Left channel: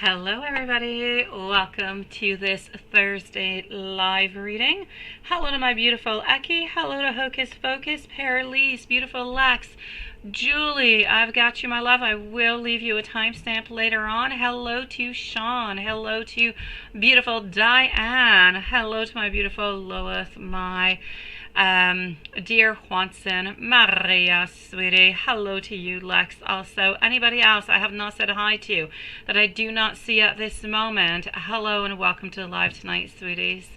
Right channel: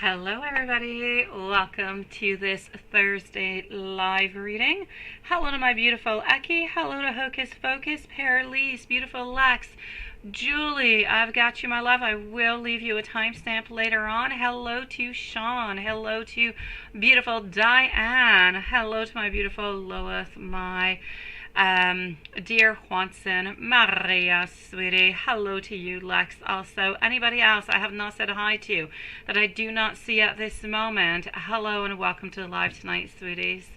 Hello everybody, welcome to this Thursday live reading. Hello to my beautiful Eki, hello to Hocus Focus, Paralise, beautiful Lex, Julie, I've got you my love, I will leave you a timestamp later on. Hello to Sean, hello to beautiful Diane, hello to my beautiful Lois, my dear Juanson, Maria, sweetie, hello to you, Lex. Also, anybody else I have not said hi to that I do not see at this moment, hello and welcome to the live tonight, sweeties.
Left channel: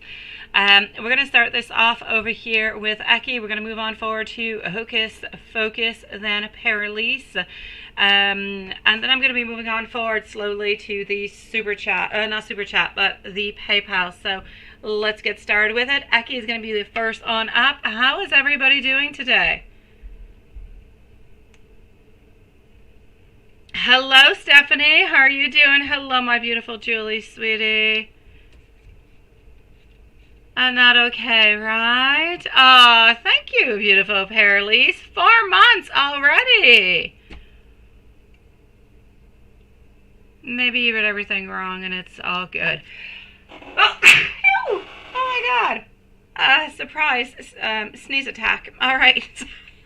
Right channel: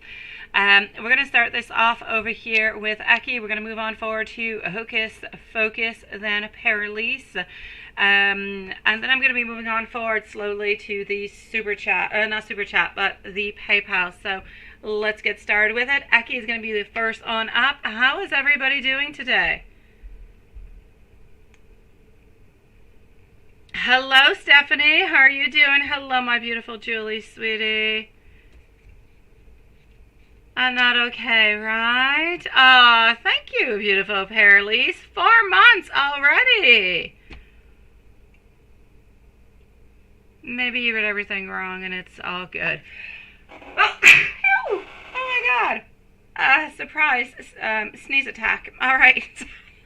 We're going to start this off over here with Eki. We're going to move on forward to Hocus Focus, then Paralise. And then I'm going to be moving on forward slowly to the super chat, not super chat, but the PayPal. So let's get started with it. Eki is going to be the first on up. How is everybody doing today? Hello, Stephanie. How are you doing? Hello, my beautiful Julie, sweetie. I'm not okay, right? Oh, thank you, beautiful Paralise. 4 months already. Maybe you did everything wrong and it's all good. Oh, oh my God. Surprise. Sneeze attack. All right.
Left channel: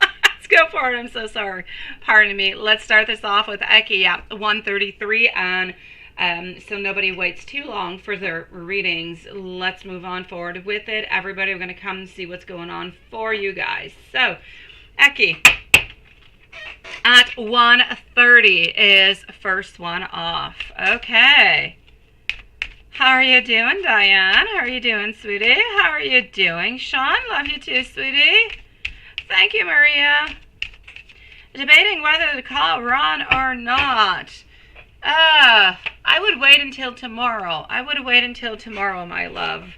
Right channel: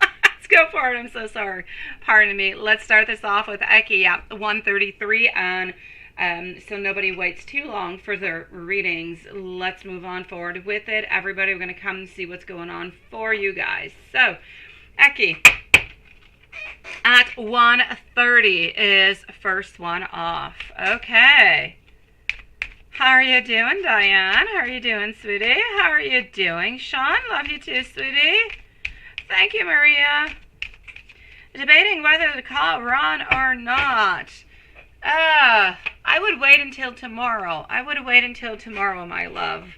Let's go for it. I'm so sorry. Pardon me. Let's start this off with Eki at 1:33 and so nobody waits too long for their readings. Let's move on forward with it. Everybody, we're going to come and see what's going on for you guys. So, Eki at 1:30 is first one off. Okay. How are you doing, Diane? How are you doing, sweetie? How are you doing, Sean? Love you too, sweetie. Thank you, Maria. Debating whether to call Ron or not. I would wait until tomorrow. I would wait until tomorrow, my love.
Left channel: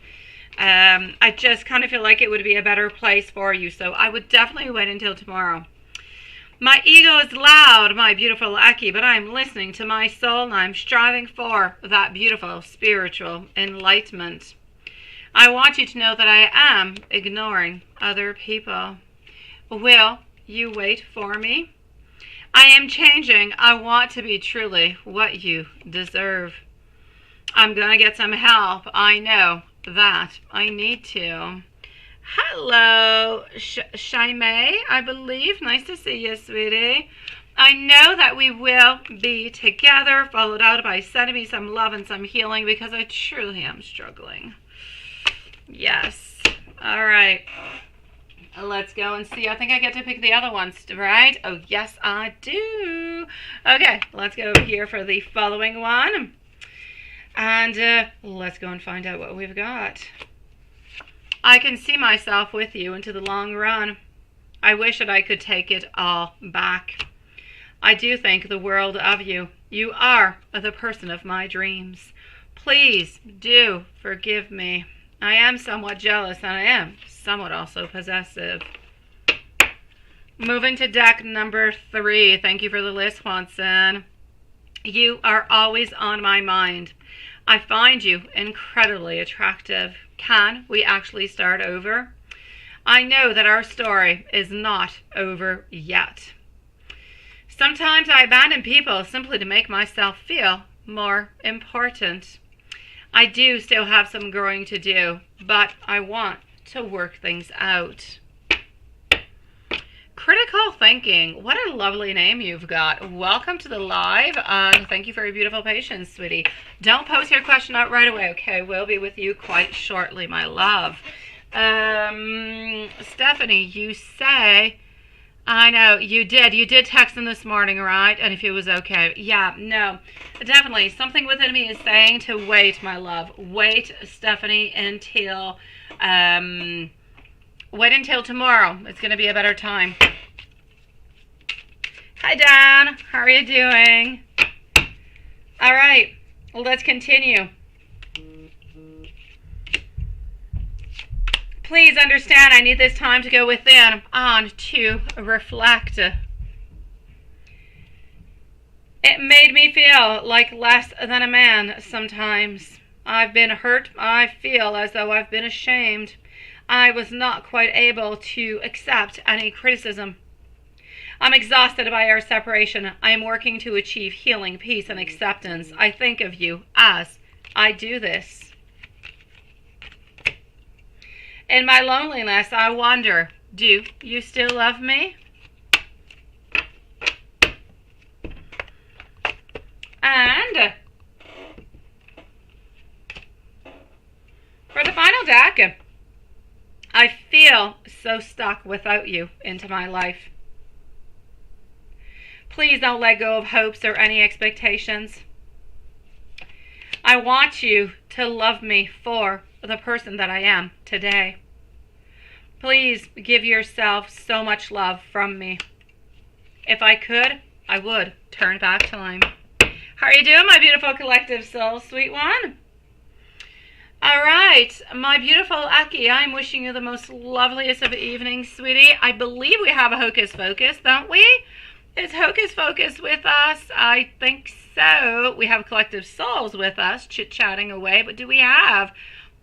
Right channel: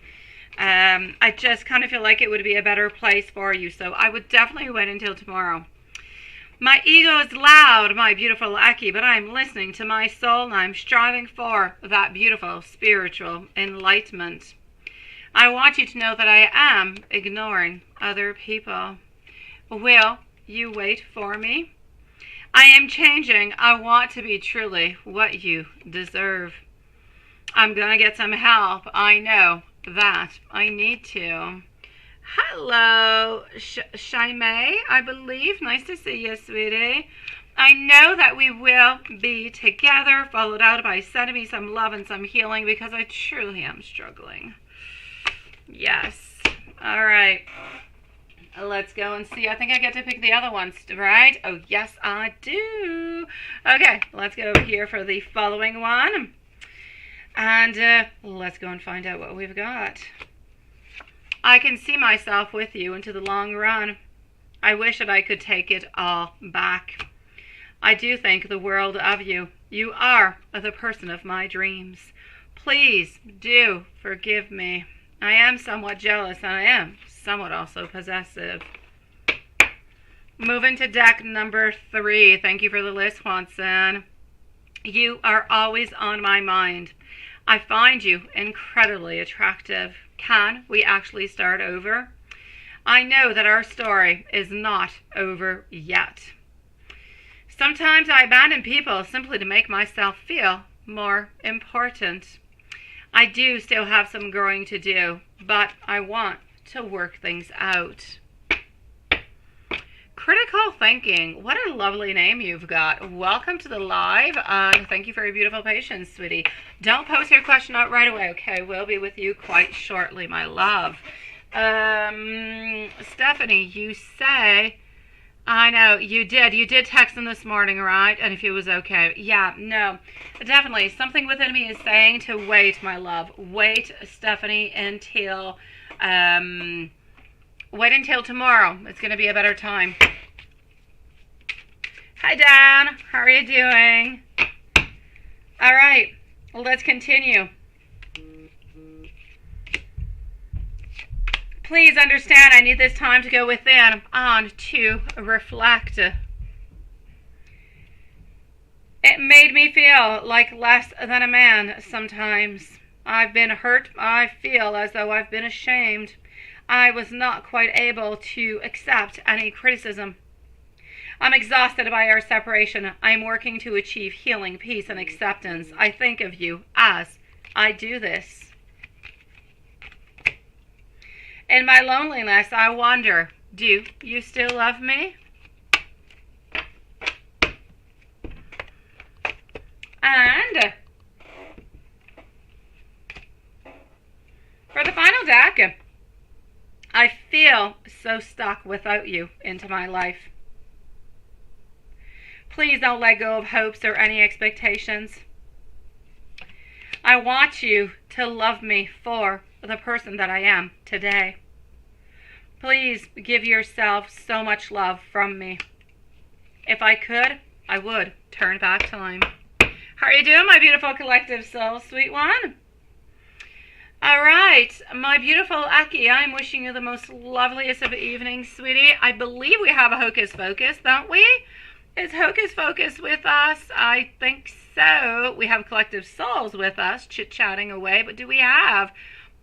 I just kind of feel like it would be a better place for you, so I would definitely wait until tomorrow. My ego is loud, my beautiful Eki, but I'm listening to my soul and I'm striving for that beautiful spiritual enlightenment. I want you to know that I am ignoring other people. Will you wait for me? I am changing. I want to be truly what you deserve. I'm going to get some help. I know that I need to. Hello, Shaimei, I believe. Nice to see you, sweetie. I know that we will be together, followed out by sending me some love and some healing because I truly am struggling. Yes. All right. Let's go and see. I think I get to pick the other ones, right? Oh, yes, I do. Okay, let's get over here for the following one. And let's go and find out what we've got. I can see myself with you into the long run. I wish that I could take it all back. I do think the world of you. You are the person of my dreams. Please do forgive me. I am somewhat jealous and I am somewhat also possessive. Moving to deck number 3. Thank you for the list, Juanson. You are always on my mind. I find you incredibly attractive. Can we actually start over? I know that our story is not over yet. Sometimes I abandon people simply to make myself feel more important. I do still have some growing to do, but I want to work things out. Critical thinking. What a lovely name you've got. Welcome to the live. Thank you for your beautiful patience, sweetie. Don't post your question out right away, okay? We'll be with you quite shortly, my love. Stephanie, you say... I know, you did. You did text him this morning, right? And if he was okay. Yeah, no. Definitely. Something within me is saying to wait, my love. Wait, Stephanie, until... wait until tomorrow. It's going to be a better time. Hi, Dan. How are you doing? All right. Let's continue. Please understand, I need this time to go within and to reflect. It made me feel like less than a man sometimes. I've been hurt. I feel as though I've been ashamed. I was not quite able to accept any criticism. I'm exhausted by our separation. I am working to achieve healing, peace, and acceptance. I think of you as I do this. In my loneliness, I wonder, do you still love me? And for the final deck, I feel so stuck without you into my life. Please don't let go of hopes or any expectations. I want you to love me for the person that I am today. Please give yourself so much love from me. If I could, I would turn back time. How are you doing, my beautiful collective soul, sweet one? All right, my beautiful Aki, I'm wishing you the most loveliest of evenings, sweetie. I believe we have a Hocus Pocus, don't we? Is Hocus Pocus with us? I think so. We have Collective Souls with us, chit-chatting away, but do we have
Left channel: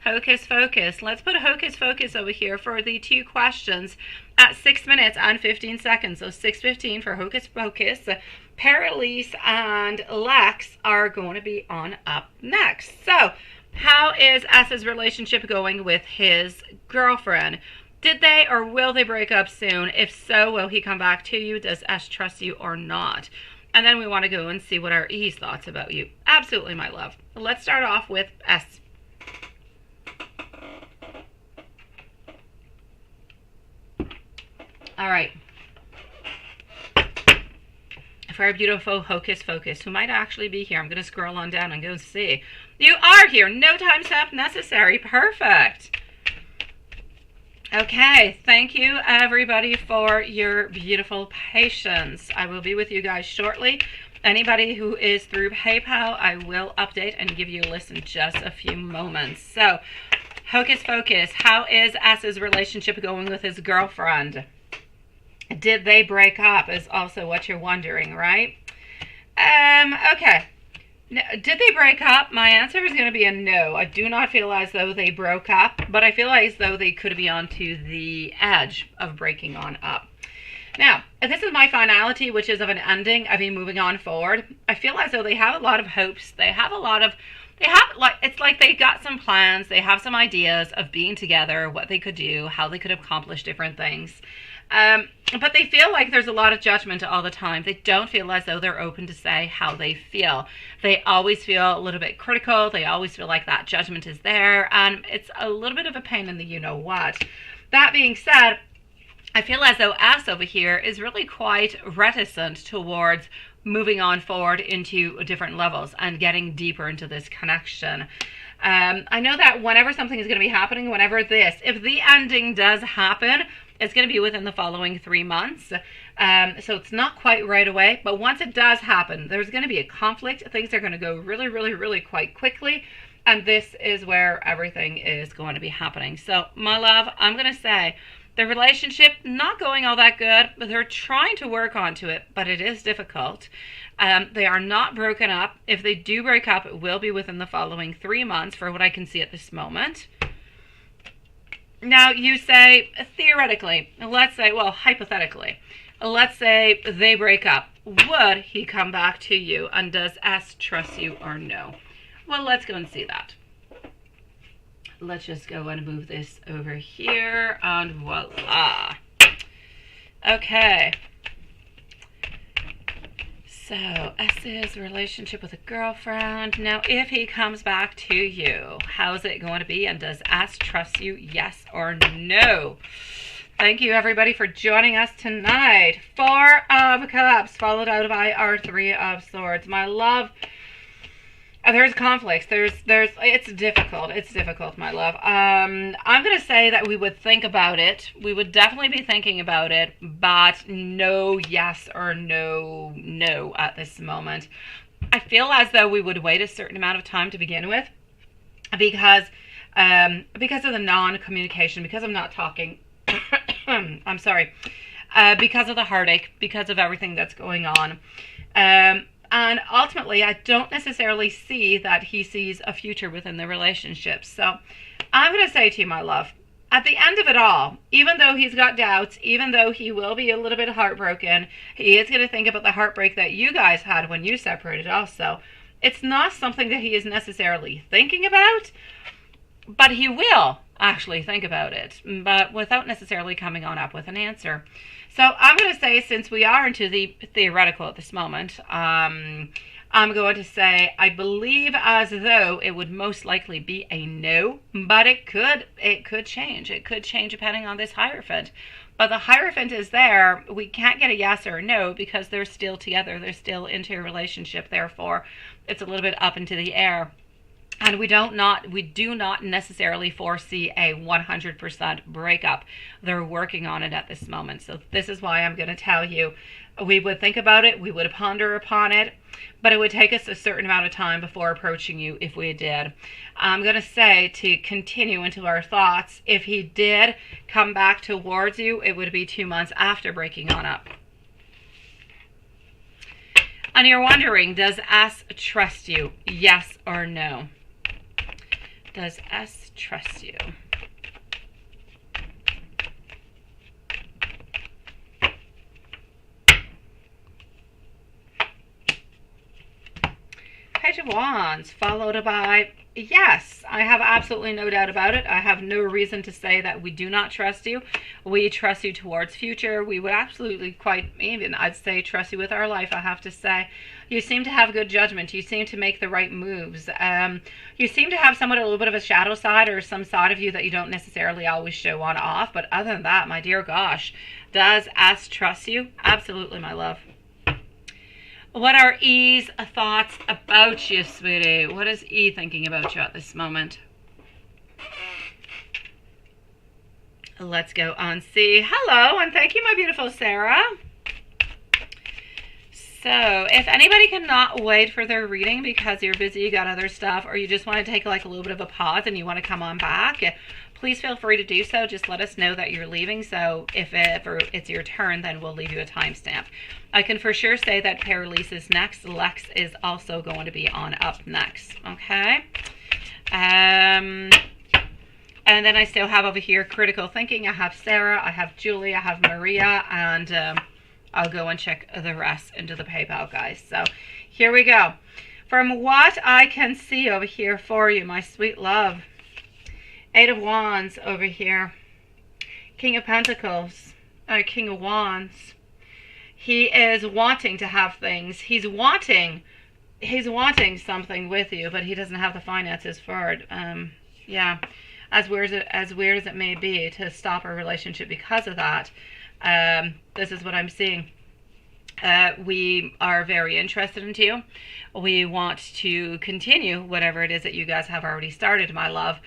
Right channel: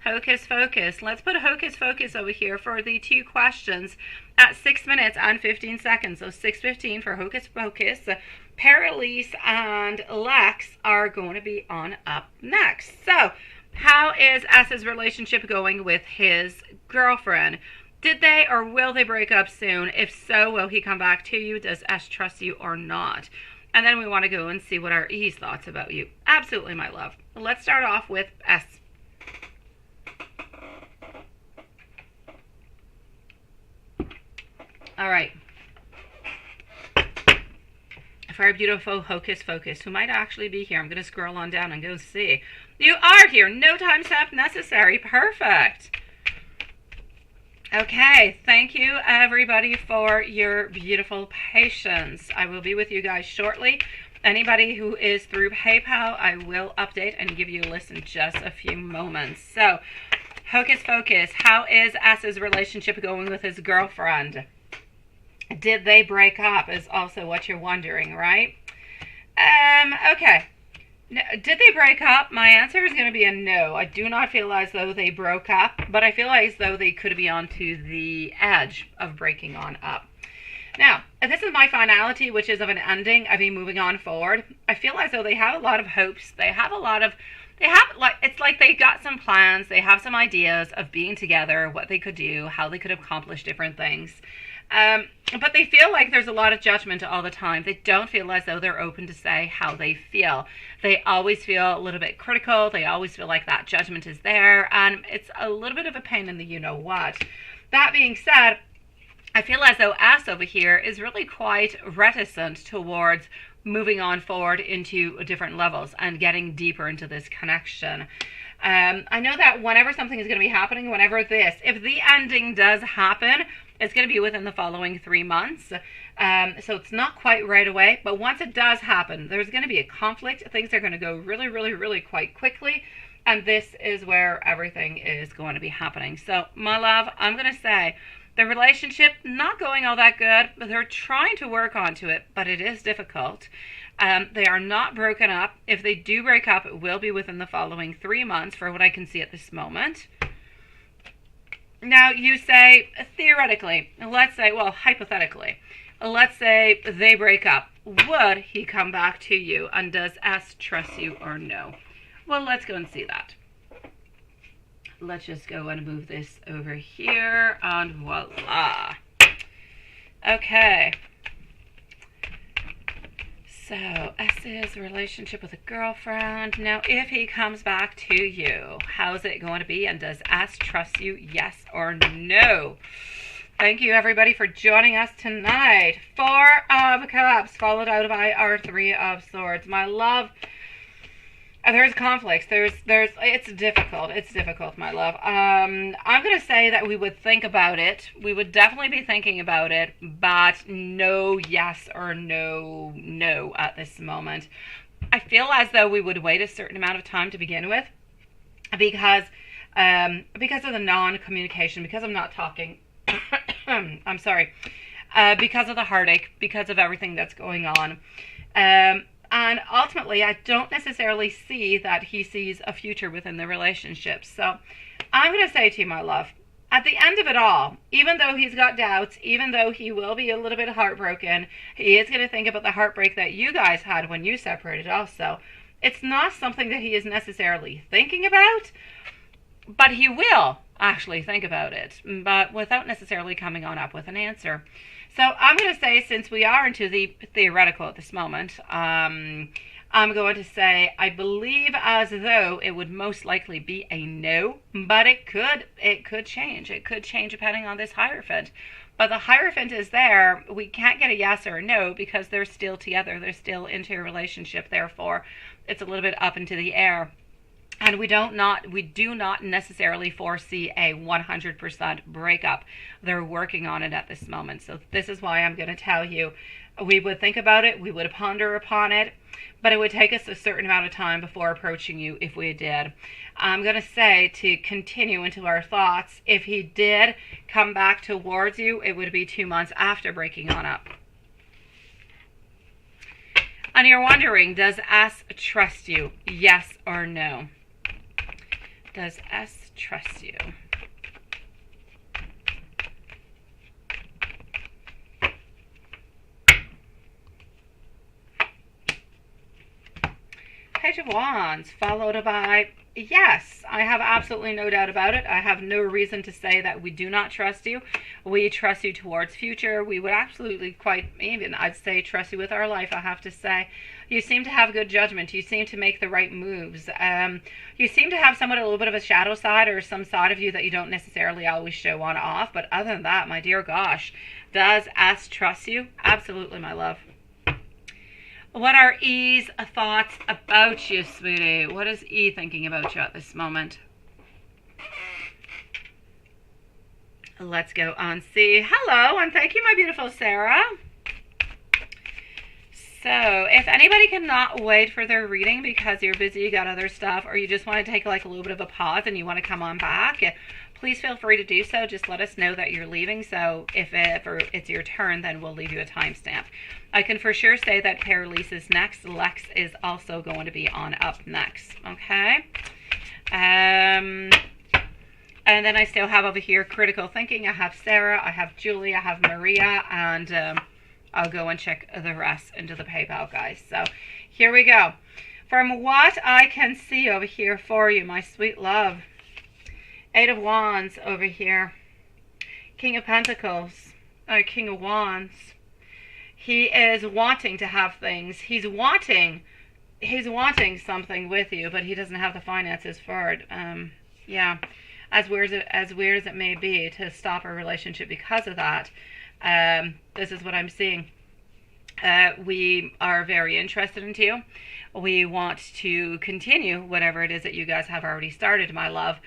Hocus Pocus? Let's put Hocus Pocus over here for the 2 questions at 6 minutes and 15 seconds. So 6:15 for Hocus Pocus. Paralise and Lex are going to be on up next. So, how is S's relationship going with his girlfriend? Did they or will they break up soon? If so, will he come back to you? Does S trust you or not? And then we want to go and see what are E's thoughts about you. Absolutely, my love. Let's start off with S. All right. For our beautiful Hocus Pocus, who might actually be here. I'm going to scroll on down and go see. You are here. No time stop necessary. Perfect. Okay. Thank you, everybody, for your beautiful patience. I will be with you guys shortly. Anybody who is through PayPal, I will update and give you a list in just a few moments. So, Hocus Pocus. How is S's relationship going with his girlfriend? Did they break up is also what you're wondering, right? Okay. Did they break up? My answer is going to be a no. I do not feel as though they broke up, but I feel as though they could be onto the edge of breaking on up. Now, this is my finality, which is of an ending, of me moving on forward. I feel as though they have a lot of hopes. It's like they got some plans. They have some ideas of being together, what they could do, how they could accomplish different things. But they feel like there's a lot of judgment all the time. They don't feel as though they're open to say how they feel. They always feel a little bit critical. They always feel like that judgment is there. And it's a little bit of a pain in the you-know-what. That being said, I feel as though S over here is really quite reticent towards moving on forward into different levels and getting deeper into this connection. I know that whenever something is going to be happening, if the ending does happen, it's going to be within the following 3 months. So it's not quite right away. But once it does happen, there's going to be a conflict. Things are going to go really, really, really quite quickly. And this is where everything is going to be happening. So, my love, I'm going to say the relationship not going all that good. But they're trying to work onto it, but it is difficult. They are not broken up. If they do break up, it will be within the following 3 months for what I can see at this moment. Now, you say, theoretically, hypothetically, let's say they break up. Would he come back to you? And does S trust you or no? Well, let's go and see that. Let's just go and move this over here, and voila. Okay. So, S's relationship with a girlfriend. Now, if he comes back to you, how's it going to be? And does S trust you, yes or no? Thank you, everybody, for joining us tonight. 4 of Cups, followed out by our 3 of Swords. My love, there's conflicts. It's difficult, my love. I'm going to say that we would think about it. We would definitely be thinking about it, but no yes or no at this moment. I feel as though we would wait a certain amount of time to begin with because of the non-communication, because I'm not talking. I'm sorry. Because of the heartache, because of everything that's going on. And ultimately, I don't necessarily see that he sees a future within the relationship. So I'm going to say to you, my love, at the end of it all, even though he's got doubts, even though he will be a little bit heartbroken, he is going to think about the heartbreak that you guys had when you separated also. It's not something that he is necessarily thinking about, but he will actually think about it, but without necessarily coming on up with an answer. So I'm going to say, since we are into the theoretical at this moment, I'm going to say I believe as though it would most likely be a no, but it could change. It could change depending on this Hierophant. But the Hierophant is there. We can't get a yes or a no because they're still together. They're still into a relationship. Therefore, it's a little bit up into the air. And we do not necessarily foresee a 100% breakup. They're working on it at this moment. So this is why I'm going to tell you, we would think about it, we would ponder upon it, but it would take us a certain amount of time before approaching you if we did. I'm going to say, to continue into our thoughts, if he did come back towards you, it would be 2 months after breaking on up. And you're wondering, does S trust you? Yes or no? Does S trust you? Page of Wands, followed by yes. I have absolutely no doubt about it. I have no reason to say that we do not trust you. We trust you towards future. We would absolutely, quite even, I'd say, trust you with our life, I have to say. You seem to have good judgment. You seem to make the right moves. You seem to have somewhat a little bit of a shadow side, or some side of you that you don't necessarily always show on off. But other than that, my dear gosh, does S trust you? Absolutely, my love. What are E's thoughts about you, sweetie? What is E thinking about you at this moment? Let's go on C. Hello, and thank you, my beautiful Sarah. So, if anybody cannot wait for their reading because you're busy, you got other stuff, or you just want to take like a little bit of a pause and you want to come on back, please feel free to do so. Just let us know that you're leaving. So if ever it's your turn, then we'll leave you a timestamp. I can for sure say that Paralise is next. Lex is also going to be on up next. Okay. And then I still have over here Critical Thinking. I have Sarah, I have Julie, I have Maria, and I'll go and check the rest into the PayPal, guys. So here we go. From what I can see over here for you, my sweet love. 8 of Wands over here. King of Pentacles. King of Wands. He is wanting to have things. He's wanting something with you, but he doesn't have the finances for it. Yeah. As weird as it may be to stop a relationship because of that, this is what I'm seeing. We are very interested in you. We want to continue whatever it is that you guys have already started, my love.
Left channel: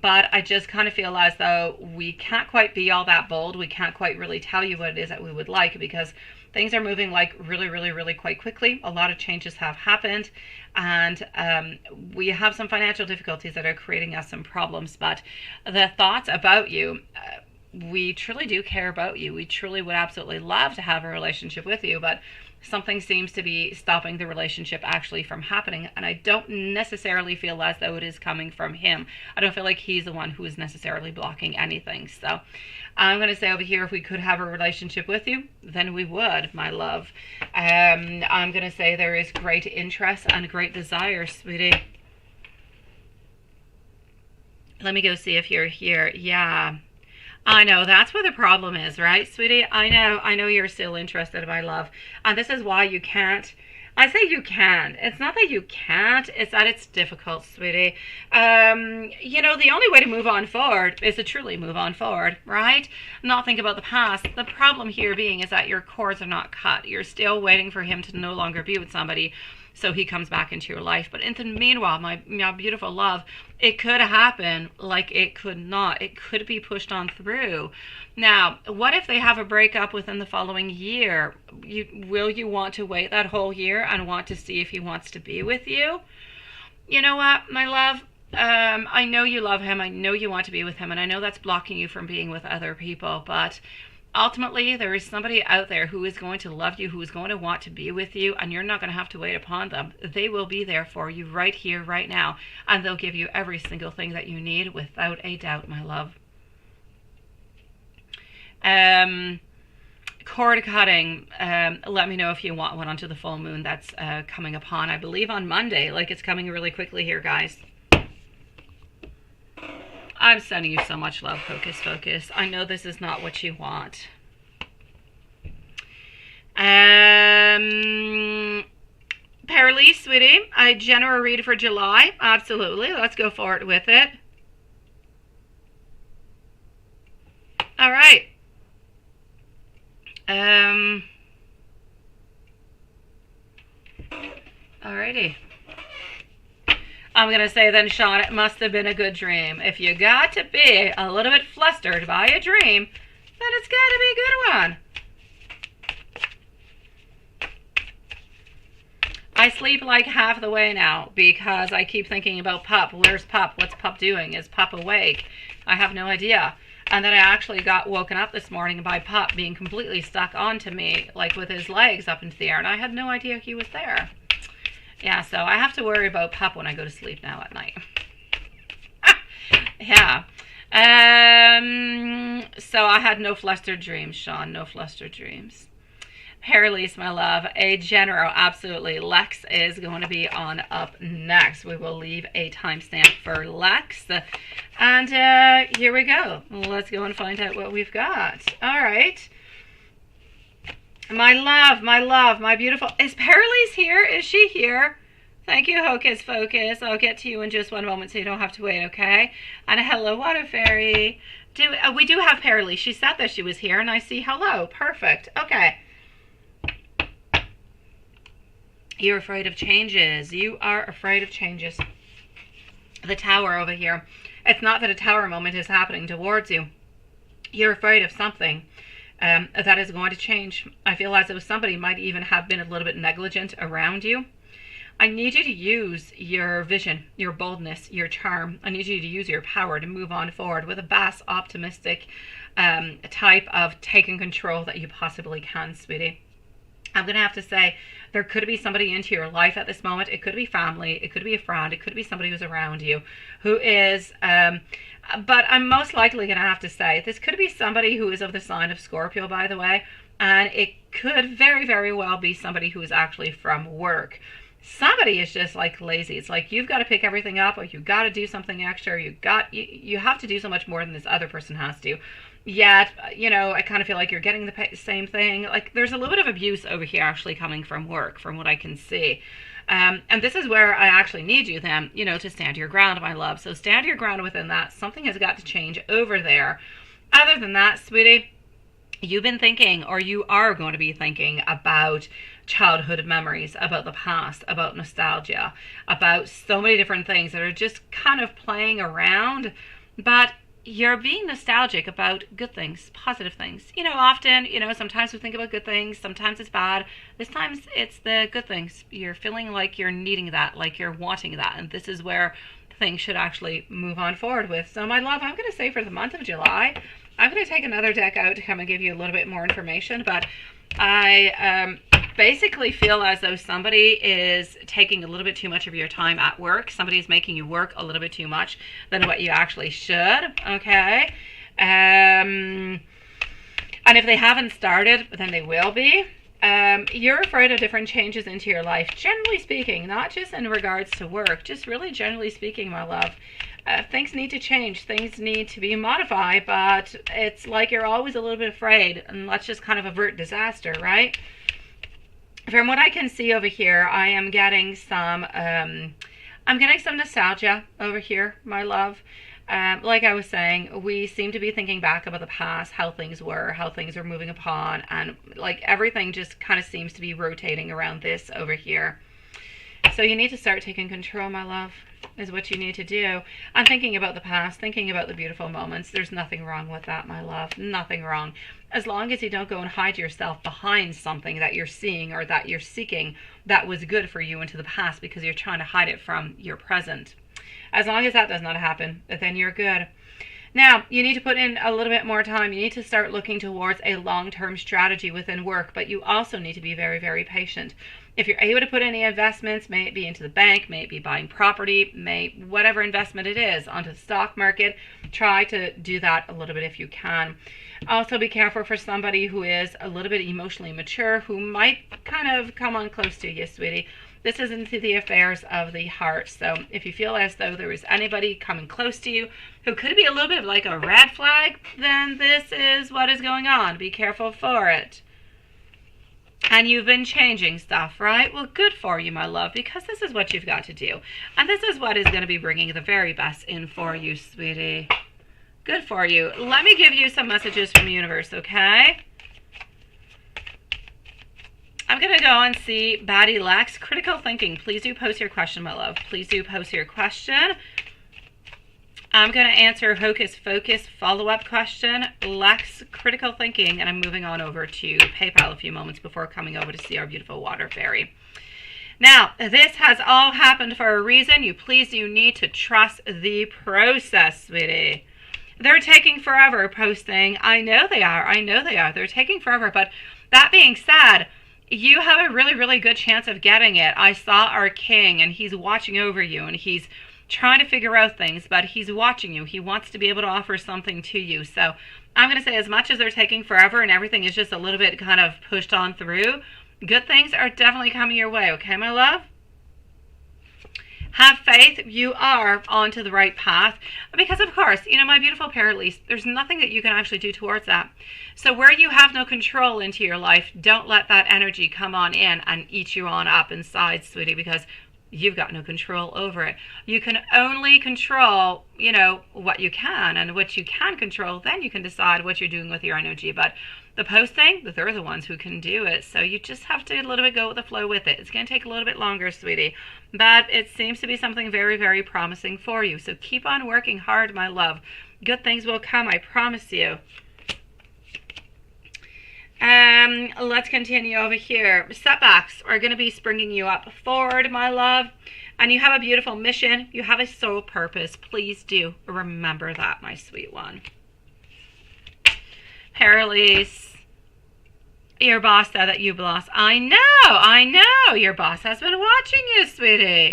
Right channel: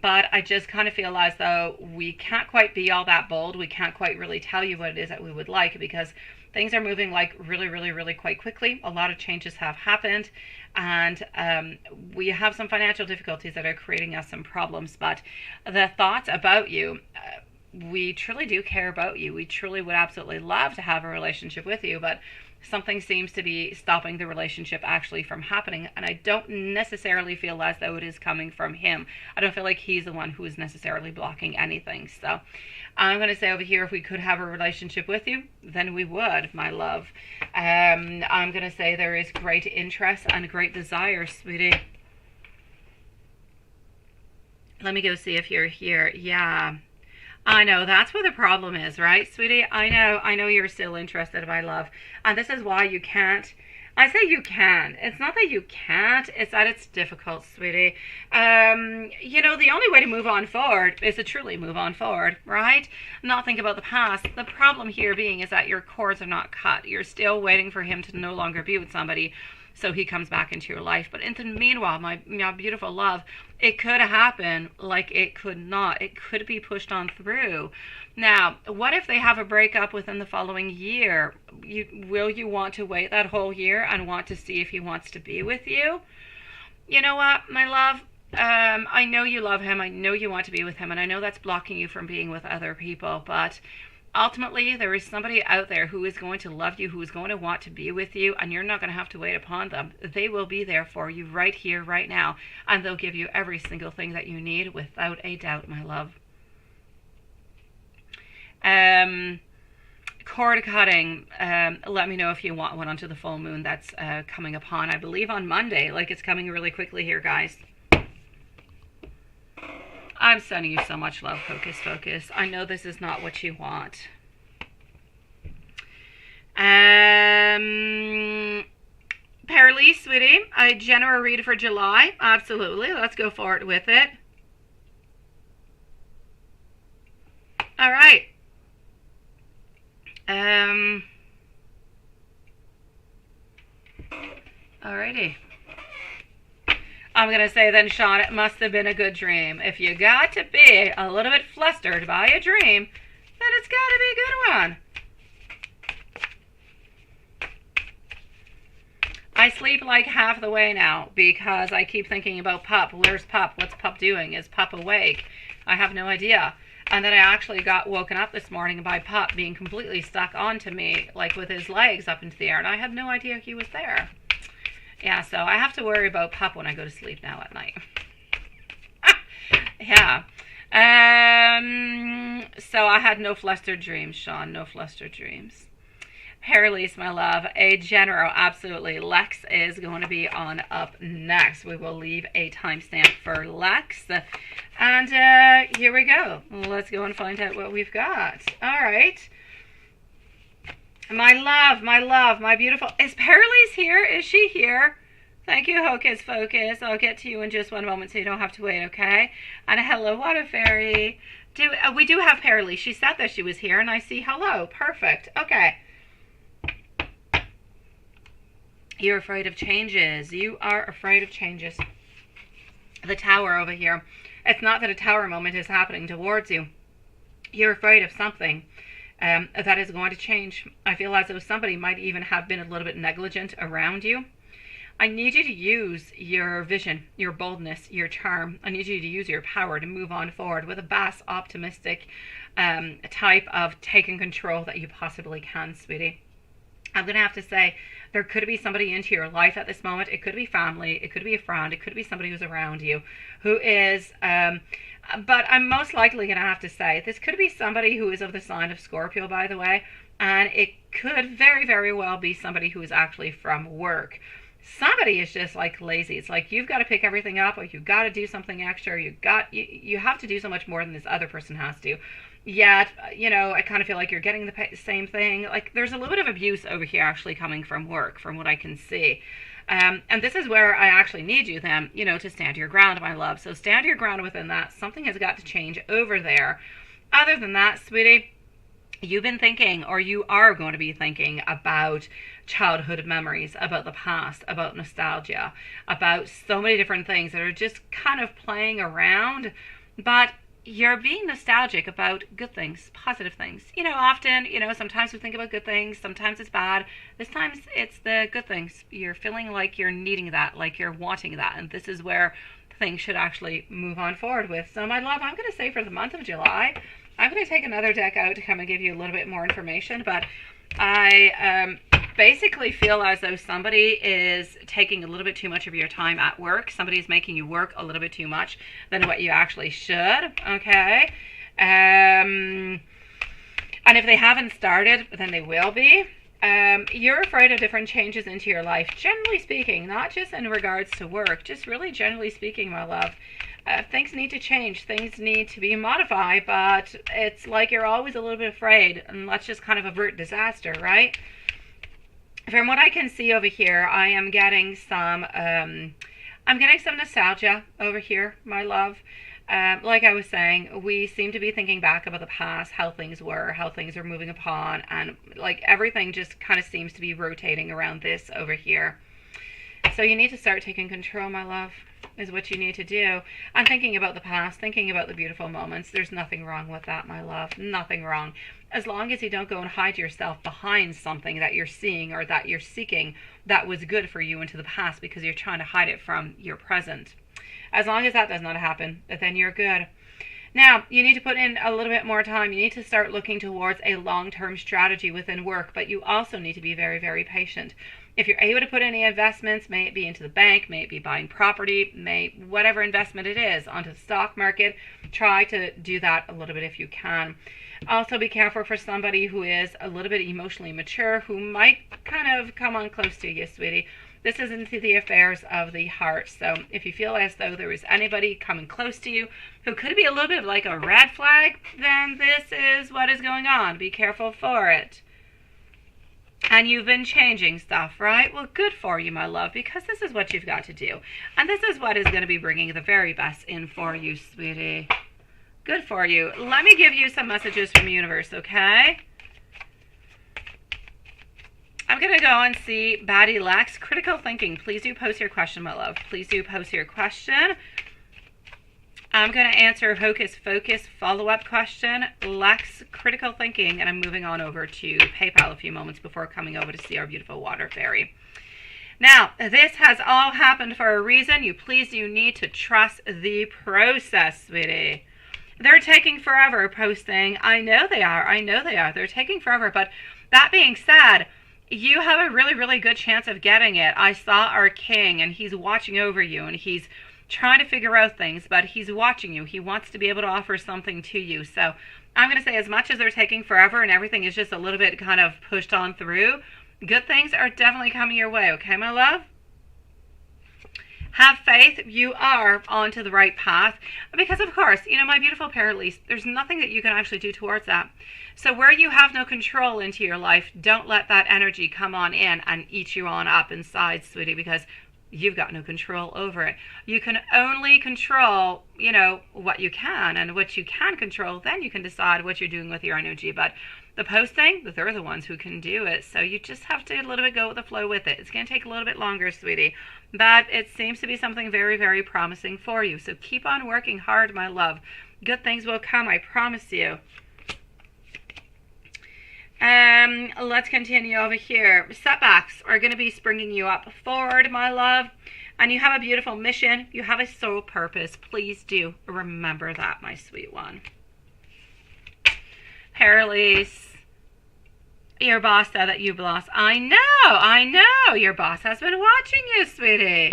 But I just kind of feel as though we can't quite be all that bold. We can't quite really tell you what it is that we would like, because things are moving like really quite quickly. A lot of changes have happened, and we have some financial difficulties that are creating us some problems. But the thoughts about you, we truly do care about you. We truly would absolutely love to have a relationship with you, but something seems to be stopping the relationship actually from happening. And I don't necessarily feel as though it is coming from him. I don't feel like he's the one who is necessarily blocking anything. So I'm going to say over here, if we could have a relationship with you, then we would, my love. I'm going to say there is great interest and great desire, sweetie. Let me go see if you're here. Yeah. I know, that's where the problem is, right, sweetie? I know you're still interested, my love. And this is why you can't. I say you can. It's not that you can't, it's that it's difficult, sweetie. You know, the only way to move on forward is to truly move on forward, right? Not think about the past. The problem here being is that your cords are not cut. You're still waiting for him to no longer be with somebody, so he comes back into your life. But in the meanwhile, my beautiful love, it could happen like it could not. It could be pushed on through. Now, what if they have a breakup within the following year? Will you want to wait that whole year and want to see if he wants to be with you? You know what, my love? I know you love him. I know you want to be with him. And I know that's blocking you from being with other people. But ultimately, there is somebody out there who is going to love you, who is going to want to be with you, and you're not going to have to wait upon them. They will be there for you right here, right now, and they'll give you every single thing that you need without a doubt, my love. Cord cutting, let me know if you want one onto the full moon that's coming upon, I believe, on Monday. Like, it's coming really quickly here, guys. I'm sending you so much love, Hocus Focus. I know this is not what you want. Paralee, sweetie, a general read for July. Absolutely. Let's go forward with it. All right. Alrighty. I'm going to say then, Sean, it must have been a good dream. If you got to be a little bit flustered by a dream, then it's got to be a good one. I sleep like half the way now because I keep thinking about Pup. Where's Pup? What's Pup doing? Is Pup awake? I have no idea. And then I actually got woken up this morning by Pup being completely stuck onto me, like with his legs up into the air, and I had no idea he was there. Yeah, so I have to worry about Pup when I go to sleep now at night. Yeah. So I had no flustered dreams, Sean. No flustered dreams. Paralise, my love. A general, absolutely. Lex is going to be on up next. We will leave a timestamp for Lex. And here we go. Let's go and find out what we've got. All right. My love, my beautiful. Is Paralise here? Is she here? Thank you, Hocus Focus. I'll get to you in just one moment so you don't have to wait, okay? And hello, Water Fairy. We do have Paralise. She said that she was here, and I see hello. Perfect. Okay. You're afraid of changes. You are afraid of changes. The Tower over here. It's not that a Tower moment is happening towards you. You're afraid of something that is going to change. I feel as though somebody might even have been a little bit negligent around you. I need you to use your vision, your boldness, your charm. I need you to use your power to move on forward with a vast, optimistic type of taking control that you possibly can, sweetie. I'm going to have to say, there could be somebody into your life at this moment. It could be family. It could be a friend. It could be somebody who's around you who is, but I'm most likely going to have to say, this could be somebody who is of the sign of Scorpio, by the way, and it could very, very well be somebody who is actually from work. Somebody is just like lazy. It's like you've got to pick everything up, or you've got to do something extra. You have to do so much more than this other person has to. Yet, you know, I kind of feel like you're getting the same thing. Like, there's a little bit of abuse over here actually coming from work, from what I can see. And this is where I actually need you then, you know, to stand your ground, my love. So stand your ground within that. Something has got to change over there. Other than that, sweetie, you've been thinking, or you are going to be thinking about childhood memories, about the past, about nostalgia, about so many different things that are just kind of playing around. But you're being nostalgic about good things, positive things. You know, often, you know, sometimes we think about good things, sometimes it's bad. This time it's the good things. You're feeling like you're needing that, like you're wanting that. And this is where things should actually move on forward with. So, my love, I'm going to say for the month of July, I'm going to take another deck out to come and give you a little bit more information. But I basically feel as though somebody is taking a little bit too much of your time at work. Somebody is making you work a little bit too much than what you actually should, okay? And if they haven't started, then they will be. You're afraid of different changes into your life, generally speaking, not just in regards to work, just really generally speaking, my love. Things need to change. Things need to be modified, but it's like you're always a little bit afraid, and let's just kind of avert disaster, right? From what I can see over here, I am getting some, nostalgia over here, my love. Like I was saying, we seem to be thinking back about the past, how things were, how things are moving upon, and like everything just kind of seems to be rotating around this over here. So you need to start taking control, my love, is what you need to do. I'm thinking about the past, thinking about the beautiful moments. There's nothing wrong with that, my love. Nothing wrong. As long as you don't go and hide yourself behind something that you're seeing or that you're seeking that was good for you into the past because you're trying to hide it from your present. As long as that does not happen, then you're good. Now, you need to put in a little bit more time. You need to start looking towards a long-term strategy within work, but you also need to be very, very patient. If you're able to put any investments, may it be into the bank, may it be buying property, whatever investment it is, onto the stock market, try to do that a little bit if you can. Also be careful for somebody who is a little bit emotionally mature, who might kind of come on close to you, sweetie. This is into the affairs of the heart. So if you feel as though there is anybody coming close to you who could be a little bit like a red flag, then this is what is going on. Be careful for it. And you've been changing stuff, right? Well, good for you, my love, because this is what you've got to do. And this is what is going to be bringing the very best in for you, sweetie. Good for you. Let me give you some messages from the universe, okay? I'm going to go and see Baddie Lex. Critical thinking. Please do post your question, my love. Please do post your question. I'm going to answer Hocus Focus follow-up question. Lex, critical thinking. And I'm moving on over to PayPal a few moments before coming over to see our beautiful water fairy. Now, this has all happened for a reason. You need to trust the process, sweetie. They're taking forever posting. I know they are. They're taking forever. But that being said, you have a really, really good chance of getting it. I saw our king, and he's watching over you, and he's trying to figure out things, but he's watching you. He wants to be able to offer something to you. So I'm going to say, as much as they're taking forever and everything is just a little bit kind of pushed on through, good things are definitely coming your way. Okay, my love? Have faith. You are onto the right path. Because, of course, my beautiful Paralise, there's nothing that you can actually do towards that. So where you have no control into your life, don't let that energy come on in and eat you on up inside, sweetie, because you've got no control over it. You can only control, what you can, and what you can control, then you can decide what you're doing with your energy. But the posting, they're the ones who can do it. So you just have to a little bit go with the flow with it. It's going to take a little bit longer, sweetie. But it seems to be something very, very promising for you. So keep on working hard, my love. Good things will come, I promise you. Let's continue over here. Setbacks are going to be springing you up forward, my love. And you have a beautiful mission. You have a soul purpose. Please do remember that, my sweet one. Paralise, your boss said that you've lost. I know. Your boss has been watching you, sweetie.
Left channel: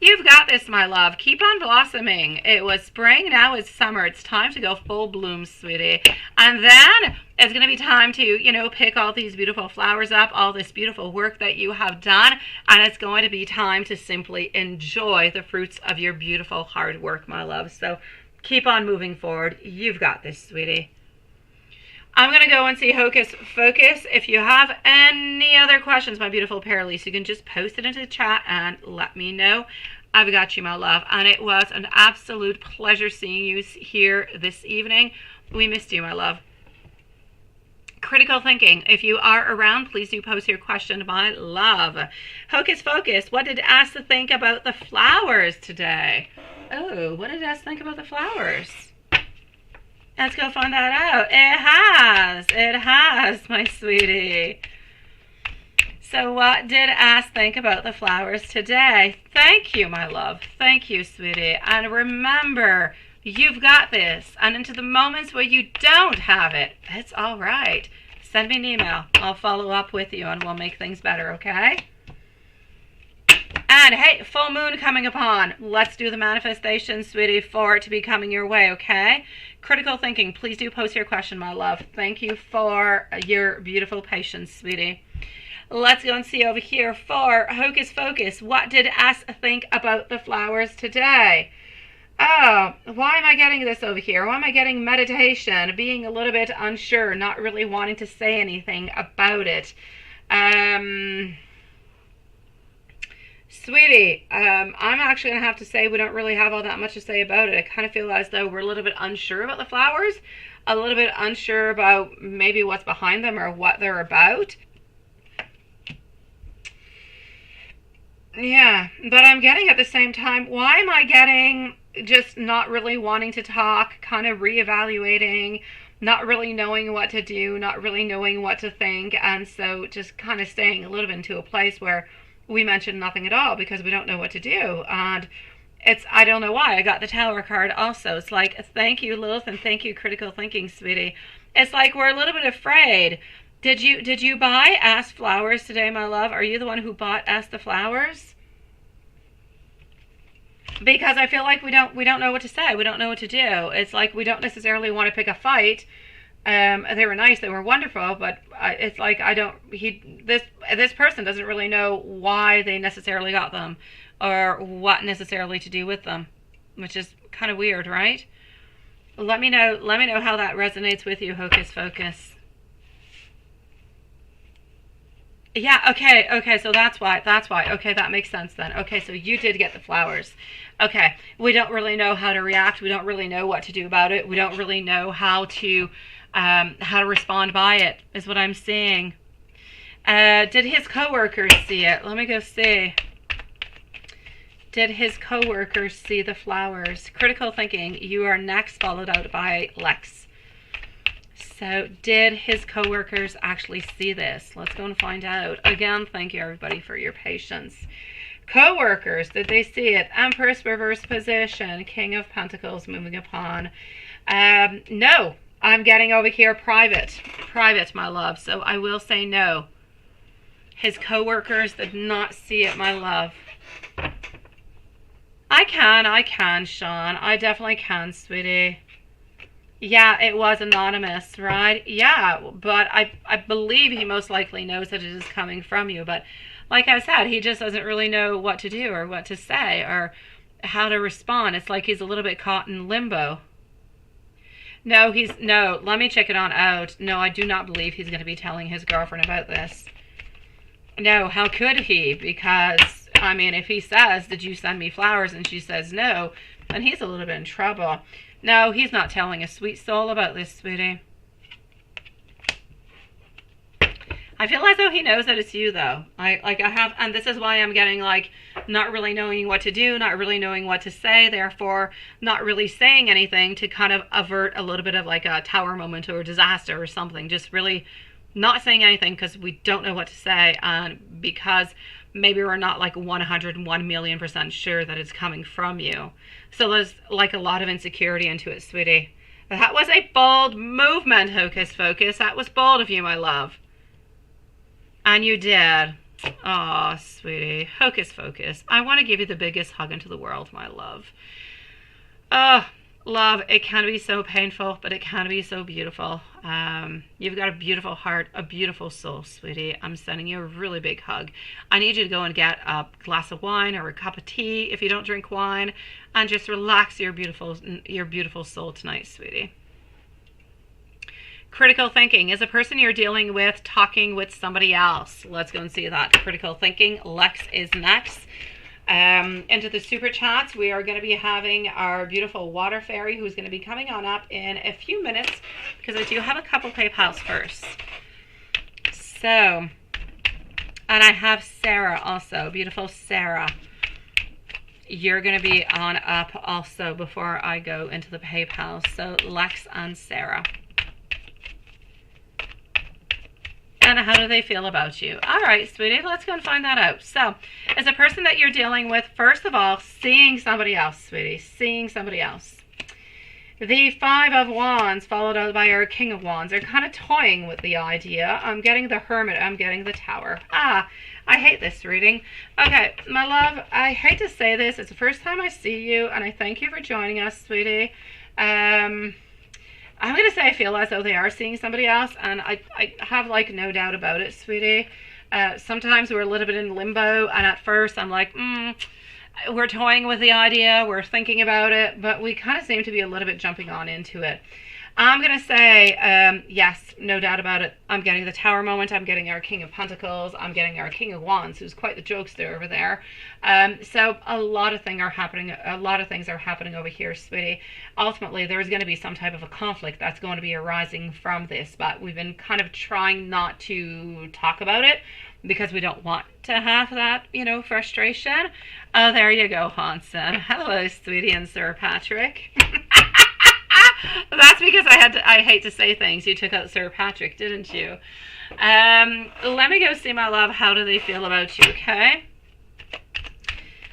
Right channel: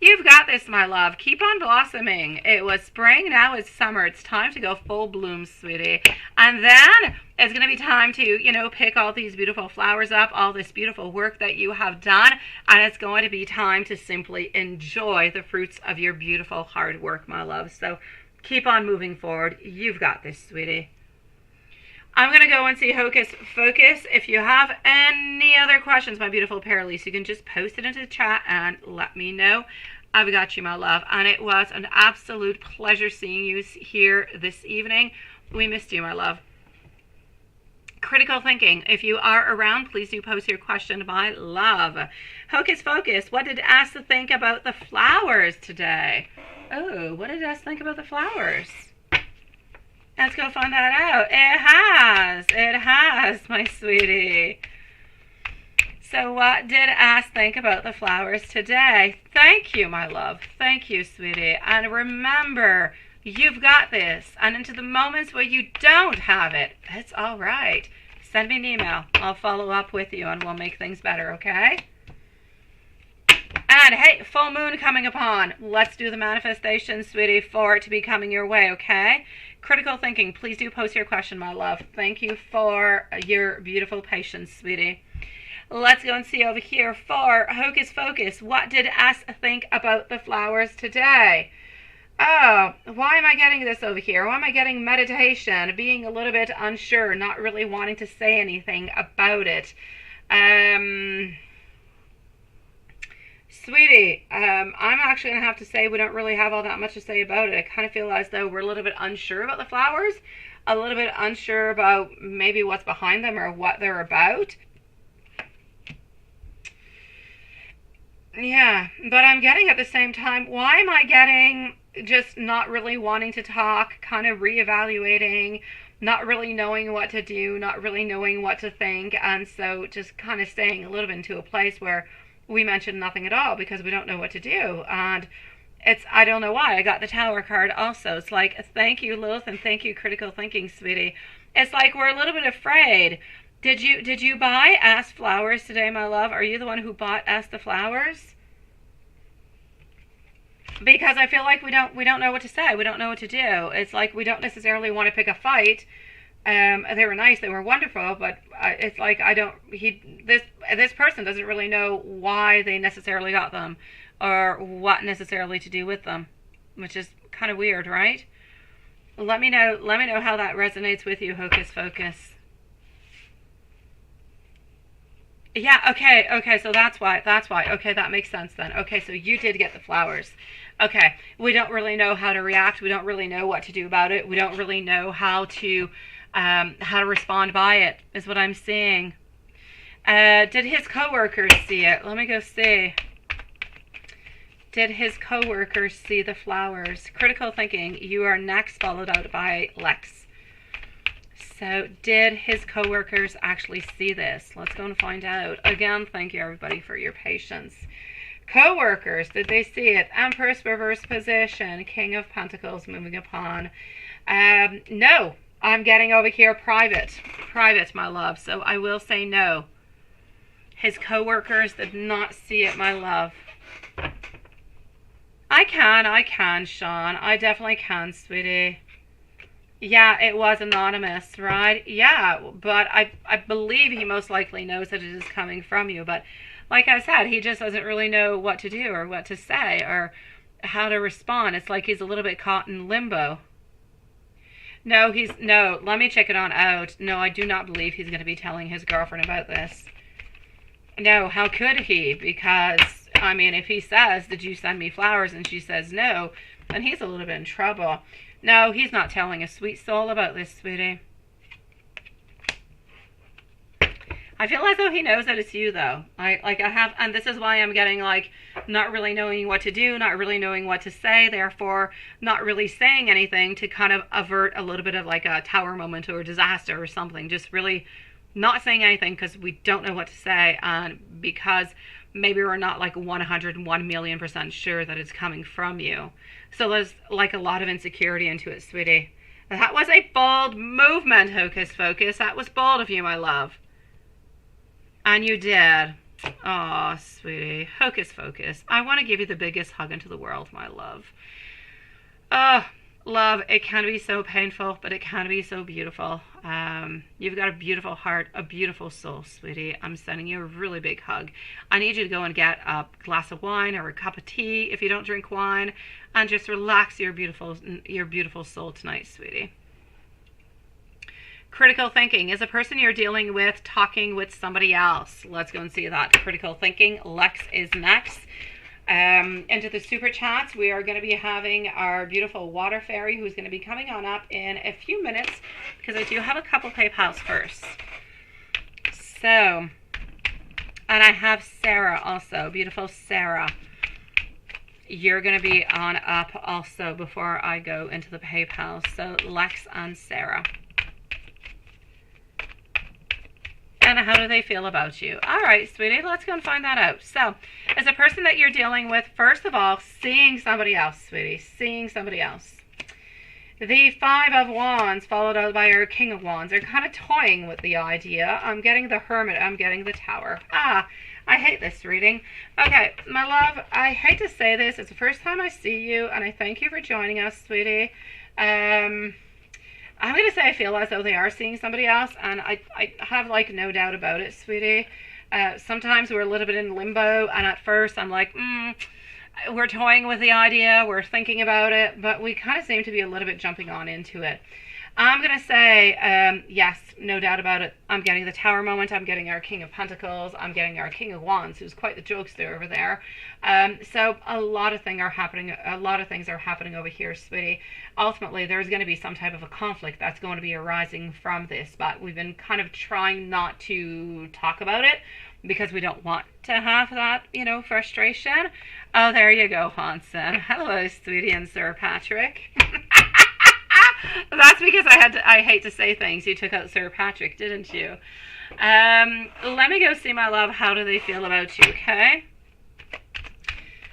You've got this, my love. Keep on blossoming. It was spring, now it's summer. It's time to go full bloom, sweetie. And then it's going to be time to, pick all these beautiful flowers up, all this beautiful work that you have done. And it's going to be time to simply enjoy the fruits of your beautiful hard work, my love. So keep on moving forward. You've got this, sweetie. I'm going to go and see Hocus Focus. If you have any other questions, my beautiful Paralise, you can just post it into the chat and let me know. I've got you, my love. And it was an absolute pleasure seeing you here this evening. We missed you, my love. Critical thinking. If you are around, please do post your question, my love. Hocus Focus. What did Ask think about the flowers today? Oh, what did Ask think about the flowers? Let's go find that out. It has, my sweetie. So what did Ask think about the flowers today? Thank you, my love. Thank you, sweetie. And remember, you've got this. And into the moments where you don't have it, it's all right. Send me an email. I'll follow up with you and we'll make things better, okay? And hey, full moon coming upon. Let's do the manifestation, sweetie, for it to be coming your way, okay? Critical thinking. Please do post your question, my love. Thank you for your beautiful patience, sweetie. Let's go and see over here for Hocus Focus. What did Ask think about the flowers today? Oh, why am I getting this over here? Why am I getting meditation? Being a little bit unsure, not really wanting to say anything about it. Sweetie, I'm actually going to have to say we don't really have all that much to say about it. I kind of feel as though we're a little bit unsure about the flowers, a little bit unsure about maybe what's behind them or what they're about. Yeah, but I'm getting at the same time, why am I getting just not really wanting to talk, kind of reevaluating, not really knowing what to do, not really knowing what to think, and so just kind of staying a little bit into a place where we mention nothing at all because we don't know what to do. And I don't know why I got the Tower card also. It's like, thank you, Lilith, and thank you, Critical Thinking, sweetie. It's like we're a little bit afraid. Did you buy Ask flowers today, my love? Are you the one who bought Ask the flowers? Because I feel like we don't know what to say. We don't know what to do. It's like we don't necessarily want to pick a fight. They were nice, they were wonderful, but it's like this person doesn't really know why they necessarily got them or what necessarily to do with them, which is kind of weird, right? Let me know how that resonates with you, Hocus Focus. Yeah, okay, so that's why. Okay, that makes sense then. Okay, so you did get the flowers. Okay, we don't really know how to react. We don't really know what to do about it. We don't really know how to respond by it, is what I'm seeing. Did his coworkers see it? Let me go see. Did his coworkers see the flowers? Critical thinking, you are next, followed out by Lex. So did his coworkers actually see this? Let's go and find out. Again, thank you everybody for your patience. Co-workers, did they see it? Empress reverse position, King of Pentacles moving upon. No, I'm getting over here private, my love. So I will say no. His co-workers did not see it, my love. I can, Sean. I definitely can, sweetie. Yeah, it was anonymous, right? Yeah, but I believe he most likely knows that it is coming from you. But like I said, he just doesn't really know what to do or what to say or how to respond. It's like he's a little bit caught in limbo. No, let me check it on out. No, I do not believe he's going to be telling his girlfriend about this. No, how could he? Because, I mean, if he says, did you send me flowers? And she says no, then he's a little bit in trouble. No, he's not telling a sweet soul about this, sweetie. I feel as though he knows that it's you, though. And this is why I'm getting, like, not really knowing what to do, not really knowing what to say, therefore not really saying anything to kind of avert a little bit of, like, a tower moment or disaster or something. Just really not saying anything because we don't know what to say, and because maybe we're not, like, 101,000,000% sure that it's coming from you. So there's, like, a lot of insecurity into it, sweetie. That was a bold movement, Hocus Focus. That was bold of you, my love. And you did. Aw, sweetie. Hocus Focus. I want to give you the biggest hug into the world, my love. Oh, love, it can be so painful, but it can be so beautiful. You've got a beautiful heart, a beautiful soul, sweetie. I'm sending you a really big hug. I need you to go and get a glass of wine or a cup of tea if you don't drink wine, and just relax your beautiful soul tonight, sweetie. Critical thinking. Is a person you're dealing with talking with somebody else? Let's go and see that. Critical thinking. Lex is next. Into the super chats, we are going to be having our beautiful water fairy who's going to be coming on up in a few minutes because I do have a couple PayPals first. So, and I have Sarah also, beautiful Sarah. You're going to be on up also before I go into the PayPal. So Lex and Sarah. And how do they feel about you? All right, sweetie, let's go and find that out. So, as a person that you're dealing with, first of all, seeing somebody else, sweetie, seeing somebody else. The Five of Wands, followed out by our King of Wands, are kind of toying with the idea. I'm getting the Hermit, I'm getting the Tower. I hate this reading. Okay, my love, I hate to say this. It's the first time I see you, and I thank you for joining us, sweetie. I'm going to say I feel as though they are seeing somebody else, and I have, like, no doubt about it, sweetie. Sometimes we're a little bit in limbo, and at first I'm like, we're toying with the idea, we're thinking about it, but we kind of seem to be a little bit jumping on into it. I'm going to say, yes, no doubt about it. I'm getting the Tower moment. I'm getting our King of Pentacles. I'm getting our King of Wands, who's quite the jokester over there. So a lot of things are happening. A lot of things are happening over here, sweetie. Ultimately, there's going to be some type of a conflict that's going to be arising from this, but we've been kind of trying not to talk about it because we don't want to have that, frustration. Oh, there you go, Hanson. Hello, sweetie and Sir Patrick. That's because I hate to say things. You took out Sir Patrick, didn't you? Let me go see, my love. How do they feel about you, okay?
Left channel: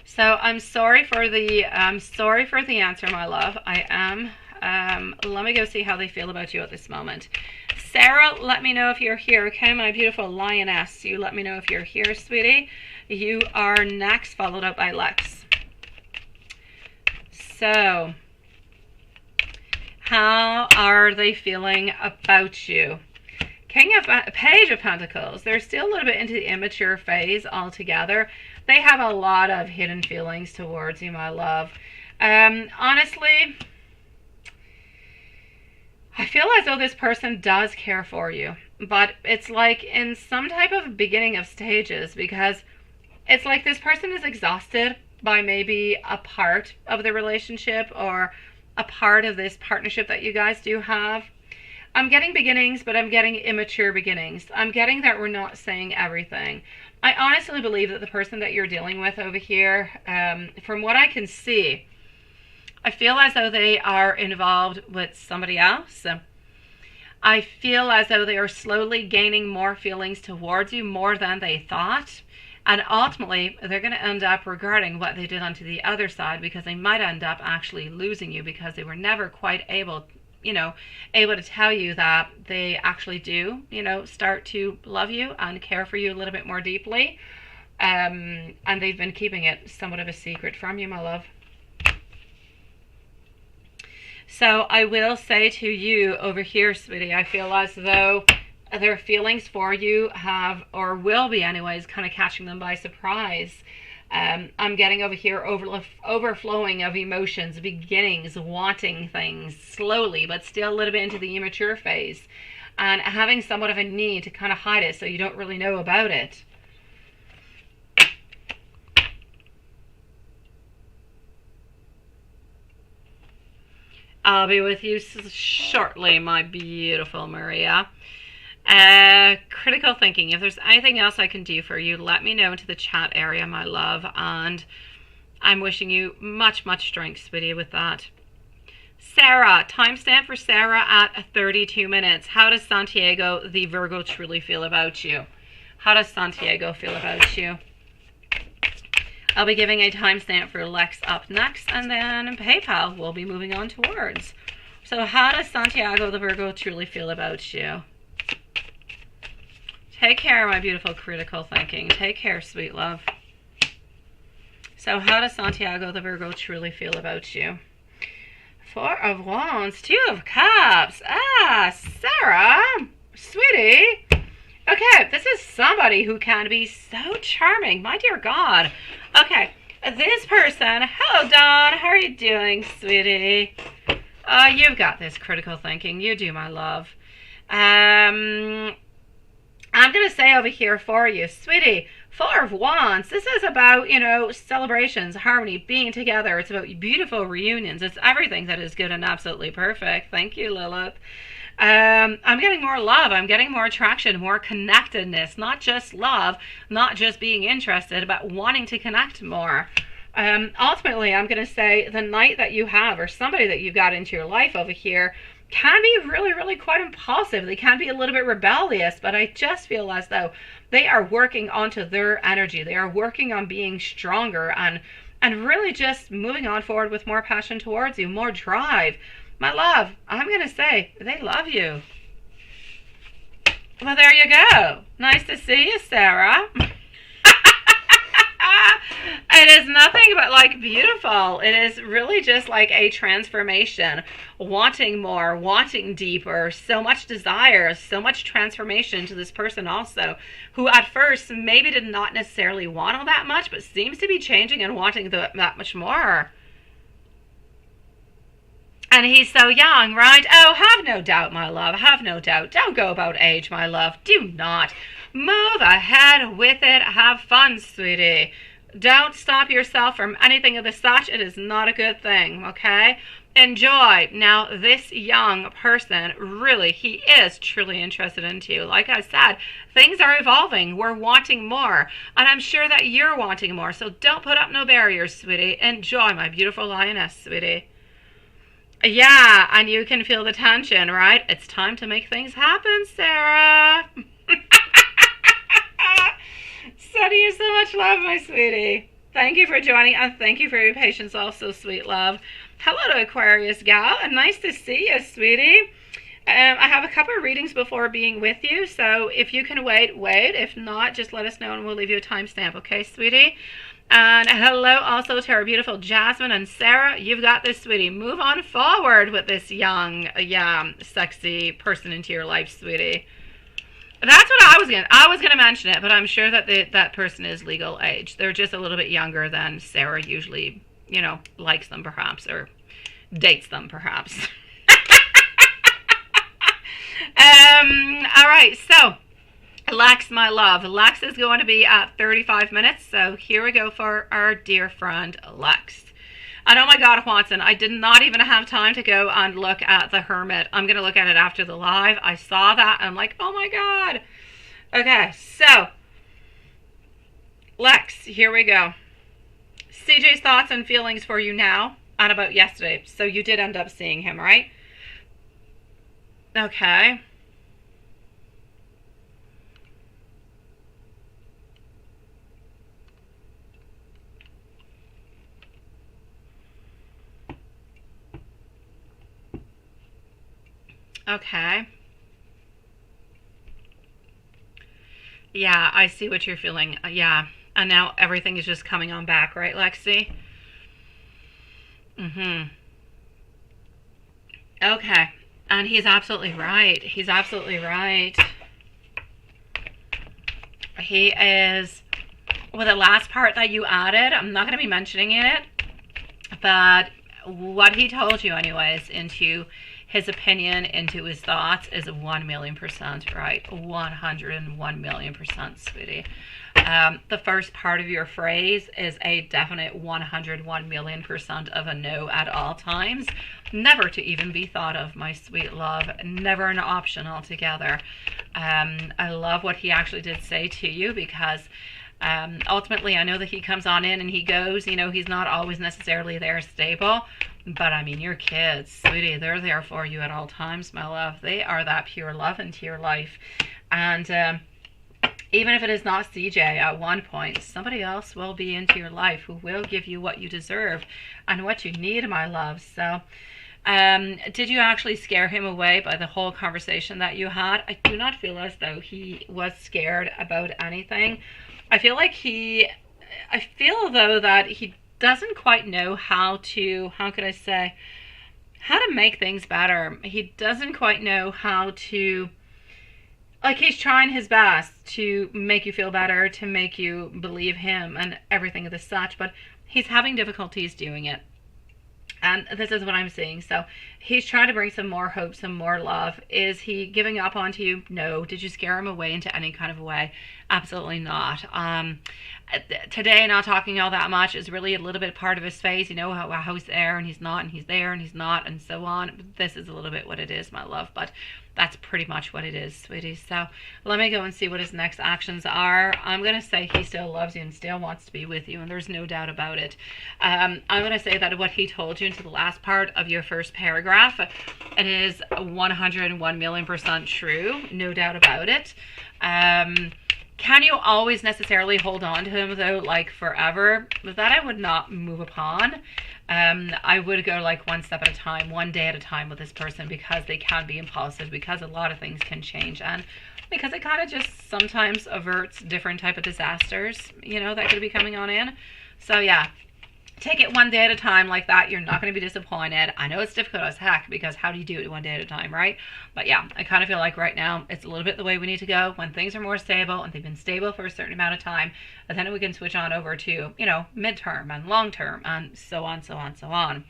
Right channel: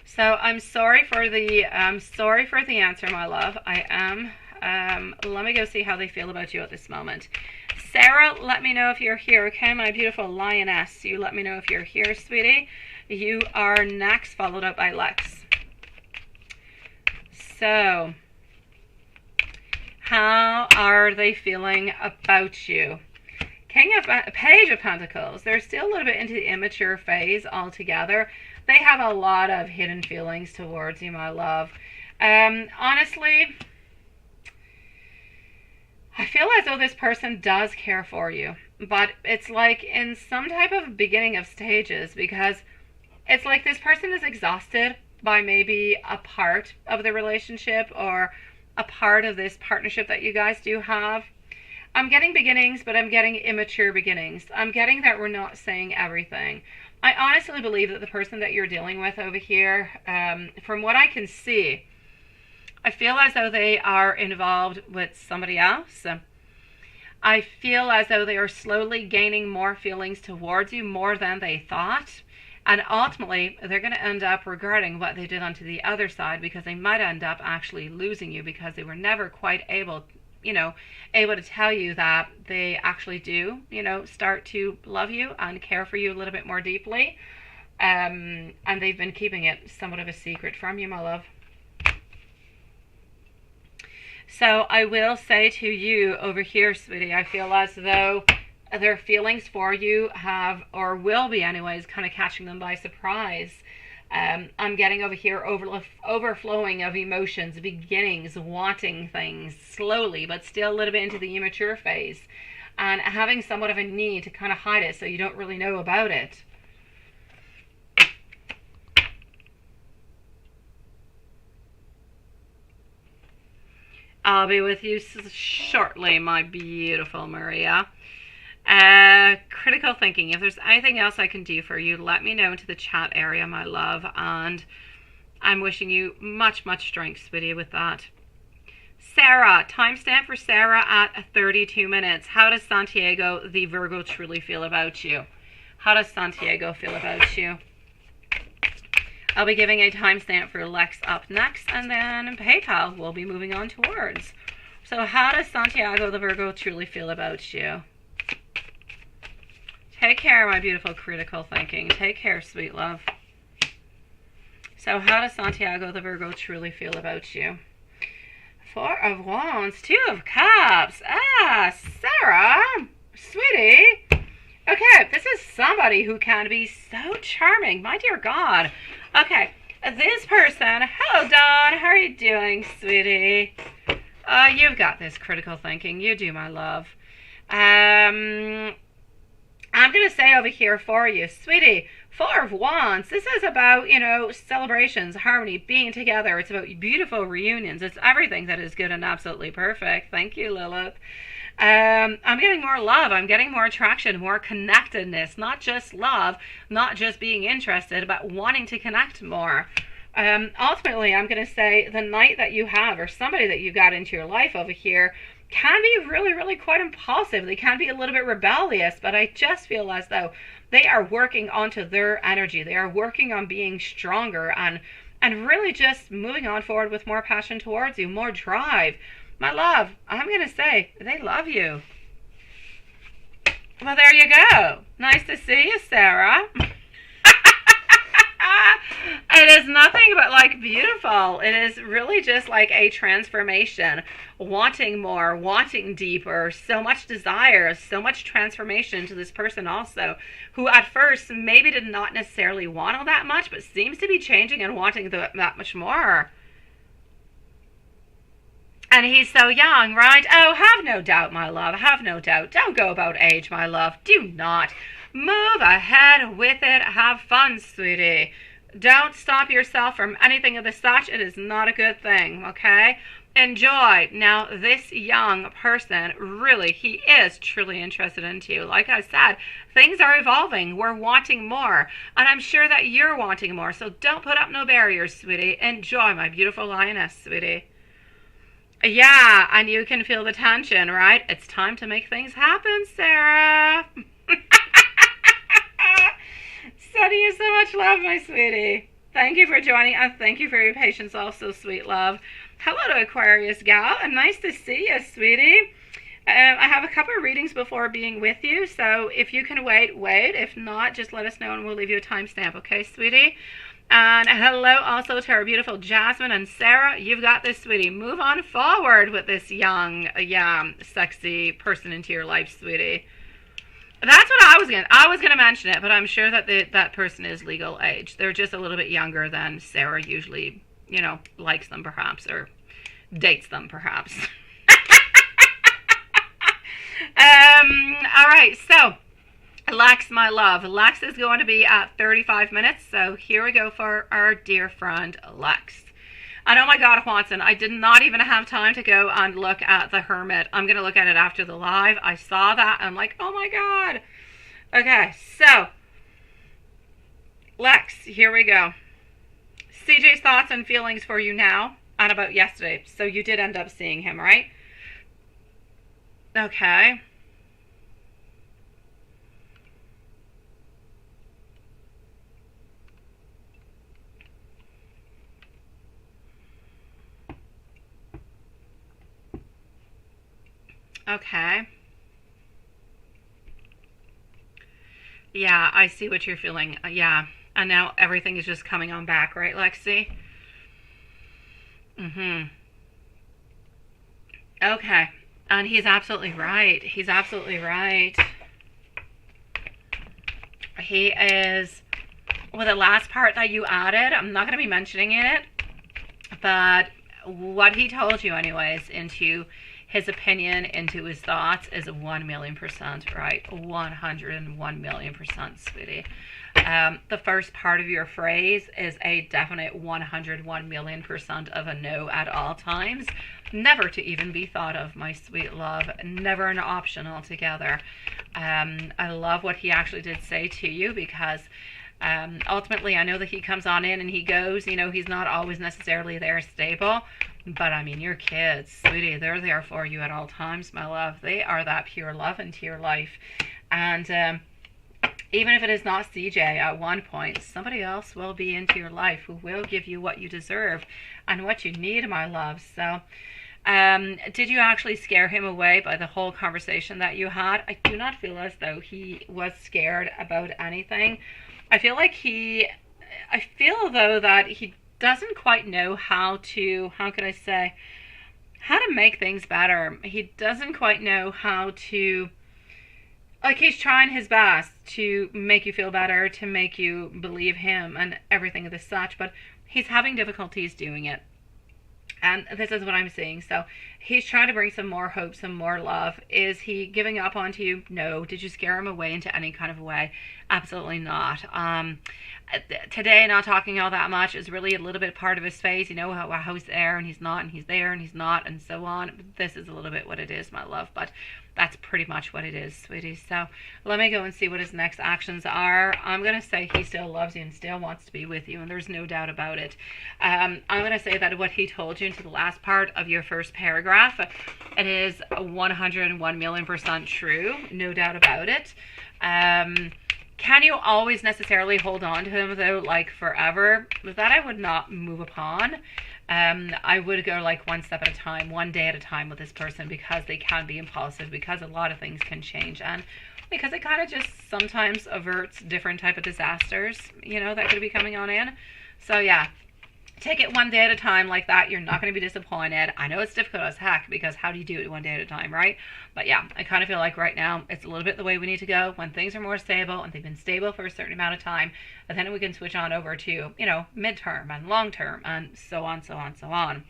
So I'm sorry for the answer, my love. I am. Let me go see how they feel about you at this moment. Sarah, let me know if you're here, okay? My beautiful lioness. You let me know if you're here, sweetie. You are next, followed up by Lex. So, How are they feeling about you? Page of Pentacles. They're still a little bit into the immature phase altogether. They have a lot of hidden feelings towards you, my love. Honestly, I feel as though this person does care for you, but it's like in some type of beginning of stages, because it's like this person is exhausted by maybe a part of the relationship or a part of this partnership that you guys do have. I'm getting beginnings, but I'm getting immature beginnings. I'm getting that we're not saying everything. I honestly believe that the person that you're dealing with over here, from what I can see, I feel as though they are involved with somebody else. I feel as though they are slowly gaining more feelings towards you, more than they thought. And ultimately, they're going to end up regretting what they did onto the other side, because they might end up actually losing you because they were never quite able to tell you that they actually do, start to love you and care for you a little bit more deeply. And they've been keeping it somewhat of a secret from you, my love. So I will say to you over here, sweetie, I feel as though their feelings for you have, or will be anyways, kind of catching them by surprise. I'm getting over here overflowing of emotions, beginnings, wanting things slowly, but still a little bit into the immature phase, and having somewhat of a need to kind of hide it so you don't really know about it. I'll be with you shortly, my beautiful Maria. Critical thinking. If there's anything else I can do for you, let me know into the chat area, my love. And I'm wishing you much, much strength, sweetie, with that. Sarah, timestamp for Sarah at 32 minutes. How does Santiago, the Virgo, truly feel about you? How does Santiago feel about you? I'll be giving a timestamp for Lex up next, and then PayPal will be moving on towards. So how does Santiago, the Virgo, truly feel about you? Take care, my beautiful critical thinking. Take care, sweet love. So how does Santiago, the Virgo, truly feel about you? Four of Wands, Two of Cups. Sarah, sweetie. Okay, this is somebody who can be so charming. My dear God. Okay, this person. Hello, Dawn. How are you doing, sweetie? You've got this critical thinking. You do, my love. I'm going to say over here for you, sweetie, Four of Wands. This is about, celebrations, harmony, being together. It's about beautiful reunions. It's everything that is good and absolutely perfect. Thank you, Lilith. I'm getting more love. I'm getting more attraction, more connectedness. Not just love, not just being interested, but wanting to connect more. Ultimately, I'm going to say the knight that you have, or somebody that you got into your life over here, can be really, really quite impulsive. They can be a little bit rebellious, but I just feel as though they are working onto their energy. They are working on being stronger and really just moving on forward with more passion towards you, more drive. My love, I'm going to say they love you. Well, there you go. Nice to see you, Sarah. It is nothing but beautiful. It is really just like a transformation, wanting more, wanting deeper, so much desire, so much transformation to this person also, who at first maybe did not necessarily want all that much, but seems to be changing and wanting that much more. And he's so young, right? Oh, have no doubt, my love. Have no doubt. Don't go about age, my love. Do not. Move ahead with it. Have fun, sweetie. Don't stop yourself from anything of the such. It is not a good thing, okay? Enjoy. Now, this young person, really, he is truly interested into you. Like I said, things are evolving. We're wanting more. And I'm sure that you're wanting more. So don't put up no barriers, sweetie. Enjoy, my beautiful lioness, sweetie. Yeah, and you can feel the tension, right? It's time to make things happen, Sarah. Sending you so much love, my sweetie. Thank you for joining, and thank you for your patience also, sweet love. Hello to Aquarius gal, and nice to see you, sweetie. I have a couple of readings before being with you, so if you can wait. If not, just let us know and we'll leave you a timestamp, okay, sweetie? And hello also to our beautiful Jasmine and Sarah. You've got this, sweetie. Move on forward with this young, sexy person into your life, sweetie. That's what I was gonna mention it, but I'm sure that that person is legal age. They're just a little bit younger than Sarah usually, likes them perhaps, or dates them perhaps. All right, so Lex, my love. Lex is going to be at 35 minutes, so here we go for our dear friend Lex. And oh my God, Watson, I did not even have time to go and look at the Hermit. I'm going to look at it after the live. I saw that and I'm like, oh my God. Okay, so Lex, here we go. CJ's thoughts and feelings for you now and about yesterday. So you did end up seeing him, right? Okay. Okay. Yeah, I see what you're feeling. Yeah. And now everything is just coming on back, right, Lexi? Mm-hmm. Okay. And he's absolutely right. He's absolutely right. He is, well, the last part that you added, I'm not going to be mentioning it, but what he told you anyways, into his opinion, into his thoughts, is 1,000,000% right. 101,000,000%, sweetie. The first part of your phrase is a definite 101,000,000% of a no at all times. Never to even be thought of, my sweet love. Never an option altogether. I love what he actually did say to you, because ultimately I know that he comes on in and he goes, he's not always necessarily there stable. But I mean, your kids, sweetie, they're there for you at all times, my love. They are that pure love into your life. And even if it is not CJ, at one point, somebody else will be into your life who will give you what you deserve and what you need, my love. So did you actually scare him away by the whole conversation that you had? I do not feel as though he was scared about anything. I feel though that he doesn't quite know how to make things better. He doesn't quite know how to, he's trying his best to make you feel better, to make you believe him and everything of the such, but he's having difficulties doing it. And this is what I'm seeing. So he's trying to bring some more hope, some more love. Is he giving up onto you? No. Did you scare him away into any kind of a way? Absolutely not. Today, not talking all that much is really a little bit part of his phase. How he's there and he's not, and he's there and he's not, and so on. This is a little bit what it is, my love, but that's pretty much what it is, sweetie. So let me go and see what his next actions are. I'm going to say he still loves you and still wants to be with you, and there's no doubt about it. I'm going to say that what he told you into the last part of your first paragraph, it is 101,000,000% true, no doubt about it. Can you always necessarily hold on to him, though, forever? That I would not move upon. I would go one step at a time, one day at a time with this person, because they can be impulsive, because a lot of things can change, and because it kind of just sometimes averts different type of disasters, that could be coming on in. So yeah, take it one day at a time like that. You're not going to be disappointed. I know it's difficult as heck, because how do you do it one day at a time, right? But yeah, I kind of feel like right now it's a little bit the way we need to go. When things are more stable and they've been stable for a certain amount of time, and then we can switch on over to, midterm and long term and so on, so on, so on.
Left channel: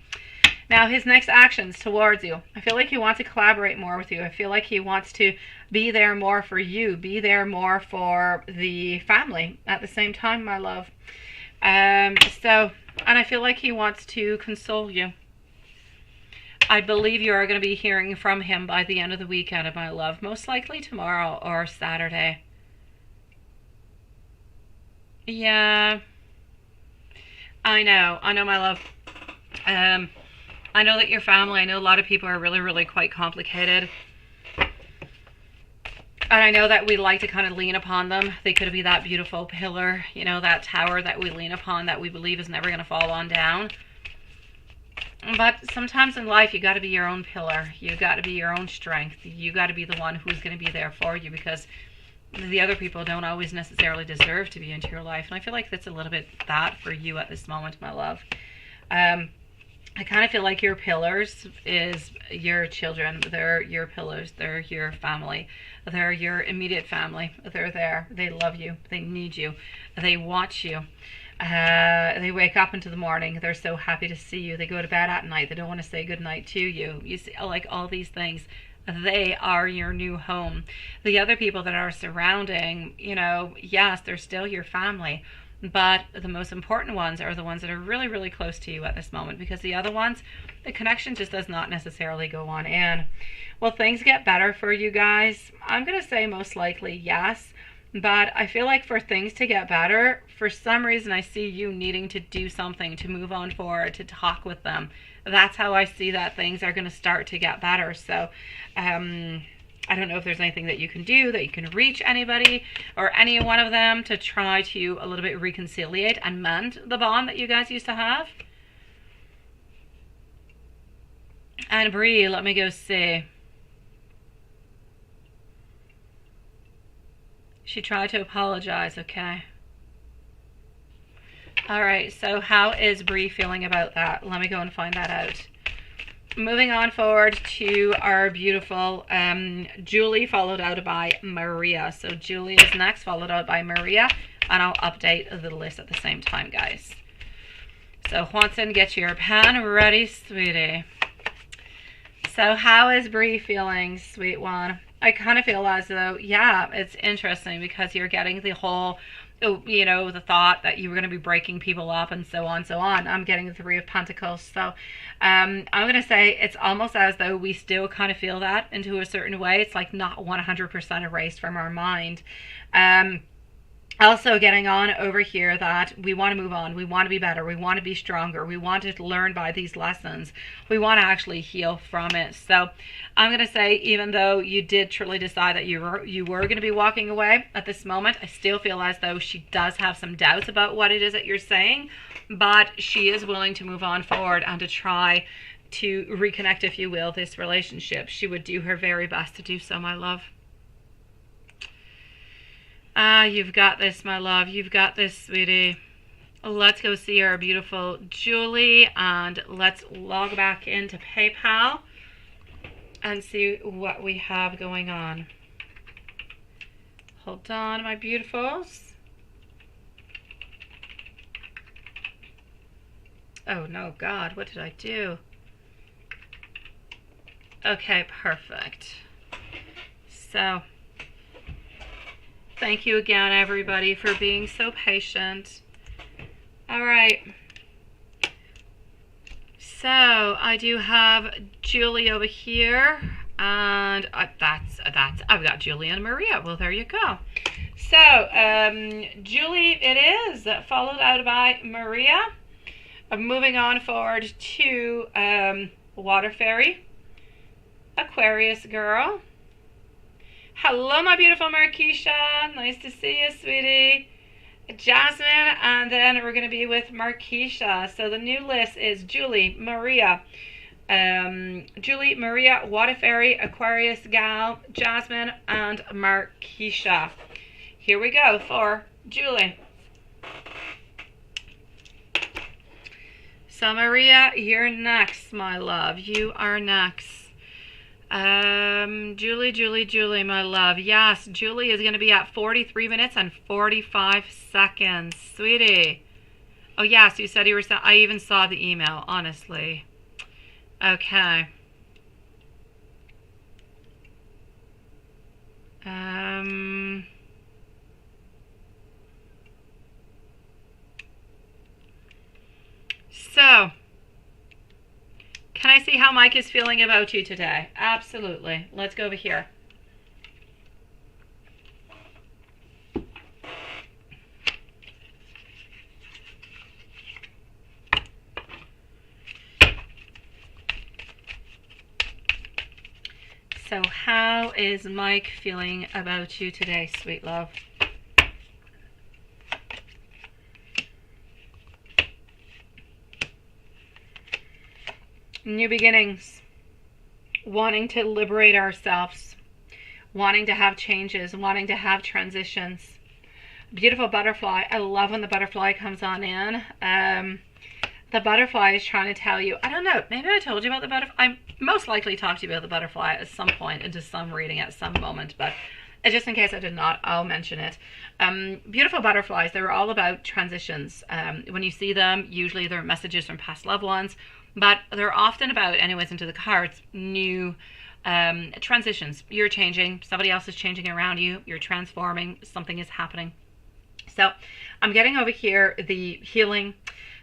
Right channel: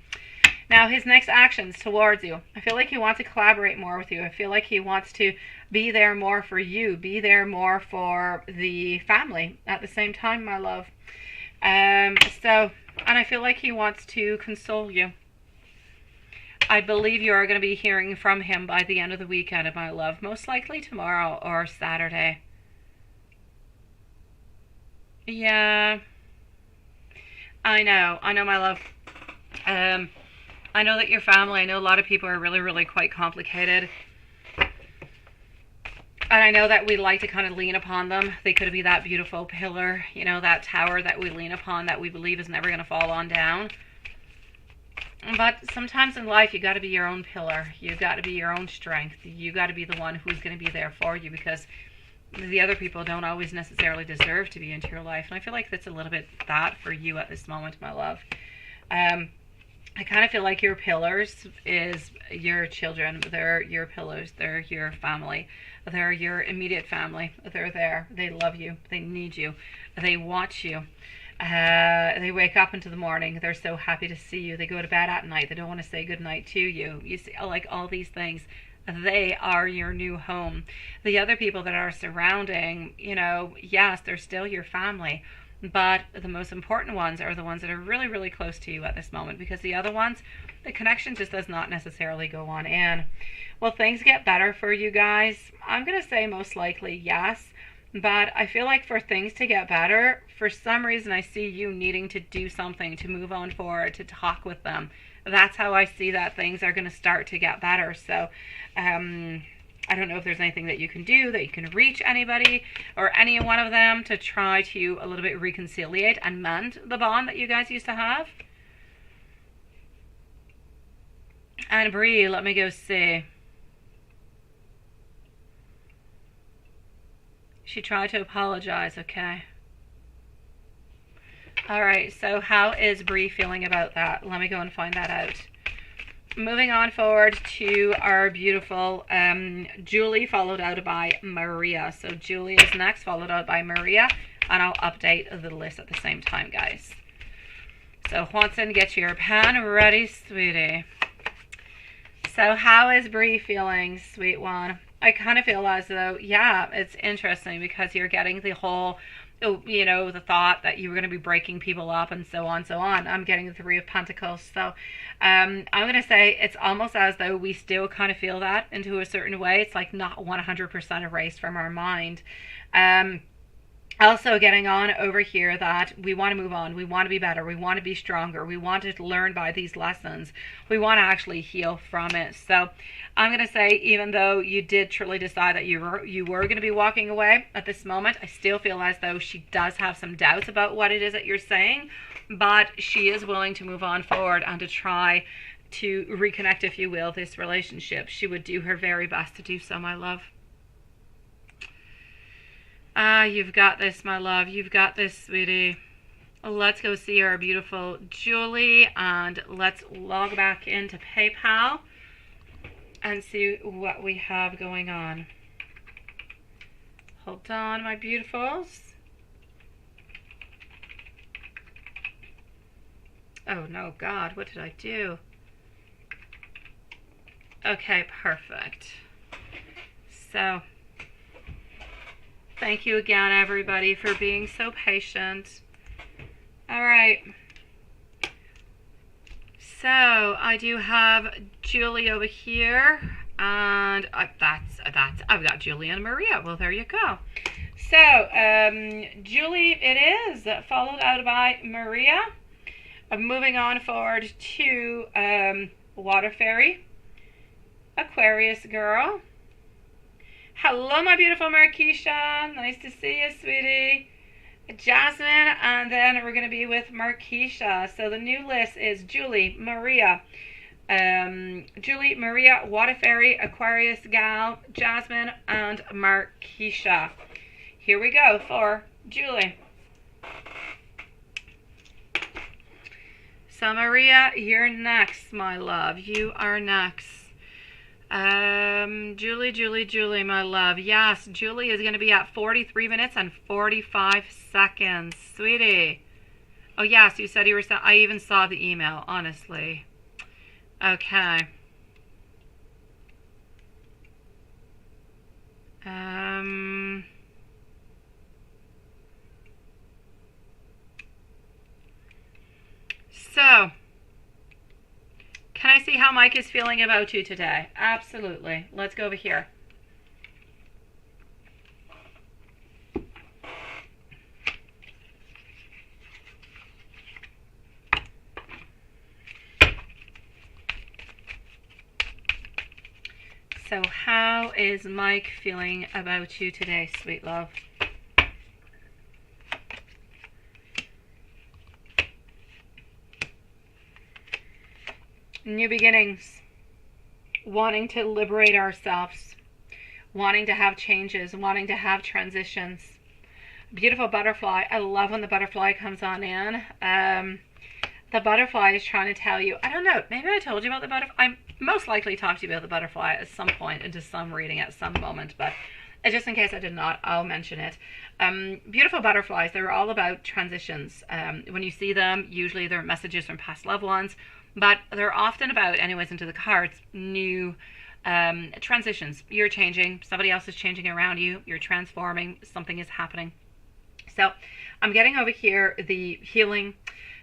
Now, his next actions towards you. I feel like he wants to collaborate more with you. I feel like he wants to be there more for you, be there more for the family at the same time, my love. And I feel like he wants to console you. I believe you are going to be hearing from him by the end of the weekend, my love. Most likely tomorrow or Saturday. Yeah. I know, my love. I know that your family, I know a lot of people are really, really quite complicated. And I know that we like to kind of lean upon them. They could be that beautiful pillar, that tower that we lean upon, that we believe is never going to fall on down. But sometimes in life, you got to be your own pillar. You got to be your own strength. You got to be the one who's going to be there for you, because the other people don't always necessarily deserve to be into your life. And I feel like that's a little bit that for you at this moment, my love. I kind of feel like your pillars is your children. They're your pillars. They're your family. They're your immediate family. They're there. They love you. They need you. They want you. They wake up into the morning. They're so happy to see you. They go to bed at night. They don't want to say goodnight to you. You see, like all these things. They are your new home. The other people that are surrounding, you know, yes, they're still your family. But the most important ones are the ones that are really, really close to you at this moment, because the other ones, the connection just does not necessarily go on in. Will things get better for you guys? I'm going to say most likely yes, but I feel like for things to get better, for some reason I see you needing to do something to move on forward, to talk with them. That's how I see that things are going to start to get better. So, I don't know if there's anything that you can do, that you can reach anybody or any one of them to try to a little bit reconciliate and mend the bond that you guys used to have. And Bree, let me go see. She tried to apologize, okay. All right, so how is Bree feeling about that? Let me go and find that out. Moving on forward to our beautiful Julie, followed out by Maria. So Julie is next, followed out by Maria, and I'll update the list at the same time, guys. So Juanson, get your pen ready, sweetie. So how is Bree feeling, sweet one? I kind of feel as though, yeah, it's interesting because you're getting the whole, you know, the thought that you were going to be breaking people up and so on, so on. I'm getting the Three of Pentacles. So I'm going to say it's almost as though we still kind of feel that into a certain way. It's like not 100% erased from our mind. Also getting on over here that we want to move on. We want to be better. We want to be stronger. We want to learn by these lessons. We want to actually heal from it. So I'm going to say, even though you did truly decide that you were going to be walking away at this moment, I still feel as though she does have some doubts about what it is that you're saying, but she is willing to move on forward and to try to reconnect, if you will, this relationship. She would do her very best to do so, my love. You've got this, my love. You've got this, sweetie. Let's go see our beautiful Julie, and let's log back into PayPal and see what we have going on. Hold on, my beautifuls. Oh, no, God, what did I do? Okay, perfect. So, thank you again, everybody, for being so patient. All right. So I do have Julie over here, and I've got Julie and Maria. Well, there you go. So Julie it is, followed out by Maria. Moving on forward to Water Fairy, Aquarius girl. Hello, my beautiful Marquisha. Nice to see you, sweetie. Jasmine, and then we're going to be with Marquisha. So the new list is Julie, Maria, Water Fairy, Aquarius gal, Jasmine, and Marquisha. Here we go for Julie. So Maria, you're next, my love. You are next. Julie, my love. Yes, Julie is going to be at 43 minutes and 45 seconds. Sweetie. Oh, yes, you said you were... I even saw the email, honestly. Okay. So... can I see how Mike is feeling about you today? Absolutely. Let's go over here. So how is Mike feeling about you today, sweet love? New beginnings, wanting to liberate ourselves, wanting to have changes, wanting to have transitions. Beautiful butterfly. I love when the butterfly comes on in. The butterfly is trying to tell you, I don't know, maybe I told you about the butterfly. I most likely talked to you about the butterfly at some point into some reading at some moment, but just in case I did not, I'll mention it. Beautiful butterflies, they're all about transitions. When you see them, usually they're messages from past loved ones, but they're often about, anyways, into the cards, new transitions. You're changing, somebody else is changing around you, you're transforming, something is happening. So I'm getting over here the healing.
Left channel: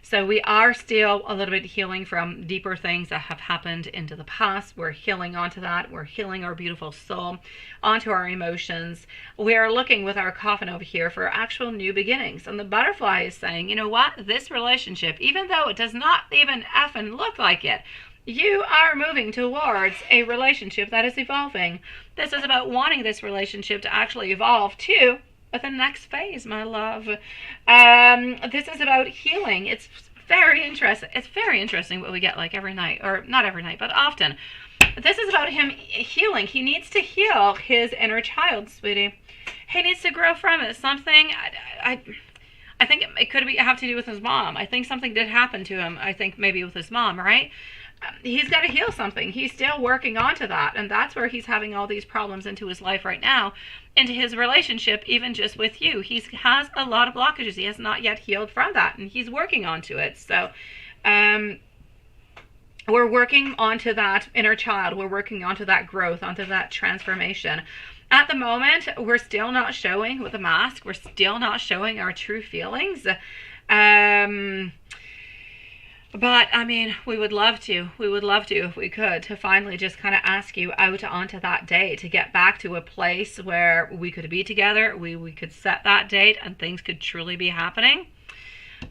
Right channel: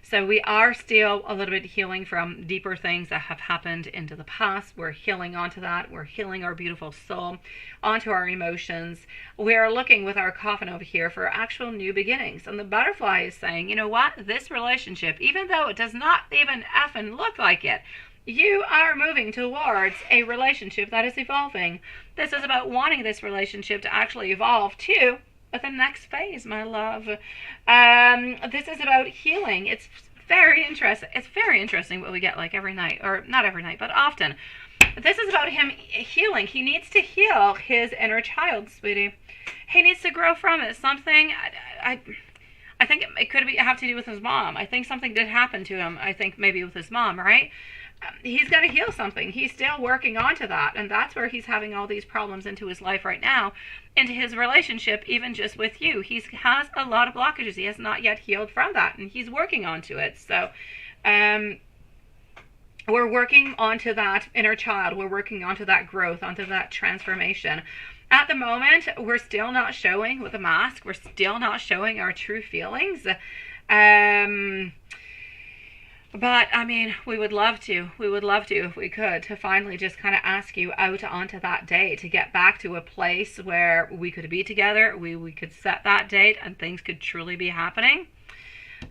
So we are still a little bit healing from deeper things that have happened into the past. We're healing onto that. We're healing our beautiful soul onto our emotions. We're looking with our coffin over here for actual new beginnings. And the butterfly is saying, you know what? This relationship, even though it does not even effing look like it, you are moving towards a relationship that is evolving. This is about wanting this relationship to actually evolve too. But the next phase, my love, this is about healing. It's very interesting. It's very interesting what we get like every night, or not every night, but often. This is about him healing. He needs to heal his inner child, sweetie. He needs to grow from it. Something, I think it could have to do with his mom. I think something did happen to him. I think maybe with his mom, right? He's got to heal something. He's still working onto that, and that's where he's having all these problems into his life right now, into his relationship, even just with you. He has a lot of blockages. He has not yet healed from that, and he's working onto it. So we're working onto that inner child. We're working onto that growth, onto that transformation. At the moment, we're still not showing with a mask. We're still not showing our true feelings. But, I mean, we would love to. We would love to, if we could, to finally just kind of ask you out onto that date, to get back to a place where we could be together, we could set that date, and things could truly be happening.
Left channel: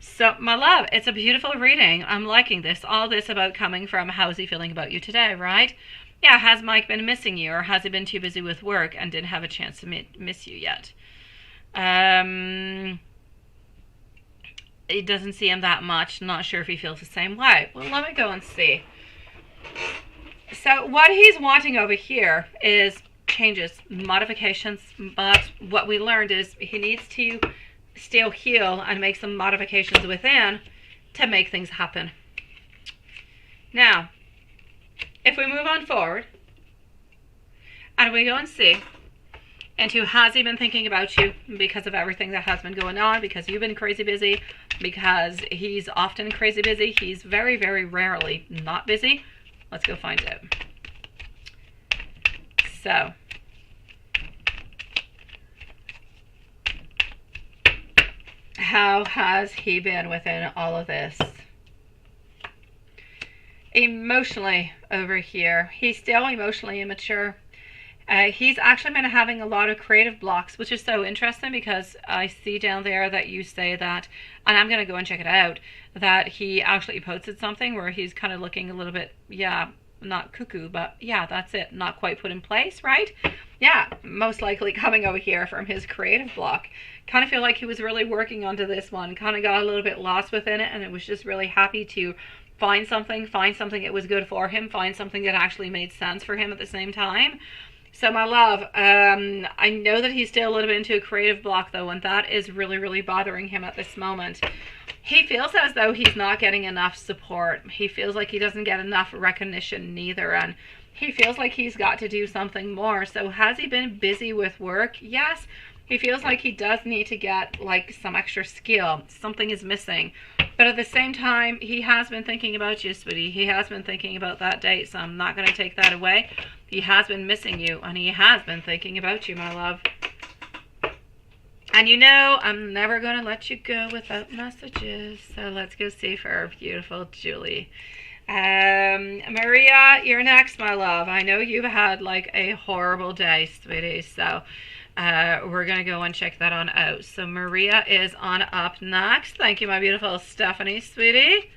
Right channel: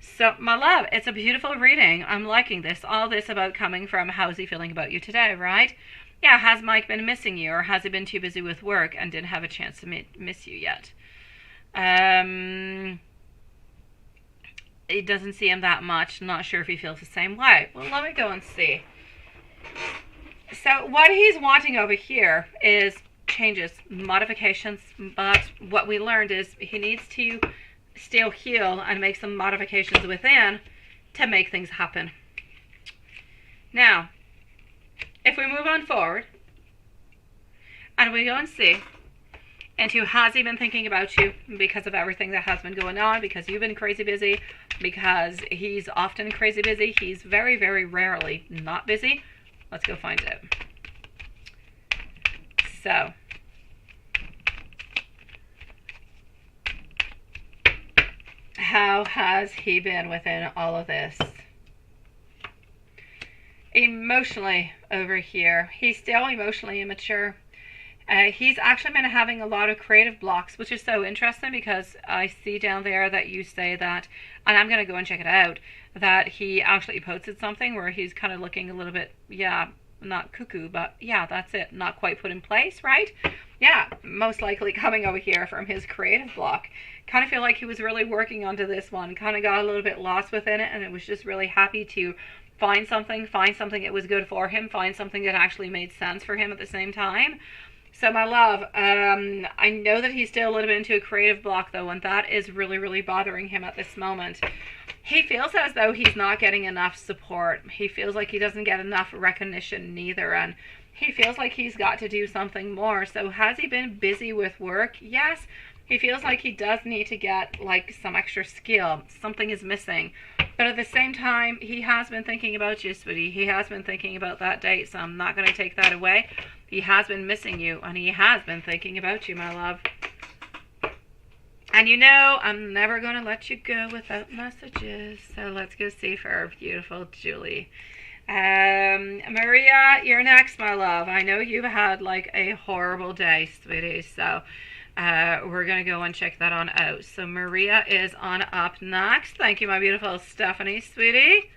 So, my love, it's a beautiful reading. I'm liking this. All this about coming from, how's he feeling about you today, right? Yeah, has Mike been missing you, or has he been too busy with work and didn't have a chance to miss you yet? It doesn't see him that much. Not sure if he feels the same way. Well, let me go and see. So what he's wanting over here is changes, modifications. But what we learned is he needs to still heal and make some modifications within to make things happen. Now, if we move on forward and we go and see into, has he been thinking about you because of everything that has been going on, because you've been crazy busy, because he's often crazy busy, he's very, very rarely not busy. Let's go find out. So, how has he been within all of this? Emotionally over here, he's still emotionally immature. He's actually been having a lot of creative blocks, which is so interesting because I see down there that you say that, and I'm going to go and check it out, that he actually posted something where he's kind of looking a little bit, yeah, not cuckoo, but yeah, that's it, not quite put in place, right? Yeah, most likely coming over here from his creative block. Kind of feel like he was really working onto this one, kind of got a little bit lost within it, and it was just really happy to find something that was good for him, find something that actually made sense for him at the same time. So, my love, I know that he's still a little bit into a creative block, though, and that is really, really bothering him at this moment. He feels as though he's not getting enough support. He feels like he doesn't get enough recognition neither, and he feels like he's got to do something more. So, has he been busy with work? Yes. He feels like he does need to get, like, some extra skill. Something is missing. But at the same time, he has been thinking about you, sweetie. He has been thinking about that date, so I'm not going to take that away. He has been missing you, and he has been thinking about you, my love. And you know, I'm never going to let you go without messages. So let's go see for our beautiful Julie. Maria, you're next, my love. I know you've had, like, a horrible day, sweetie, so we're going to go and check that on out. So Maria is on up next. Thank you, my beautiful Stephanie, sweetie.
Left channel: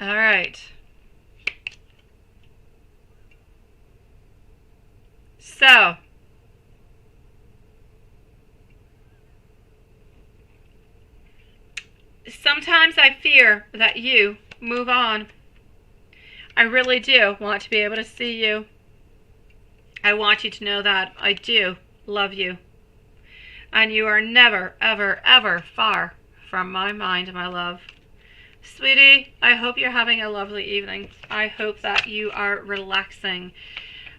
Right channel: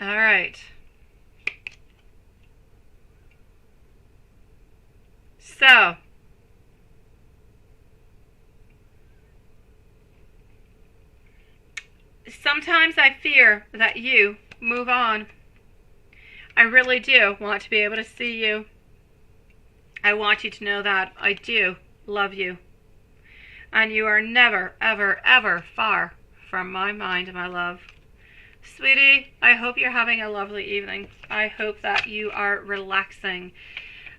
All right. So, sometimes I fear that you move on. I really do want to be able to see you. I want you to know that I do love you. And you are never, ever, ever far from my mind, my love. Sweetie, I hope you're having a lovely evening. I hope that you are relaxing.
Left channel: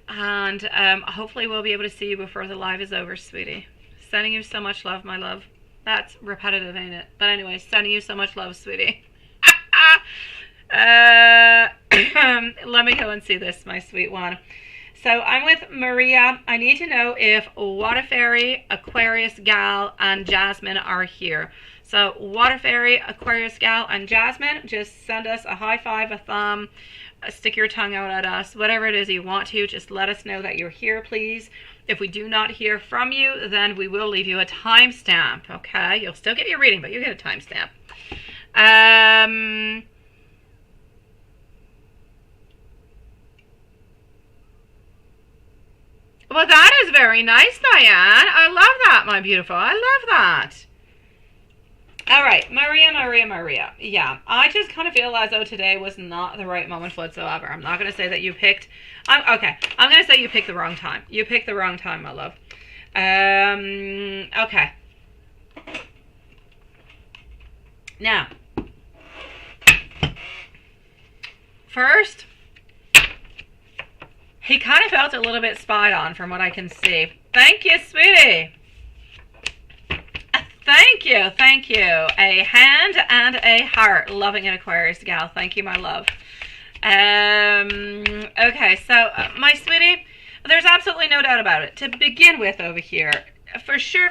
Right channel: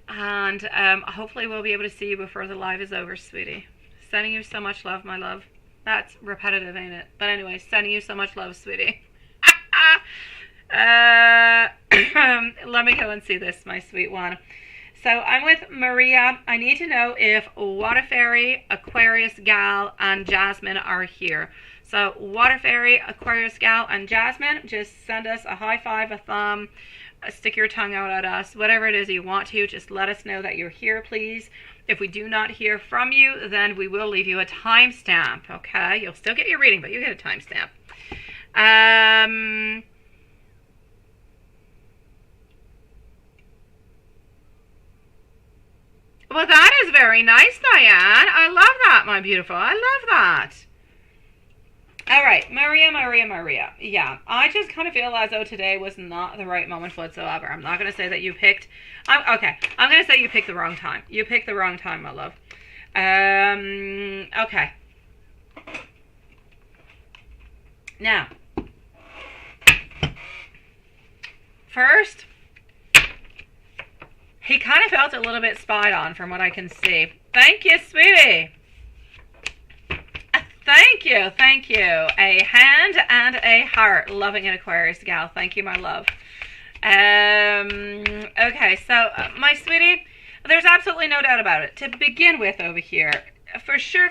And hopefully we'll be able to see you before the live is over, sweetie. Sending you so much love, my love. That's repetitive, ain't it? But anyway, sending you so much love, sweetie. Let me go and see this, my sweet one. So I'm with Maria. I need to know if Water Fairy, Aquarius Gal, and Jasmine are here. So Water Fairy, Aquarius Gal, and Jasmine, just send us a high five, a thumb, stick your tongue out at us, whatever it is you want to. Just let us know that you're here, please. If we do not hear from you, then we will leave you a timestamp, okay? You'll still get your reading, but you get a timestamp. Well, that is very nice, Diane. I love that, my beautiful. I love that. All right, Maria. Yeah, I just kind of feel as though today was not the right moment whatsoever. I'm not going to say that you picked... okay, I'm going to say you picked the wrong time. You picked the wrong time, my love. Okay. Now, first, he kind of felt a little bit spied on from what I can see. Thank you, sweetie. Thank you. A hand and a heart. Loving an Aquarius gal. Thank you, my love. Okay, so my sweetie, there's absolutely no doubt about it. To begin with over here, for sure.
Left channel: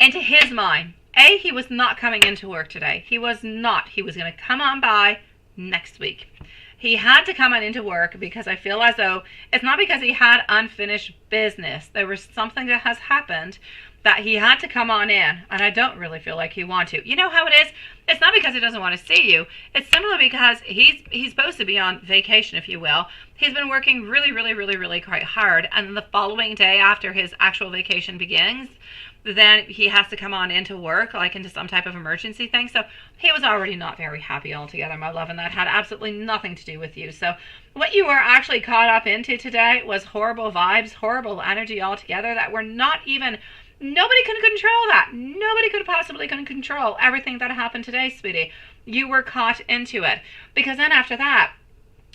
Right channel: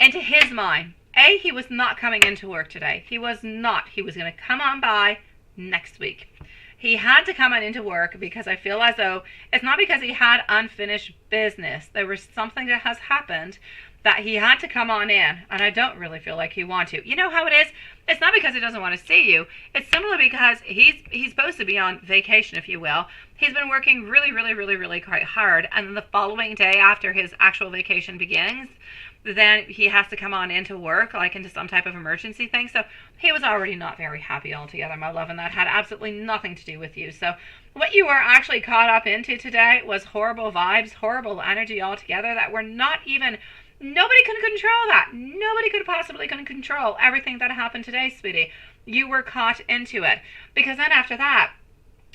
Into his mind, he was not coming into work today. He was not. He was going to come on by next week. He had to come on into work because I feel as though it's not because he had unfinished business. There was something that has happened that he had to come on in, and I don't really feel like he wants to. You know how it is? It's not because he doesn't want to see you. It's simply because he's supposed to be on vacation, if you will. He's been working really quite hard, and then the following day after his actual vacation begins, then he has to come on into work, like into some type of emergency thing. So he was already not very happy altogether, my love, and that had absolutely nothing to do with you. So what you were actually caught up into today was horrible vibes, horrible energy altogether that were not even... Nobody could control that. Nobody could possibly control everything that happened today, sweetie. You were caught into it. Because then after that,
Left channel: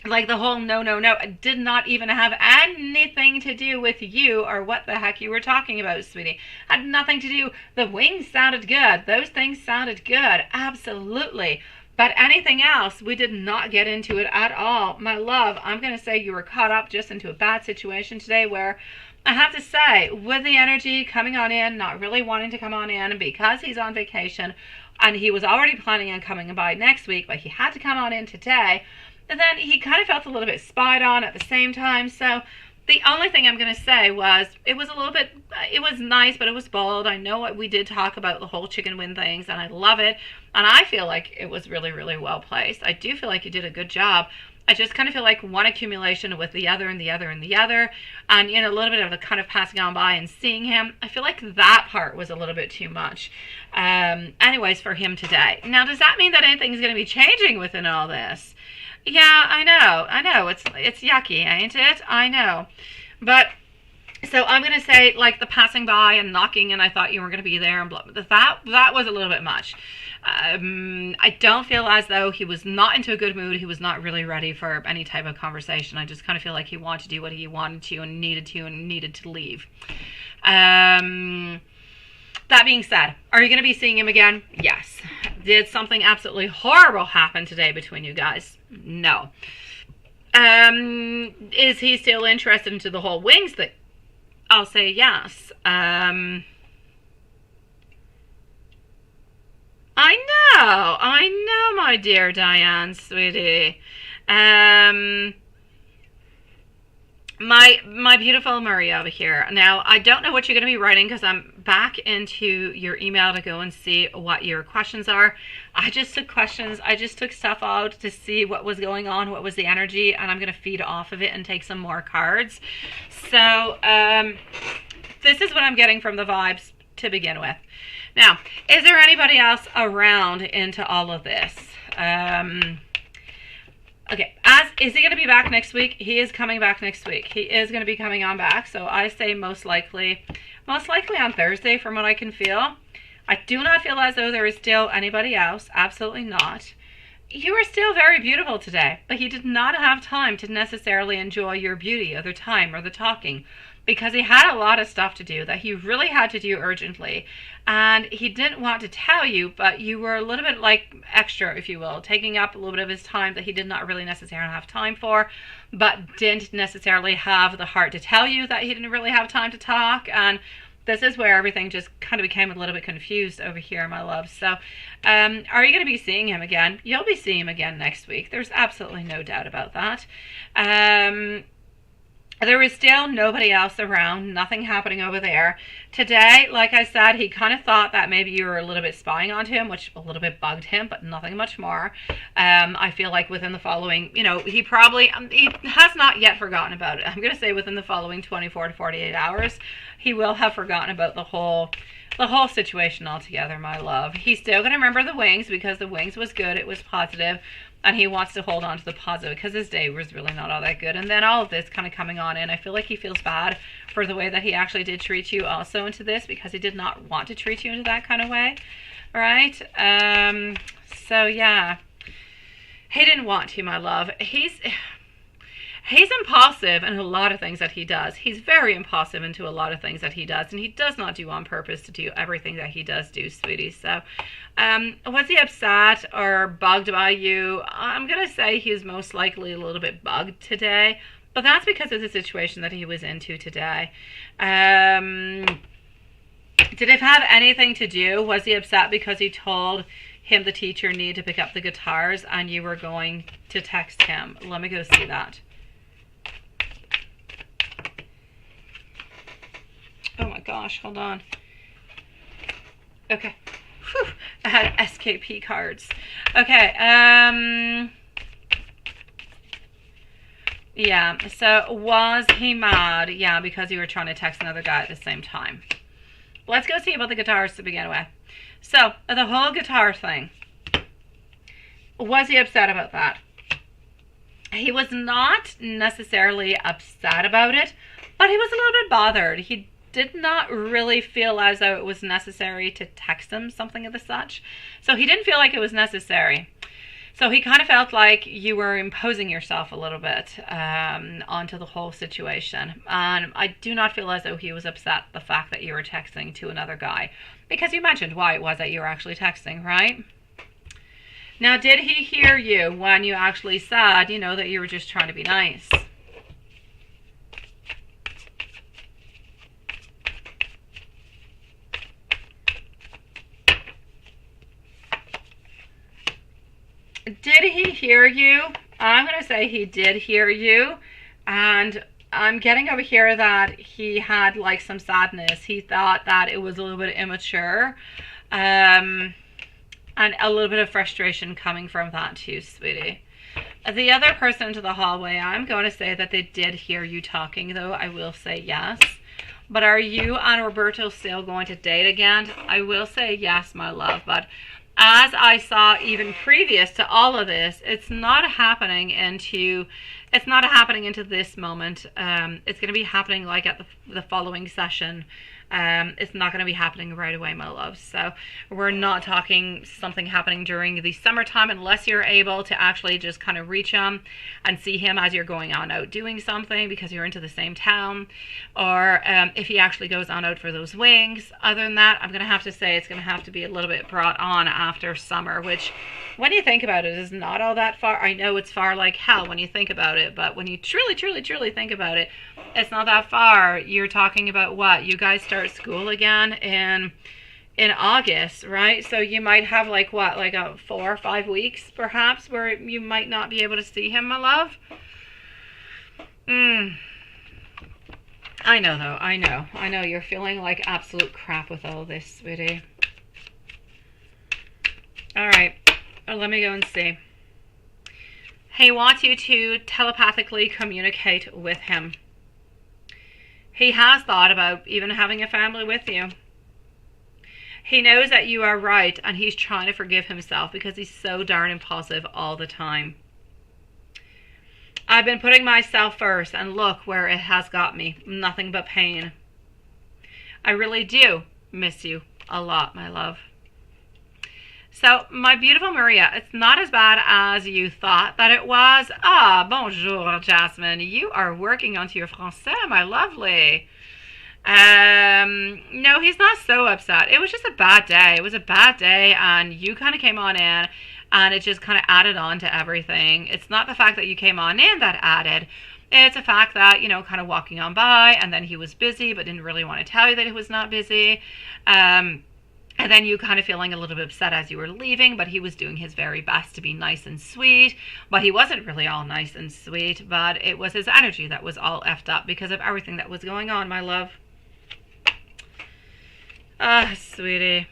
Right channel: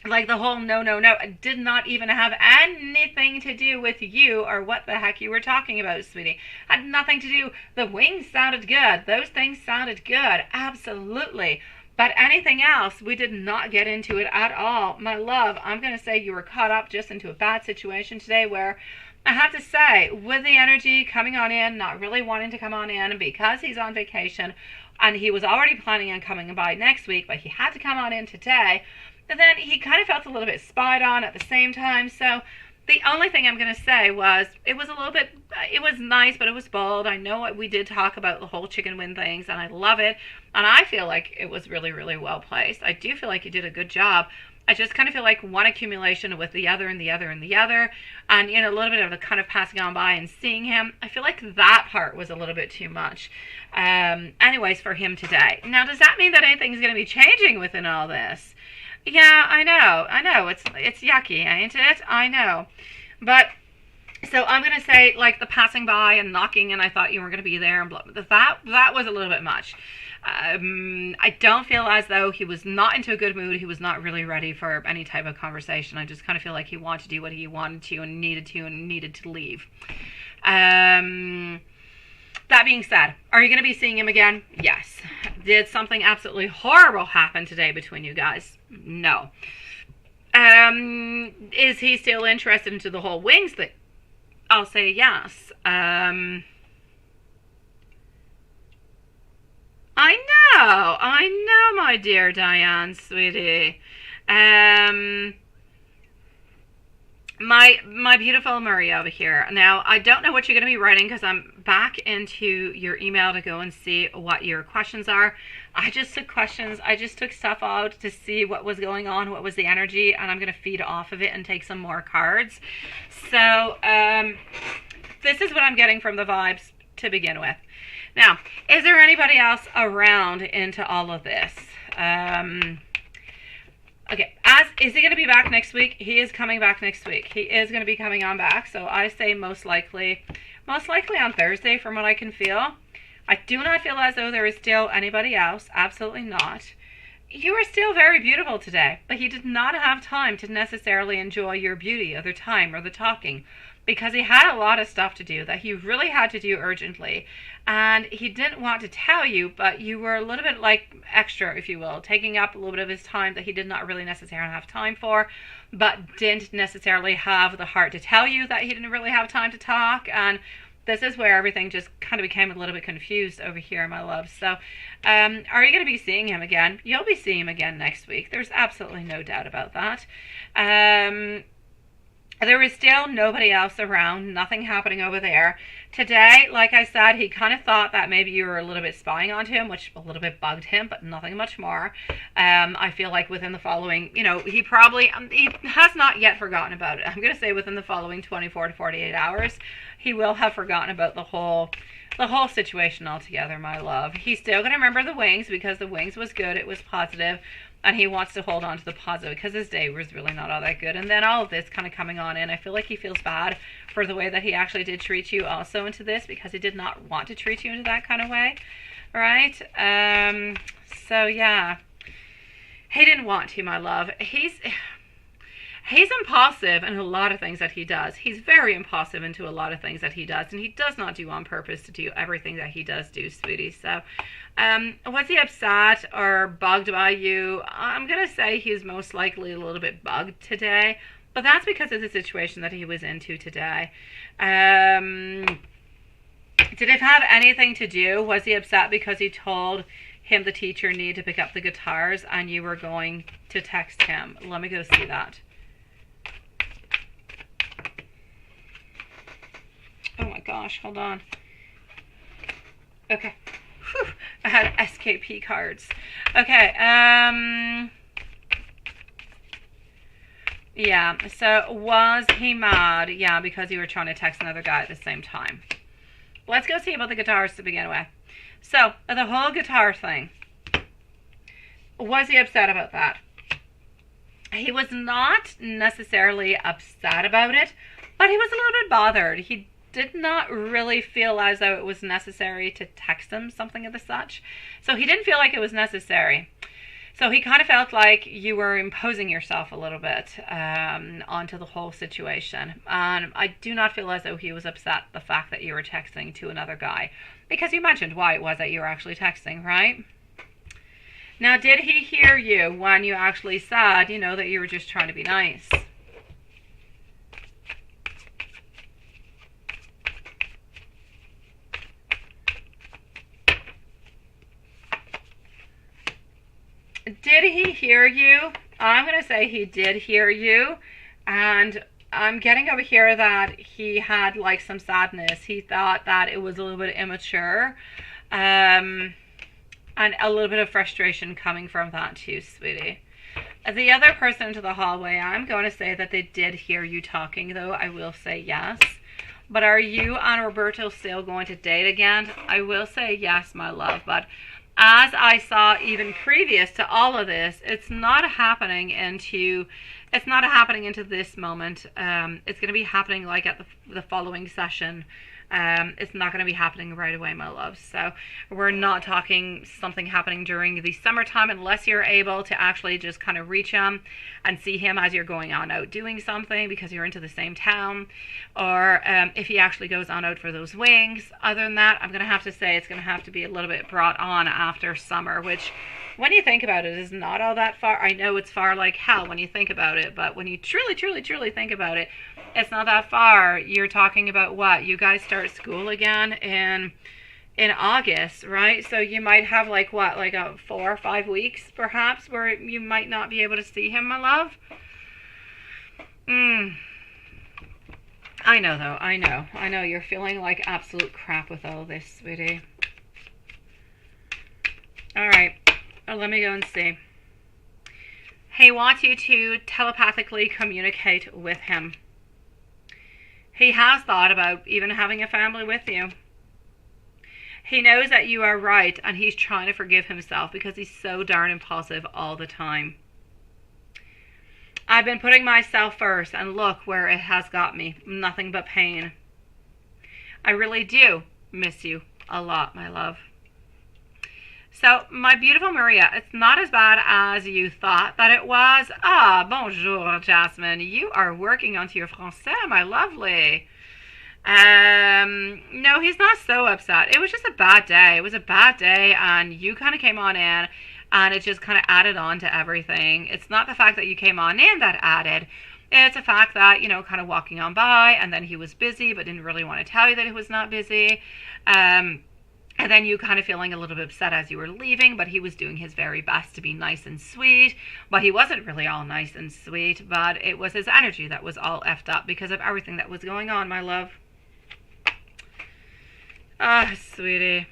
like the whole no, it did not even have anything to do with you or what the heck you were talking about, sweetie. Had nothing to do. The wings sounded good. Those things sounded good. Absolutely. But anything else, we did not get into it at all. My love, I'm going to say you were caught up just into a bad situation today where I have to say, with the energy coming on in, not really wanting to come on in because he's on vacation and he was already planning on coming by next week, but he had to come on in today. And then he kind of felt a little bit spied on at the same time. So the only thing I'm going to say was it was a little bit, it was nice, but it was bold. I know what we did talk about the whole chicken wing things, and I love it. And I feel like it was really well placed. I do feel like you did a good job. I just kind of feel like one accumulation with the other and the other and the other. And, you know, a little bit of the kind of passing on by and seeing him. I feel like that part was a little bit too much. Anyways, for him today. Now, does that mean that anything's going to be changing within all this? Yeah, I know. It's yucky, ain't it? I know. But, so I'm going to say, like, the passing by and knocking and I thought you were going to be there and blah, that was a little bit much. I don't feel as though he was not into a good mood. He was not really ready for any type of conversation. I just kind of feel like he wanted to do what he wanted to and needed to leave. That being said, are you going to be seeing him again? Yes. Did something absolutely horrible happen today between you guys? No. Is he still interested into the whole wings thing? I'll say yes. I know, my dear Diane, sweetie. My beautiful Maria over here. Now, I don't know what you're going to be writing because I'm back into your email to go and see what your questions are. I just took questions. I just took stuff out to see what was going on, what was the energy, and I'm going to feed off of it and take some more cards. So, this is what I'm getting from the vibes to begin with. Now, is there anybody else around into all of this? Okay, is he going to be back next week? He is coming back next week. He is going to be coming on back. So I say most likely on Thursday from what I can feel. I do not feel as though there is still anybody else. Absolutely not. You are still very beautiful today, but he did not have time to necessarily enjoy your beauty or the time or the talking because he had a lot of stuff to do that he really had to do urgently. And he didn't want to tell you, but you were a little bit like extra, if you will, taking up a little bit of his time that he did not really necessarily have time for, but didn't necessarily have the heart to tell you that he didn't really have time to talk. And this is where everything just kind of became a little bit confused over here, my love. So, are you going to be seeing him again? You'll be seeing him again next week. There's absolutely no doubt about that. There is still nobody else around, nothing happening over there. Today, like I said, he kind of thought that maybe you were a little bit spying onto him, which a little bit bugged him, but nothing much more. I feel like within the following, he probably, he has not yet forgotten about it. I'm going to say within the following 24 to 48 hours, he will have forgotten about the whole situation altogether, my love. He's still going to remember the wings because the wings was good, it was positive. And he wants to hold on to the positive because his day was really not all that good. And then all of this kind of coming on in, I feel like he feels bad for the way that he actually did treat you also into this because he did not want to treat you into that kind of way. Right? So, yeah. He didn't want to, my love. He's impulsive in a lot of things that he does. He's very impulsive into a lot of things that he does. And he does not do on purpose to do everything that he does do, sweetie. So, was he upset or bugged by you? I'm going to say he's most likely a little bit bugged today. But that's because of the situation that he was into today. Did it have anything to do? Was he upset because he told him the teacher needed to pick up the guitars and you were going to text him? Let me go see that. Oh my gosh, hold on. Okay. Whew, I had SKP cards. Okay, yeah, so was he mad? Yeah, because you were trying to text another guy at the same time. Let's go see about the guitars to begin with. So, the whole guitar thing. Was he upset about that? He was not necessarily upset about it, but he was a little bit bothered. He did not really feel as though it was necessary to text him something of the such. So he didn't feel like it was necessary. So he kind of felt like you were imposing yourself a little bit onto the whole situation. And I do not feel as though he was upset the fact that you were texting to another guy. Because you mentioned why it was that you were actually texting, right? Now, did he hear you when you actually said, that you were just trying to be nice? Did he hear you? I'm going to say he did hear you. And I'm getting over here that he had like some sadness. He thought that it was a little bit immature. And a little bit of frustration coming from that too, sweetie. The other person into the hallway, I'm going to say that they did hear you talking, though. I will say yes. But are you and Roberto still going to date again? I will say yes, my love. But as I saw even previous to all of this, it's not happening into this moment. It's going to be happening like at the following session. It's not going to be happening right away, my love. So we're not talking something happening during the summertime unless you're able to actually just kind of reach him and see him as you're going on out doing something because you're into the same town, or if he actually goes on out for those wings. Other than that, I'm going to have to say it's going to have to be a little bit brought on after summer, which when you think about it is not all that far. I know it's far like hell when you think about it, but when you truly think about it, it's not that far. You're talking about what? You guys start school again in August, right? So you might have like what, like a 4 or 5 weeks perhaps where you might not be able to see him, my love. I know though, I know you're feeling like absolute crap with all this, sweetie. All right, let me go and see. He wants you to telepathically communicate with him. He has thought about even having a family with you. He knows that you are right, and he's trying to forgive himself because he's so darn impulsive all the time. I've been putting myself first, and look where it has got me. Nothing but pain. I really do miss you a lot, my love. So, my beautiful Maria, it's not as bad as you thought that it was. Ah, bonjour, Jasmine. You are working onto your français, my lovely. No, he's not so upset. It was just a bad day. It was a bad day, and you kind of came on in, and it just kind of added on to everything. It's not the fact that you came on in that added. It's a fact that, you know, kind of walking on by, and then he was busy, but didn't really want to tell you that he was not busy. And then you kind of feeling a little bit upset as you were leaving, but he was doing his very best to be nice and sweet. But he wasn't really all nice and sweet, but it was his energy that was all effed up because of everything that was going on, my love. Ah, sweetie.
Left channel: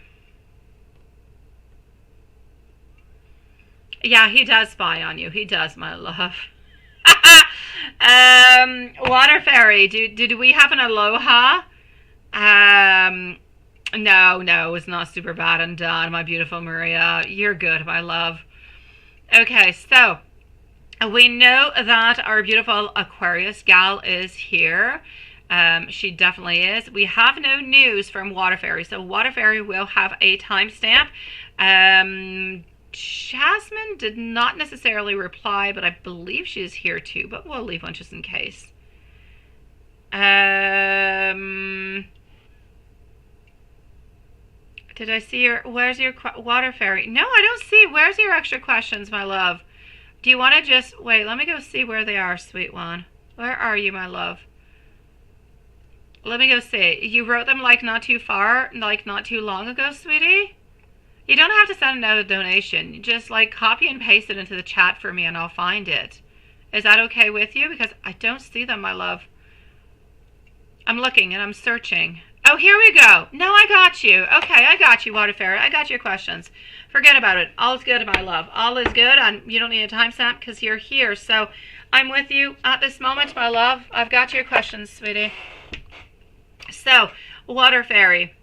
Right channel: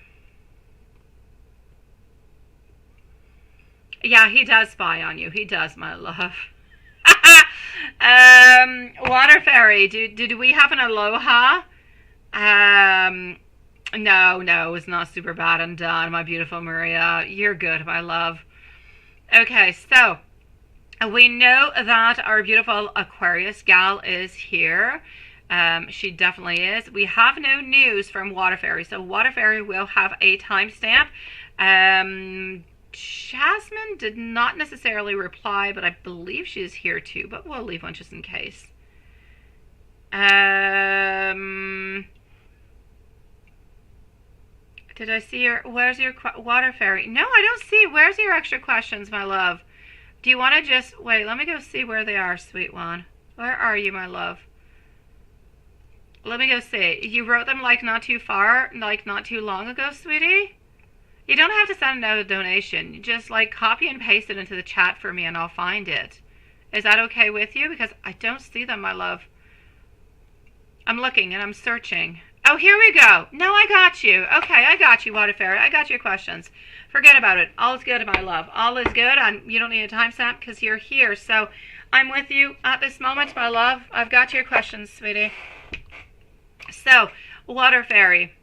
Yeah, he does spy on you. He does, my love. Water fairy, did we have an aloha? No, it's not super bad and done, my beautiful Maria. You're good, my love. Okay, so we know that our beautiful Aquarius gal is here. She definitely is. We have no news from Water Fairy, so Water Fairy will have a timestamp. Jasmine did not necessarily reply, but I believe she is here too, but we'll leave one just in case. Did I see your, where's your Water Fairy? No, I don't see. Where's your extra questions, my love? Do you want to just, wait, let me go see where they are, sweet one. Where are you, my love? Let me go see. You wrote them like not too far, like not too long ago, sweetie? You don't have to send out a donation. Just like copy and paste it into the chat for me and I'll find it. Is that okay with you? Because I don't see them, my love. I'm looking and I'm searching. Oh, here we go. No, I got you. Okay, I got you, Water Fairy. I got your questions. Forget about it. All is good, my love. All is good, and you don't need a timestamp because you're here. So I'm with you at this moment, my love. I've got your questions, sweetie. So, Water Fairy.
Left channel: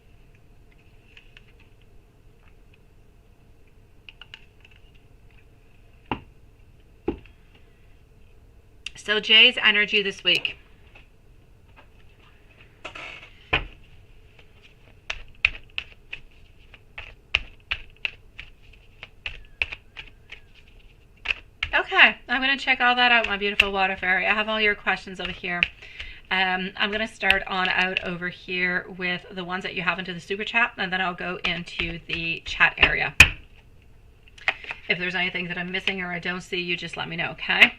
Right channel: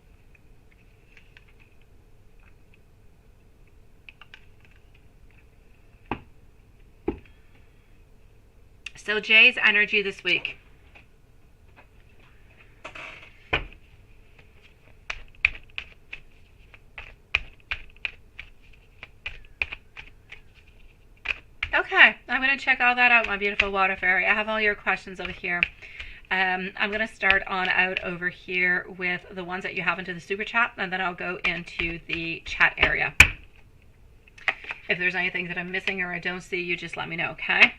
So Jay's energy this week. Okay, I'm going to check all that out, my beautiful Water Fairy. I have all your questions over here. I'm going to start on out over here with the ones that you have into the super chat, and then I'll go into the chat area. If there's anything that I'm missing or I don't see, you just let me know, okay?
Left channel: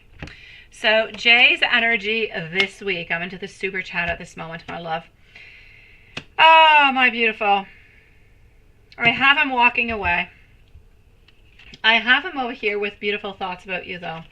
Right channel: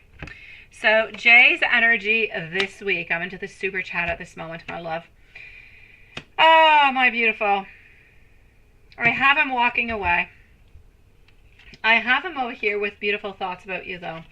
So Jay's energy this week. I'm into the super chat at this moment, my love. Oh, my beautiful. I have him walking away. I have him over here with beautiful thoughts about you, though,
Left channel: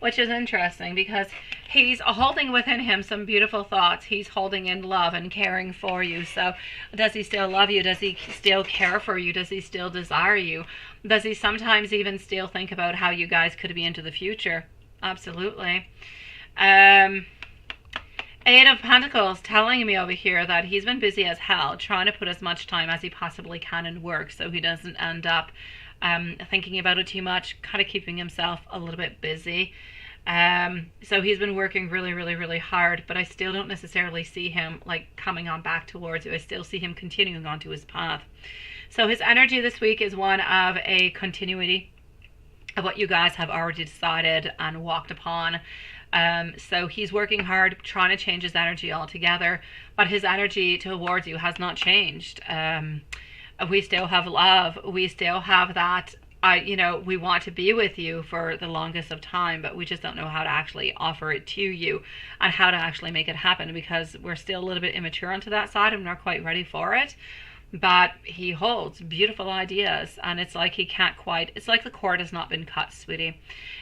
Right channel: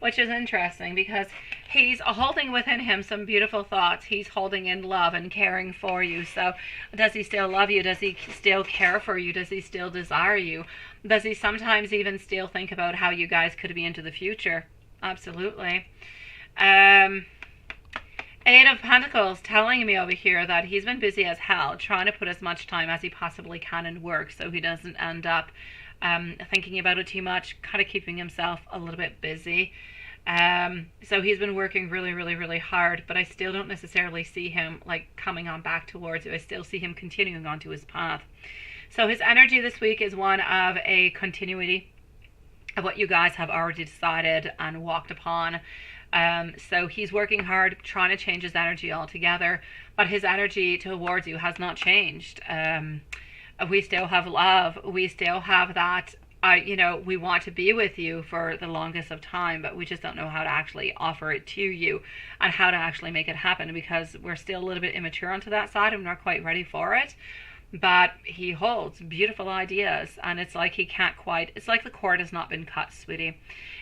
which is interesting because he's holding within him some beautiful thoughts. He's holding in love and caring for you. So does he still love you? Does he still care for you? Does he still desire you? Does he sometimes even still think about how you guys could be into the future? Absolutely. Eight of Pentacles telling me over here that he's been busy as hell, trying to put as much time as he possibly can in work so he doesn't end up thinking about it too much, kind of keeping himself a little bit busy. So he's been working really hard, but I still don't necessarily see him like coming on back towards you. I still see him continuing onto his path. So his energy this week is one of a continuity of what you guys have already decided and walked upon. So he's working hard, trying to change his energy altogether, but his energy towards you has not changed. We still have love. We still have that, we want to be with you for the longest of time, but we just don't know how to actually offer it to you and how to actually make it happen because we're still a little bit immature onto that side and not quite ready for it. But he holds beautiful ideas, and it's like he can't quite, it's like the cord has not been cut, sweetie.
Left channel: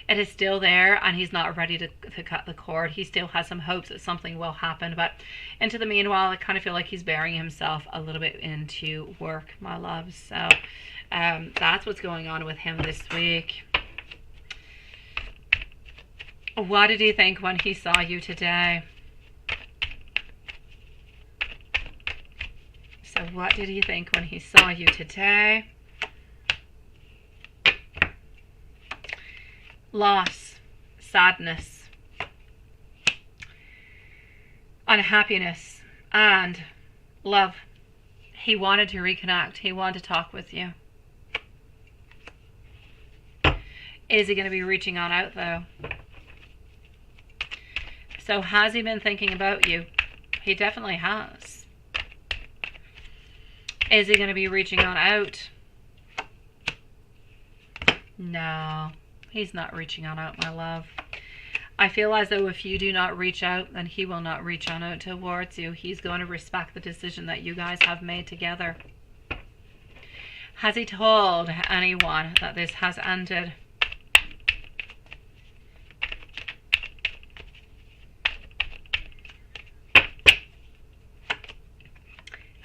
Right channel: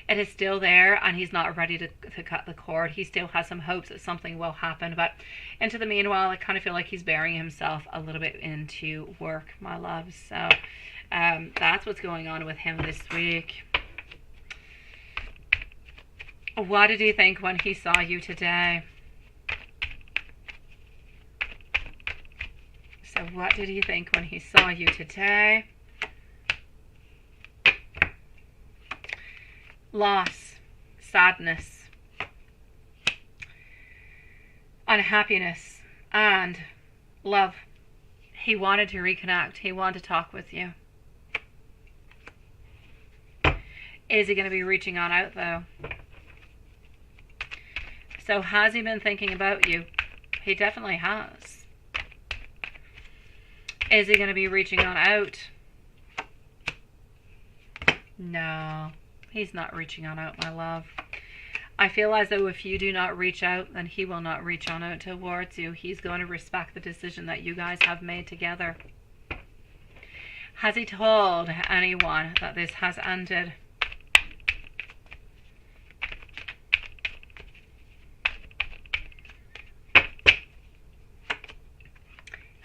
It is still there, and he's not ready to cut the cord. He still has some hopes that something will happen, but into the meanwhile, I kind of feel like he's burying himself a little bit into work, my love. So that's what's going on with him this week. What did he think when he saw you today? So what did he think when he saw you today? Loss, sadness, unhappiness and love. He wanted to reconnect. He wanted to talk with you. Is he going to be reaching on out though? So has he been thinking about you? He definitely has. Is he going to be reaching on out? No, he's not reaching on out, my love. I feel as though if you do not reach out, then he will not reach on out towards you. He's going to respect the decision that you guys have made together. Has he told anyone that this has ended?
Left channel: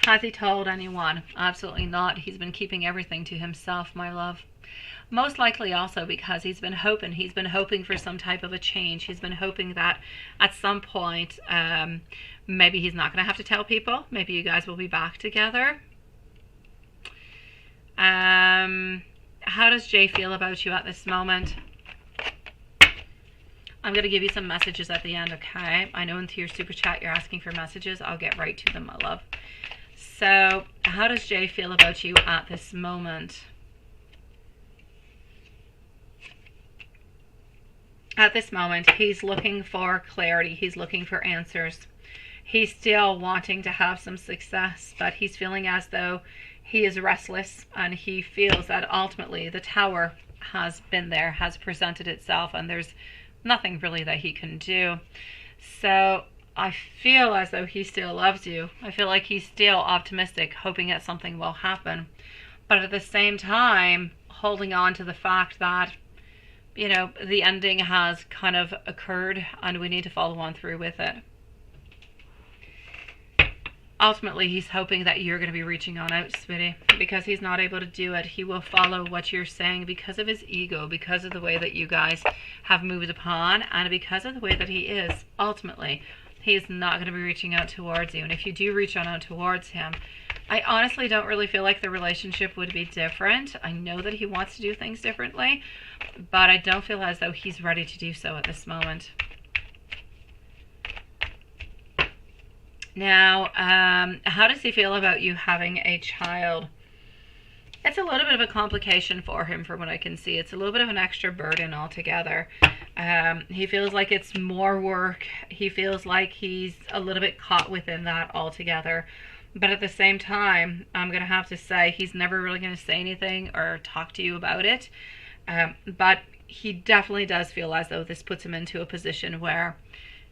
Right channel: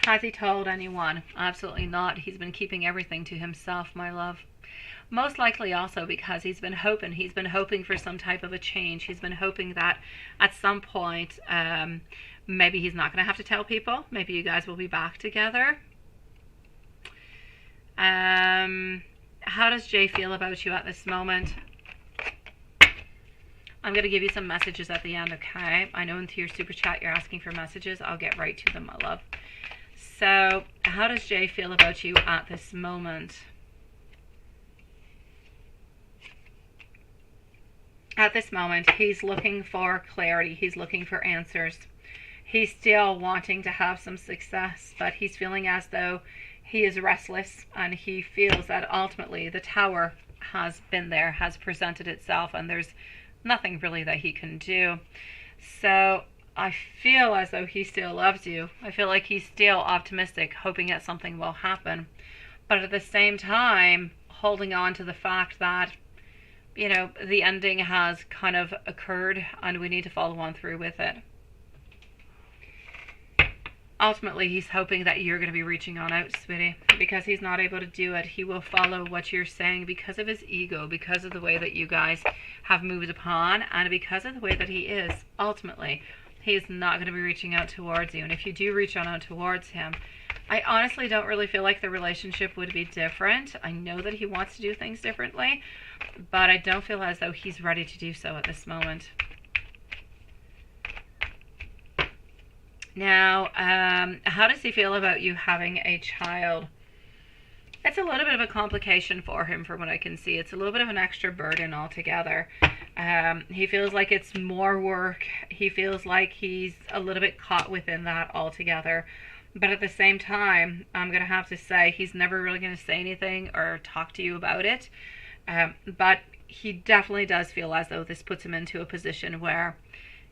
Has he told anyone? Absolutely not. He's been keeping everything to himself, my love. Most likely also because he's been hoping for some type of a change. He's been hoping that at some point, maybe he's not going to have to tell people. Maybe you guys will be back together. How does Jay feel about you at this moment? I'm going to give you some messages at the end, okay? I know into your super chat you're asking for messages. I'll get right to them, my love. So, how does Jay feel about you at this moment? At this moment, he's looking for clarity. He's looking for answers. He's still wanting to have some success, but he's feeling as though he is restless, and he feels that ultimately the tower has been there, has presented itself, and there's nothing really that he can do. So I feel as though he still loves you. I feel like he's still optimistic, hoping that something will happen. But at the same time, holding on to the fact that, you know, the ending has kind of occurred and we need to follow on through with it. Ultimately, he's hoping that you're going to be reaching on out, sweetie, because he's not able to do it. He will follow what you're saying because of his ego, because of the way that you guys have moved upon, and because of the way that he is. Ultimately, he's not going to be reaching out towards you. And if you do reach on out towards him, I honestly don't really feel like the relationship would be different. I know that he wants to do things differently, but I don't feel as though he's ready to do so at this moment. Now, how does he feel about you having a child? It's a little bit of a complication for him from what I can see. It's a little bit of an extra burden altogether. He feels like it's more work. He feels like he's a little bit caught within that altogether. But at the same time, I'm going to have to say he's never really going to say anything or talk to you about it. But he definitely does feel as though this puts him into a position where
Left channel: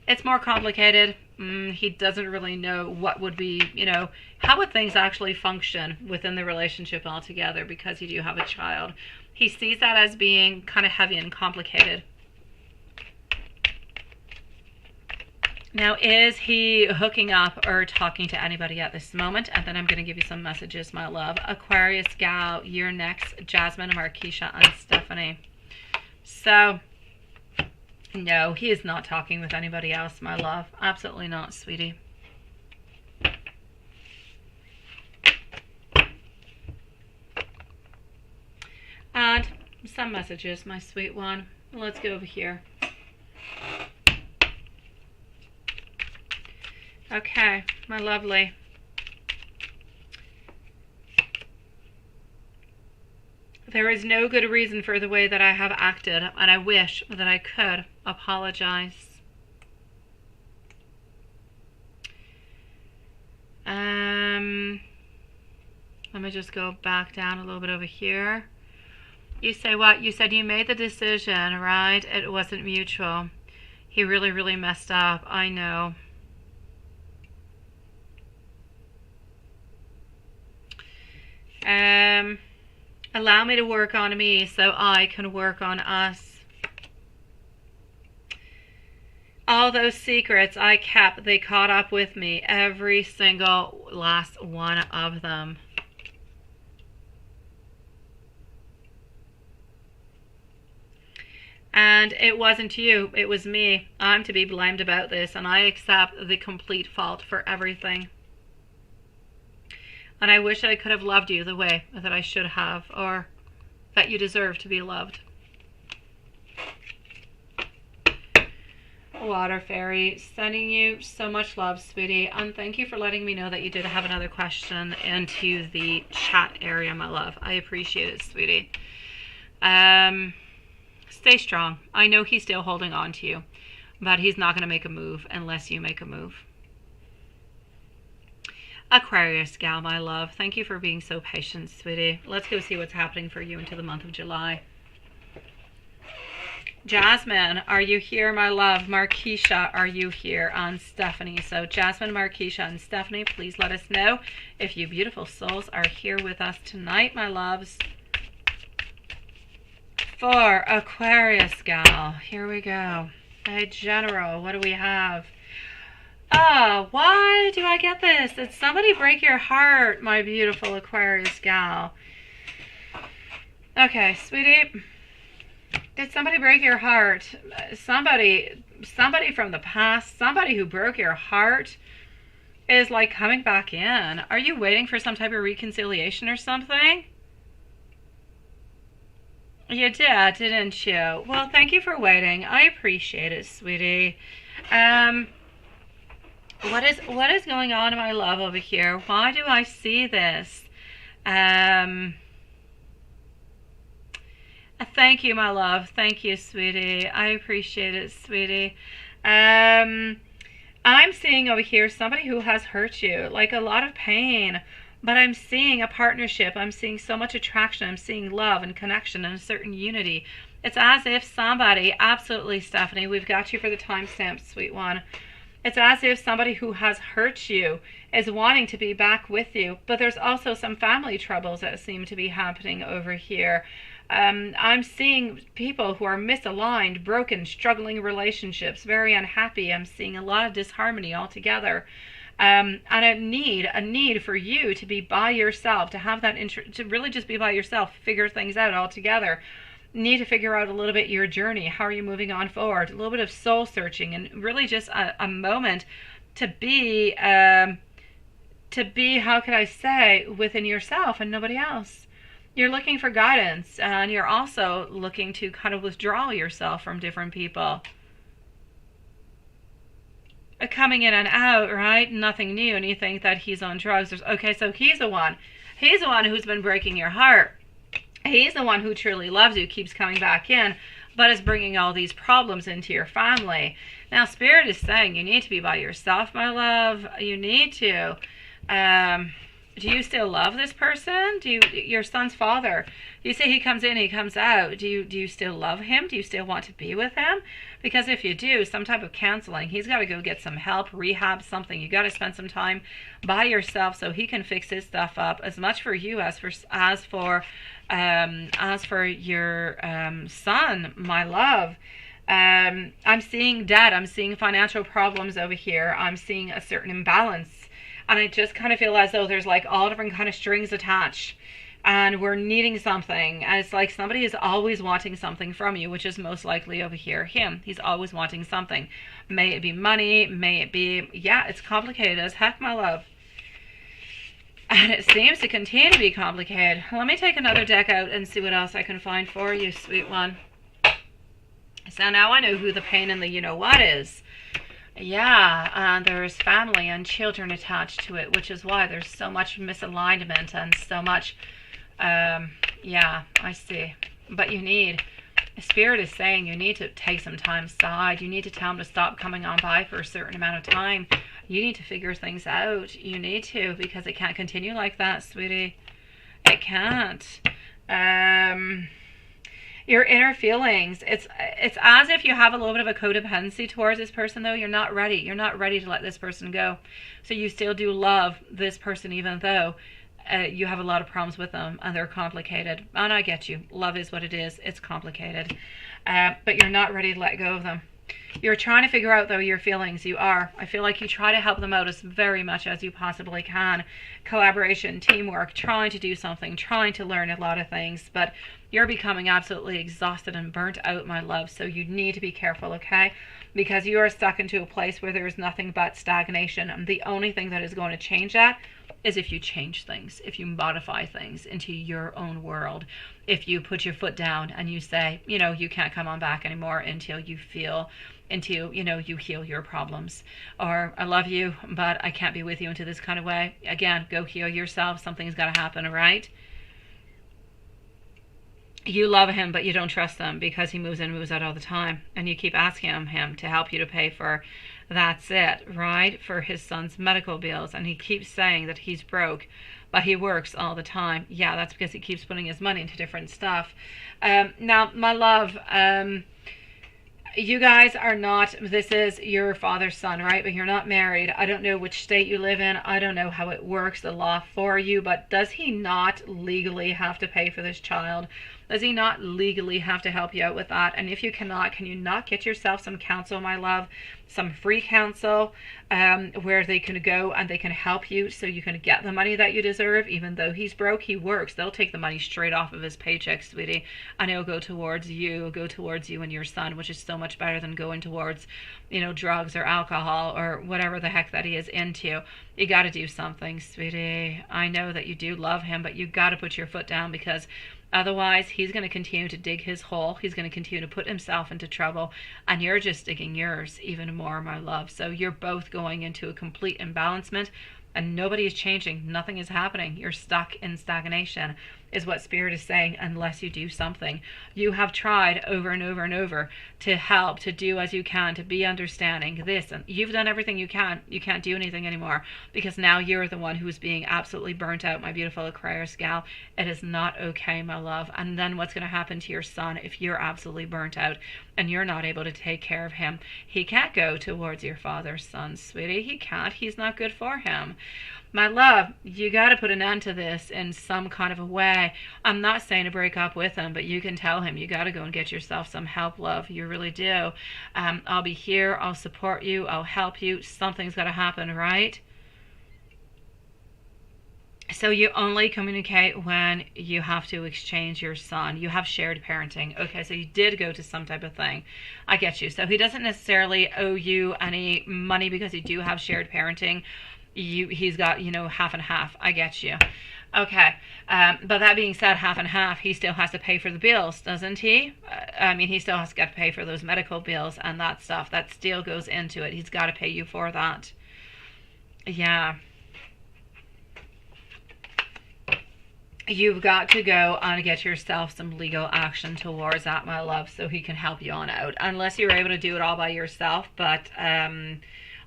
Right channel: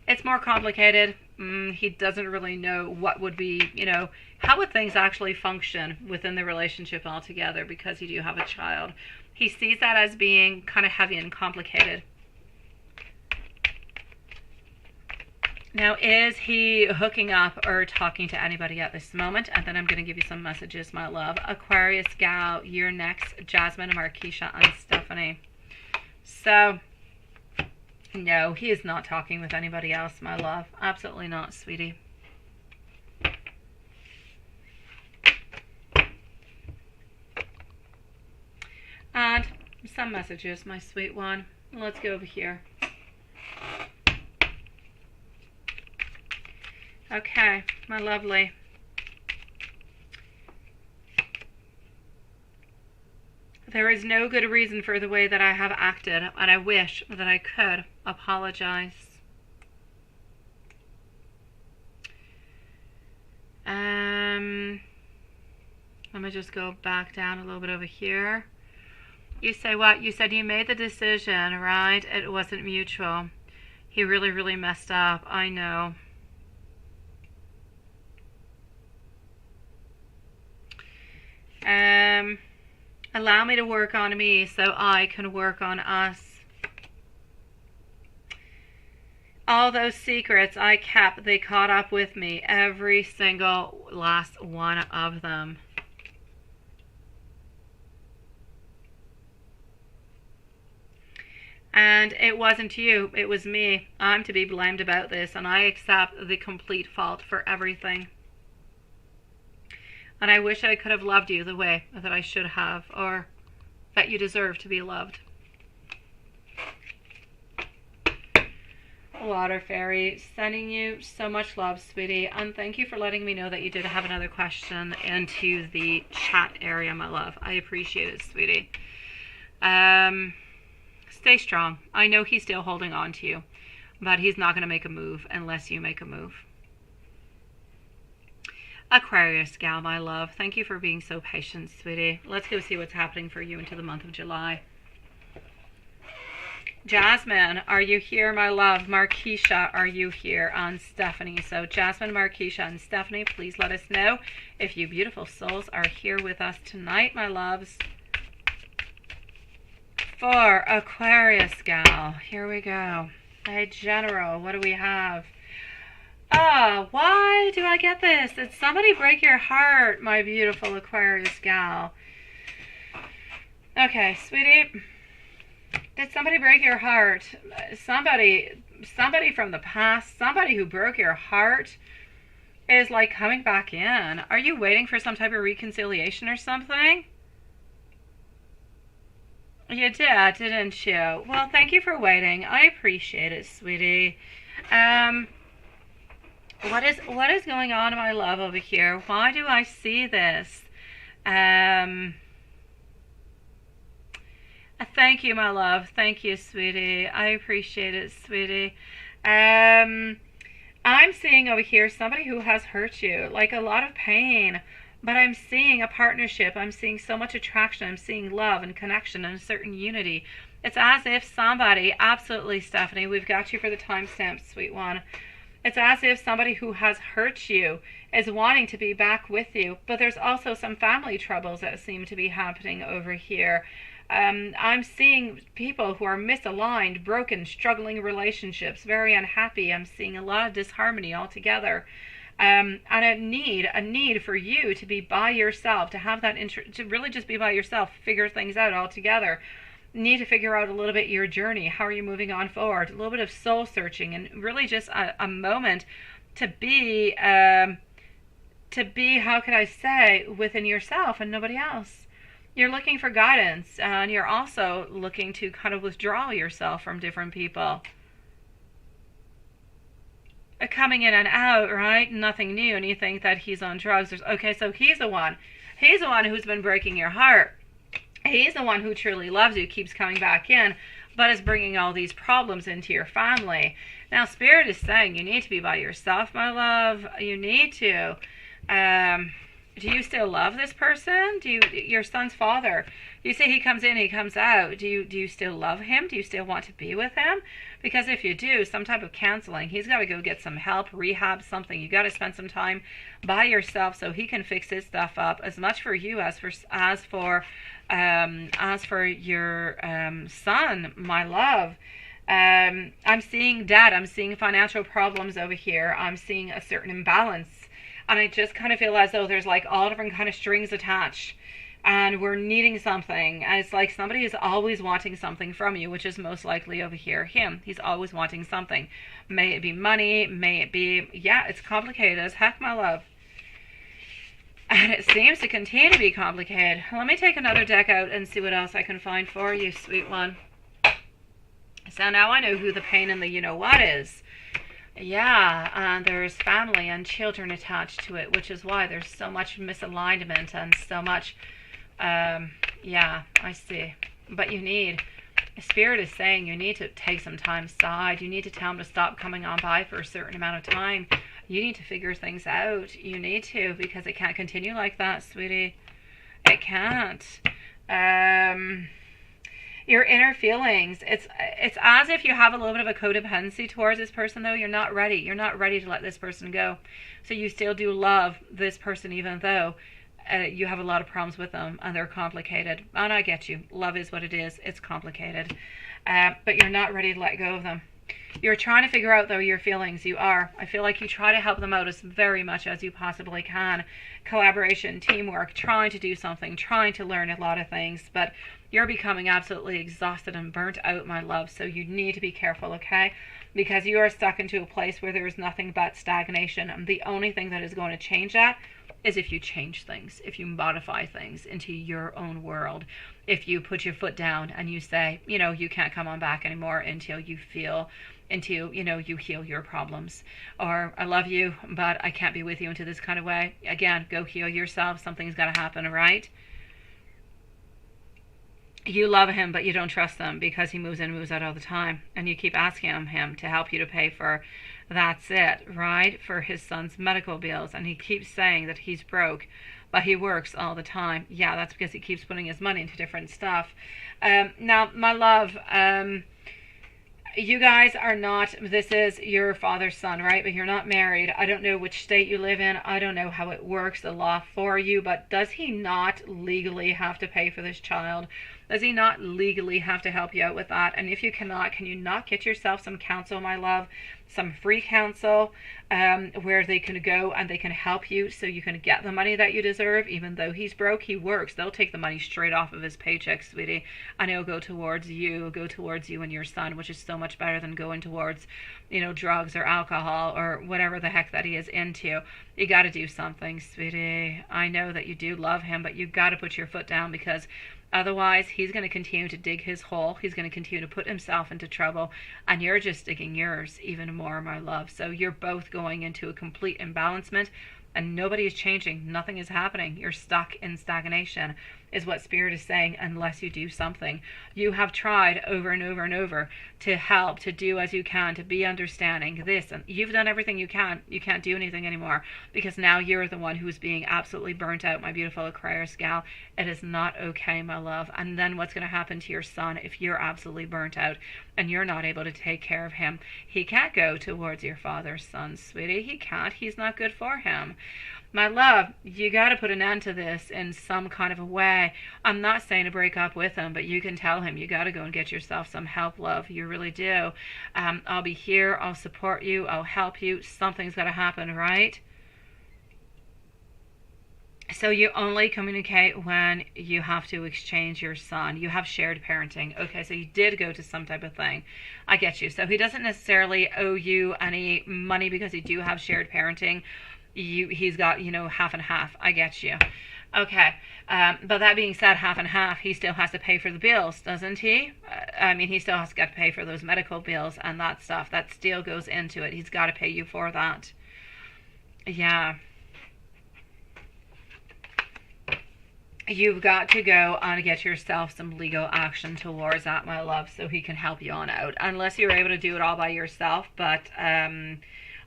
it's more complicated. He doesn't really know what would be, you know, how would things actually function within the relationship altogether because you do have a child. He sees that as being kind of heavy and complicated. Now, is he hooking up or talking to anybody at this moment? And then I'm going to give you some messages, my love. Aquarius, Gal, you're next. Jasmine, Marquisha, and Stephanie. So, no, he is not talking with anybody else, my love. Absolutely not, sweetie. And some messages, my sweet one. Let's go over here. Okay, my lovely. There is no good reason for the way that I have acted, and I wish that I could apologize. Let me just go back down a little bit over here. You say what? You said you made the decision, right? It wasn't mutual. He really, really messed up. I know. Allow me to work on me so I can work on us. All those secrets I kept, they caught up with me. Every single last one of them. And it wasn't you, it was me. I'm to be blamed about this, and I accept the complete fault for everything. And I wish I could have loved you the way that I should have, or that you deserve to be loved. Water Fairy, sending you so much love, sweetie. And thank you for letting me know that you did have another question into the chat area, my love. I appreciate it, sweetie. Stay strong. I know he's still holding on to you, but he's not going to make a move unless you make a move. Aquarius gal, my love. Thank you for being so patient, sweetie. Let's go see what's happening for you into the month of July. Jasmine, are you here, my love? Marquisha, are you here? And Stephanie. So Jasmine, Marquisha, and Stephanie, please let us know if you beautiful souls are here with us tonight, my loves. For Aquarius gal, here we go. Hey, General, what do we have? Why do I get this? Did somebody break your heart, my beautiful Aquarius gal? Okay, sweetie. Did somebody break your heart? Somebody from the past, somebody who broke your heart is like coming back in. Are you waiting for some type of reconciliation or something? You did, didn't you? Well, thank you for waiting. I appreciate it, sweetie. What is going on, my love, over here? Why do I see this? Thank you, my love. Thank you, sweetie. I appreciate it, sweetie. I'm seeing over here somebody who has hurt you, like a lot of pain, but I'm seeing a partnership. I'm seeing so much attraction. I'm seeing love and connection and a certain unity. It's as if somebody, absolutely, Stephanie, we've got you for the timestamp, sweet one. It's as if somebody who has hurt you is wanting to be back with you, but there's also some family troubles that seem to be happening over here. I'm seeing people who are misaligned, broken, struggling relationships, very unhappy. I'm seeing a lot of disharmony altogether. And a need for you to be by yourself, to have that to really just be by yourself, figure things out altogether. Need to figure out a little bit your journey. How are you moving on forward? A little bit of soul searching, and really just a moment to be, how could I say, within yourself and nobody else. You're looking for guidance, and you're also looking to kind of withdraw yourself from different people. Coming in and out, right? Nothing new, and you think that he's on drugs. Okay, so he's the one. He's the one who's been breaking your heart. He's the one who truly loves you, keeps coming back in, but is bringing all these problems into your family. Now, Spirit is saying you need to be by yourself, my love. You need to. Do you still love this person? Your son's father? You say he comes in, he comes out. Do you still love him? Do you still want to be with him? Because if you do, some type of counseling. He's got to go get some help, rehab, something. You got to spend some time by yourself so he can fix his stuff up. As much for you as for your son, my love. I'm seeing debt. I'm seeing financial problems over here. I'm seeing a certain imbalance. And I just kind of feel as though there's like all different kind of strings attached. And we're needing something. And it's like somebody is always wanting something from you, which is most likely over here him. He's always wanting something. May it be money. May it be... Yeah, it's complicated as heck, my love. And it seems to continue to be complicated. Let me take another deck out and see what else I can find for you, sweet one. So now I know who the pain in the you-know-what is. Yeah, there's family and children attached to it, which is why there's so much misalignment and so much... yeah, I see. But you need... Spirit is saying you need to take some time aside. You need to tell him to stop coming on by for a certain amount of time. You need to figure things out. You need to, because it can't continue like that, sweetie. It can't. Your inner feelings. It's as if you have a little bit of a codependency towards this person, though. You're not ready. You're not ready to let this person go. So you still do love this person, even though you have a lot of problems with them and they're complicated. And I get you. Love is what it is. It's complicated. But you're not ready to let go of them. You're trying to figure out, though, your feelings. You are. I feel like you try to help them out as very much as you possibly can. Collaboration, teamwork, trying to do something, trying to learn a lot of things. But you're becoming absolutely exhausted and burnt out, my love. So you need to be careful, okay? Because you are stuck into a place where there is nothing but stagnation. And the only thing that is going to change that is if you change things, if you modify things into your own world. If you put your foot down and you say, you know, you can't come on back anymore until you feel into, you heal your problems. Or I love you, but I can't be with you into this kind of way. Again, go heal yourself. Something's got to happen, all right? You love him, but you don't trust him because he moves in and moves out all the time. And you keep asking him to help you to pay for, that's it, right? For his son's medical bills. And he keeps saying that he's broke, but he works all the time. Yeah, that's because he keeps putting his money into different stuff. Now, my love, you guys are not, this is your father's son, right? But you're not married. I don't know which state you live in. I don't know how it works, the law for you, but does he not legally have to pay for this child? Does he not legally have to help you out with that? And if you cannot, can you not get yourself some counsel, my love? Some free counsel where they can go and they can help you so you can get the money that you deserve. Even though he's broke, he works. They'll take the money straight off of his paycheck, sweetie, and it'll go towards you. And your son, which is so much better than going towards, drugs or alcohol or whatever the heck that he is into. You got to do something, sweetie. I know that you do love him, but you got to put your foot down, because otherwise, he's going to continue to dig his hole. He's going to continue to put himself into trouble, and you're just digging yours even more, my love. So you're both going into a complete imbalancement, and nobody is changing. Nothing is happening. You're stuck in stagnation, is what Spirit is saying, unless you do something. You have tried over and over and over to help, to do as you can, to be understanding this, and you've done everything you can. You can't do anything anymore, because now you're the one who's being absolutely burnt out, my beautiful Aquarius gal. It is not okay, my love. And then what's going to happen to your son if you're absolutely burnt out and you're not able to take care of him? He can't go towards your father's son, sweetie. He can't. He's not good for him. My love, you got to put an end to this in some kind of a way. I'm not saying to break up with him, but you can tell him you got to go and get yourself some help, love. You really do. I'll be here. I'll support you. I'll help you. Something's got to happen, right? So you only communicate when you have to exchange your son. You have shared parenting. Okay, so you did go to some type of thing. I get you. So he doesn't necessarily owe you any money because you do have shared parenting. He's got, half and half. I get you. Okay. But that being said, half and half, he still has to pay for the bills, doesn't he? He still has to get to pay for those medical bills and that stuff. That still goes into it. He's got to pay you for that. Yeah. You've got to go and get yourself some legal action towards that, my love, so he can help you on out. Unless you're able to do it all by yourself, but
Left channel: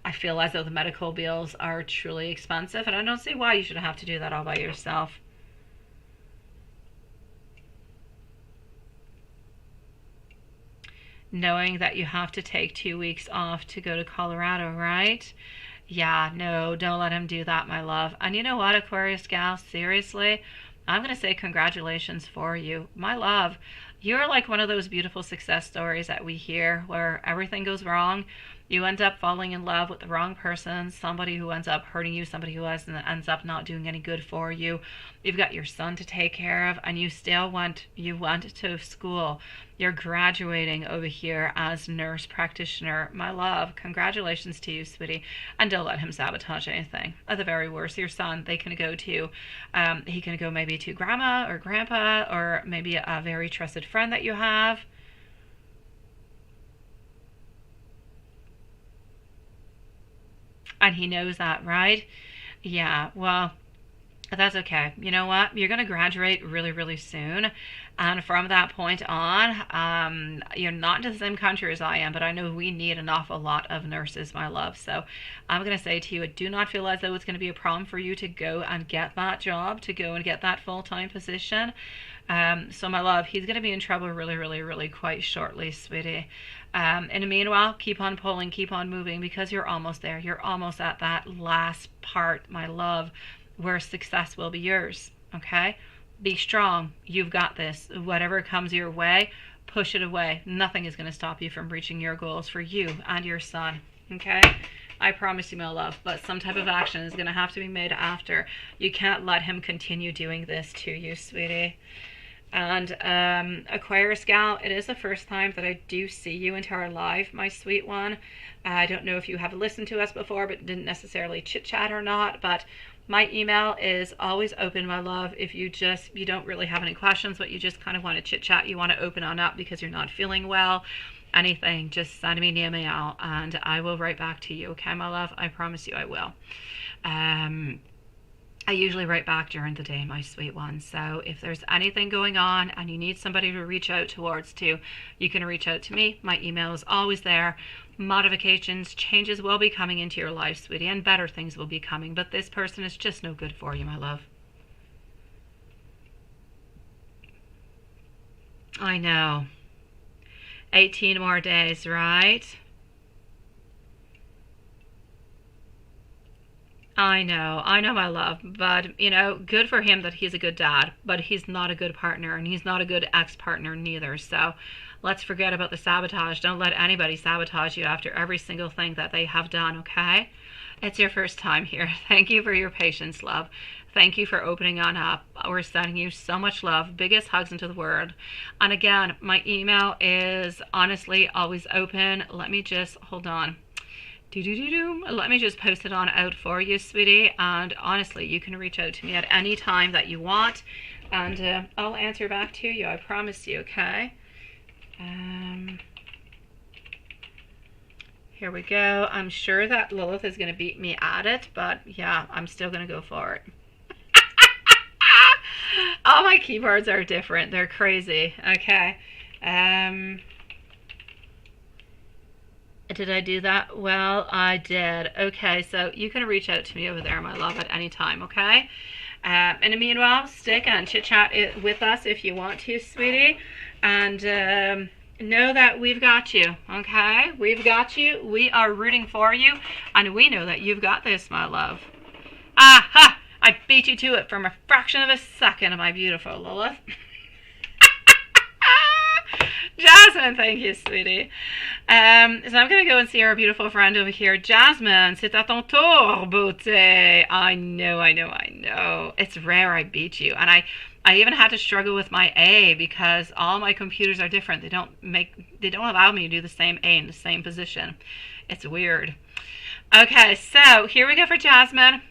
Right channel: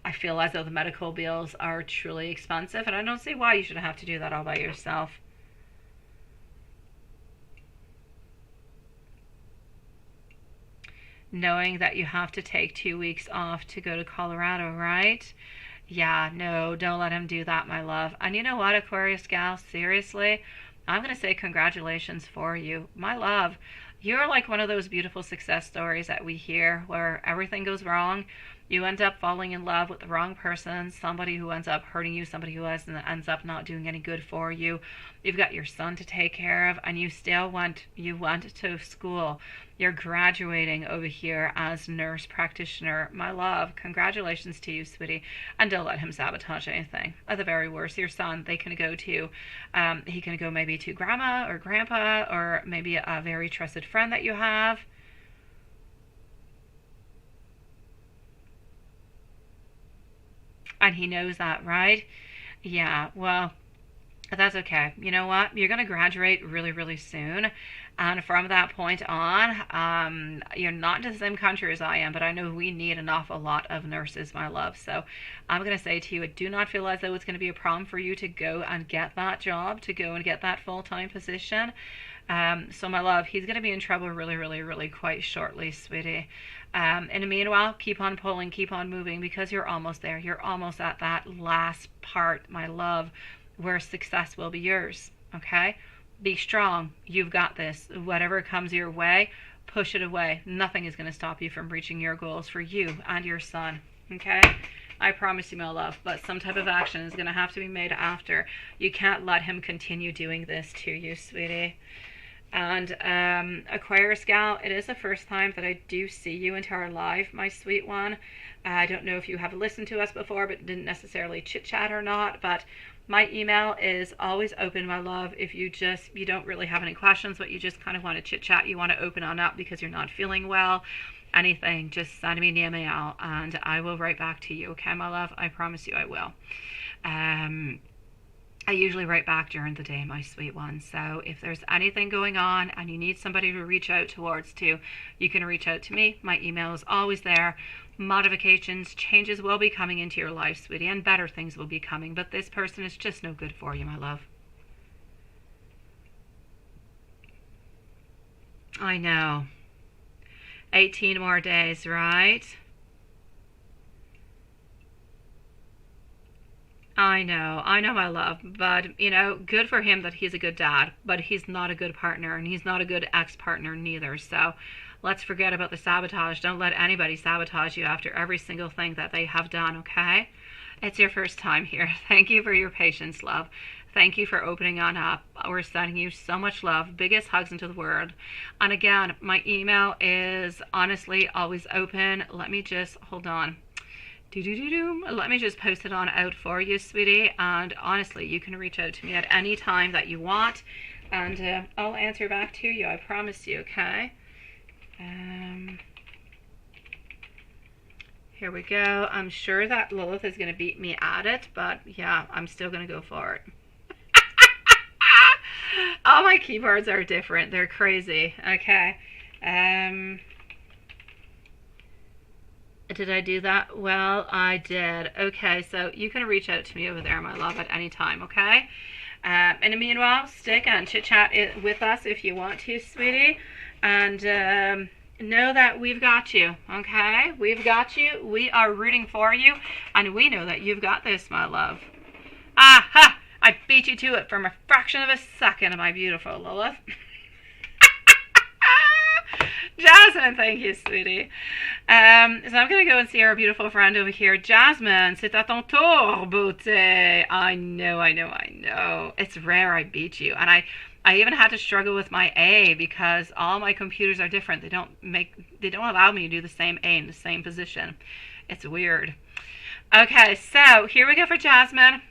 I feel as though the medical bills are truly expensive, and I don't see why you should have to do that all by yourself. Knowing that you have to take 2 weeks off to go to Colorado, right? Yeah, no, don't let him do that, my love. And you know what, Aquarius gal, seriously, I'm going to say congratulations for you. My love, you're like one of those beautiful success stories that we hear where everything goes wrong. You end up falling in love with the wrong person, somebody who ends up hurting you, somebody who ends up not doing any good for you. You've got your son to take care of, and you went to school. You're graduating over here as nurse practitioner. My love, congratulations to you, sweetie. And don't let him sabotage anything. At the very worst, your son, he can go maybe to grandma or grandpa, or maybe a very trusted friend that you have. And he knows that, right? Yeah, well, that's okay. You know what? You're going to graduate really, really soon. And from that point on, you're not in the same country as I am, but I know we need an awful lot of nurses, my love. So I'm going to say to you, I do not feel as though it's going to be a problem for you to go and get that job, to go and get that full-time position. So my love, he's going to be in trouble really, really, really quite shortly, sweetie. In the meanwhile, keep on pulling, keep on moving, because you're almost there. You're almost at that last part, my love, where success will be yours, okay? Be strong. You've got this. Whatever comes your way, push it away. Nothing is going to stop you from reaching your goals for you and your son, okay? I promise you, my love, but some type of action is going to have to be made after. You can't let him continue doing this to you, sweetie. And Aquarius gal, it is the first time that I do see you into our live, my sweet one. I don't know if you have listened to us before, but didn't necessarily chit chat or not, but my email is always open, my love. If you don't really have any questions, but you just kind of want to chit chat, you want to open on up because you're not feeling well, anything, just send me an email and I will write back to you. Okay, my love? I promise you I will. I usually write back during the day, my sweet one. So if there's anything going on and you need somebody to reach out towards to, you can reach out to me. My email is always there. Modifications, changes will be coming into your life, sweetie, and better things will be coming. But this person is just no good for you, my love. I know. 18 more days, right? I know, my love, but you know, good for him that he's a good dad, but he's not a good partner and he's not a good ex-partner neither. So let's forget about the sabotage. Don't let anybody sabotage you after every single thing that they have done, okay? It's your first time here. Thank you for your patience, love. Thank you for opening on up. We're sending you so much love. Biggest hugs into the world. And again, my email is honestly always open. Let me just, hold on. Let me just post it on out for you, sweetie. And honestly, you can reach out to me at any time that you want. And I'll answer back to you. I promise you, okay? Here we go. I'm sure that Lilith is going to beat me at it. But yeah, I'm still going to go for it. All my keyboards are different. They're crazy. Okay. Did I do that? Well, I did. Okay, so you can reach out to me over there, my love, at any time, okay? In the meanwhile, stick and chit-chat with us if you want to, sweetie. And know that we've got you, okay? We've got you. We are rooting for you. And we know that you've got this, my love. Aha! I beat you to it from a fraction of a second, my beautiful Lilith. Jasmine, thank you, sweetie. So I'm going to go and see our beautiful friend over here. Jasmine, c'est à ton tour, beauté. I know. It's rare I beat you. And I even had to struggle with my A because all my computers are different. They don't allow me to do the same A in the same position. It's weird. Okay, so here we go for Jasmine.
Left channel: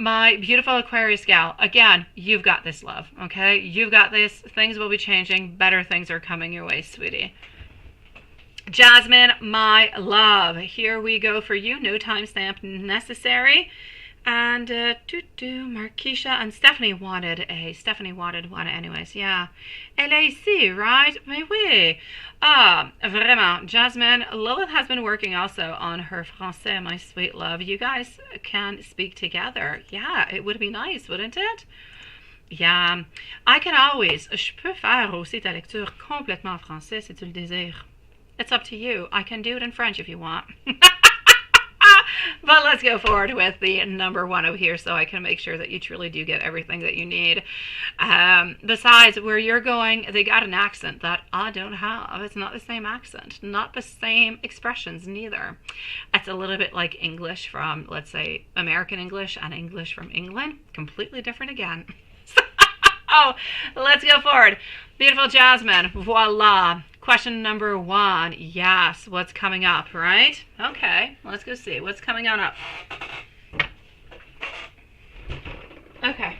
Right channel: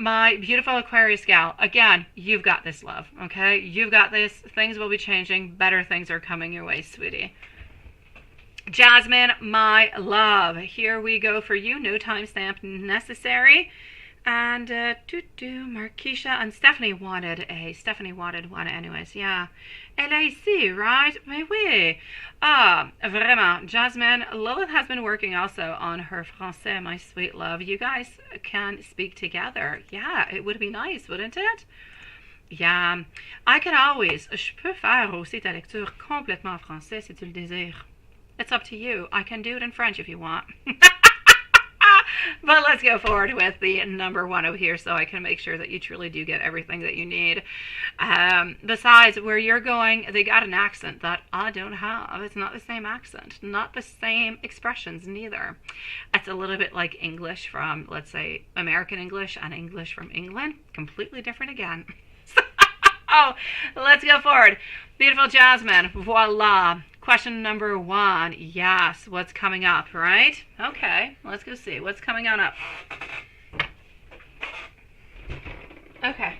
My beautiful Aquarius gal, again, you've got this, love, okay? You've got this. Things will be changing. Better things are coming your way, sweetie. Jasmine, my love, here we go for you. No timestamp necessary. And, Marquisha and Stephanie wanted one anyways, yeah. Elle est ici, right? Mais oui. Ah, vraiment, Jasmine, Lilith has been working also on her français, my sweet love. You guys can speak together. Yeah, it would be nice, wouldn't it? Yeah, I can always. Je peux faire aussi ta lecture complètement en français si tu le désires. It's up to you. I can do it in French if you want. But let's go forward with the number one over here so I can make sure that you truly do get everything that you need. Besides, where you're going, they got an accent that I don't have. It's not the same accent. Not the same expressions, neither. It's a little bit like English from, let's say, American English and English from England. Completely different again. Oh, let's go forward. Beautiful Jasmine. Voila. Question number one. Yes. What's coming up, right? Okay. Let's go see. What's coming on up? Okay.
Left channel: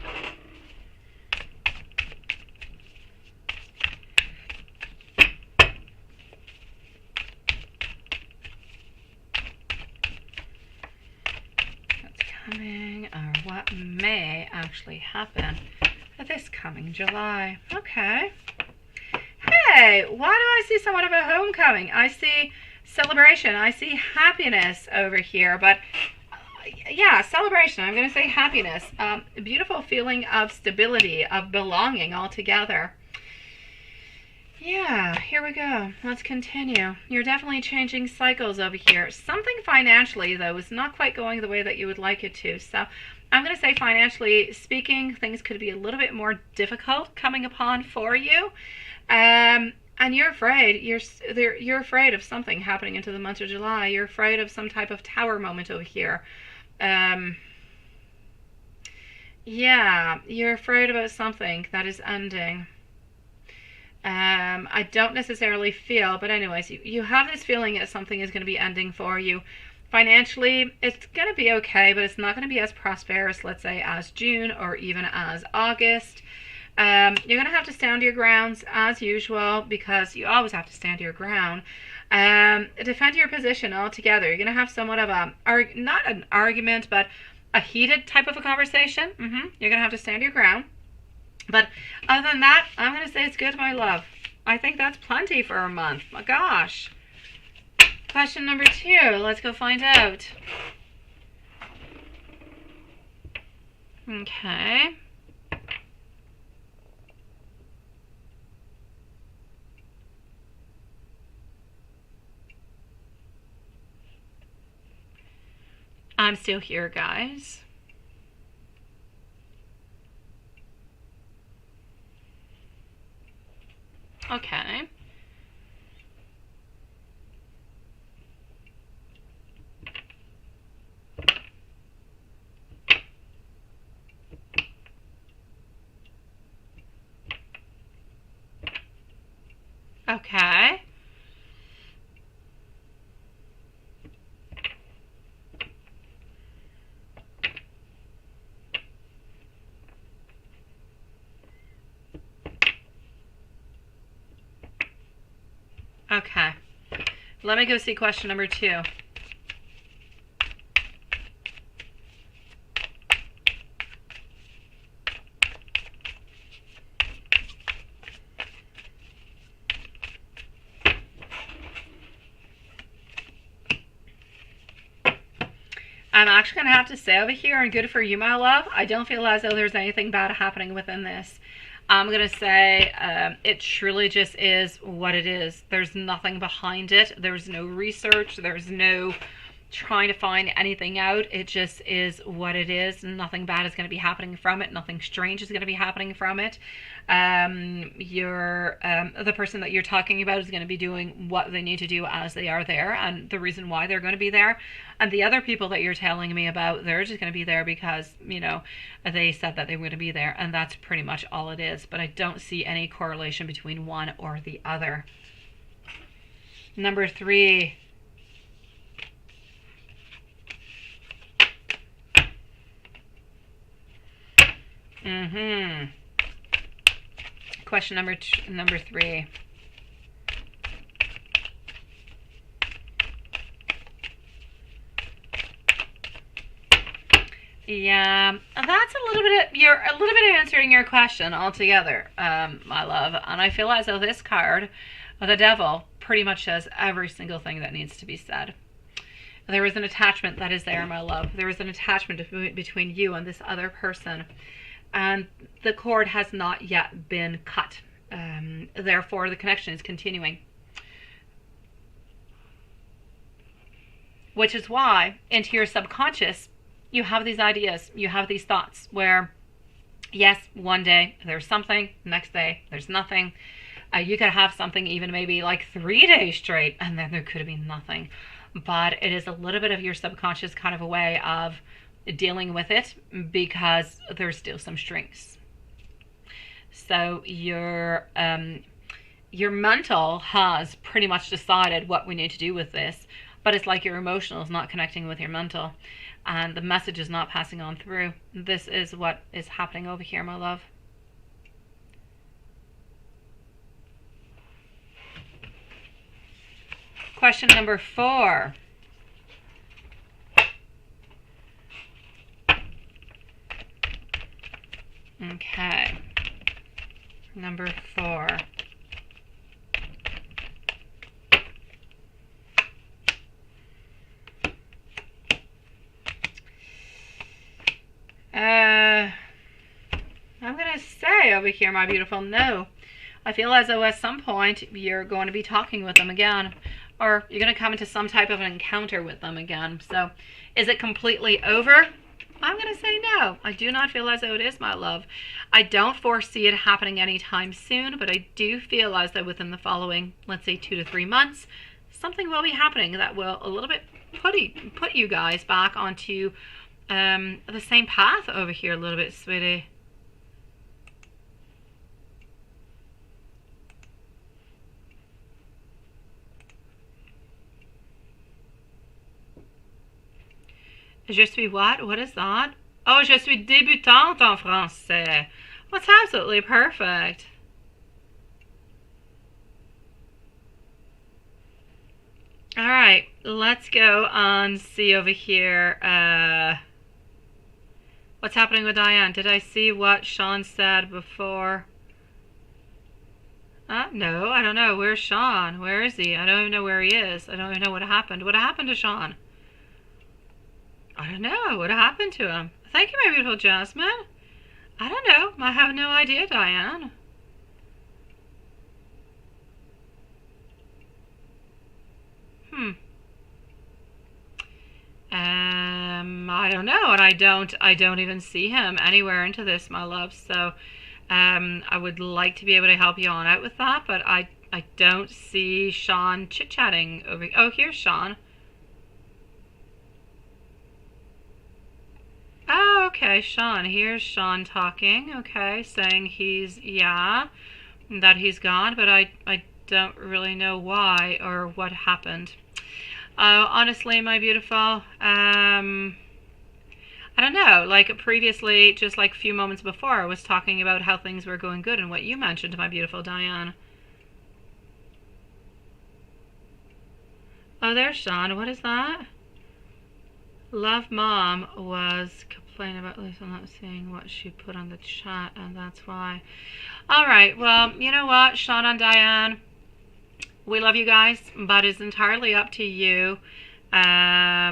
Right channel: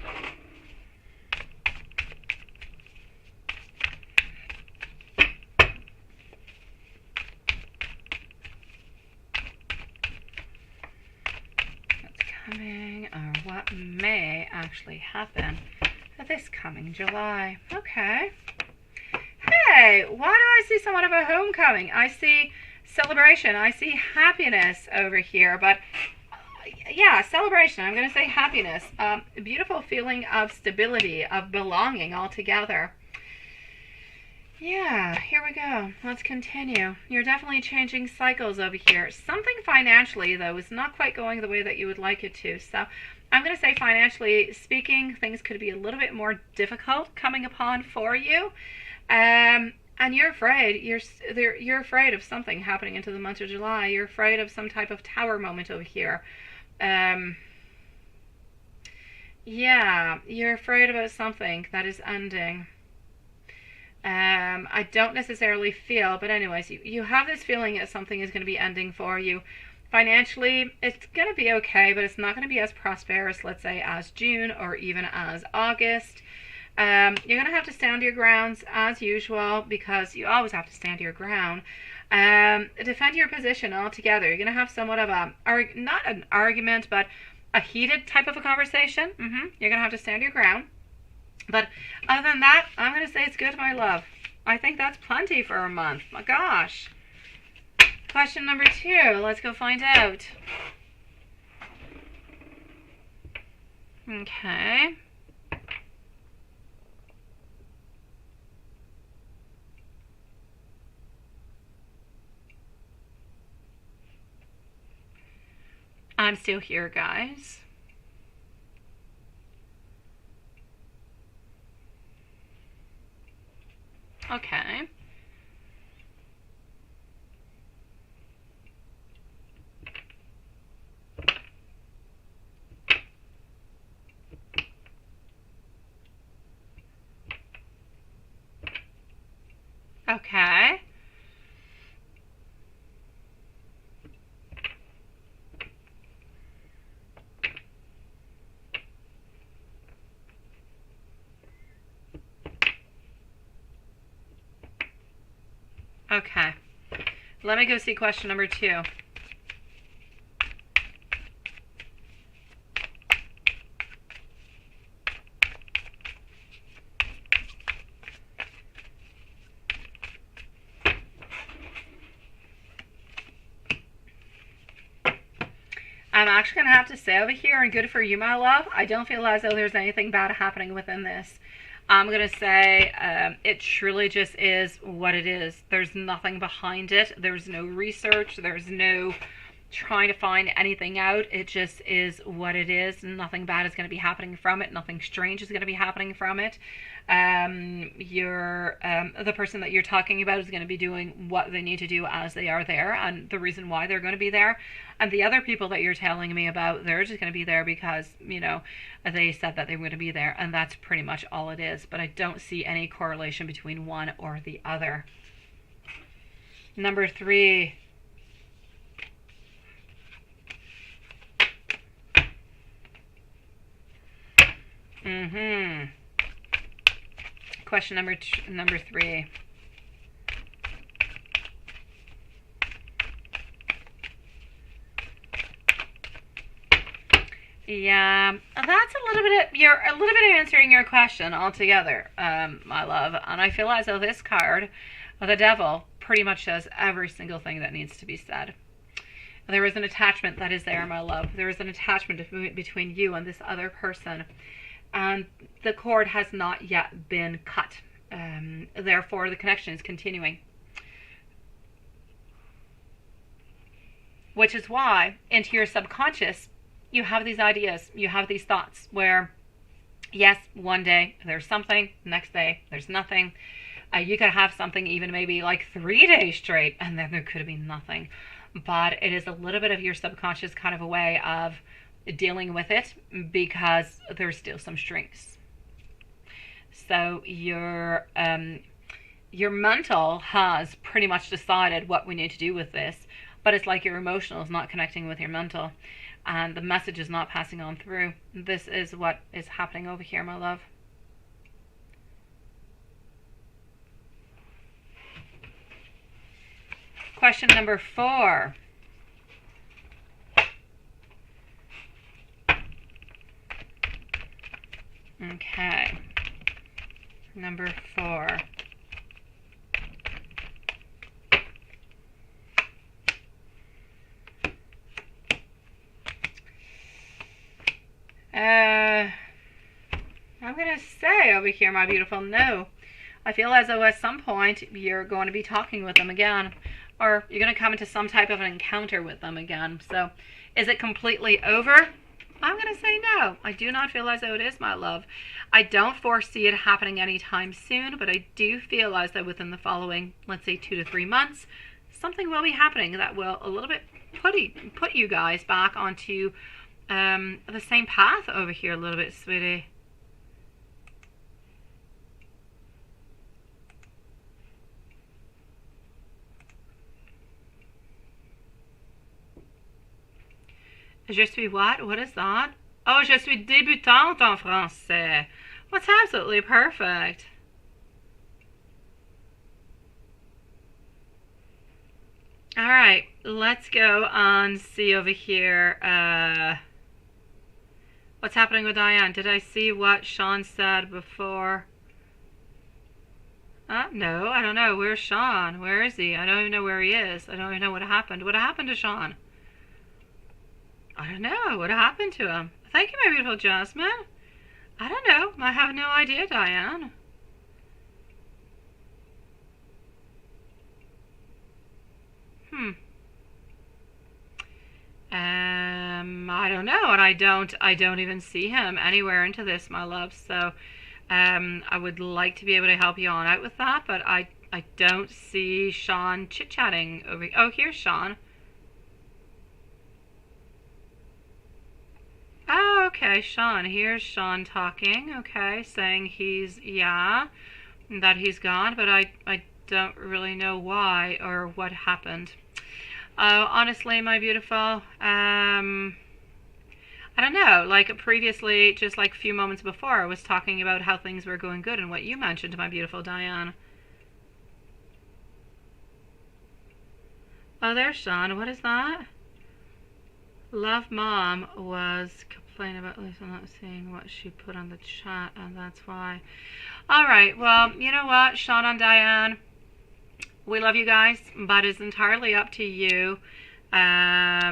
What's coming or what may actually happen this coming July? Okay. Hey, why do I see somewhat of a homecoming? I see celebration. I see happiness over here. But yeah, celebration. I'm going to say happiness. A beautiful feeling of stability, of belonging all together. Yeah, here we go. Let's continue. You're definitely changing cycles over here. Something financially, though, is not quite going the way that you would like it to. So I'm going to say financially speaking, things could be a little bit more difficult coming upon for you. And you're afraid. You're afraid of something happening into the month of July. You're afraid of some type of tower moment over here. Yeah, you're afraid about something that is ending. I don't necessarily feel, but anyways, you have this feeling that something is going to be ending for you. Financially, it's going to be okay, but it's not going to be as prosperous, let's say, as June or even as August. You're going to have to stand your grounds as usual, because you always have to stand your ground. Defend your position altogether. You're going to have somewhat of a, not an argument, but a heated type of a conversation. You're going to have to stand your ground. But other than that, I'm going to say it's good, my love. I think that's plenty for a month. My gosh. Question number 2. Let's go find out. Okay. I'm still here, guys. Okay. Okay. Okay. Let me go see question number 2. I'm actually going to have to say over here, and good for you, my love, I don't feel as though there's anything bad happening within this. I'm going to say it truly just is what it is. There's nothing behind it. There's no research. There's no trying to find anything out. It just is what it is. Nothing bad is going to be happening from it. Nothing strange is going to be happening from it. The person that you're talking about is going to be doing what they need to do as they are there, and the reason why they're going to be there. And the other people that you're telling me about, they're just going to be there because, you know, they said that they were going to be there, and that's pretty much all it is. But I don't see any correlation between one or the other. Number 3. Question number 3. Yeah, that's you're a little bit answering your question altogether, my love. And I feel as though this card, the Devil, pretty much says every single thing that needs to be said. There is an attachment that is there, my love. There is an attachment between you and this other person. And the cord has not yet been cut. Therefore, the connection is continuing. Which is why, into your subconscious, you have these ideas, you have these thoughts where, yes, one day there's something, next day there's nothing. You could have something even maybe like 3 days straight, and then there could be nothing. But it is a little bit of your subconscious kind of a way of dealing with it, because there's still some strings. So your mental has pretty much decided what we need to do with this, but it's like your emotional is not connecting with your mental, and the message is not passing on through. This is what is happening over here, my love. Question number 4. Okay. Number 4. I'm going to say over here, my beautiful, no. I feel as though at some point you're going to be talking with them again, or you're going to come into some type of an encounter with them again. So is it completely over? I'm going to say no. I do not feel as though it is, my love. I don't foresee it happening anytime soon, but I do feel as though within the following, let's say 2 to 3 months, something will be happening that will a little bit put you guys back onto the same path over here a little bit, sweetie. Je suis what? What is that? Oh, je suis débutante en français. That's absolutely perfect. All right, let's go on see over here. What's happening with Diane? Did I see what Sean said before? No, I don't know. Where's Sean? Where is he? I don't even know where he is. I don't even know what happened. What happened to Sean? I don't know. What happened to him? Thank you, my beautiful Jasmine. I don't know. I have no idea, Diane. I don't know, and I don't even see him anywhere into this, my love. So, I would like to be able to help you on out with that, but I don't see Sean chit-chatting over. Oh, here's Sean. Oh, okay, Sean. Here's Sean talking. Okay, saying that he's gone, but I don't really know why or what happened. Honestly, my beautiful, I don't know, like previously, just like a few moments before, I was talking about how things were going good and what you mentioned, my beautiful Diane. Oh, there's Sean. What is that? Love Mom was complaining about Lisa not seeing what she put on the chat, and that's why. All right, well, you know what, Sean and Diane, we love you guys, but it's entirely up to you. I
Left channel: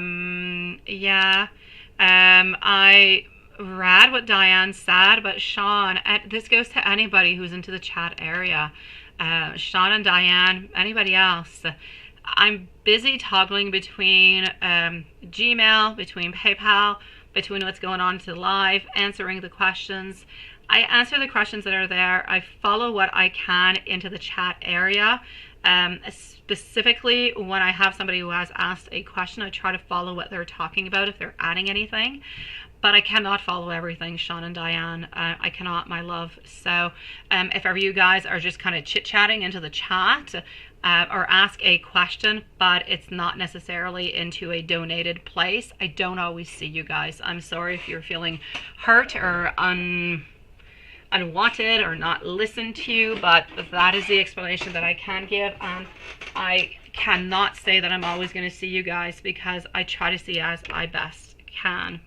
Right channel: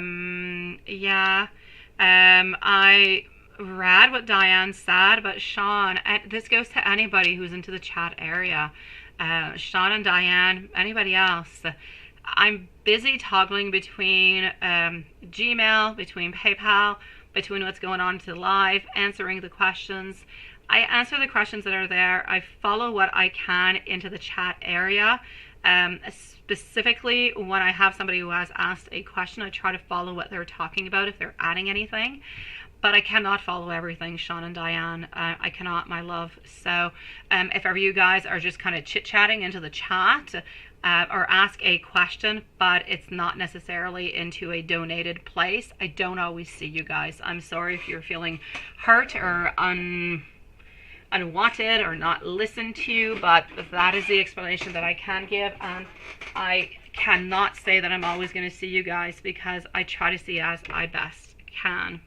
read what Diane said, but Sean, this goes to anybody who's into the chat area. Sean and Diane, anybody else. I'm busy toggling between Gmail, between PayPal, between what's going on to live, answering the questions. I answer the questions that are there. I follow what I can into the chat area. Specifically, when I have somebody who has asked a question, I try to follow what they're talking about if they're adding anything. But I cannot follow everything, Sean and Diane. I cannot, my love. So if ever you guys are just kind of chit-chatting into the chat or ask a question, but it's not necessarily into a donated place, I don't always see you guys. I'm sorry if you're feeling hurt or unwanted or not listened to, but that is the explanation that I can give, and I cannot say that I'm always going to see you guys because I try to see as I best can.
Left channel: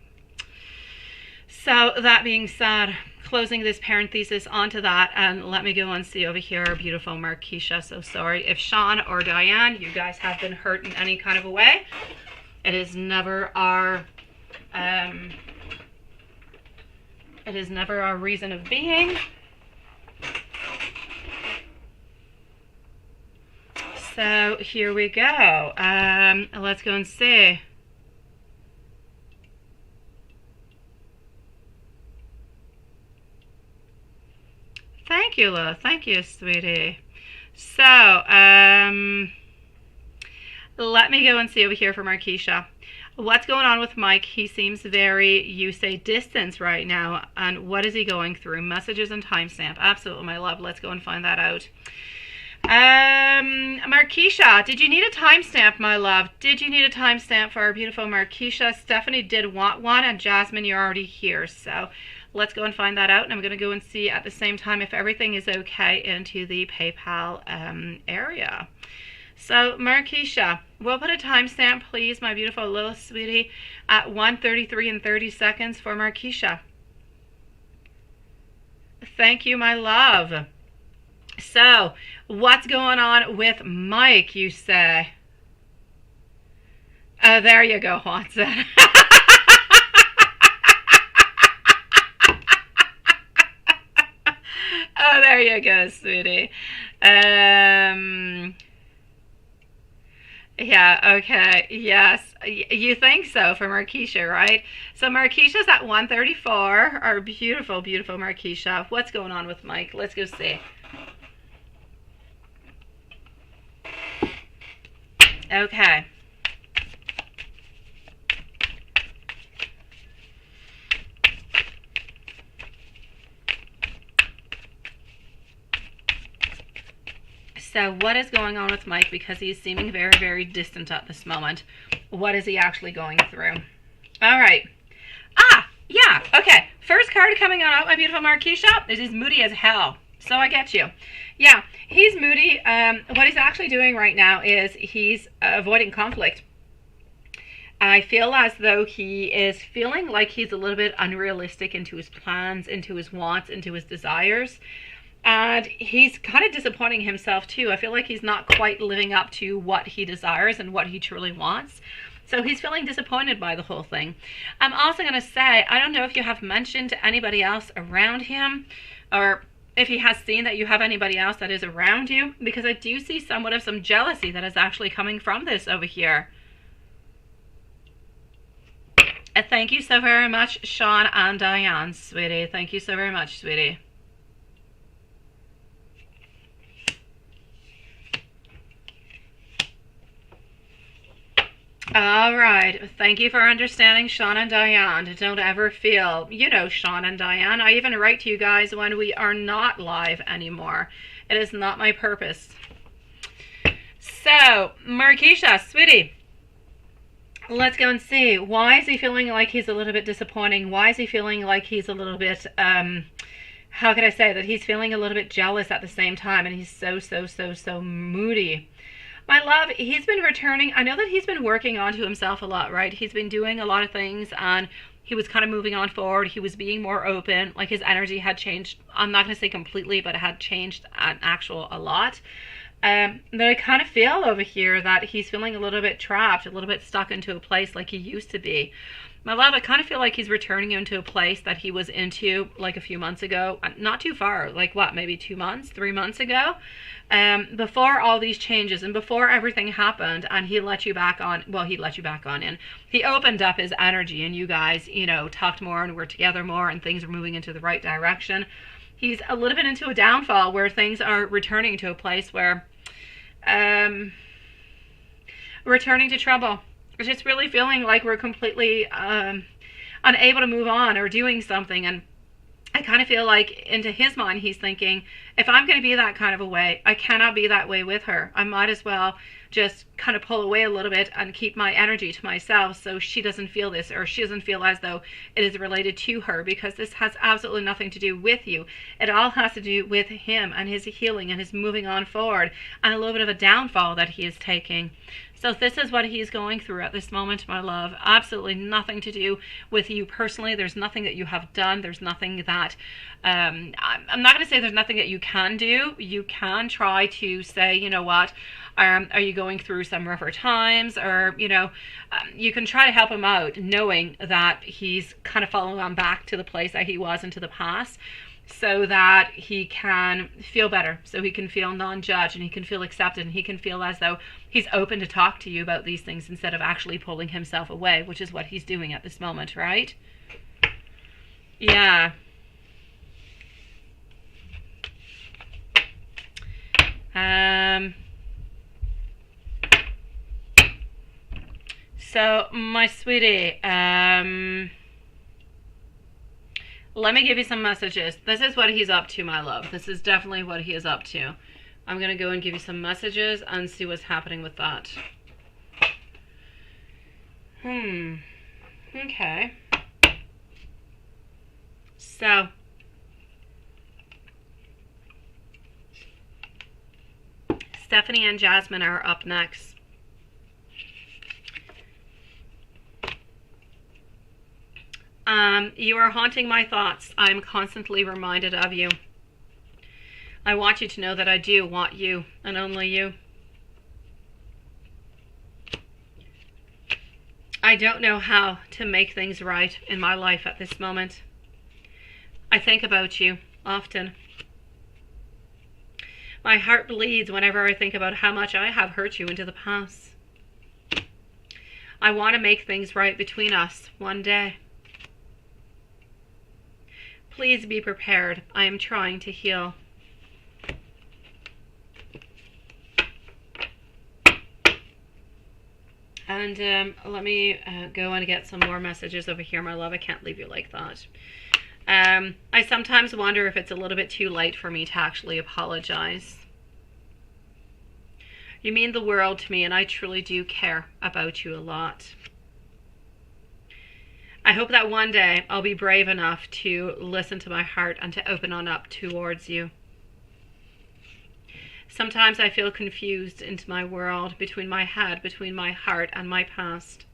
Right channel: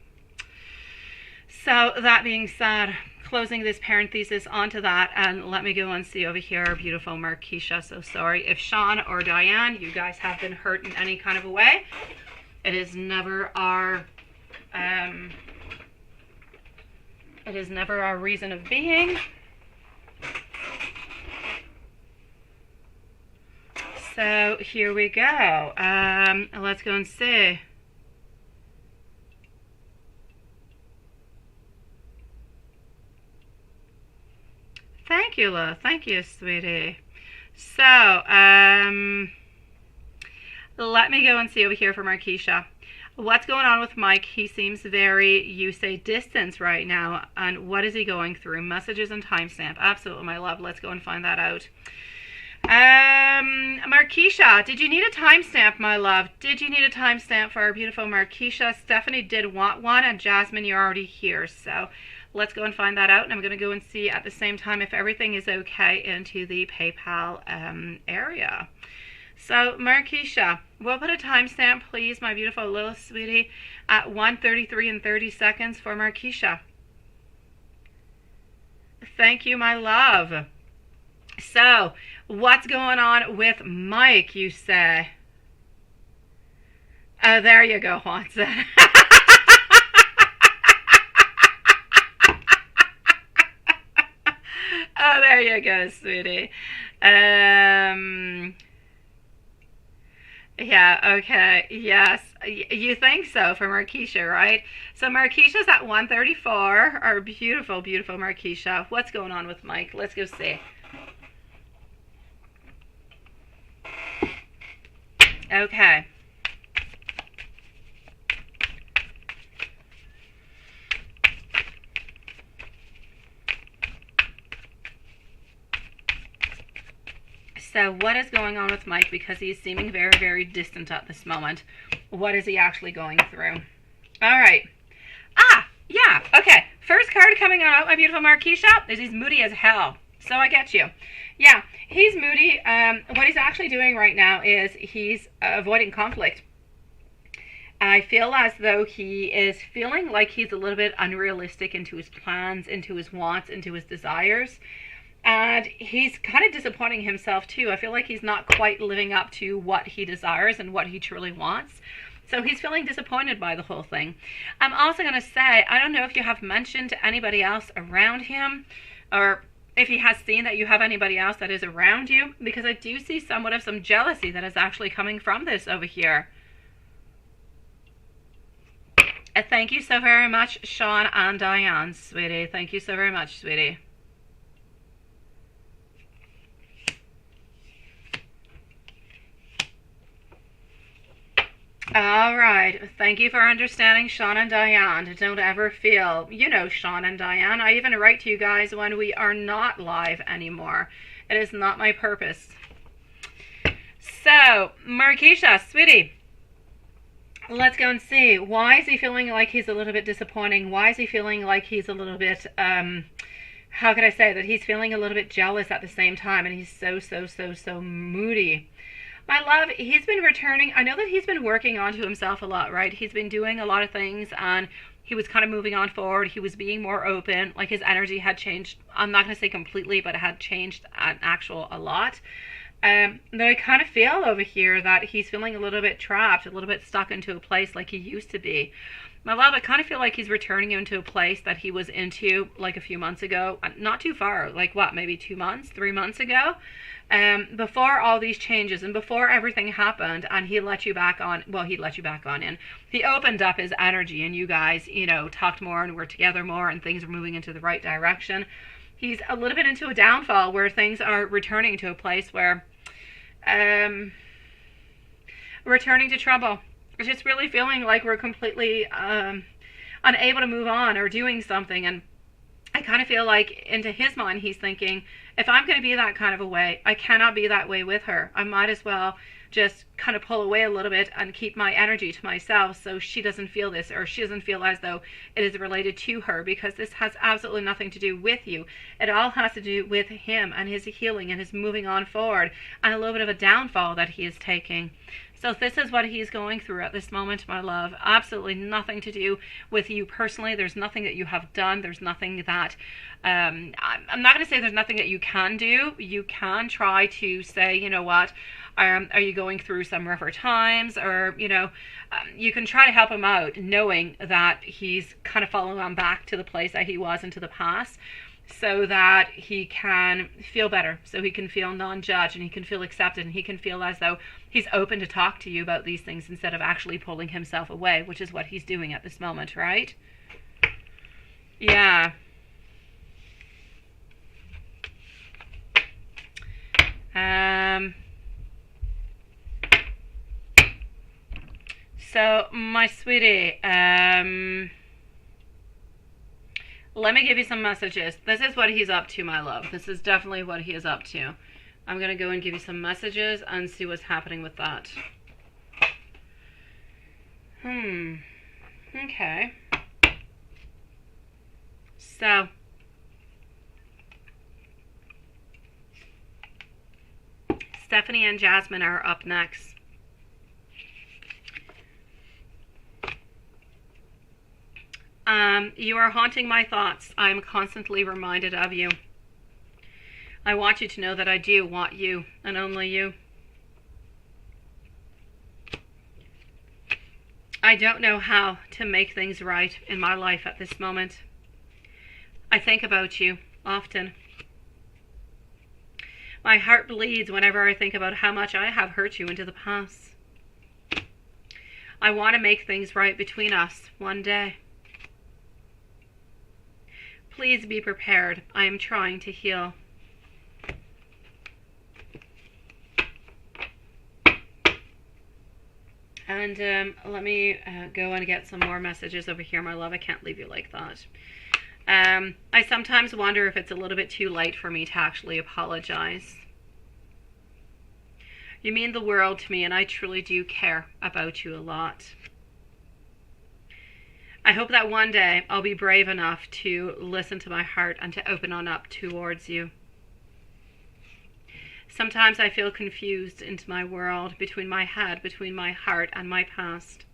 So that being said, closing this parenthesis onto that, and let me go and see over here our beautiful Marquisha. So sorry if Sean or Diane, you guys have been hurt in any kind of a way. It is never our reason of being. So here we go. Let's go and see. Thank you, love. Thank you, sweetie. So, let me go and see over here for Marquisha. What's going on with Mike? He seems very, you say, distance right now. And what is he going through? Messages and timestamp. Absolutely, my love. Let's go and find that out. Marquisha, did you need a timestamp, my love? Did you need a timestamp for our beautiful Marquisha? Stephanie did want one, and Jasmine, you're already here. So let's go and find that out. And I'm going to go and see at the same time if everything is okay into the PayPal area. So, Marquisha, we'll put a timestamp, please, my beautiful little sweetie, at 1:33 and 30 seconds for Marquisha. Thank you, my love. So, what's going on with Mike, you say? There you go, Watson. Oh, there you go, sweetie. Yeah, okay, yes. You think so for Marquisha, right? So Marquisha's at 134. Our beautiful, beautiful Marquisha. What's going on with Mike? Let's go see. Okay. So what is going on with Mike? Because he's seeming very, very distant at this moment. What is he actually going through? All right. Yeah. Okay. First card coming out, my beautiful Marquisha, is he's moody as hell. So I get you. Yeah, he's moody. What he's actually doing right now is he's avoiding conflict. I feel as though he is feeling like he's a little bit unrealistic into his plans, into his wants, into his desires. And he's kind of disappointing himself too. I feel like he's not quite living up to what he desires and what he truly wants. So he's feeling disappointed by the whole thing. I'm also going to say, I don't know if you have mentioned to anybody else around him, or if he has seen that you have anybody else that is around you, because I do see somewhat of some jealousy that is actually coming from this over here. Thank you so very much, Sean and Diane, sweetie. Thank you so very much, sweetie. All right. Thank you for understanding, Sean and Diane. Don't ever feel, you know, Sean and Diane, I even write to you guys when we are not live anymore. It is not my purpose. So, Marquisha, sweetie, let's go and see. Why is he feeling like he's a little bit disappointing? Why is he feeling like he's a little bit, how can I say that he's feeling a little bit jealous at the same time, and he's so moody? My love, he's been returning. I know that he's been working onto himself a lot, right? He's been doing a lot of things, and he was kind of moving on forward. He was being more open. Like, his energy had changed. I'm not going to say completely, but it had changed a lot. But I kind of feel over here that he's feeling a little bit trapped, a little bit stuck into a place like he used to be. My love, I kind of feel like he's returning into a place that he was into like a few months ago. Not too far, like what, maybe 2 months, 3 months ago? Before all these changes and before everything happened, and he let you back on, well, he let you back on in. He opened up his energy, and you guys, you know, talked more and were together more, and things are moving into the right direction. He's a little bit into a downfall where things are returning to a place where, returning to trouble. It's just really feeling like we're completely unable to move on or doing something. And I kind of feel like into his mind, he's thinking, if I'm going to be that kind of a way, I cannot be that way with her. I might as well just kind of pull away a little bit and keep my energy to myself so she doesn't feel this, or she doesn't feel as though it is related to her, because this has absolutely nothing to do with you. It all has to do with him and his healing and his moving on forward, and a little bit of a downfall that he is taking. So this is what he's going through at this moment, my love. Absolutely nothing to do with you personally. There's nothing that you have done. There's nothing that, I'm not going to say there's nothing that you can do. You can try to say, you know what, are you going through some rougher times? Or, you know, you can try to help him out, knowing that he's kind of falling on back to the place that he was into the past, so that he can feel better, so he can feel non-judged, and he can feel accepted, and he can feel as though he's open to talk to you about these things instead of actually pulling himself away, which is what he's doing at this moment, right? Yeah. So, my sweetie, let me give you some messages. This is what he's up to, my love. This is definitely what he is up to. I'm going to go and give you some messages and see what's happening with that. Okay. So, Stephanie and Jasmine are up next. You are haunting my thoughts. I am constantly reminded of you. I want you to know that I do want you, and only you. I don't know how to make things right in my life at this moment. I think about you often. My heart bleeds whenever I think about how much I have hurt you into the past. I want to make things right between us one day. Please be prepared. I am trying to heal. And let me go and get some more messages over here, my love. I can't leave you like that. I sometimes wonder if it's a little bit too late for me to actually apologize. You mean the world to me, and I truly do care about you a lot. I hope that one day I'll be brave enough to listen to my heart and to open on up towards you. Sometimes I feel confused into my world, between my head, between my heart and my past.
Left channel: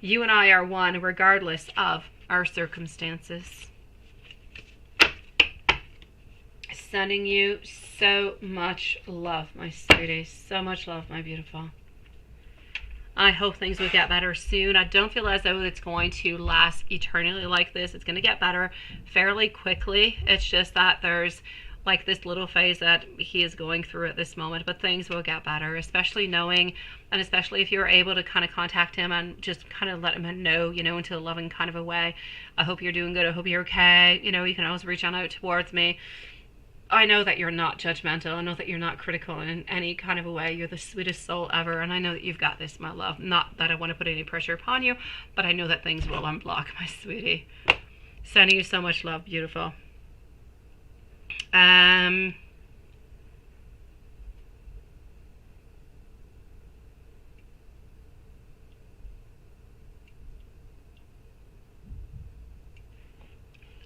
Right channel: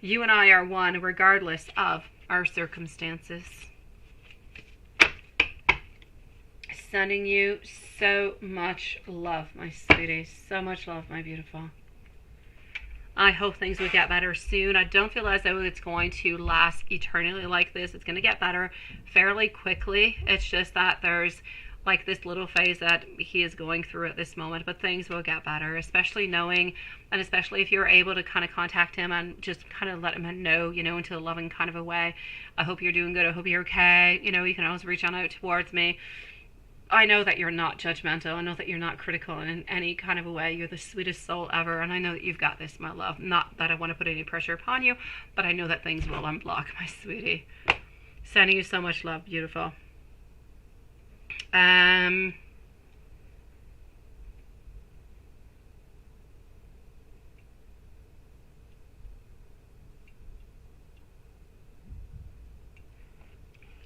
You and I are one regardless of our circumstances. Sending you so much love, my sweetie. So much love, my beautiful. I hope things will get better soon. I don't feel as though it's going to last eternally like this. It's going to get better fairly quickly. It's just that there's like this little phase that he is going through at this moment, but things will get better, especially knowing, and especially if you're able to kind of contact him and just kind of let him know, you know, into a loving kind of a way. I hope you're doing good. I hope you're okay. You know, you can always reach on out towards me. I know that you're not judgmental. I know that you're not critical in any kind of a way. You're the sweetest soul ever, and I know that you've got this, my love. Not that I want to put any pressure upon you, but I know that things will unblock, my sweetie. Sending you so much love, beautiful.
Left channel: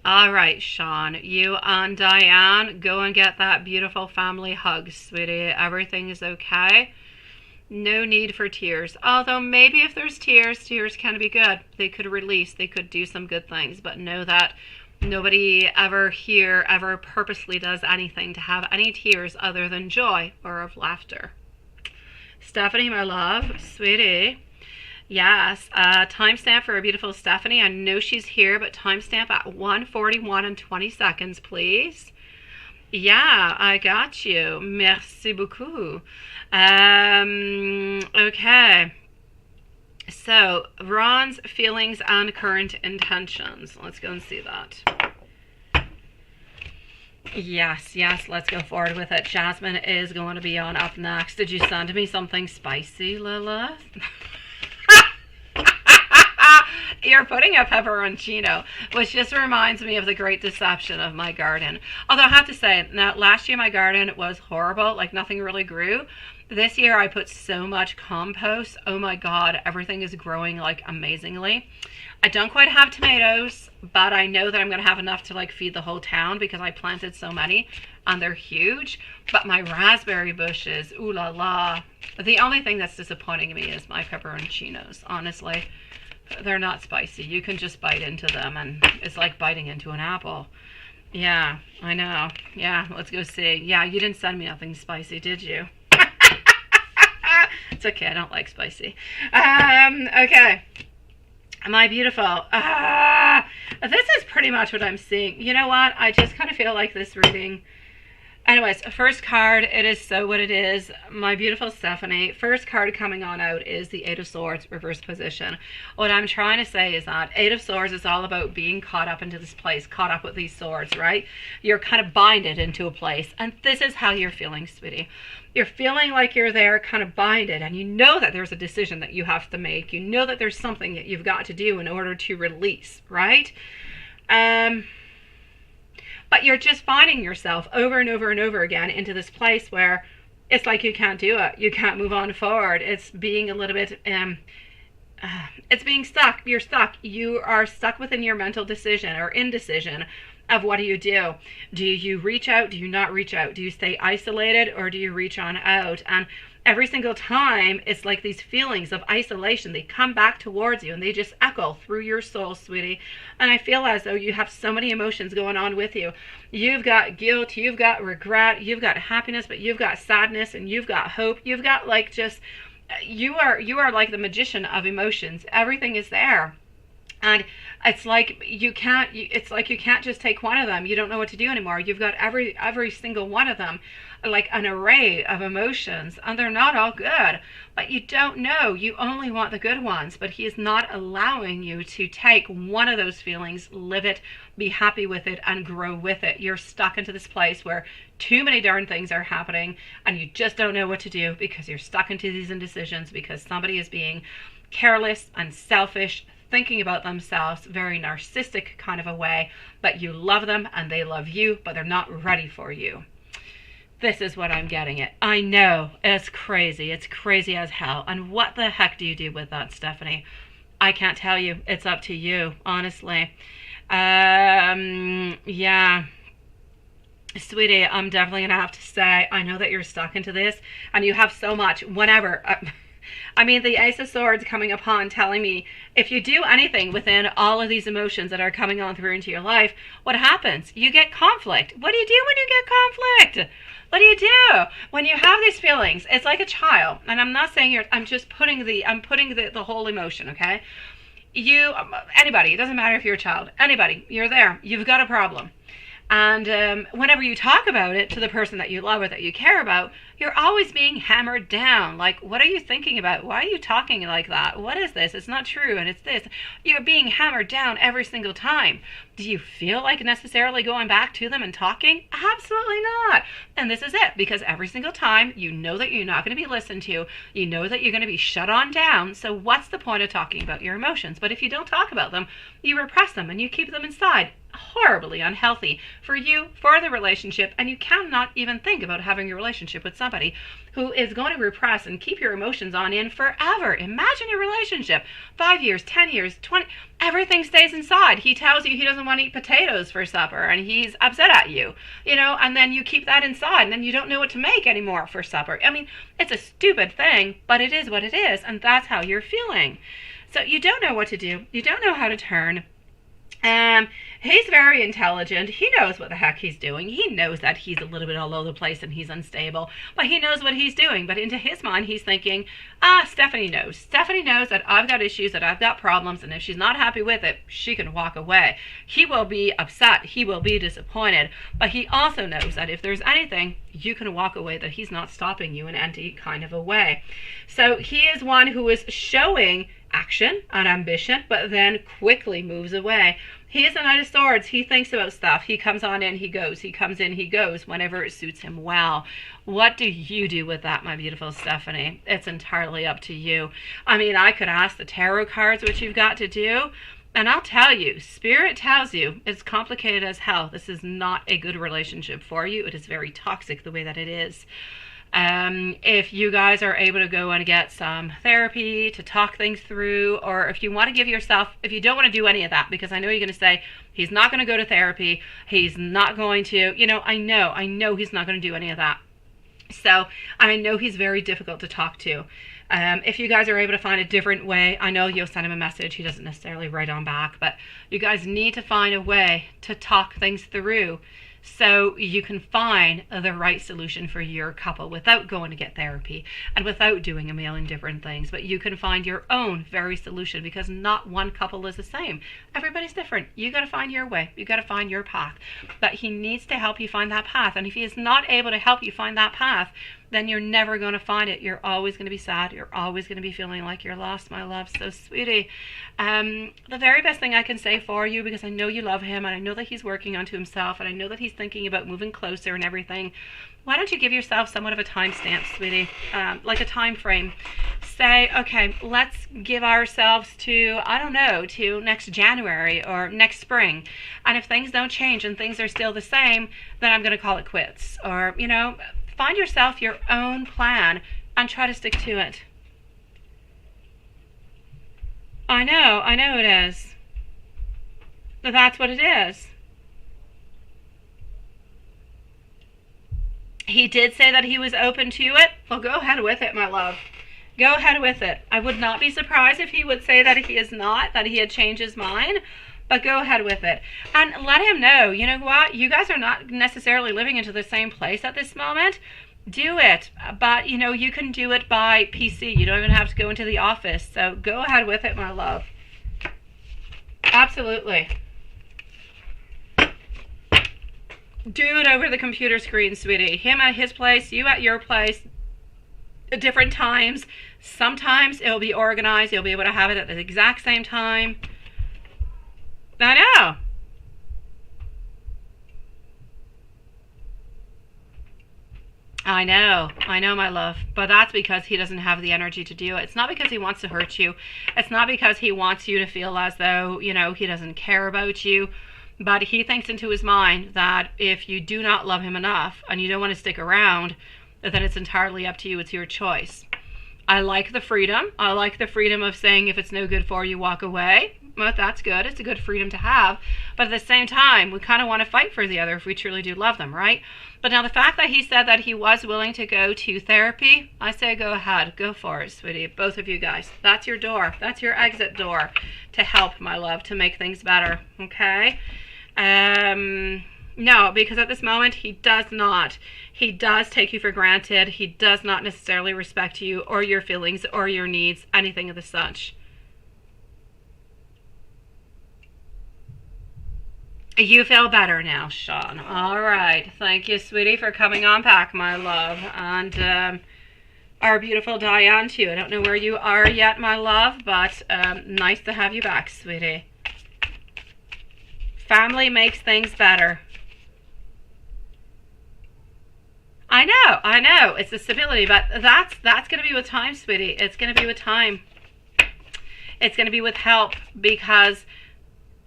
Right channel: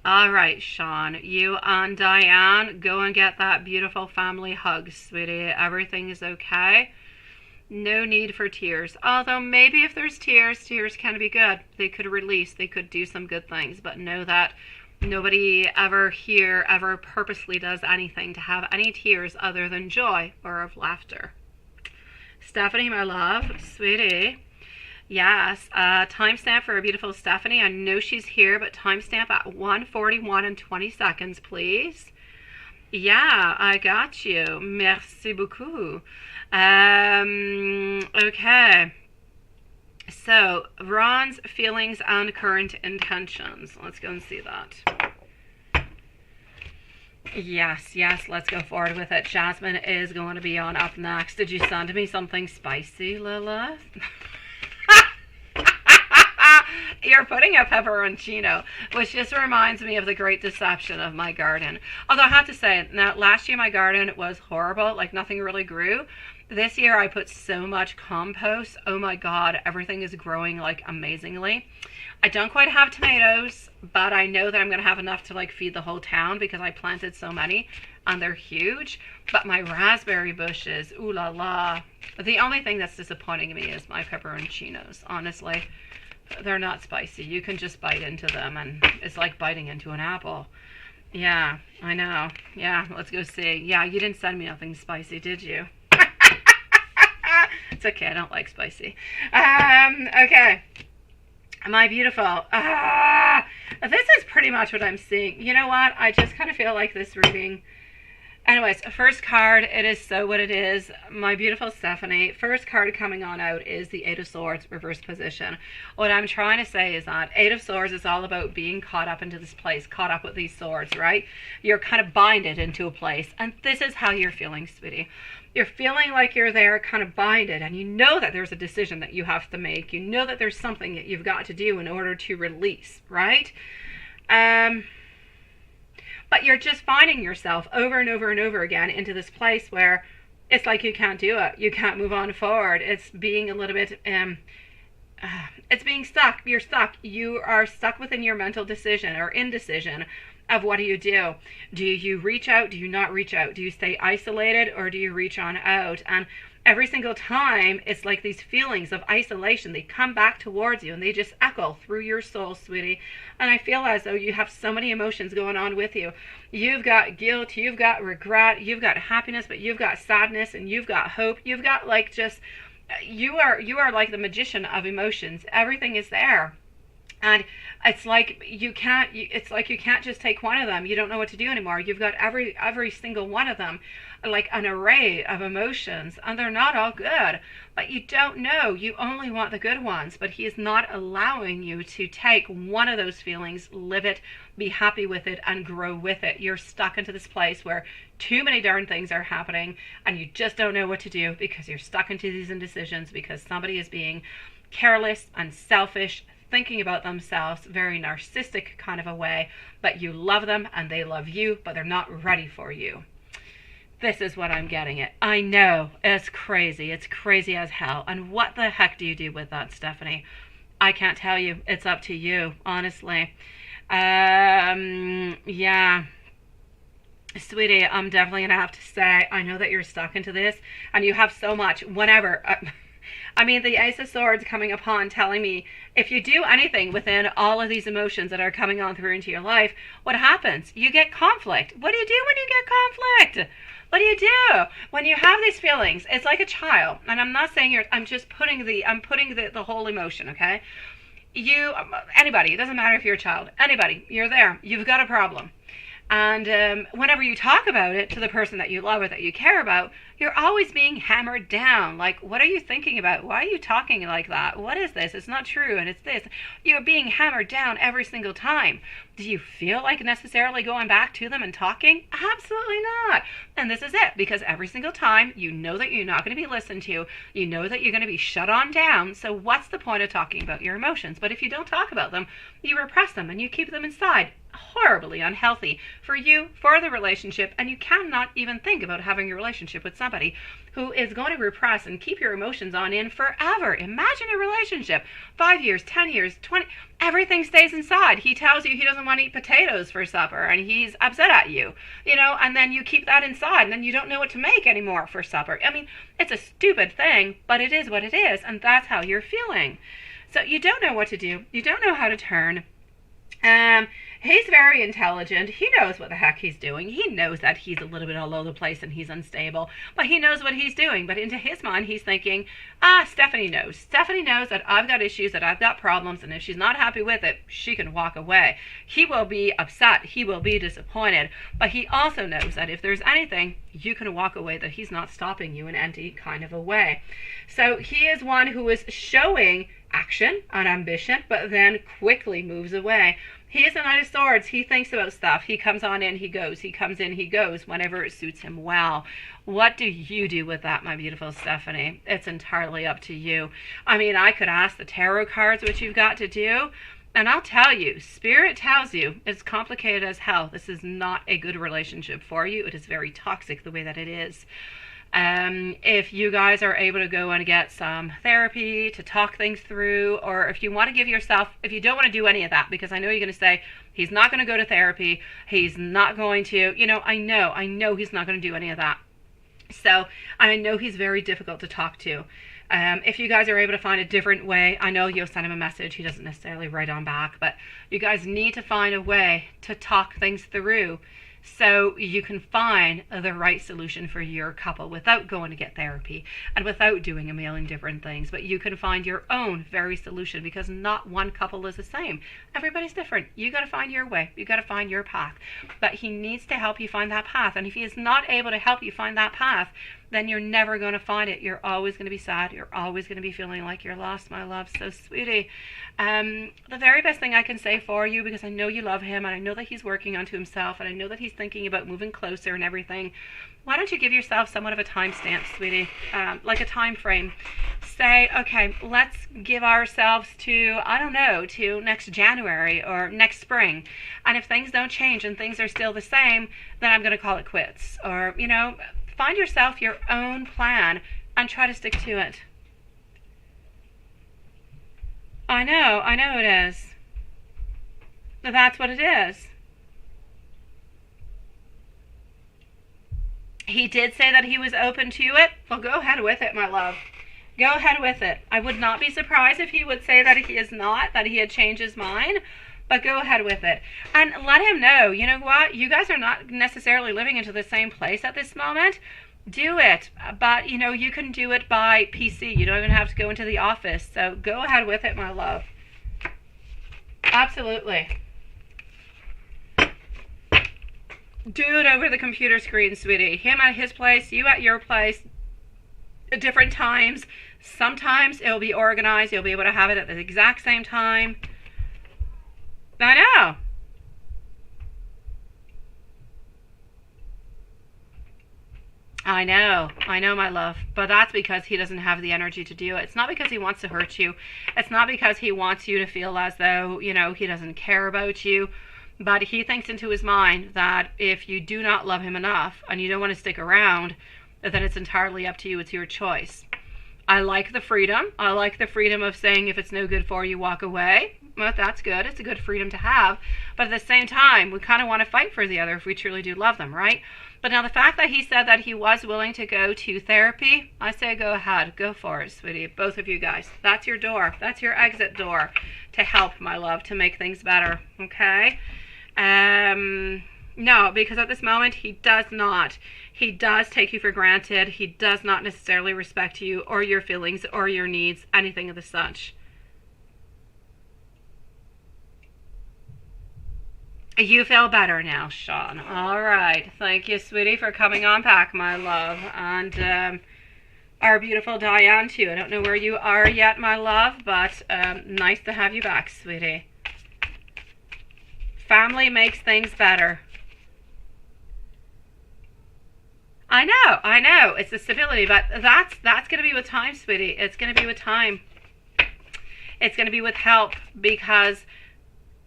All right, Sean, you and Diane, go and get that beautiful family hug, sweetie. Everything is okay. No need for tears. Although maybe if there's tears, tears can be good. They could release. They could do some good things. But know that nobody ever here ever purposely does anything to have any tears other than joy or of laughter. Stephanie, my love, sweetie. Yes, timestamp for a beautiful Stephanie. I know she's here, but timestamp at 1:41 and 20 seconds, please. Yeah, I got you. Merci beaucoup. Okay. So, Ron's feelings and current intentions. Let's go and see that. Yes, let's go forward with it. Jasmine is going to be on up next. Did you send me something spicy, Lilith? You're putting a pepperoncino, which just reminds me of the great deception of my garden. Although I have to say, now last year my garden was horrible, like nothing really grew. This year I put so much compost. Oh my God, everything is growing like amazingly. I don't quite have tomatoes, but I know that I'm going to have enough to like feed the whole town because I planted so many and they're huge. But my raspberry bushes, ooh la la. The only thing that's disappointing me is my pepperoncinos, honestly. They're not spicy. You can just bite into them and it's like biting into an apple. Yeah, I know. Yeah, let's go see. Yeah, you didn't send me nothing spicy, did you? It's okay, I don't like spicy. Okay. My beautiful. This is pretty much what I'm seeing. You know what? I just kind of feel like this reading. Anyways, first card, it is so what it is. My beautiful Stephanie, first card coming on out is the Eight of Swords, reverse position. What I'm trying to say is that Eight of Swords is all about being caught up into this place, caught up with these swords, right? You're kind of binded into a place, and this is how you're feeling, sweetie. You're feeling like you're there kind of binded, and you know that there's a decision that you have to make. You know that there's something that you've got to do in order to release, right? But you're just finding yourself over and over and over again into this place where it's like you can't do it. You can't move on forward. It's being a little bit, it's being stuck. You're stuck. You are stuck within your mental decision or indecision of what do you do? Do you reach out? Do you not reach out? Do you stay isolated or do you reach on out? And every single time, it's like these feelings of isolation. They come back towards you and they just echo through your soul, sweetie. And I feel as though you have so many emotions going on with you. You've got guilt, you've got regret, you've got happiness, but you've got sadness and you've got hope. You've got like just, you are like the magician of emotions. Everything is there. And it's like you can't just take one of them. You don't know what to do anymore. You've got every single one of them, like an array of emotions, and they're not all good, but you don't know. You only want the good ones, but he is not allowing you to take one of those feelings, live it, be happy with it, and grow with it. You're stuck into this place where too many darn things are happening and you just don't know what to do because you're stuck into these indecisions because somebody is being careless and selfish, thinking about themselves, very narcissistic kind of a way, but you love them and they love you, but they're not ready for you. This is what I'm getting at. I know, it's crazy. It's crazy as hell. And what the heck do you do with that, Stephanie? I can't tell you. It's up to you, honestly. Yeah. Sweetie, I'm definitely going to have to say, I know that you're stuck into this and you have so much, whenever. I mean, the Ace of Swords coming upon telling me if you do anything within all of these emotions that are coming on through into your life, what happens? You get conflict. What do you do when you get conflict? What do you do when you have these feelings? It's like a child, and I'm not saying I'm just putting the whole emotion, okay? Anybody, it doesn't matter if you're a child, anybody, you're there, you've got a problem. And whenever you talk about it to the person that you love or that you care about, you're always being hammered down. Like, what are you thinking about? Why are you talking like that? What is this? It's not true, and it's this. You're being hammered down every single time. Do you feel like necessarily going back to them and talking? Absolutely not. And this is it, because every single time you know that you're not going to be listened to, you know that you're going to be shut on down. So what's the point of talking about your emotions? But if you don't talk about them, you repress them and you keep them inside. Horribly unhealthy for you, for the relationship, and you cannot even think about having a relationship with somebody who is going to repress and keep your emotions on in forever. Imagine a relationship, 5 years, 10 years, 20, everything stays inside. He tells you he doesn't want to eat potatoes for supper and he's upset at you, and then you keep that inside and then you don't know what to make anymore for supper. I mean, it's a stupid thing, but it is what it is, and that's how you're feeling. So you don't know what to do. You don't know how to turn. He's very intelligent. He knows what the heck he's doing. He knows that he's a little bit all over the place and he's unstable, but he knows what he's doing. But into his mind, he's thinking, Stephanie knows. Stephanie knows that I've got issues, that I've got problems, and if she's not happy with it, she can walk away. He will be upset. He will be disappointed. But he also knows that if there's anything, you can walk away, that he's not stopping you in any kind of a way. So he is one who is showing action and ambition, but then quickly moves away. He is a Knight of Swords. He thinks about stuff. He comes on in, he goes. He comes in, he goes, whenever it suits him well. What do you do with that, my beautiful Stephanie? It's entirely up to you. I mean, I could ask the tarot cards what you've got to do, and I'll tell you, Spirit tells you it's complicated as hell. This is not a good relationship for you. It is very toxic the way that it is. If you guys are able to go and get some therapy to talk things through, or if you want to give yourself, if you don't want to do any of that, because I know you're going to say, he's not going to go to therapy, he's not going to, I know he's not going to do any of that. So, I know he's very difficult to talk to. If you guys are able to find a different way, I know you'll send him a message, he doesn't necessarily write on back, but you guys need to find a way to talk things through, so you can find the right solution for your couple without going to get therapy and without doing a million different things. But you can find your own very solution, because not one couple is the same. Everybody's different. You got to find your way. You got to find your path. But he needs to help you find that path. And if he is not able to help you find that path, then you're never going to find it. You're always going to be sad. You're always going to be feeling like you're lost, my love. So, sweetie, the very best thing I can say for you, because I know you love him, and I know that he's working onto himself, and I know that he's thinking about moving closer and everything. Why don't you give yourself somewhat of a time stamp, sweetie, like a time frame. Say, okay, let's give ourselves to, I don't know, to next January or next spring. And if things don't change and things are still the same, then I'm going to call it quits. Or, find yourself your own plan and try to stick to it. I know it is. That's what it is. He did say that he was open to it. Well, go ahead with it, my love. Go ahead with it. I would not be surprised if he would say that he is not, that he had changed his mind. But go ahead with it. And let him know, you know what? You guys are not necessarily living into the same place at this moment. Do it. But, you can do it by PC. You don't even have to go into the office. So go ahead with it, my love. Absolutely. Do it over the computer screen, sweetie. Him at his place, you at your place, at different times. Sometimes it'll be organized. You'll be able to have it at the exact same time. I know. I know, my love. But that's because he doesn't have the energy to do it. It's not because he wants to hurt you. It's not because he wants you to feel as though, he doesn't care about you. But he thinks into his mind that if you do not love him enough and you don't want to stick around, then it's entirely up to you. It's your choice. I like the freedom. I like the freedom of saying if it's no good for you, walk away. Well, that's good. It's a good freedom to have. But at the same time, we kind of want to fight for the other if we truly do love them, right? But now the fact that he said that he was willing to go to therapy, I say go ahead. Go for it, sweetie. Both of you guys. That's your door. That's your exit door to help, my love, to make things better. Okay? No, because at this moment, he does not. He does take you for granted. He does not necessarily respect you or your feelings or your needs, anything of the such. You feel better now, Sean. All right. Thank you, sweetie, for coming on back, my love. And our beautiful Diane, too. I don't know where you are yet, my love, but nice to have you back, sweetie. Family makes things better. I know. It's the stability, but that's going to be with time, sweetie. It's going to be with time. It's going to be with help, because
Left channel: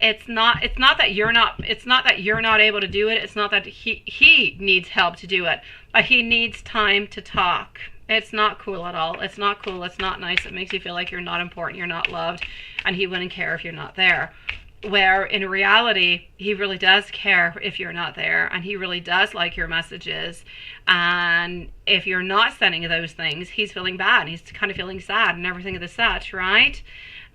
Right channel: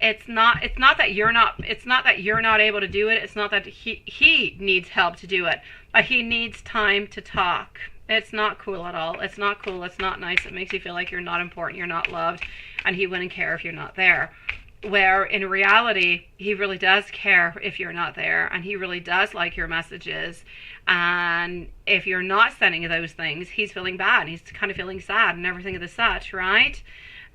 it's not that you're not able to do it. It's not that he needs help to do it, but he needs time to talk. It's not cool at all. It's not cool. It's not nice. It makes you feel like you're not important, you're not loved, and he wouldn't care if you're not there. Where in reality, he really does care if you're not there, and he really does like your messages. And if you're not sending those things, he's feeling bad. He's kind of feeling sad and everything of the such, right?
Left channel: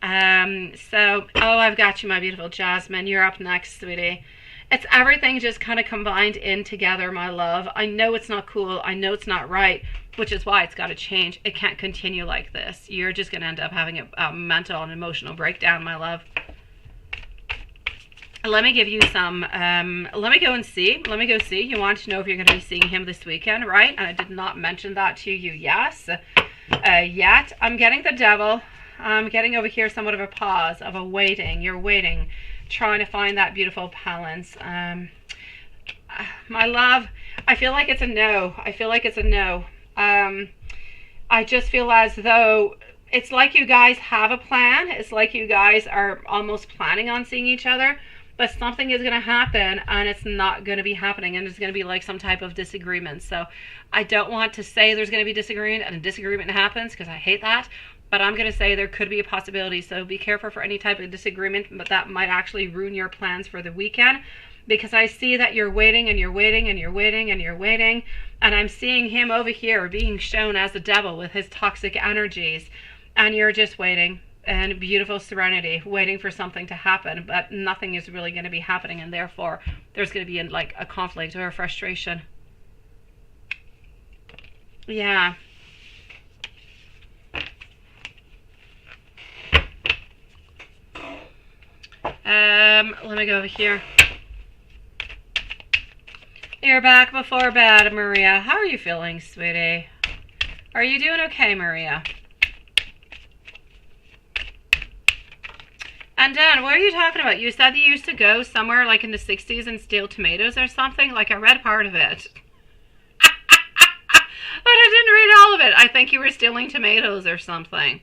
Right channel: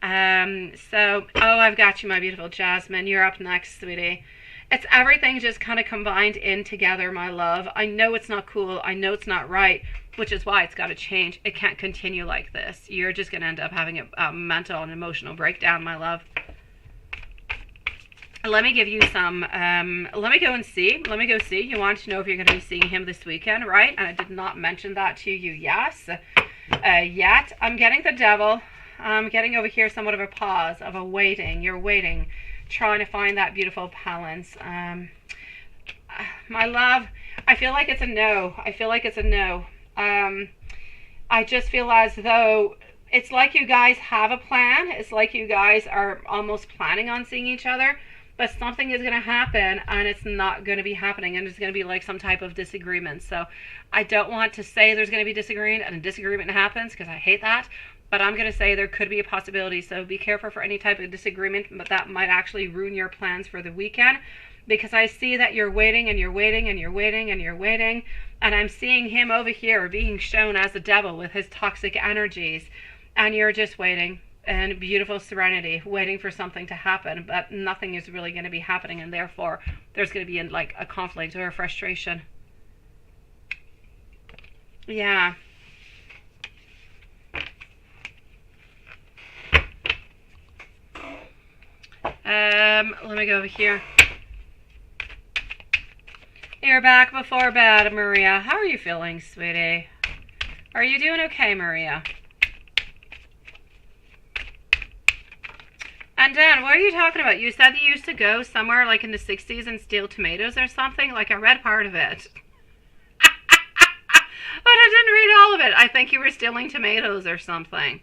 I've got you, my beautiful Jasmine. You're up next, sweetie. It's everything just kind of combined in together, my love. I know it's not cool. I know it's not right, which is why it's got to change. It can't continue like this. You're just going to end up having a mental and emotional breakdown, my love. Let me give you some, let me go see. You want to know if you're going to be seeing him this weekend, right? And I did not mention that to you, yes, yet. I'm getting the devil. I'm getting over here somewhat of a pause, of a waiting. You're waiting, trying to find that beautiful balance. My love, I feel like it's a no. I just feel as though it's like you guys have a plan. It's like you guys are almost planning on seeing each other, but something is going to happen and it's not going to be happening, and there's going to be like some type of disagreement. So I don't want to say there's going to be disagreement and a disagreement happens, because I hate that. But I'm going to say there could be a possibility. So be careful for any type of disagreement, but that might actually ruin your plans for the weekend. Because I see that you're waiting and you're waiting and you're waiting and you're waiting. And I'm seeing him over here being shown as a devil with his toxic energies. And you're just waiting. And beautiful serenity, waiting for something to happen. But nothing is really going to be happening. And therefore, there's going to be like a conflict or a frustration. Yeah. Let me go over here. You're back before bed, Maria. How are you feeling, sweetie? Are you doing okay, Maria? And Dan, what are you talking about? You said you used to go somewhere like in the 60s and steal tomatoes or something? Like, I read part of it. But I didn't read all of it. I think you were stealing tomatoes or something.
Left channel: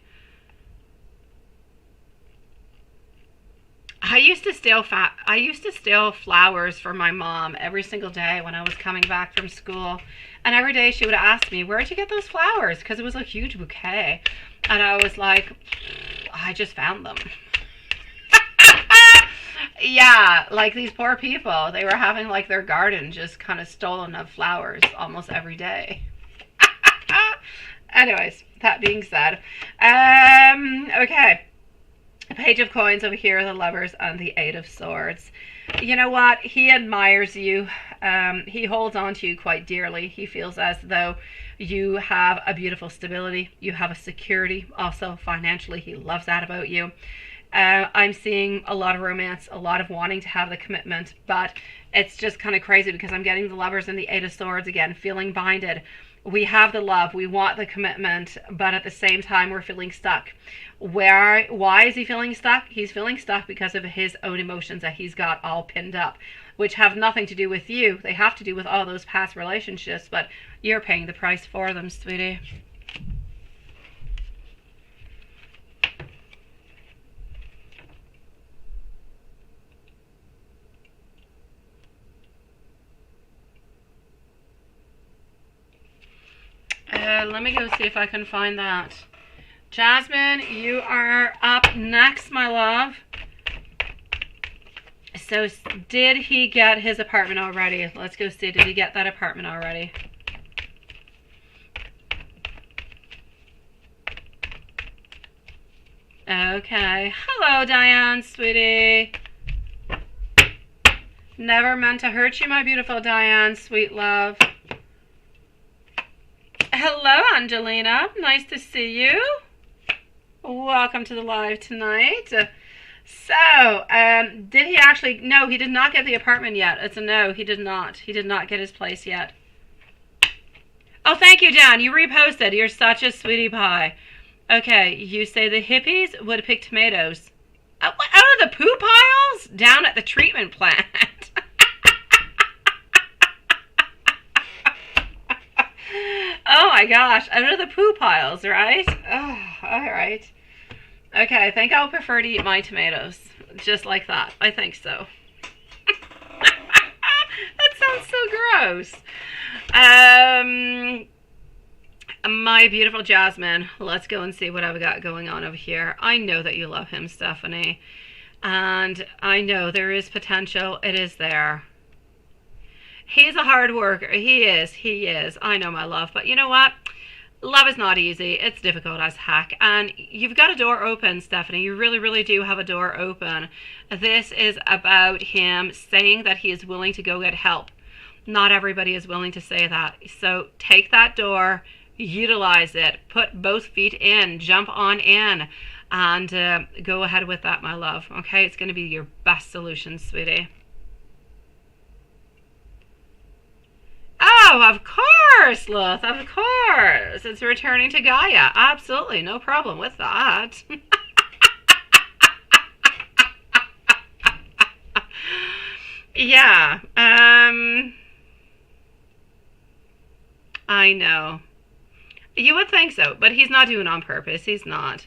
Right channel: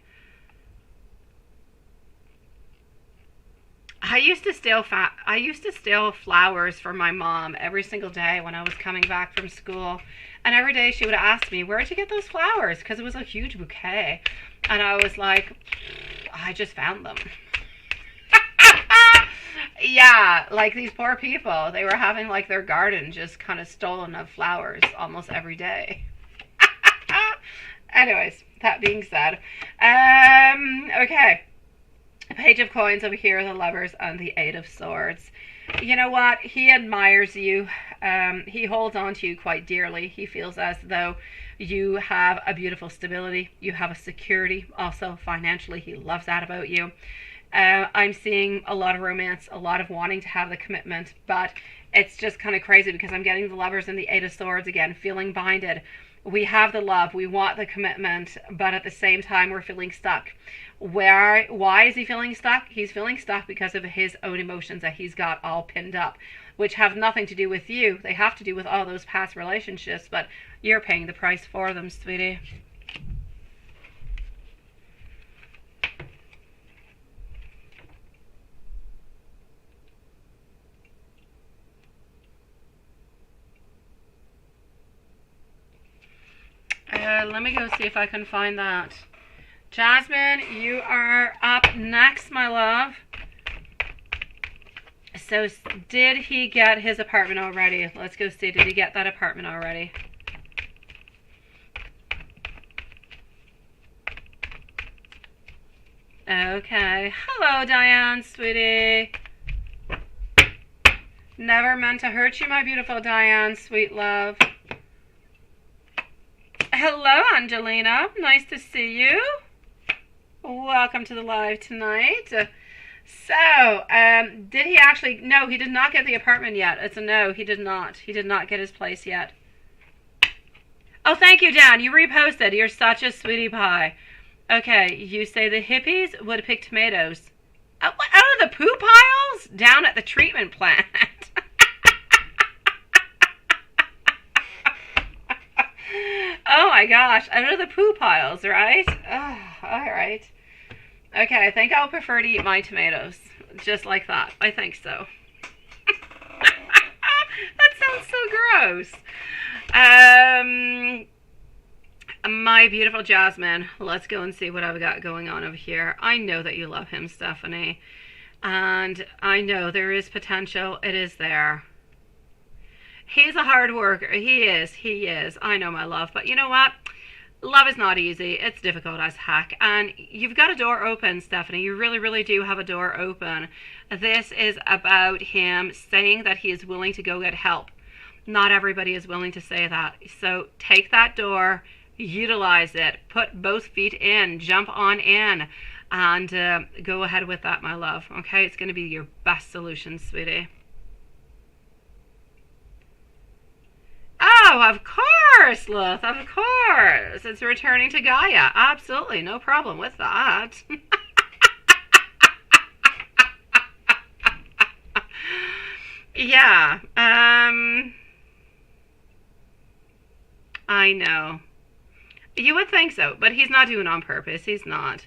I used to steal flowers for my mom every single day when I was coming back from school. And every day she would ask me, where'd you get those flowers? Because it was a huge bouquet. And I was like, I just found them. Yeah, like these poor people. They were having like their garden just kind of stolen of flowers almost every day. Anyways, that being said. Okay. Page of Coins over here, the Lovers, and the Eight of Swords. You know what? He admires you. He holds on to you quite dearly. He feels as though you have a beautiful stability. You have a security. Also, financially, he loves that about you. I'm seeing a lot of romance, a lot of wanting to have the commitment, but it's just kind of crazy because I'm getting the Lovers and the Eight of Swords again, feeling binded. We have the love, we want the commitment, but at the same time, we're feeling stuck. Why is he feeling stuck? He's feeling stuck because of his own emotions that he's got all pinned up, which have nothing to do with you. They have to do with all those past relationships, but you're paying the price for them, sweetie. Let me go see if I can find that. Jasmine, you are up next, my love. So, did he get his apartment already? Let's go see. Did he get that apartment already? Okay. Hello, Diane, sweetie. Never meant to hurt you, my beautiful Diane, sweet love. Hello, Angelina. Nice to see you. Welcome to the live tonight. So, did he actually... No, he did not get the apartment yet. It's a no. He did not. He did not get his place yet. Oh, thank you, Dan. You reposted. You're such a sweetie pie. Okay, you say the hippies would pick tomatoes. Out of the poo piles? Down at the treatment plant. Oh my gosh, out of the poo piles, right? Oh, all right. Okay, I think I'll prefer to eat my tomatoes. Just like that. I think so. That sounds so gross. My beautiful Jasmine, let's go and see what I've got going on over here. I know that you love him, Stephanie. And I know there is potential. It is there. He's a hard worker. He is. I know, my love. But you know what? Love is not easy. It's difficult as heck. And you've got a door open, Stephanie. You really, really do have a door open. This is about him saying that he is willing to go get help. Not everybody is willing to say that. So take that door, utilize it, put both feet in, jump on in, and go ahead with that, my love. Okay? It's going to be your best solution, sweetie. Oh, of course, Lilith, of course. It's returning to Gaia. Absolutely, no problem with that. Yeah, I know. You would think so, but he's not doing it on purpose. He's not.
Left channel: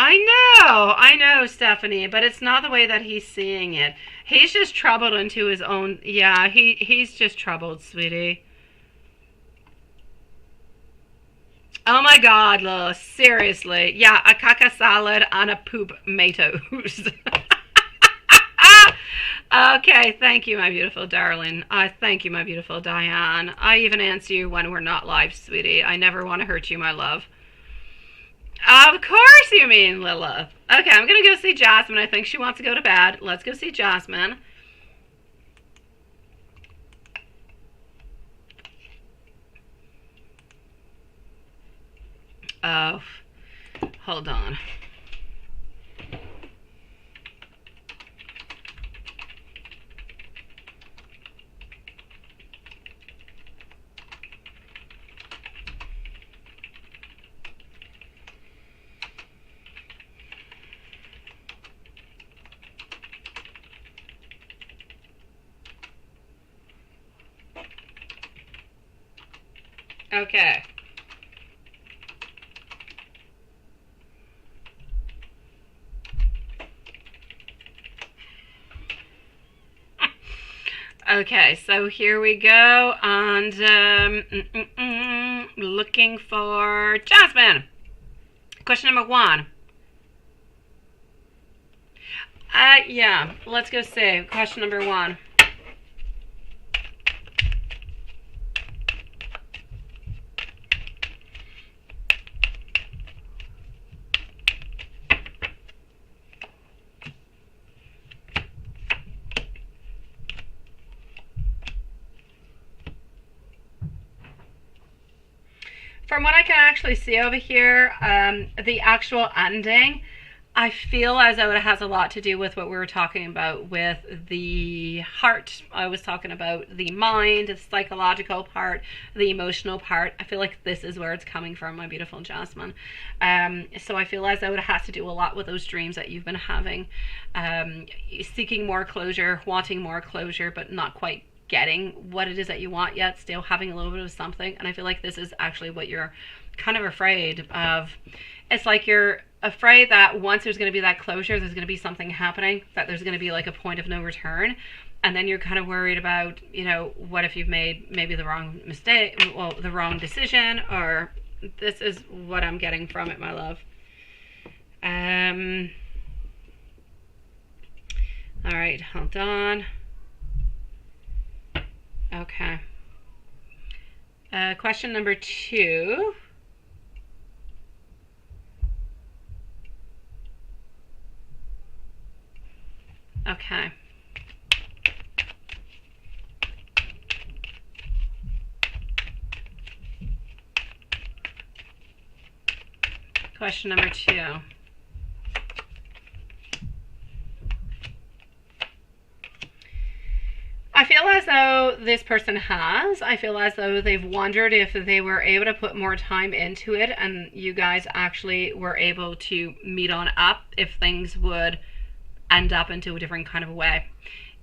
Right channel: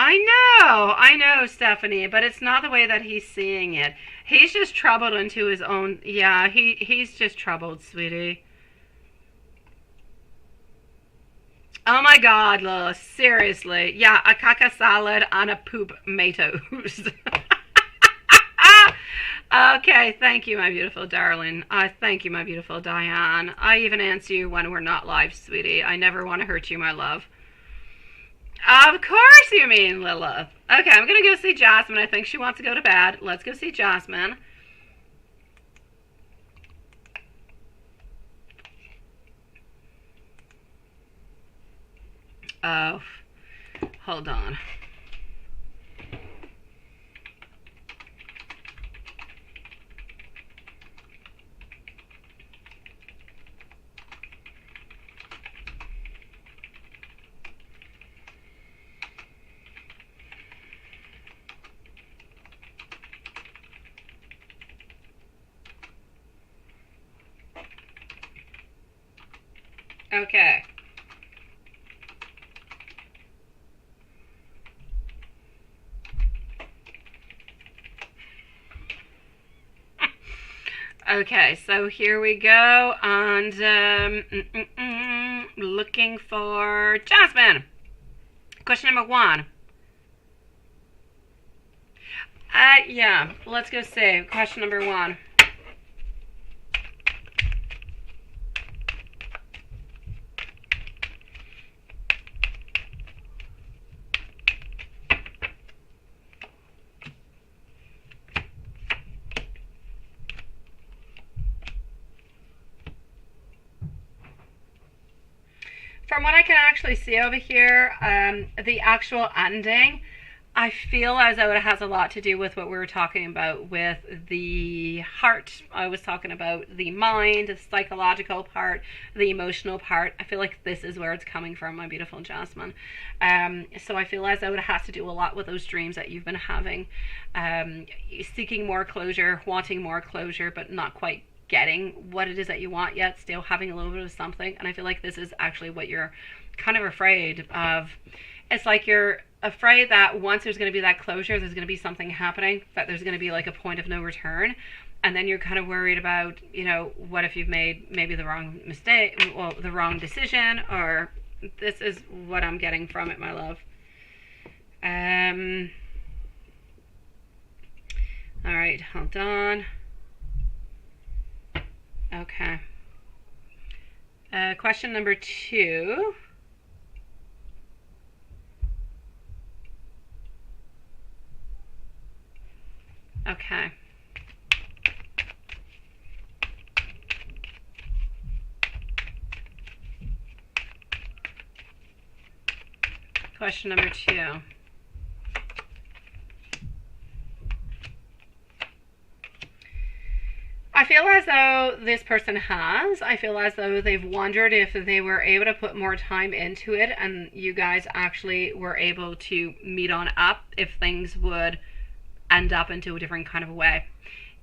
I know, Stephanie, but it's not the way that he's seeing it. He's just troubled into his own... Yeah, he's just troubled, sweetie. Oh my God, Lois, seriously. Yeah, a caca salad and a poop tomatoes. Okay, thank you, my beautiful darling. Thank you, my beautiful Diane. I even answer you when we're not live, sweetie. I never want to hurt you, my love. Of course you mean Lilith. Okay, I'm going to go see Jasmine. I think she wants to go to bed. Let's go see Jasmine. Oh, hold on. Okay. Okay, so here we go, and looking for Jasmine. Question number 1. Yeah, let's go see. Question number 1. From what I can actually see over here, the actual ending, I feel as though it has a lot to do with what we were talking about with the heart. I was talking about the mind, the psychological part, the emotional part. I feel like this is where it's coming from, my beautiful Jasmine. So I feel as though it has to do a lot with those dreams that you've been having, seeking more closure, wanting more closure, but not quite getting what it is that you want yet, still having a little bit of something. And I feel like this is actually what you're kind of afraid of. It's like you're afraid that once there's going to be that closure, there's going to be something happening, that there's going to be like a point of no return. And then you're kind of worried about, you know, what if you've made maybe the wrong mistake, well, the wrong decision, or This is what I'm getting from it, my love. All right, hold on. Okay. Question number 2. Okay. Question number 2. I feel as though this person has. I feel as though they've wondered if they were able to put more time into it and you guys actually were able to meet on up, if things would end up into a different kind of way.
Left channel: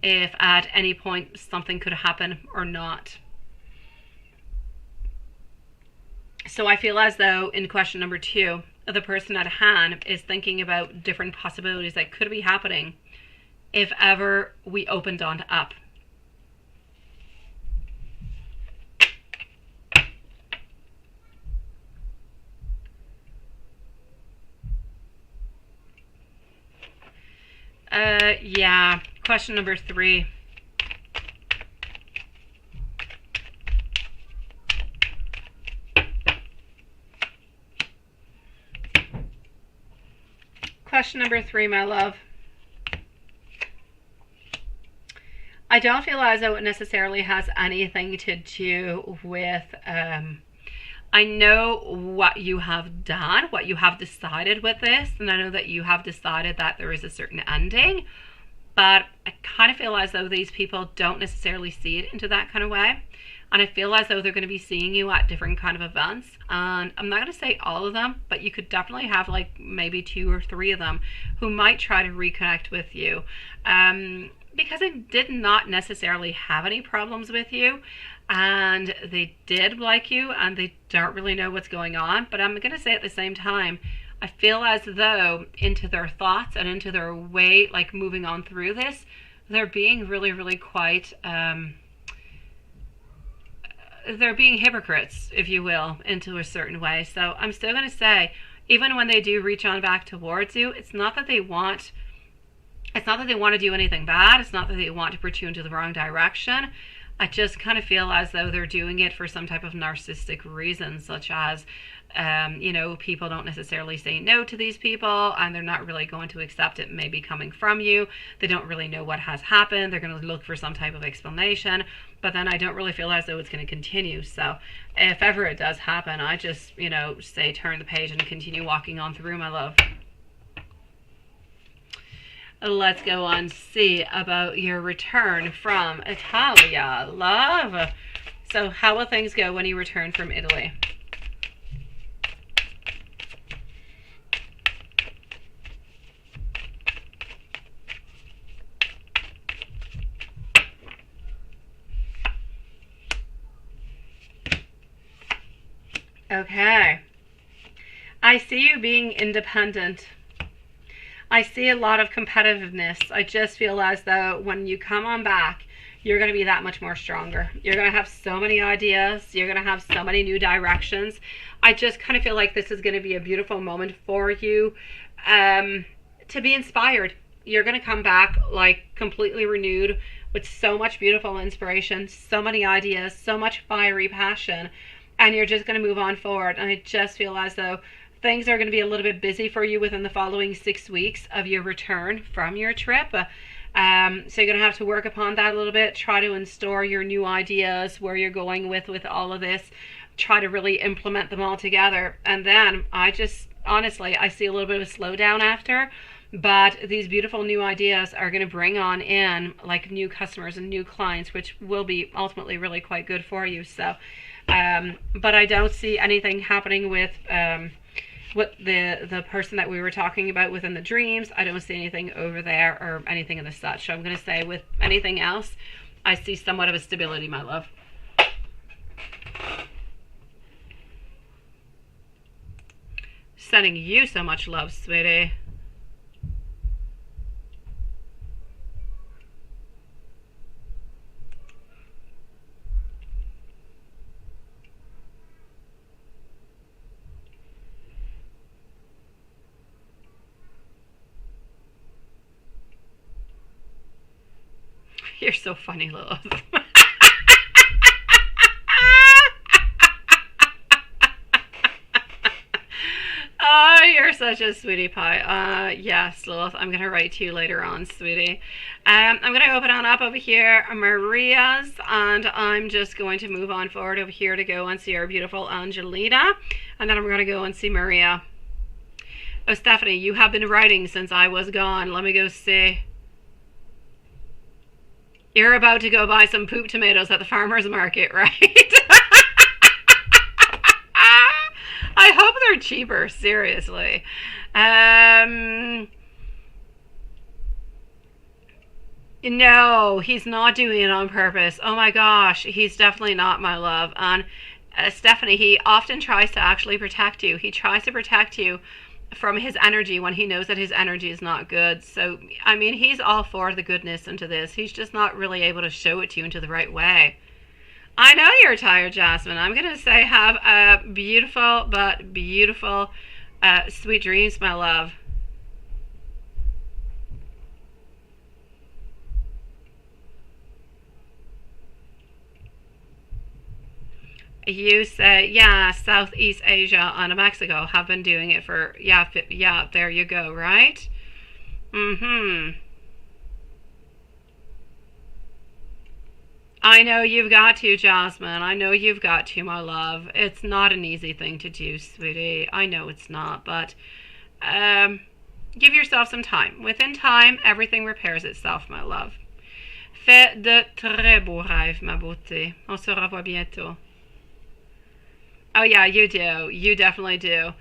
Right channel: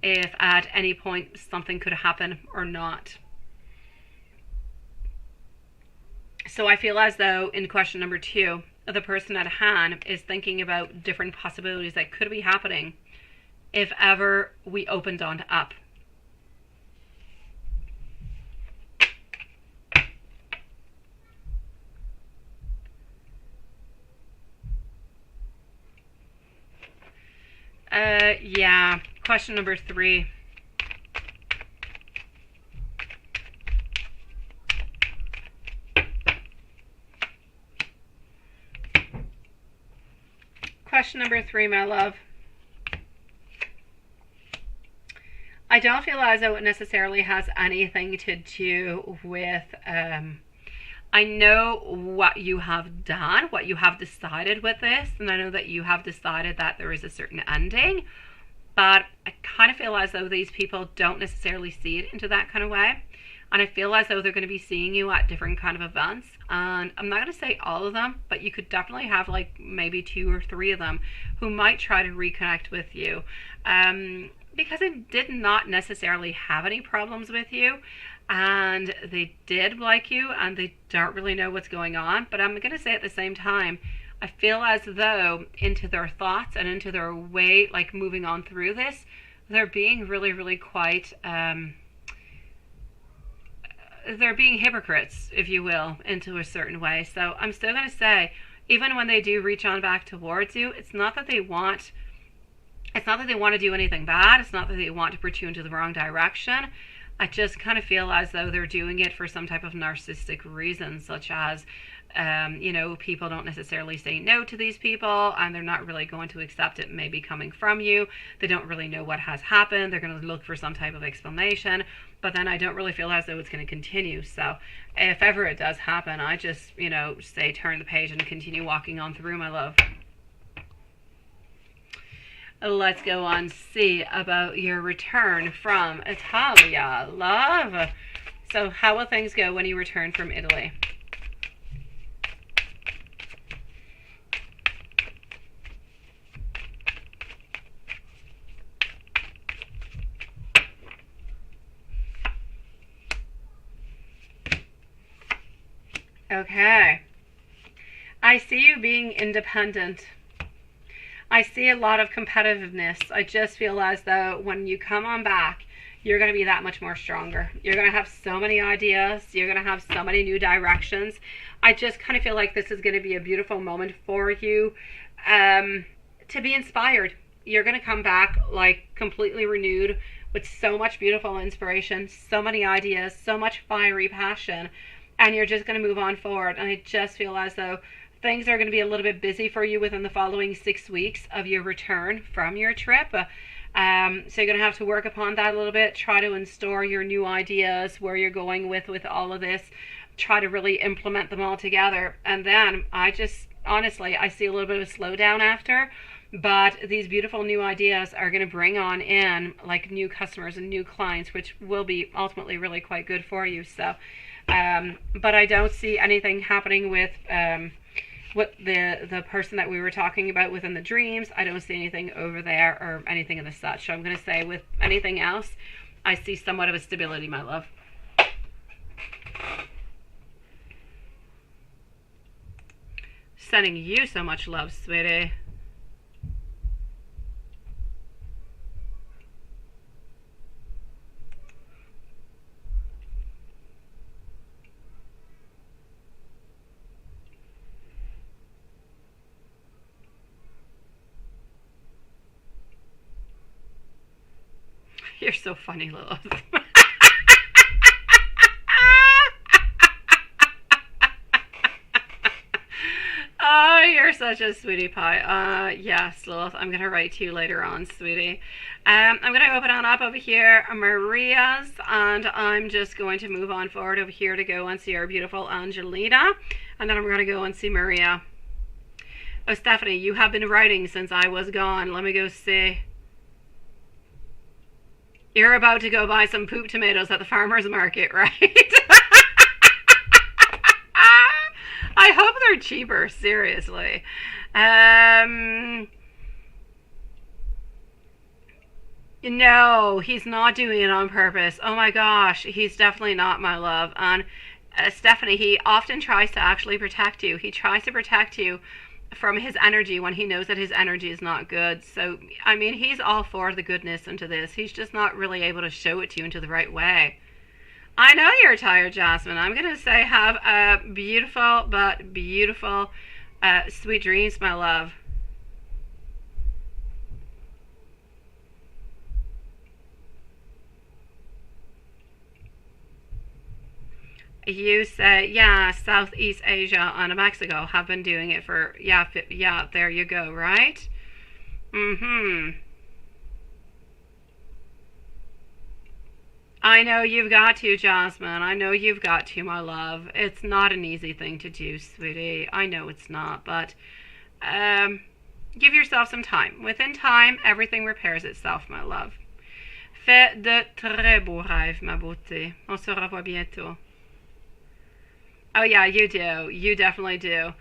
If at any point something could happen or not. So I feel as though in question number 2, the person at hand is thinking about different possibilities that could be happening if ever we opened on up. Yeah. Question number 3. Question number 3, my love. I don't feel as though it necessarily has anything to do with, I know what you have done, what you have decided with this, and I know that you have decided that there is a certain ending, but I kind of feel as though these people don't necessarily see it into that kind of way. And I feel as though they're going to be seeing you at different kind of events. And I'm not going to say all of them, but you could definitely have like maybe 2 or 3 of them who might try to reconnect with you. Because they did not necessarily have any problems with you. And they did like you and they don't really know what's going on. But I'm going to say at the same time, I feel as though into their thoughts and into their way, like moving on through this, they're being really, really quite... they're being hypocrites, if you will, into a certain way. So I'm still going to say, even when they do reach on back towards you, it's not that they want to do anything bad. It's not that they want to put you into the wrong direction. I just kind of feel as though they're doing it for some type of narcissistic reason, such as, people don't necessarily say no to these people and they're not really going to accept it maybe coming from you. They don't really know what has happened. They're going to look for some type of explanation, but then I don't really feel as though it's going to continue. So if ever it does happen, I just, say turn the page and continue walking on through, my love. Let's go on, see about your return from Italia, love. So how will things go when you return from Italy? Okay. I see you being independent. I see a lot of competitiveness. I just feel as though when you come on back, you're going to be that much more stronger. You're going to have so many ideas. You're going to have so many new directions. I just kind of feel like this is going to be a beautiful moment for you to be inspired. You're going to come back like completely renewed with so much beautiful inspiration, so many ideas, so much fiery passion, and you're just going to move on forward. And I just feel as though things are going to be a little bit busy for you within the following 6 weeks of your return from your trip. So you're going to have to work upon that a little bit, try to install your new ideas, where you're going with all of this, try to really implement them all together. And then I just, honestly, I see a little bit of a slowdown after, but these beautiful new ideas are going to bring on in like new customers and new clients, which will be ultimately really quite good for you. So, but I don't see anything happening with the person that we were talking about within the dreams. I don't see anything over there or anything of the such. So I'm going to say with anything else, I see somewhat of a stability, my love. Sending you so much love, sweetie. You're so funny, Lilith. Oh, you're such a sweetie pie. Yes, Lilith, I'm going to write to you later on, sweetie. I'm going to open on up over here, Maria's, and I'm just going to move on forward over here to go and see our beautiful Angelina, and then I'm going to go and see Maria. Oh, Stephanie, you have been writing since I was gone. Let me go see. You're about to go buy some poop tomatoes at the farmer's market, right? I hope they're cheaper, seriously. No, he's not doing it on purpose. Oh my gosh, he's definitely not, my love. And Stephanie, he often tries to actually protect you. He tries to protect you from his energy when he knows that his energy is not good. So, I mean, he's all for the goodness into this. He's just not really able to show it to you into the right way. I know you're tired, Jasmine. I'm going to say have a beautiful, but beautiful, sweet dreams, my love. You say, yeah, Southeast Asia and Mexico have been doing it for, yeah, there you go, right? Mm-hmm. I know you've got to, Jasmine. I know you've got to, my love. It's not an easy thing to do, sweetie. I know it's not, but give yourself some time. Within time, everything repairs itself, my love. Fais de très beaux rêves, ma beauté. On se revoit bientôt. Oh, yeah, you do. You definitely do.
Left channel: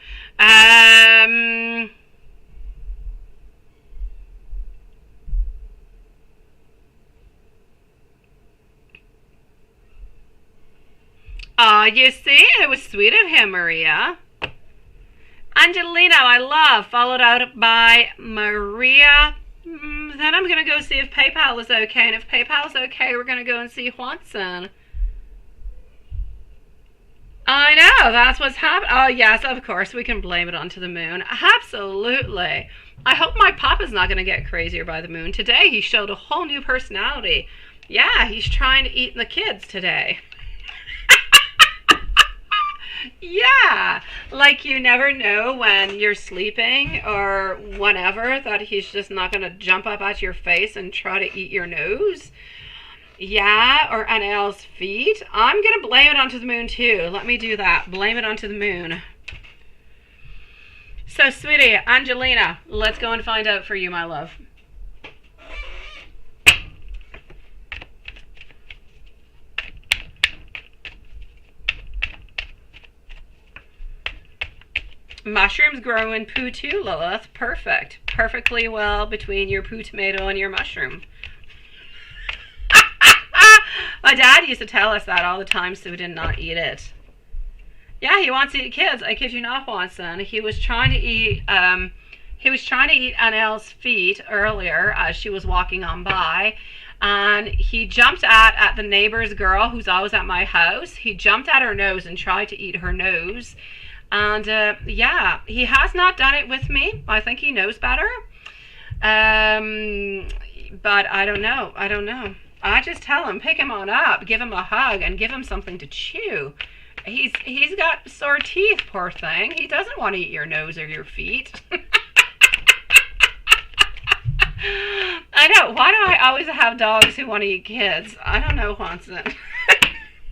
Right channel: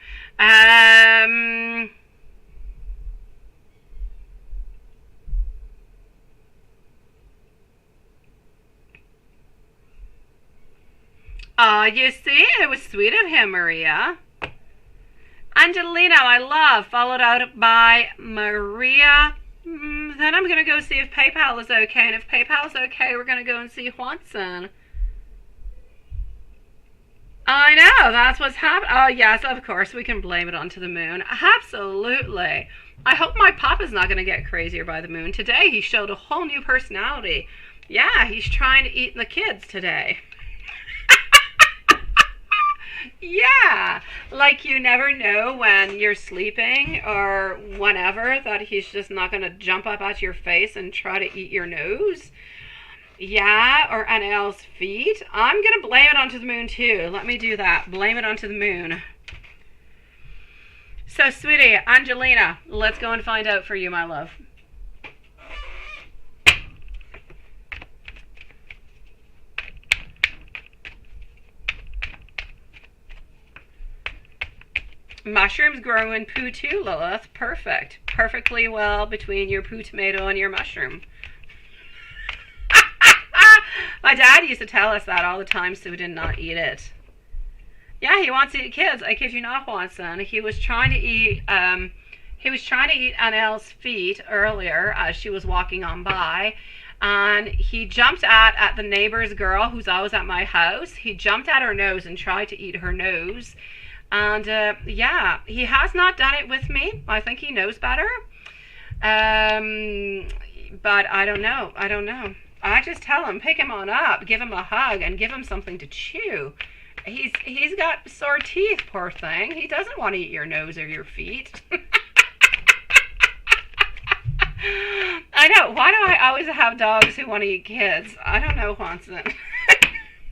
You see, it was sweet of him, Maria. Angelina, I love, followed out by Maria. Then I'm going to go see if PayPal is okay. And if PayPal is okay, we're going to go and see Juanson. I know, that's what's happening. Oh, yes, of course, we can blame it onto the moon. Absolutely. I hope my papa's not going to get crazier by the moon. Today, he showed a whole new personality. Yeah, he's trying to eat the kids today. Yeah, like you never know when you're sleeping or whenever that he's just not going to jump up at your face and try to eat your nose. Yeah, or an elle's feet. I'm going to blame it onto the moon too. Let me do that. Blame it onto the moon. So, sweetie, Angelina, let's go and find out for you, my love. Mushrooms grow in poo too, Lilith. Perfect. Perfectly well between your poo tomato and your mushroom. My dad used to tell us that all the time, so we did not eat it. Yeah, he wants to eat kids. I kid you not, Watson. He was trying to eat Annelle's feet earlier as she was walking on by, and he jumped at the neighbor's girl who's always at my house. He jumped at her nose and tried to eat her nose. And yeah, he has not done it with me. I think he knows better. But I don't know. I just tell him, pick him on up, give him a hug, and give him something to chew. He's got sore teeth, poor thing. He doesn't want to eat your nose or your feet. I know. Why do I always have dogs who want to eat kids? I don't know, Juanson.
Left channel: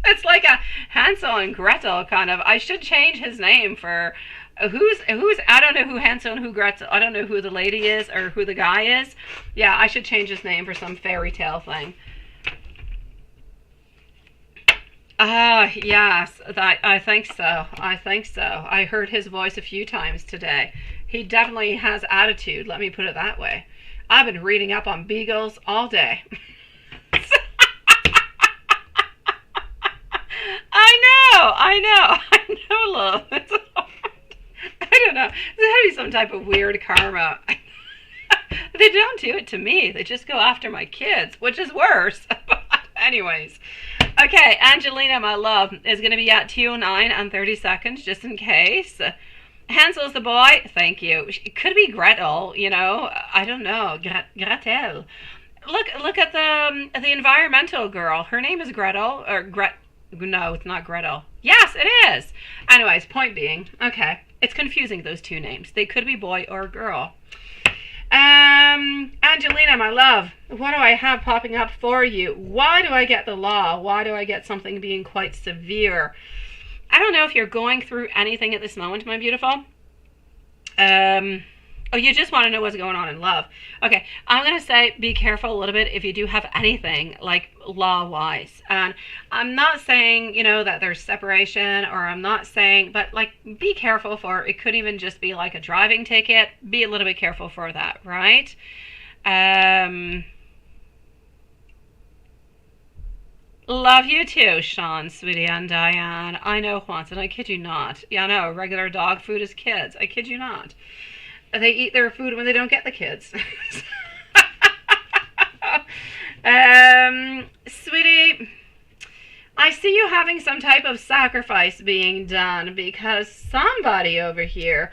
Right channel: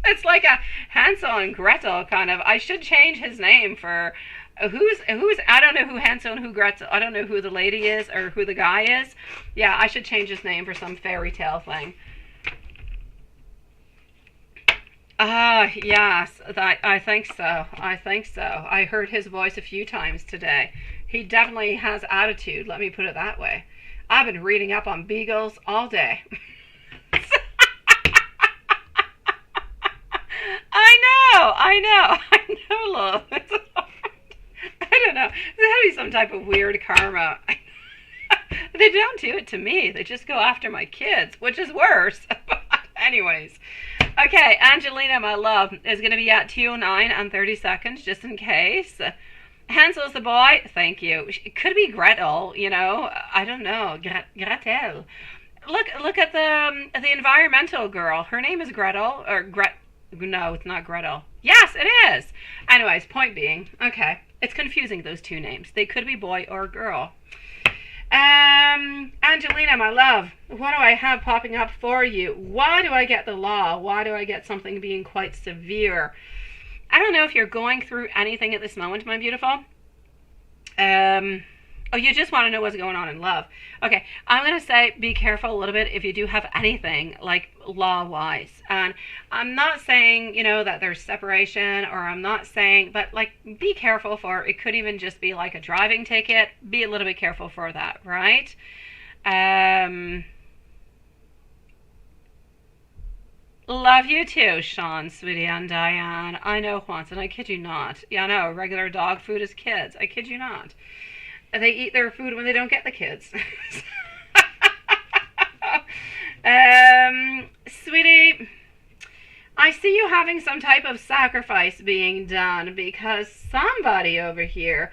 It's like a Hansel and Gretel kind of. I should change his name for who's I don't know who Hansel and who Gretel. I don't know who the lady is or who the guy is. Yeah, I should change his name for some fairy tale thing. Yes, I think so. I heard his voice a few times today. He definitely has attitude, let me put it that way. I've been reading up on beagles all day. I know, love. I don't know. There's got to be some type of weird karma. They don't do it to me. They just go after my kids, which is worse. But anyways. Okay, Angelina, my love, is going to be at 2:09 and 30 seconds, just in case. Hansel's the boy. Thank you. It could be Gretel, you know. I don't know. Gretel. Look at the environmental girl. Her name is Gretel or Gret. No, it's not Gretel. Yes, it is. Anyways, point being, okay, it's confusing those two names. They could be boy or girl. Angelina, my love, what do I have popping up for you? Why do I get the law? Why do I get something being quite severe? I don't know if you're going through anything at this moment, my beautiful. Oh, you just want to know what's going on in love. Okay, I'm going to say be careful a little bit if you do have anything, like law-wise. And I'm not saying, that there's separation, or I'm not saying, but, like, be careful for, it could even just be like a driving ticket. Be a little bit careful for that, right? Love you too, Sean, sweetie, and Diane. I know, Juanson, I kid you not. Yeah, I know, regular dog food is kids. I kid you not. They eat their food when they don't get the kids. Sweetie, I see you having some type of sacrifice being done because somebody over here,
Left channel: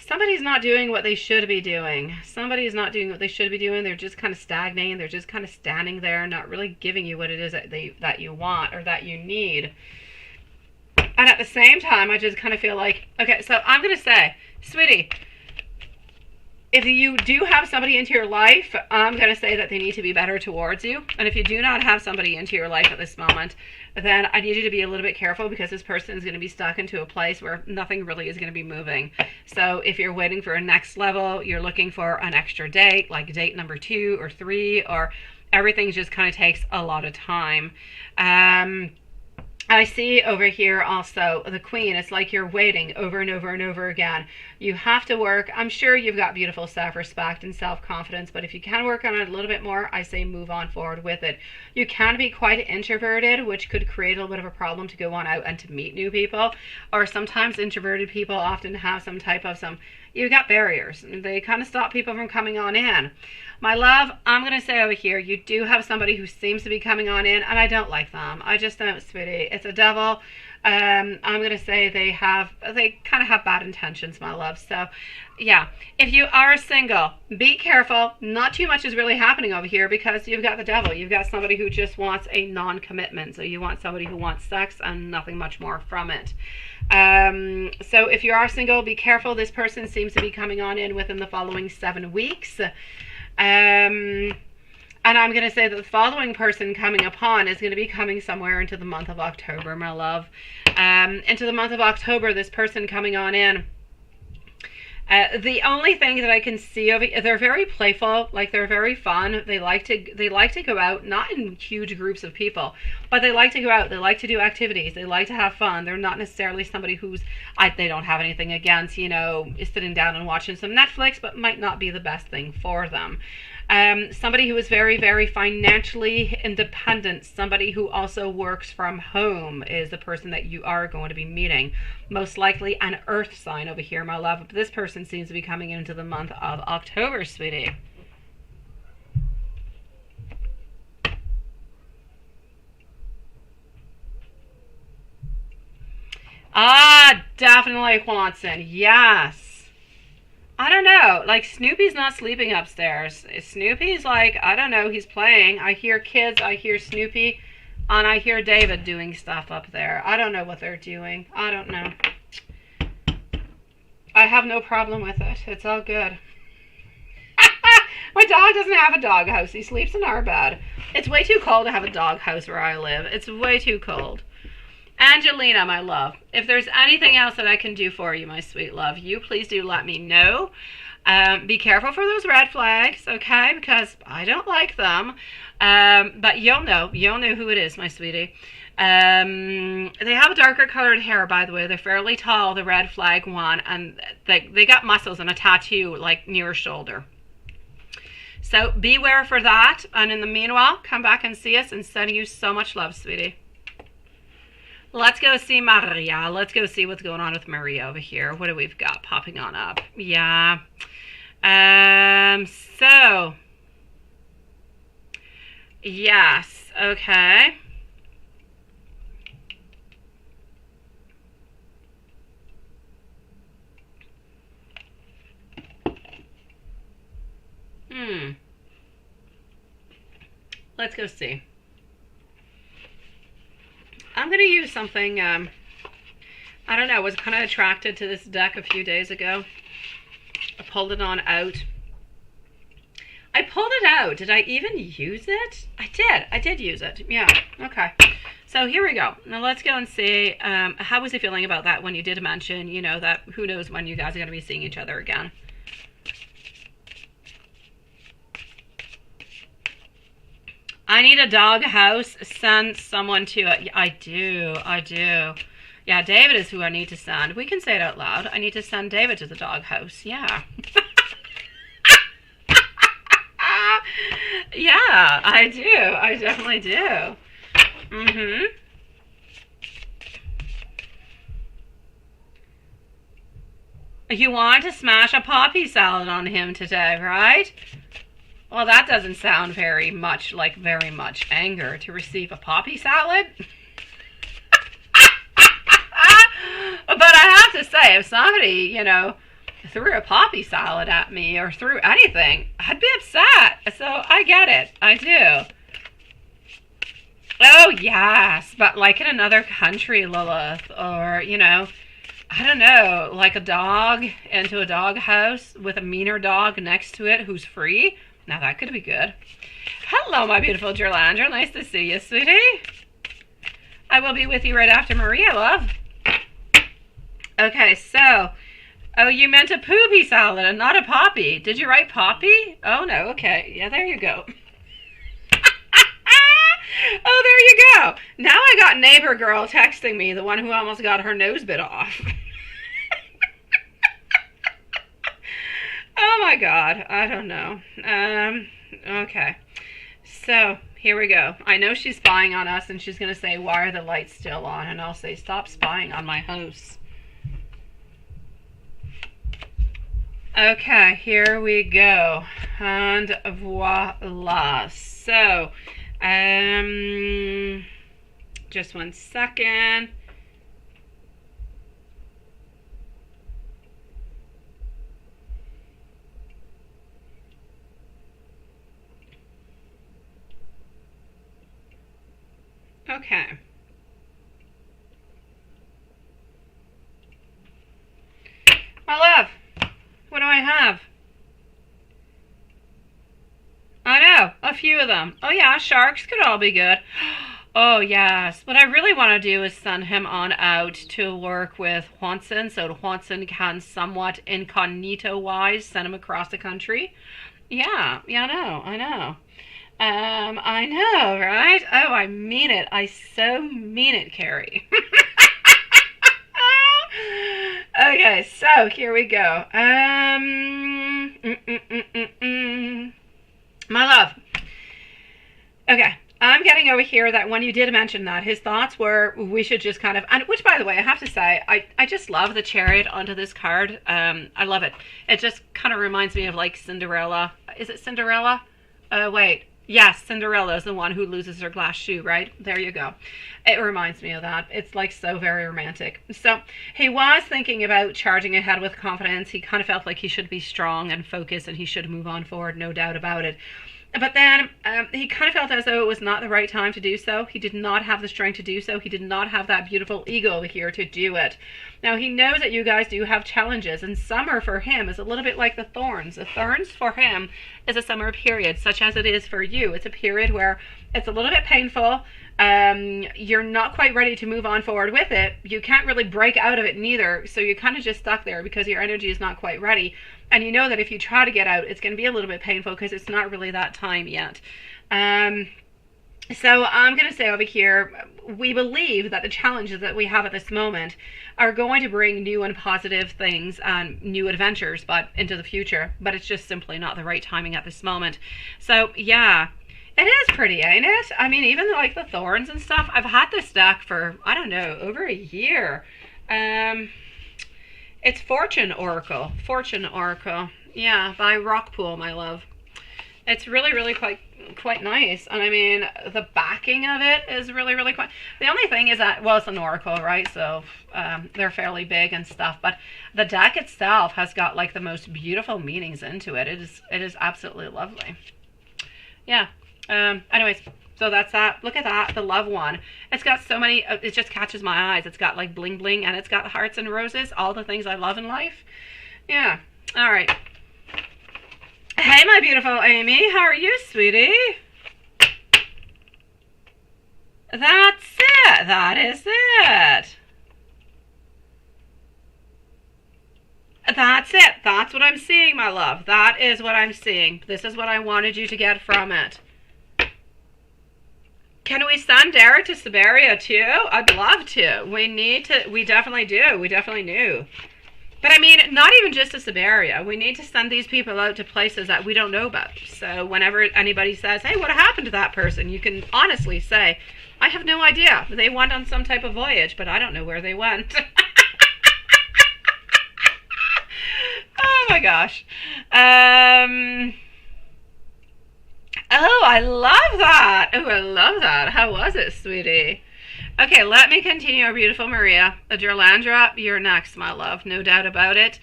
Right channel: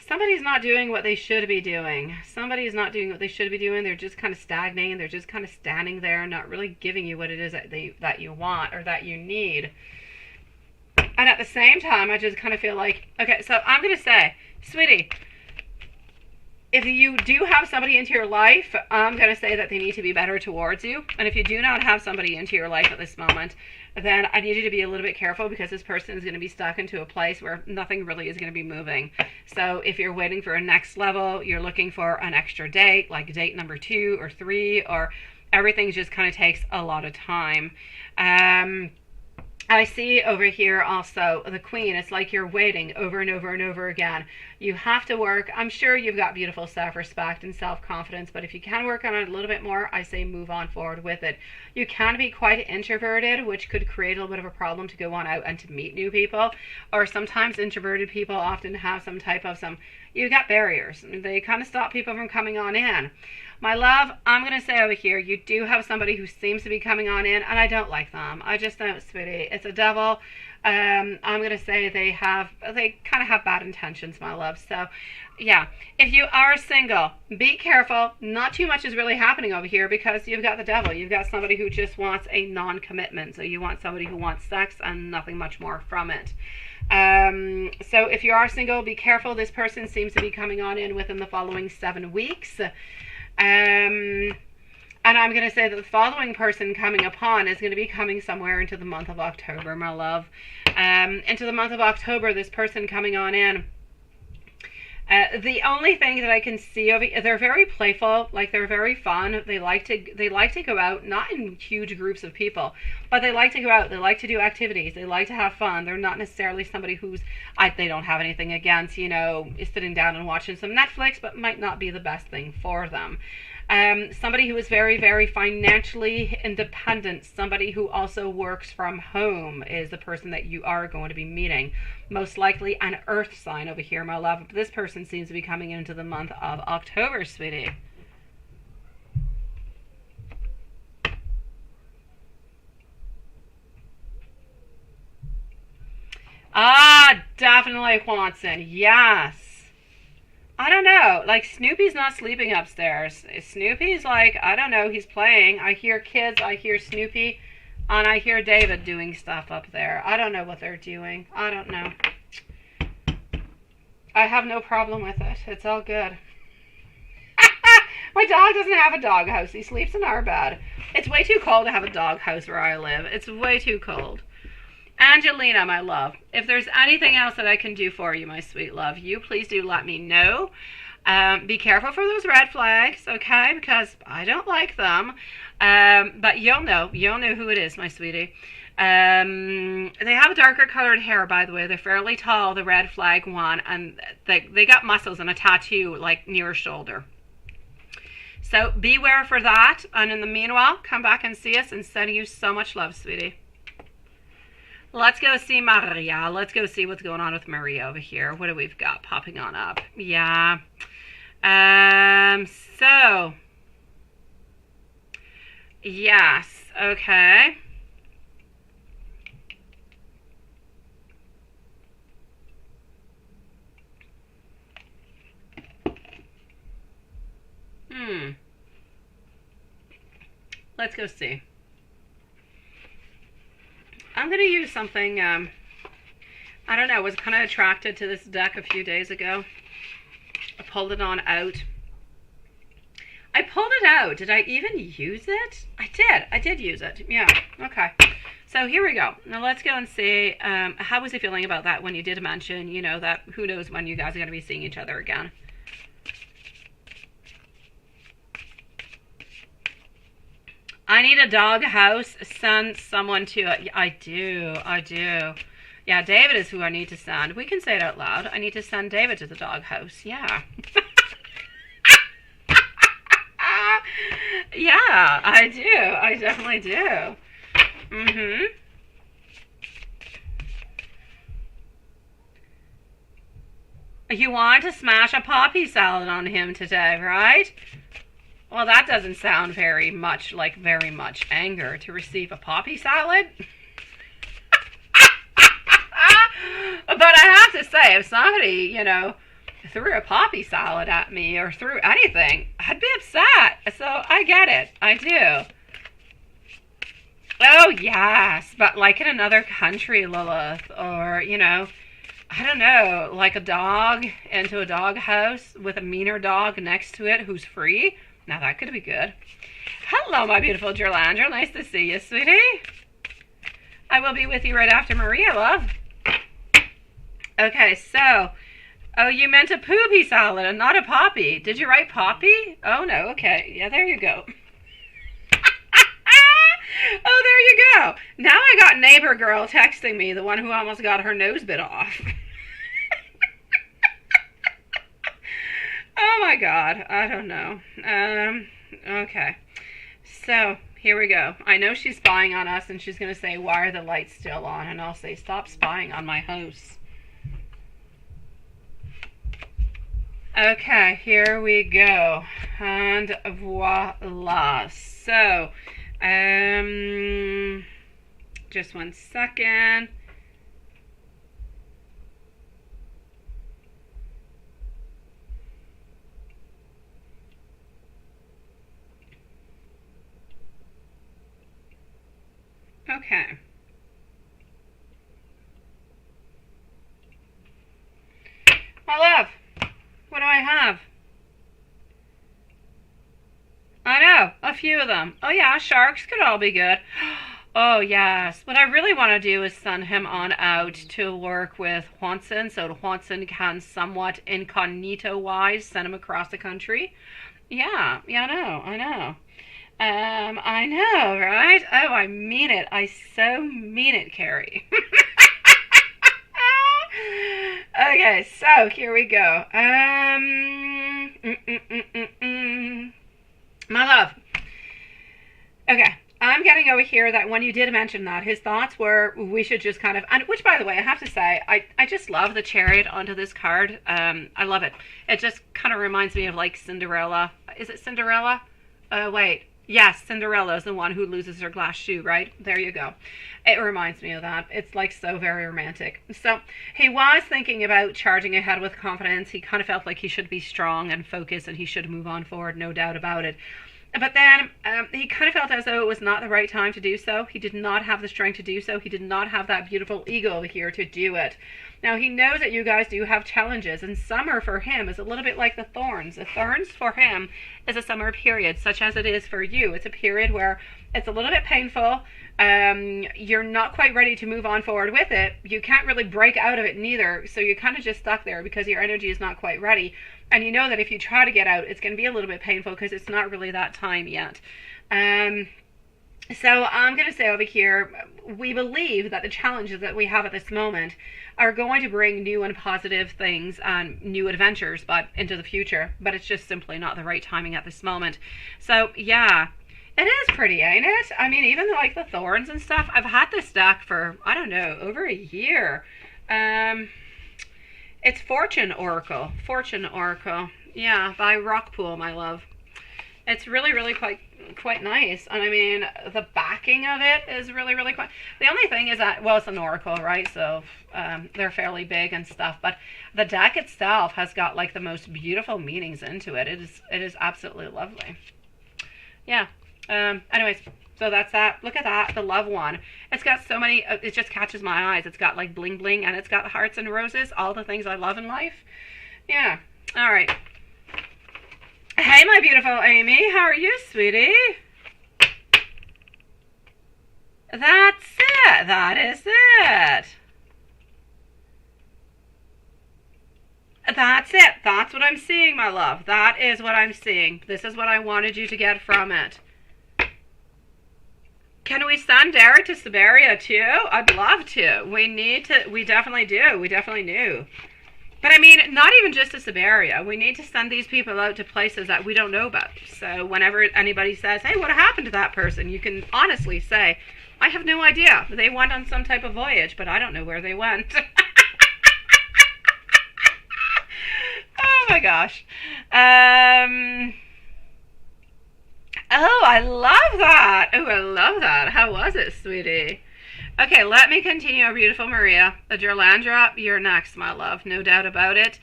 somebody's not doing what they should be doing. Somebody's not doing what they should be doing. They're just kind of stagnating. They're just kind of standing there, not really giving you what it is that you want or that you need. And at the same time, I just kind of feel like, okay, so I'm going to say, sweetie, if you do have somebody into your life, I'm going to say that they need to be better towards you. And if you do not have somebody into your life at this moment, then I need you to be a little bit careful because this person is going to be stuck into a place where nothing really is going to be moving. So if you're waiting for a next level, you're looking for an extra date, like date number 2 or 3, or everything just kind of takes a lot of time. I see over here also the Queen. It's like you're waiting over and over and over again. You have to work. I'm sure you've got beautiful self-respect and self-confidence, but if you can work on it a little bit more, I say move on forward with it. You can be quite introverted, which could create a little bit of a problem to go on out and to meet new people. Or sometimes introverted people often have you've got barriers. They kind of stop people from coming on in. My love, I'm going to say over here, you do have somebody who seems to be coming on in, and I don't like them. I just don't, sweetie. It's a devil. I'm going to say they kind of have bad intentions, my love. So, yeah. If you are single, be careful. Not too much is really happening over here because you've got the devil. You've got somebody who just wants a non-commitment. So you want somebody who wants sex and nothing much more from it. So if you are single, be careful. This person seems to be coming on in within the following 7 weeks. And I'm going to say that the following person coming upon is going to be coming somewhere into the month of October, my love. Into the month of October, this person coming on in. The only thing that I can see over, they're very playful, like they're very fun. They like to go out, not in huge groups of people, but they like to go out. They like to do activities. They like to have fun. They're not necessarily somebody they don't have anything against, is sitting down and watching some Netflix, but might not be the best thing for them. Somebody who is very, very financially independent, somebody who also works from home is the person that you are going to be meeting. Most likely an earth sign over here, my love. This person seems to be coming into the month of October, sweetie. Ah, definitely Juanson. Yes. I don't know. Like, Snoopy's not sleeping upstairs. Snoopy's like, I don't know, he's playing. I hear kids, I hear Snoopy, and I hear David doing stuff up there. I don't know what they're doing. I don't know. I have no problem with it. It's all good. My dog doesn't have a doghouse. He sleeps in our bed. It's way too cold to have a doghouse where I live. It's way too cold. Angelina, my love, if there's anything else that I can do for you, my sweet love, you please do let me know. Be careful for those red flags, okay? Because I don't like them. But you'll know who it is, my sweetie. They have a darker colored hair, by the way. They're fairly tall, the red flag one, and they got muscles and a tattoo like near her shoulder. So beware for that. And in the meanwhile, come back and see us, and sending you so much love, sweetie. Let's go see Maria. Let's go see what's going on with Maria over here. What do we've got popping on up? Yeah. So. Yes. Okay. Let's go see. I'm going to use something, I don't know, I was kind of attracted to this deck a few days ago. I pulled it on out. I pulled it out. Did I even use it? I did use it. Yeah, okay. So here we go. Now let's go and see, how was he feeling about that when you did mention, you know, that who knows when you guys are going to be seeing each other again. I need a dog house. Send someone to it. I do. Yeah, David is who I need to send. We can say it out loud. I need to send David to the dog house. Yeah. Yeah, I do. I definitely do. You want to smash a poppy salad on him today, right? Well, that doesn't sound very much anger to receive a poppy salad. But I have to say, if somebody, you know, threw a poppy salad at me or threw anything, I'd be upset. So I get it. I do. Oh, yes. But like in another country, Lilith, or, you know, I don't know, like a dog into a dog house with a meaner dog next to it who's free. Now that could be good. Hello, my beautiful Gerlandra. Nice to see you, sweetie. I will be with you right after Maria, love. Okay, so, oh, you meant a poopy salad and not a poppy. Did you write poppy? Oh, no, okay. Yeah, there you go. Oh, there you go. Now I got neighbor girl texting me, the one who almost got her nose bit off. Oh my God, I don't know. Okay. So, here we go. I know she's spying on us and she's going to say, why are the lights still on? And I'll say, stop spying on my hosts. Okay, here we go. And voila. So, just one second. Okay. My love, what do I have? I know, a few of them. Oh yeah, sharks could all be good. Oh yes, what I really want to do is send him on out to work with Juanson, so Juanson can somewhat incognito-wise send him across the country. Yeah, I know. I know, right? Oh, I mean it. I so mean it, Carrie. Okay, so here we go. My love. Okay, I'm getting over here that when you did mention that, his thoughts were we should just kind of, and which by the way, I have to say, I just love the chariot onto this card. I love it. It just kind of reminds me of like Cinderella. Is it Cinderella? Wait. Yes, Cinderella is the one who loses her glass shoe, right? There you go. It reminds me of that. It's like so very romantic. So he was thinking about charging ahead with confidence. He kind of felt like he should be strong and focused and he should move on forward, no doubt about it. But then he kind of felt as though it was not the right time to do so. He did not have the strength to do so. He did not have that beautiful ego over here to do it. Now, he knows that you guys do have challenges, and summer for him is a little bit like the thorns. The thorns for him is a summer period, such as it is for you. It's a period where it's a little bit painful. You're not quite ready to move on forward with it. You can't really break out of it neither, so you're kind of just stuck there because your energy is not quite ready. And you know that if you try to get out, it's going to be a little bit painful because it's not really that time yet. So I'm going to say over here, we believe that the challenges that we have at this moment are going to bring new and positive things and new adventures but into the future. But it's just simply not the right timing at this moment. So yeah, it is pretty, ain't it? I mean, even like the thorns and stuff, I've had this deck for, I don't know, over a year. It's Fortune Oracle. Yeah, by Rockpool, my love. It's really, really quite, quite nice. And I mean, the backing of it is really, really quite. The only thing is that, well, it's an oracle, right? So they're fairly big and stuff. But the deck itself has got like the most beautiful meanings into it. It is absolutely lovely. Yeah. Anyways, so that's that. Look at that, the love one. It's got so many. It just catches my eyes. It's got like bling bling, and it's got hearts and roses. All the things I love in life. Yeah. All right. Hey, my beautiful Amy. How are you, sweetie? That's it. That is it. That's it. That's what I'm seeing, my love. That is what I'm seeing. This is what I wanted you to get from it. Can we send Derek to Siberia too? I'd love to. We need to. We definitely do. We definitely do. But I mean, not even just to Siberia. We need to send these people out to places that we don't know about. So whenever anybody says, hey, what happened to that person? You can honestly say, I have no idea. They went on some type of voyage, but I don't know where they went. Oh my gosh. Oh, I love that. Oh, I love that. How was it, sweetie? Okay, let me continue, our beautiful Maria. Adrilandra, you're next, my love. No doubt about it.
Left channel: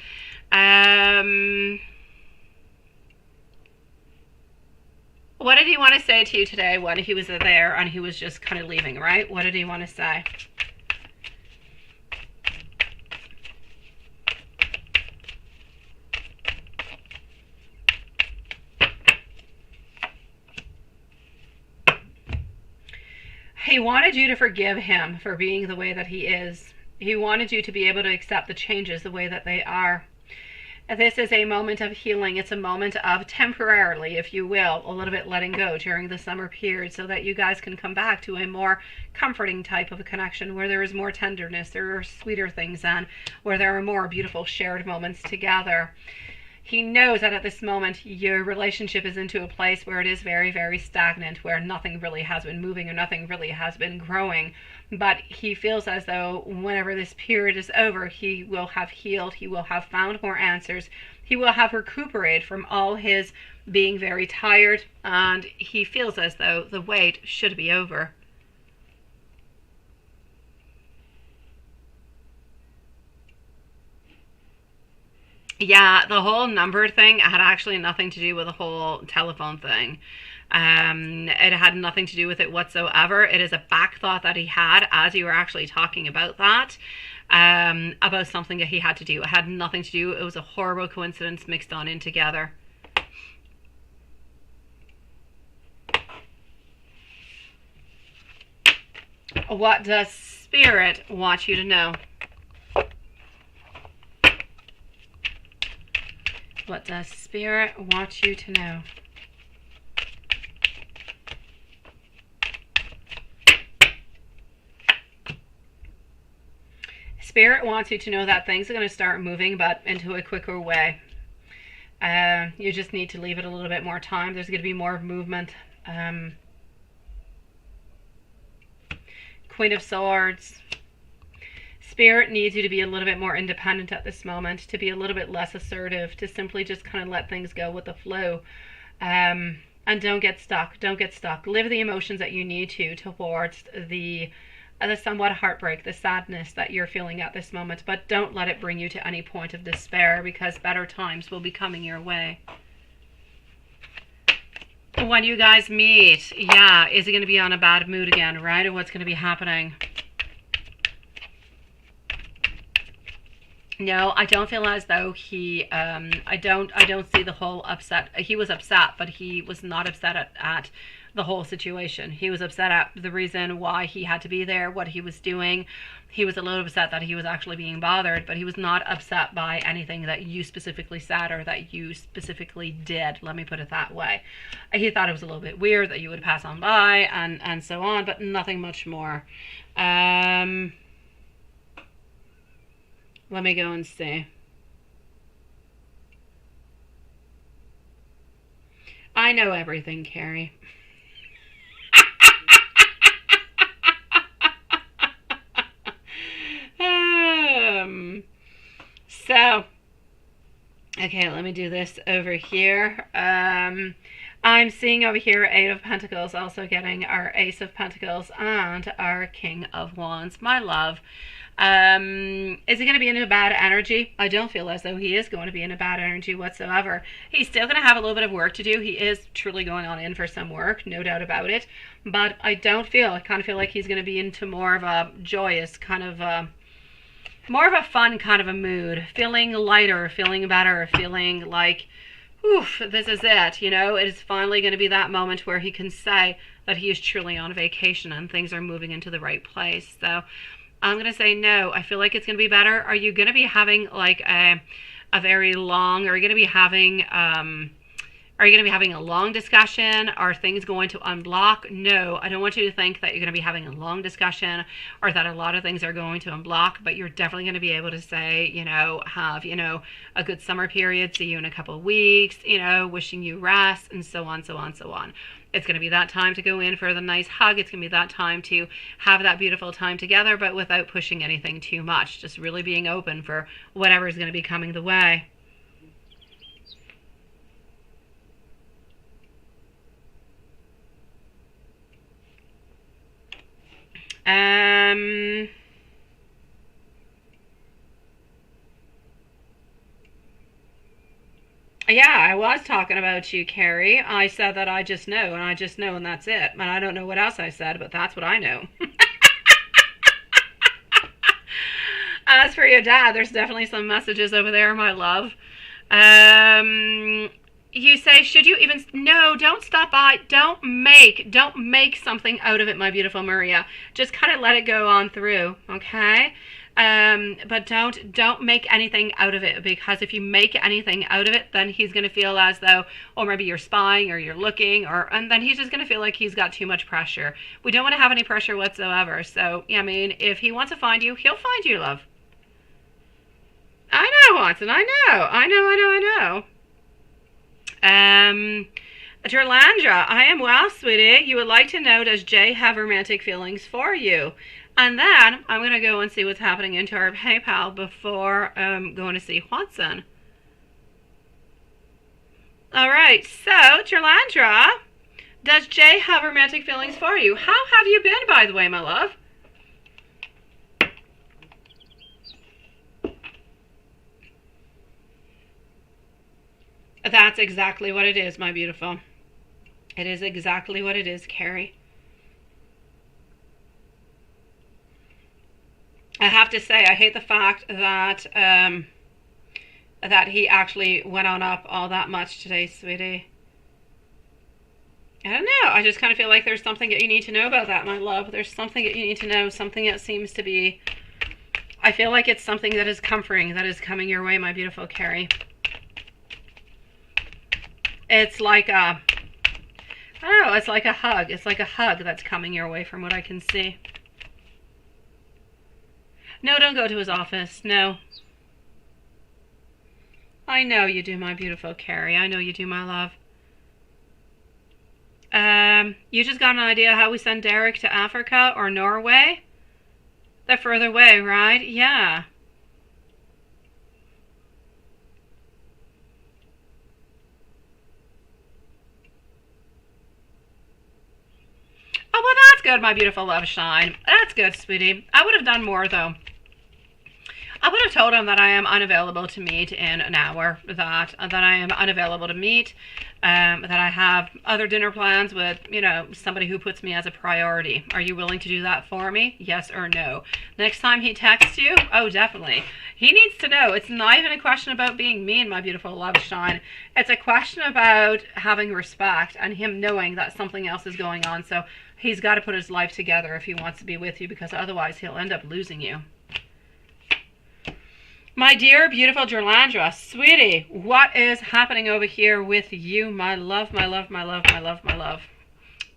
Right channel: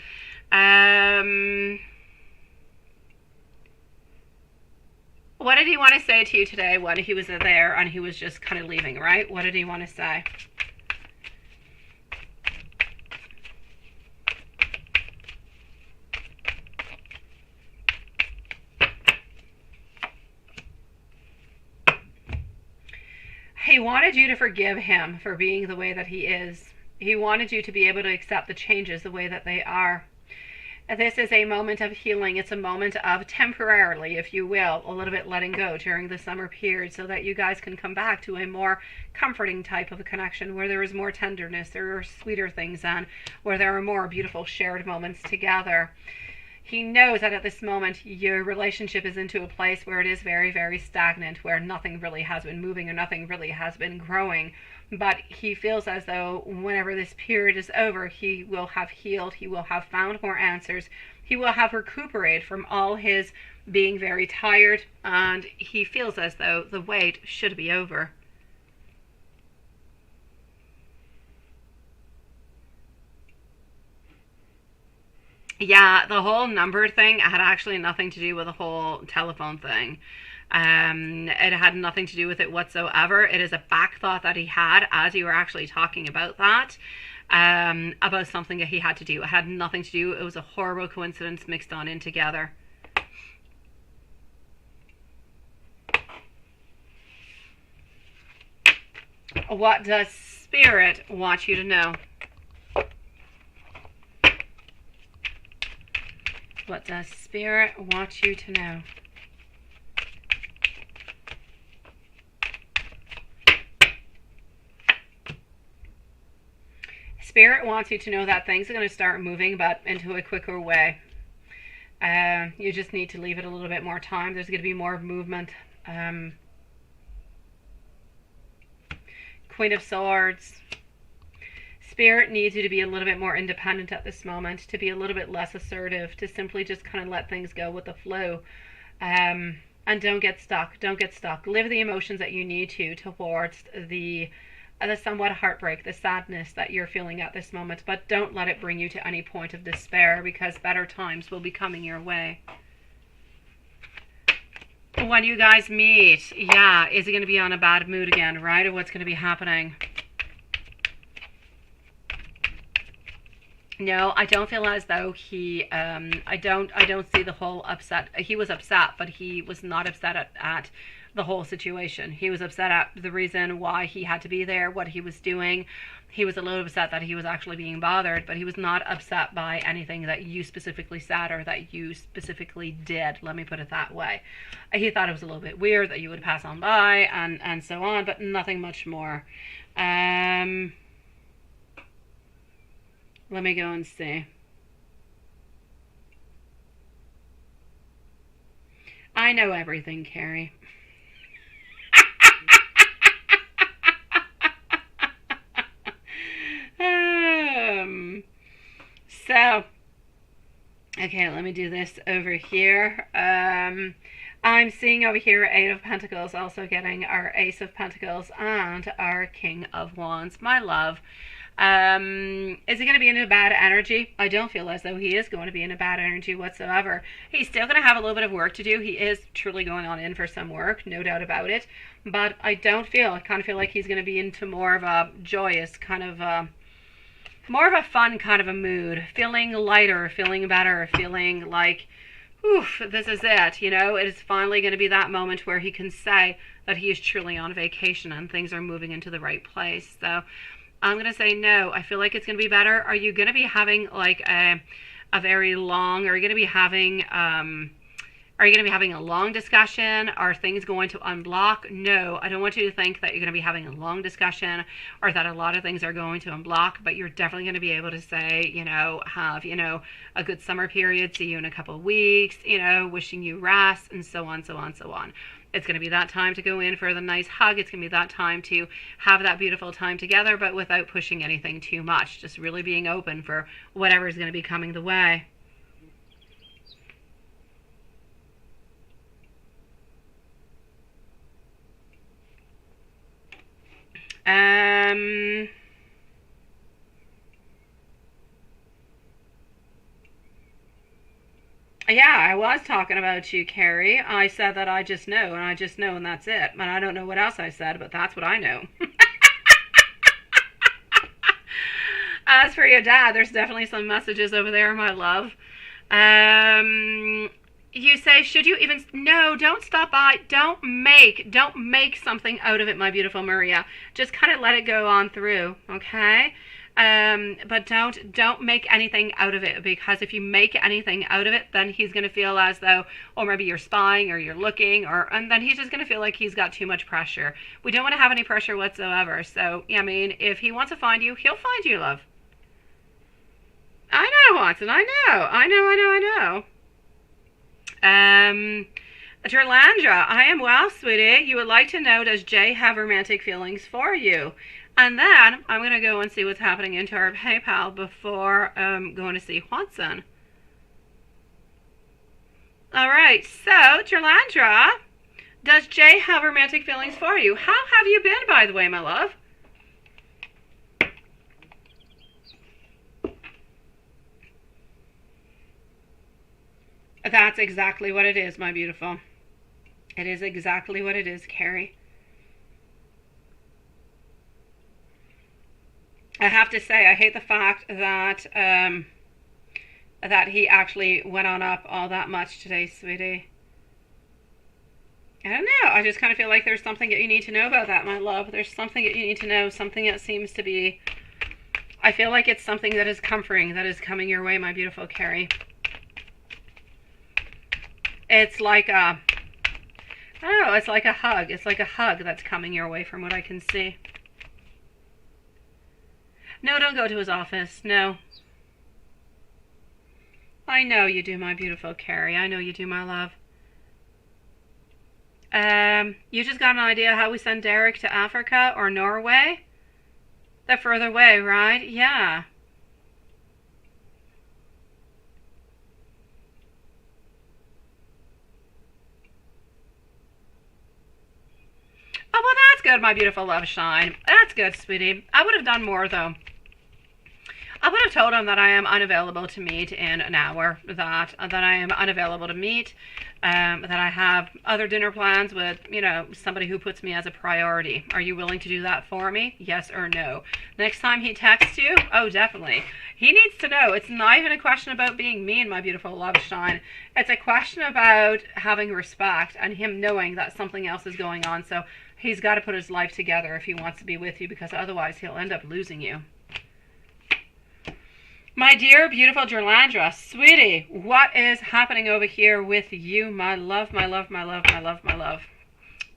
What did he want to say to you today when he was there and he was just kind of leaving, right? What did he want to say? He wanted you to forgive him for being the way that he is. He wanted you to be able to accept the changes the way that they are. This is a moment of healing. It's a moment of temporarily, if you will, a little bit letting go during the summer period so that you guys can come back to a more comforting type of a connection where there is more tenderness, there are sweeter things, and where there are more beautiful shared moments together. He knows that at this moment your relationship is into a place where it is very, very stagnant, where nothing really has been moving or nothing really has been growing. But he feels as though whenever this period is over, he will have healed, he will have found more answers, he will have recuperated from all his being very tired, and he feels as though the wait should be over. Yeah, the whole number thing had actually nothing to do with the whole telephone thing. It had nothing to do with it whatsoever. It is a back thought that he had as you were actually talking about that, about something that he had to do. It had nothing to do. It was a horrible coincidence mixed on in together. What does Spirit want you to know? What does Spirit want you to know? Spirit wants you to know that things are going to start moving, but into a quicker way. You just need to leave it a little bit more time. There's going to be more movement. Queen of Swords. Spirit needs you to be a little bit more independent at this moment, to be a little bit less assertive, to simply just kind of let things go with the flow. And don't get stuck. Don't get stuck. Live the emotions that you need to towards the somewhat heartbreak, the sadness that you're feeling at this moment. But don't let it bring you to any point of despair, because better times will be coming your way. When you guys meet, yeah, is he going to be on a bad mood again, right? Or what's going to be happening? No, I don't feel as though he, I don't see the whole upset. He was upset, but he was not upset at the whole situation. He was upset at the reason why he had to be there, what he was doing. He was a little upset that he was actually being bothered, but he was not upset by anything that you specifically said or that you specifically did. Let me put it that way. He thought it was a little bit weird that you would pass on by and so on, but nothing much more. Let me go and see. I know everything, Carrie. So, okay, let me do this over here. I'm seeing over here Eight of Pentacles, also getting our Ace of Pentacles and our King of Wands. My love. Is he going to be in a bad energy? I don't feel as though he is going to be in a bad energy whatsoever. He's still going to have a little bit of work to do. He is truly going on in for some work, no doubt about it. But I kind of feel like he's going to be into more of a joyous kind of more of a fun kind of a mood, feeling lighter, feeling better, feeling like, oof, this is it. You know, it is finally going to be that moment where he can say that he is truly on vacation and things are moving into the right place. So I'm going to say no. I feel like it's going to be better. Are you going to be having like a very long, are you going to be having a long discussion? Are things going to unblock? No, I don't want you to think that you're going to be having a long discussion or that a lot of things are going to unblock, but you're definitely going to be able to say, have, a good summer period, see you in a couple of weeks, wishing you rest and so on, so on, so on. It's going to be that time to go in for the nice hug. It's going to be that time to have that beautiful time together, but without pushing anything too much. Just really being open for whatever is going to be coming the way. Yeah, I was talking about you, Carrie. I said that I just know, and I just know, and that's it. And I don't know what else I said, but that's what I know. As for your dad, there's definitely some messages over there, my love. You say, should you even... No, don't stop by. Don't make something out of it, my beautiful Maria. Just kind of let it go on through, okay? But don't make anything out of it, because if you make anything out of it, then he's going to feel as though, or maybe you're spying or you're looking, and then he's just going to feel like he's got too much pressure. We don't want to have any pressure whatsoever. So, I mean, if he wants to find you, he'll find you, love. I know, Watson. I know. Jerlandra, I am well, sweetie. You would like to know, does Jay have romantic feelings for you? And then I'm going to go and see what's happening into our PayPal before going to see Watson. All right, so Jerlandra, does Jay have romantic feelings for you? How have you been, by the way, my love? That's exactly what it is, my beautiful. It is exactly what it is, Carrie. I have to say, I hate the fact that that he actually went on up all that much today, sweetie. I don't know. I just kind of feel like there's something that you need to know about that, my love. There's something that you need to know, something that seems to be... I feel like it's something that is comforting, that is coming your way, my beautiful Carrie. It's like a... I don't know, it's like a hug. It's like a hug that's coming your way from what I can see. No, don't go to his office. No. I know you do, my beautiful Carrie. I know you do, my love. You just got an idea how we send Derek to Africa or Norway? They're further away, right? Yeah. Oh, well, that's good, my beautiful love shine. That's good, sweetie. I would have done more, though. I would have told him that I am unavailable to meet in an hour, that I am unavailable to meet, that I have other dinner plans with, somebody who puts me as a priority. Are you willing to do that for me? Yes or no? Next time he texts you, oh, definitely. He needs to know. It's not even a question about being mean, my beautiful love shine. It's a question about having respect and him knowing that something else is going on. So he's got to put his life together if he wants to be with you, because otherwise he'll end up losing you. My dear, beautiful Jerlandra, sweetie, what is happening over here with you, my love, my love, my love, my love, my love?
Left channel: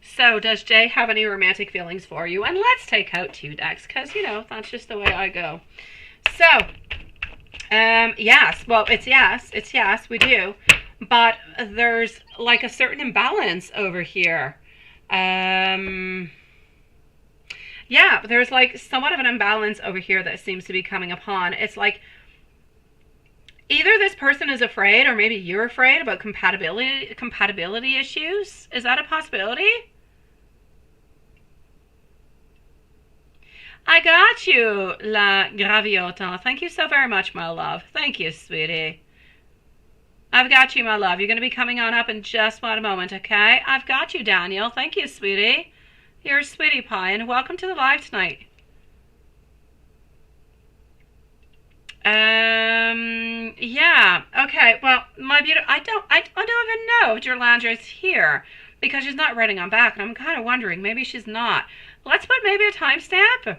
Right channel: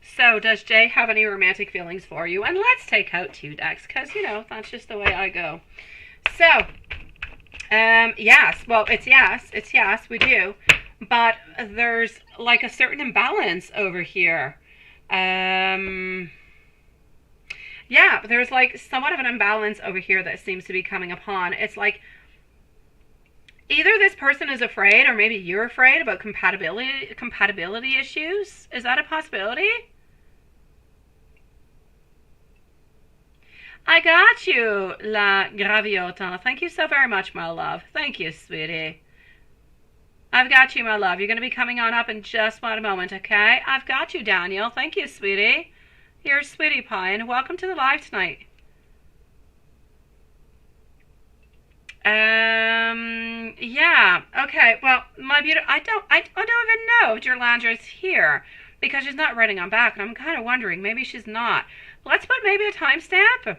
So, does Jay have any romantic feelings for you? And let's take out 2 decks, because, that's just the way I go. So, yes, well, it's yes, we do. But there's, like, a certain imbalance over here. Yeah, there's, like, somewhat of an imbalance over here that seems to be coming upon. It's like... Either this person is afraid, or maybe you're afraid about compatibility issues. Is that a possibility? I got you, La Graviota. Thank you so very much, my love. Thank you, sweetie. I've got you, my love. You're going to be coming on up in just one moment, okay? I've got you, Daniel. Thank you, sweetie. You're a sweetie pie, and welcome to the live tonight. Yeah. Okay. Well, my beautiful, I don't even know if Jerlandra's here because she's not writing on back, and I'm kind of wondering maybe she's not. Let's put maybe a timestamp.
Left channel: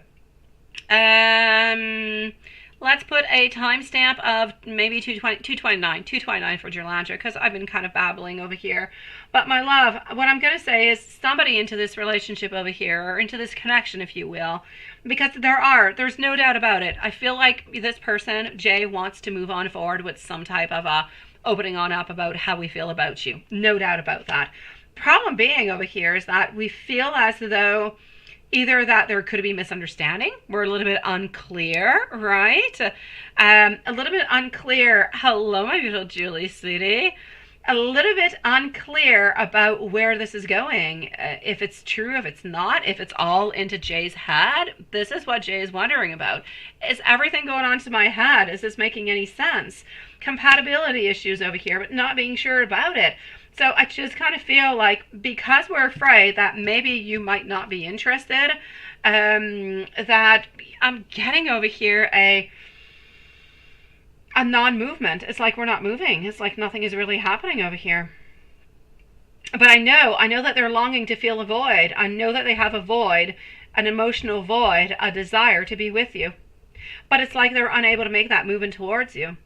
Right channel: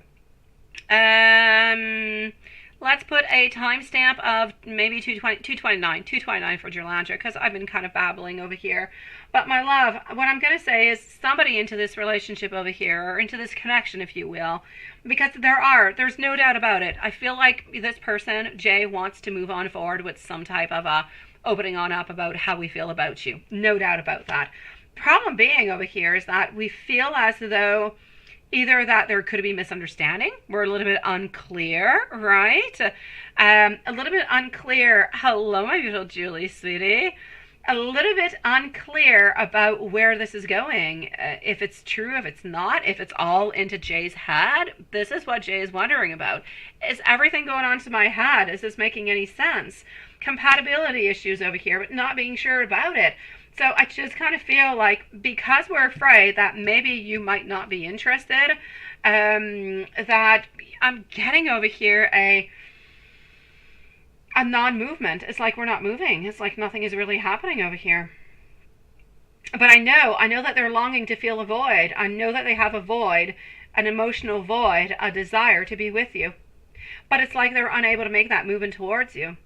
Let's put a timestamp of maybe 229 for Jerlandra, because I've been kind of babbling over here. But my love, what I'm going to say is somebody into this relationship over here, or into this connection, if you will, because there's no doubt about it. I feel like this person, Jay, wants to move on forward with some type of opening on up about how we feel about you. No doubt about that. Problem being over here is that we feel as though either that there could be misunderstanding. We're a little bit unclear, right? A little bit unclear. Hello, my beautiful Julie, sweetie. A little bit unclear about where this is going. If it's true, if it's not, if it's all into Jay's head. This is what Jay is wondering about. Is everything going on to my head? Is this making any sense? Compatibility issues over here, but not being sure about it. So I just kind of feel like because we're afraid that maybe you might not be interested, that I'm getting over here a non-movement. It's like we're not moving. It's like nothing is really happening over here. But I know that they're longing to feel a void. I know that they have a void, an emotional void, a desire to be with you. But it's like they're unable to make that movement towards you,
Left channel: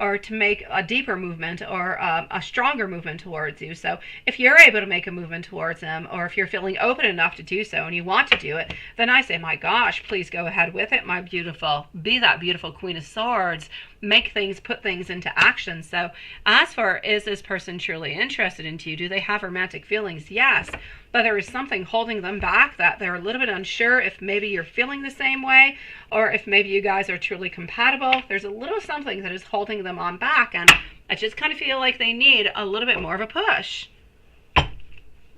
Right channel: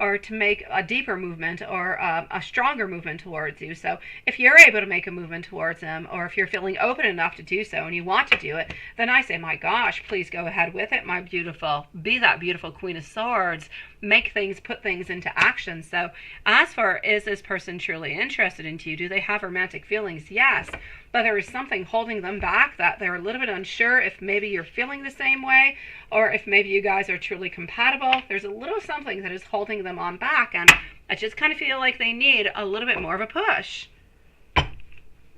or to make a deeper movement, or a stronger movement towards you. So if you're able to make a movement towards them, or if you're feeling open enough to do so and you want to do it, then I say, my gosh, please go ahead with it, my beautiful. Be that beautiful Queen of Swords. Make things, put things into action. So as for, is this person truly interested in you? Do they have romantic feelings? Yes. But there is something holding them back, that they're a little bit unsure if maybe you're feeling the same way, or if maybe you guys are truly compatible. There's a little something that is holding them on back, and I just kind of feel like they need a little bit more of a push.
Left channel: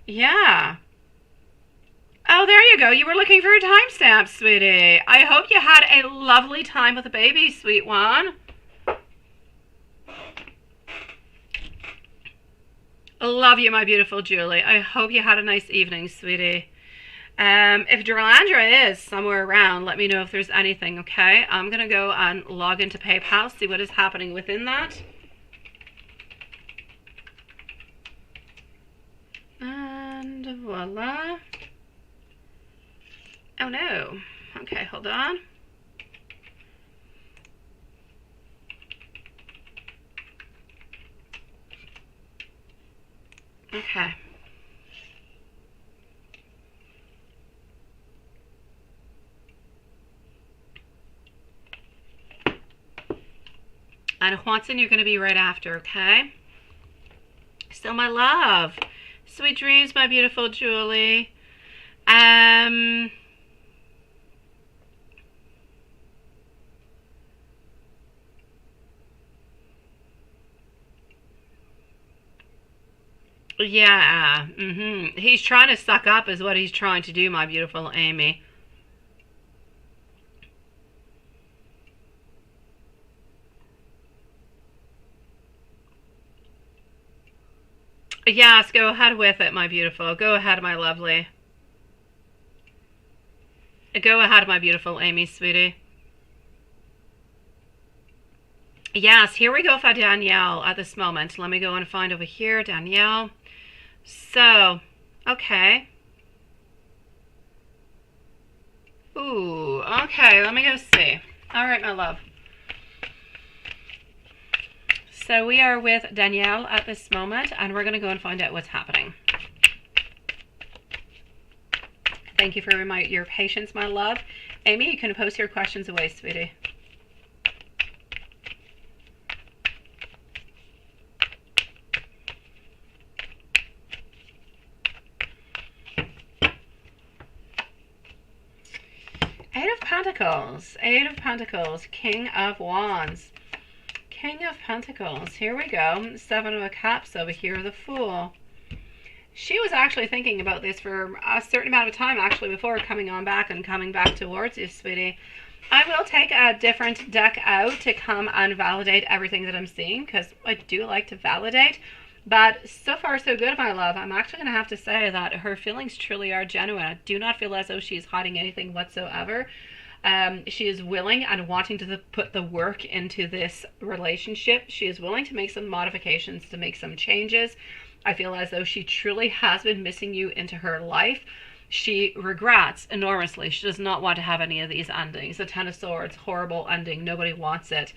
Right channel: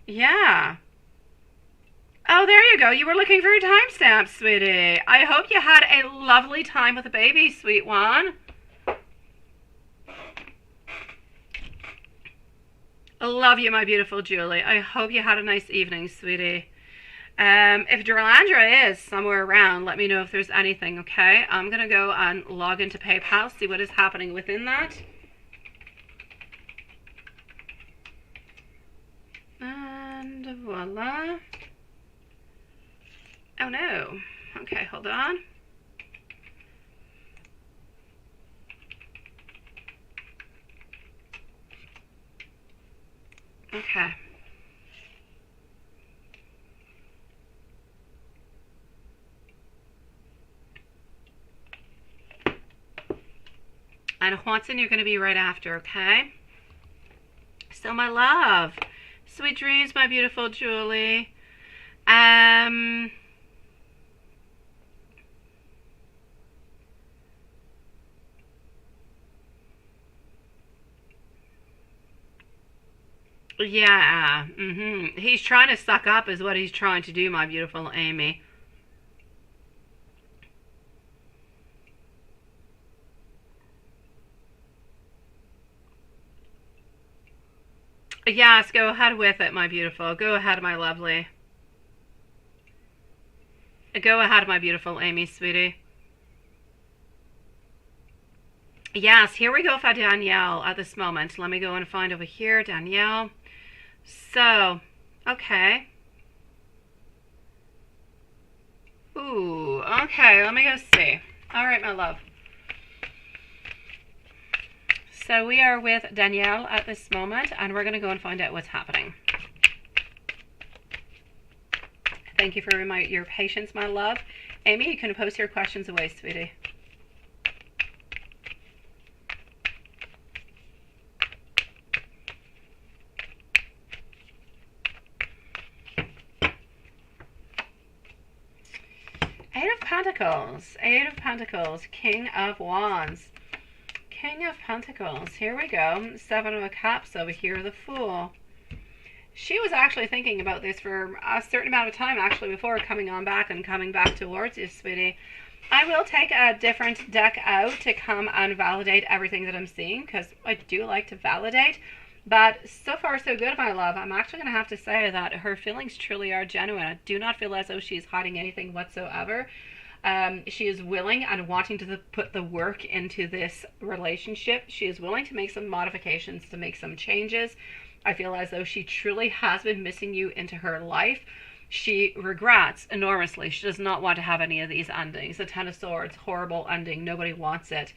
Yeah. Oh, there you go. You were looking for a timestamp, sweetie. I hope you had a lovely time with the baby, sweet one. I love you, my beautiful Julie. I hope you had a nice evening, sweetie. If Jerlandra is somewhere around, let me know if there's anything, okay? I'm going to go and log into PayPal, see what is happening within that. And voila. Oh, no. Okay, hold on. Okay. And Watson, you're going to be right after, okay? So, my love, sweet dreams, my beautiful Julie. Yeah, He's trying to suck up is what he's trying to do, my beautiful Amy. Yes, go ahead with it, my beautiful. Go ahead, my lovely. Go ahead, my beautiful Amy, sweetie. Yes, here we go for Danielle at this moment. Let me go and find over here, Danielle. So, okay. Ooh, okay, let me go see. All right, my love. So we are with Danielle at this moment, and we're going to go and find out what's happening. Thank you for your patience, my love. Amy, you can post your questions away, sweetie. Eight of Pentacles, King of Wands. King of Pentacles. Here we go. Seven of Cups over here, the Fool. She was actually thinking about this for a certain amount of time, actually, before coming on back and coming back towards you, sweetie. I will take a different deck out to come and validate everything that I'm seeing, because I do like to validate. But so far, so good, my love. I'm actually going to have to say that her feelings truly are genuine. I do not feel as though she's hiding anything whatsoever. She is willing and wanting to put the work into this relationship. She is willing to make some modifications, to make some changes. I feel as though she truly has been missing you into her life. She regrets enormously. She does not want to have any of these endings. The Ten of Swords, horrible ending. Nobody wants it.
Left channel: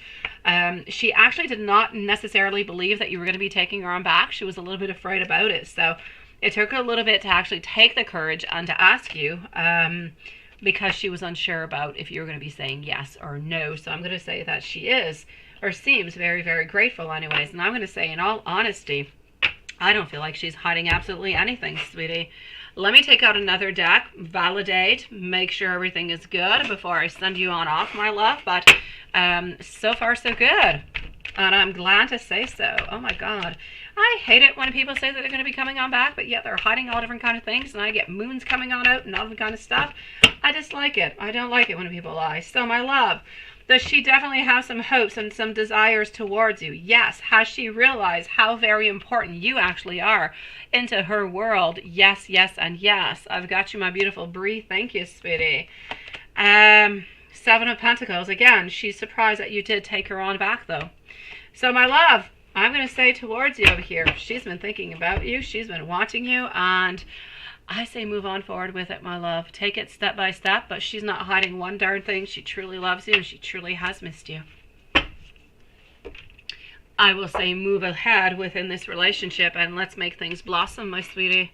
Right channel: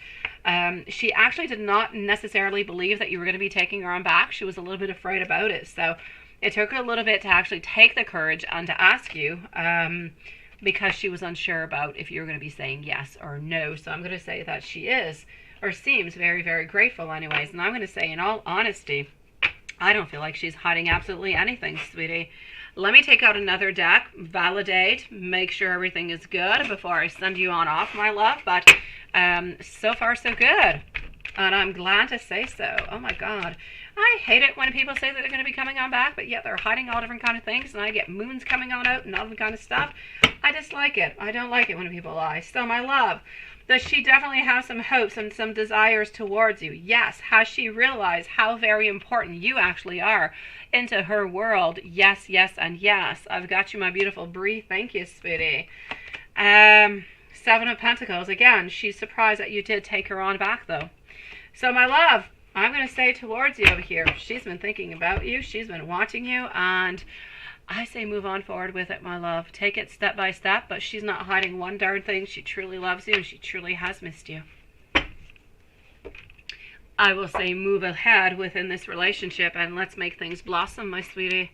She actually did not necessarily believe that you were going to be taking her on back. She was a little bit afraid about it. So it took her a little bit to actually take the courage and to ask you, because she was unsure about if you were going to be saying yes or no. So I'm going to say that she is, or seems very, very grateful anyways. And I'm going to say, in all honesty, I don't feel like she's hiding absolutely anything, sweetie. Let me take out another deck, validate, make sure everything is good before I send you on off, my love. But so far, so good. And I'm glad to say so. Oh, my God. I hate it when people say that they're going to be coming on back, but yet they're hiding all different kind of things, and I get moons coming on out and all different kind of stuff. I dislike it. I don't like it when people lie. So, my love, does she definitely have some hopes and some desires towards you? Yes. Has she realized how very important you actually are into her world? Yes, yes, and yes. I've got you, my beautiful Bree. Thank you, sweetie. Seven of Pentacles. Again, she's surprised that you did take her on back, though. So, my love, I'm going to say towards you over here, she's been thinking about you. She's been watching you. And I say move on forward with it, my love. Take it step by step. But she's not hiding one darn thing. She truly loves you. And she truly has missed you. I will say move ahead within this relationship. And let's make things blossom, my sweetie.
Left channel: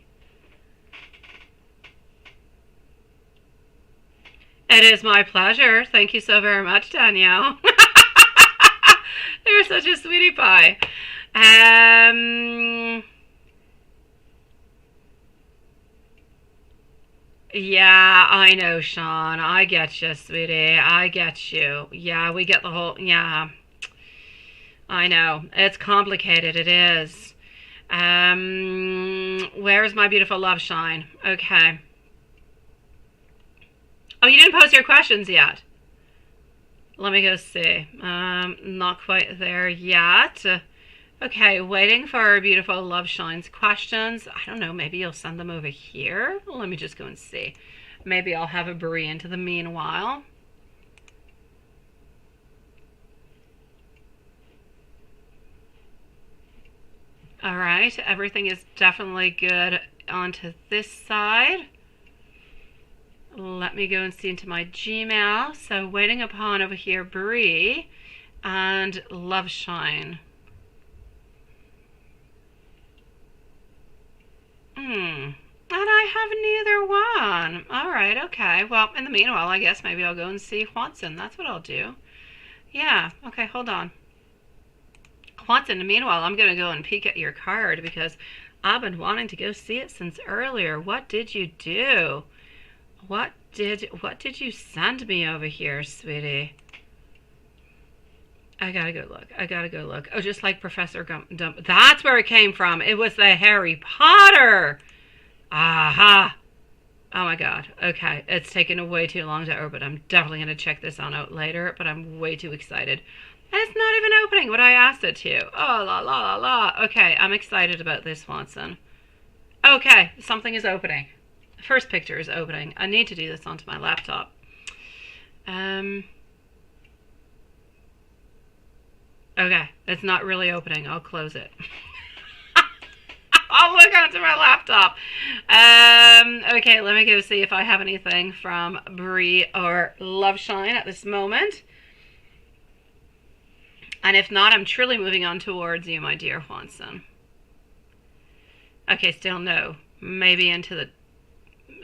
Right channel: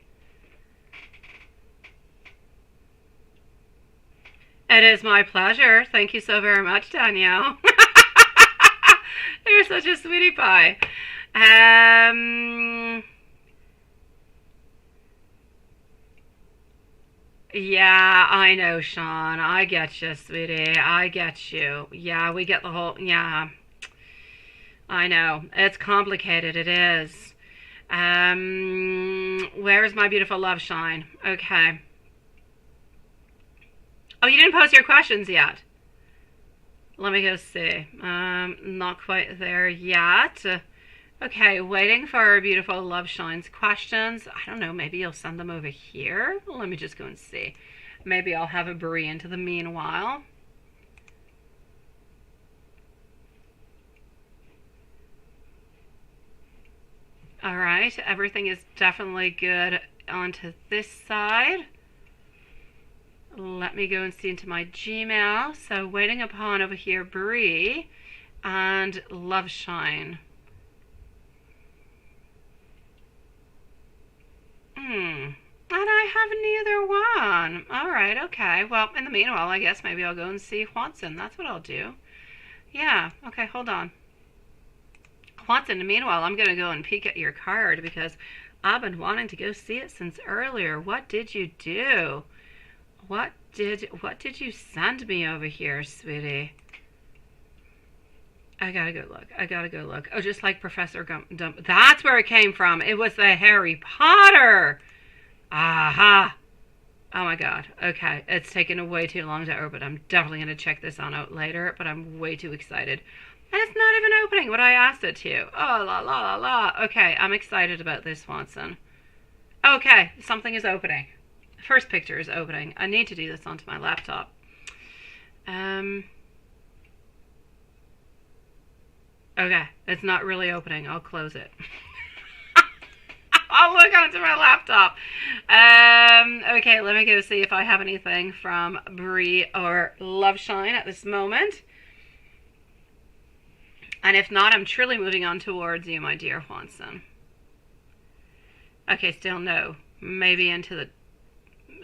It is my pleasure. Thank you so very much, Danielle. You're such a sweetie pie. Yeah, I know, Sean. I get you, sweetie. I get you. Yeah, we get the whole... Yeah. I know. It's complicated. It is. Where is my beautiful love shine? Okay. Oh, you didn't post your questions yet. Let me go see. Not quite there yet. Okay, waiting for our beautiful Love Shine's questions. I don't know, maybe you'll send them over here. Let me just go and see. Maybe I'll have a Brie into the meanwhile. All right, everything is definitely good onto this side. Let me go and see into my Gmail. So waiting upon over here Brie and Love Shine. And I have neither one. All right, okay. Well, in the meanwhile, I guess maybe I'll go and see Juanson. That's what I'll do. Yeah, okay, hold on. Juanson, in the meanwhile, I'm going to go and peek at your card because I've been wanting to go see it since earlier. What did you do? What did you send me over here, sweetie? I gotta go look. I gotta go look. Oh, just like Professor Dump. That's where it came from. It was the Harry Potter. Aha. Oh my God. Okay. It's taken way too long to open. I'm definitely going to check this on out later, but I'm way too excited. And it's not even opening what I asked it to. Oh, la, la, la, la. Okay. I'm excited about this, Watson. Okay. Something is opening. First picture is opening. I need to do this onto my laptop. Okay, it's not really opening. I'll close it. I'll look onto my laptop. Okay, let me go see if I have anything from Brie or Love Shine at this moment. And if not, I'm truly moving on towards you, my dear Juanson. Okay, still no. Maybe into the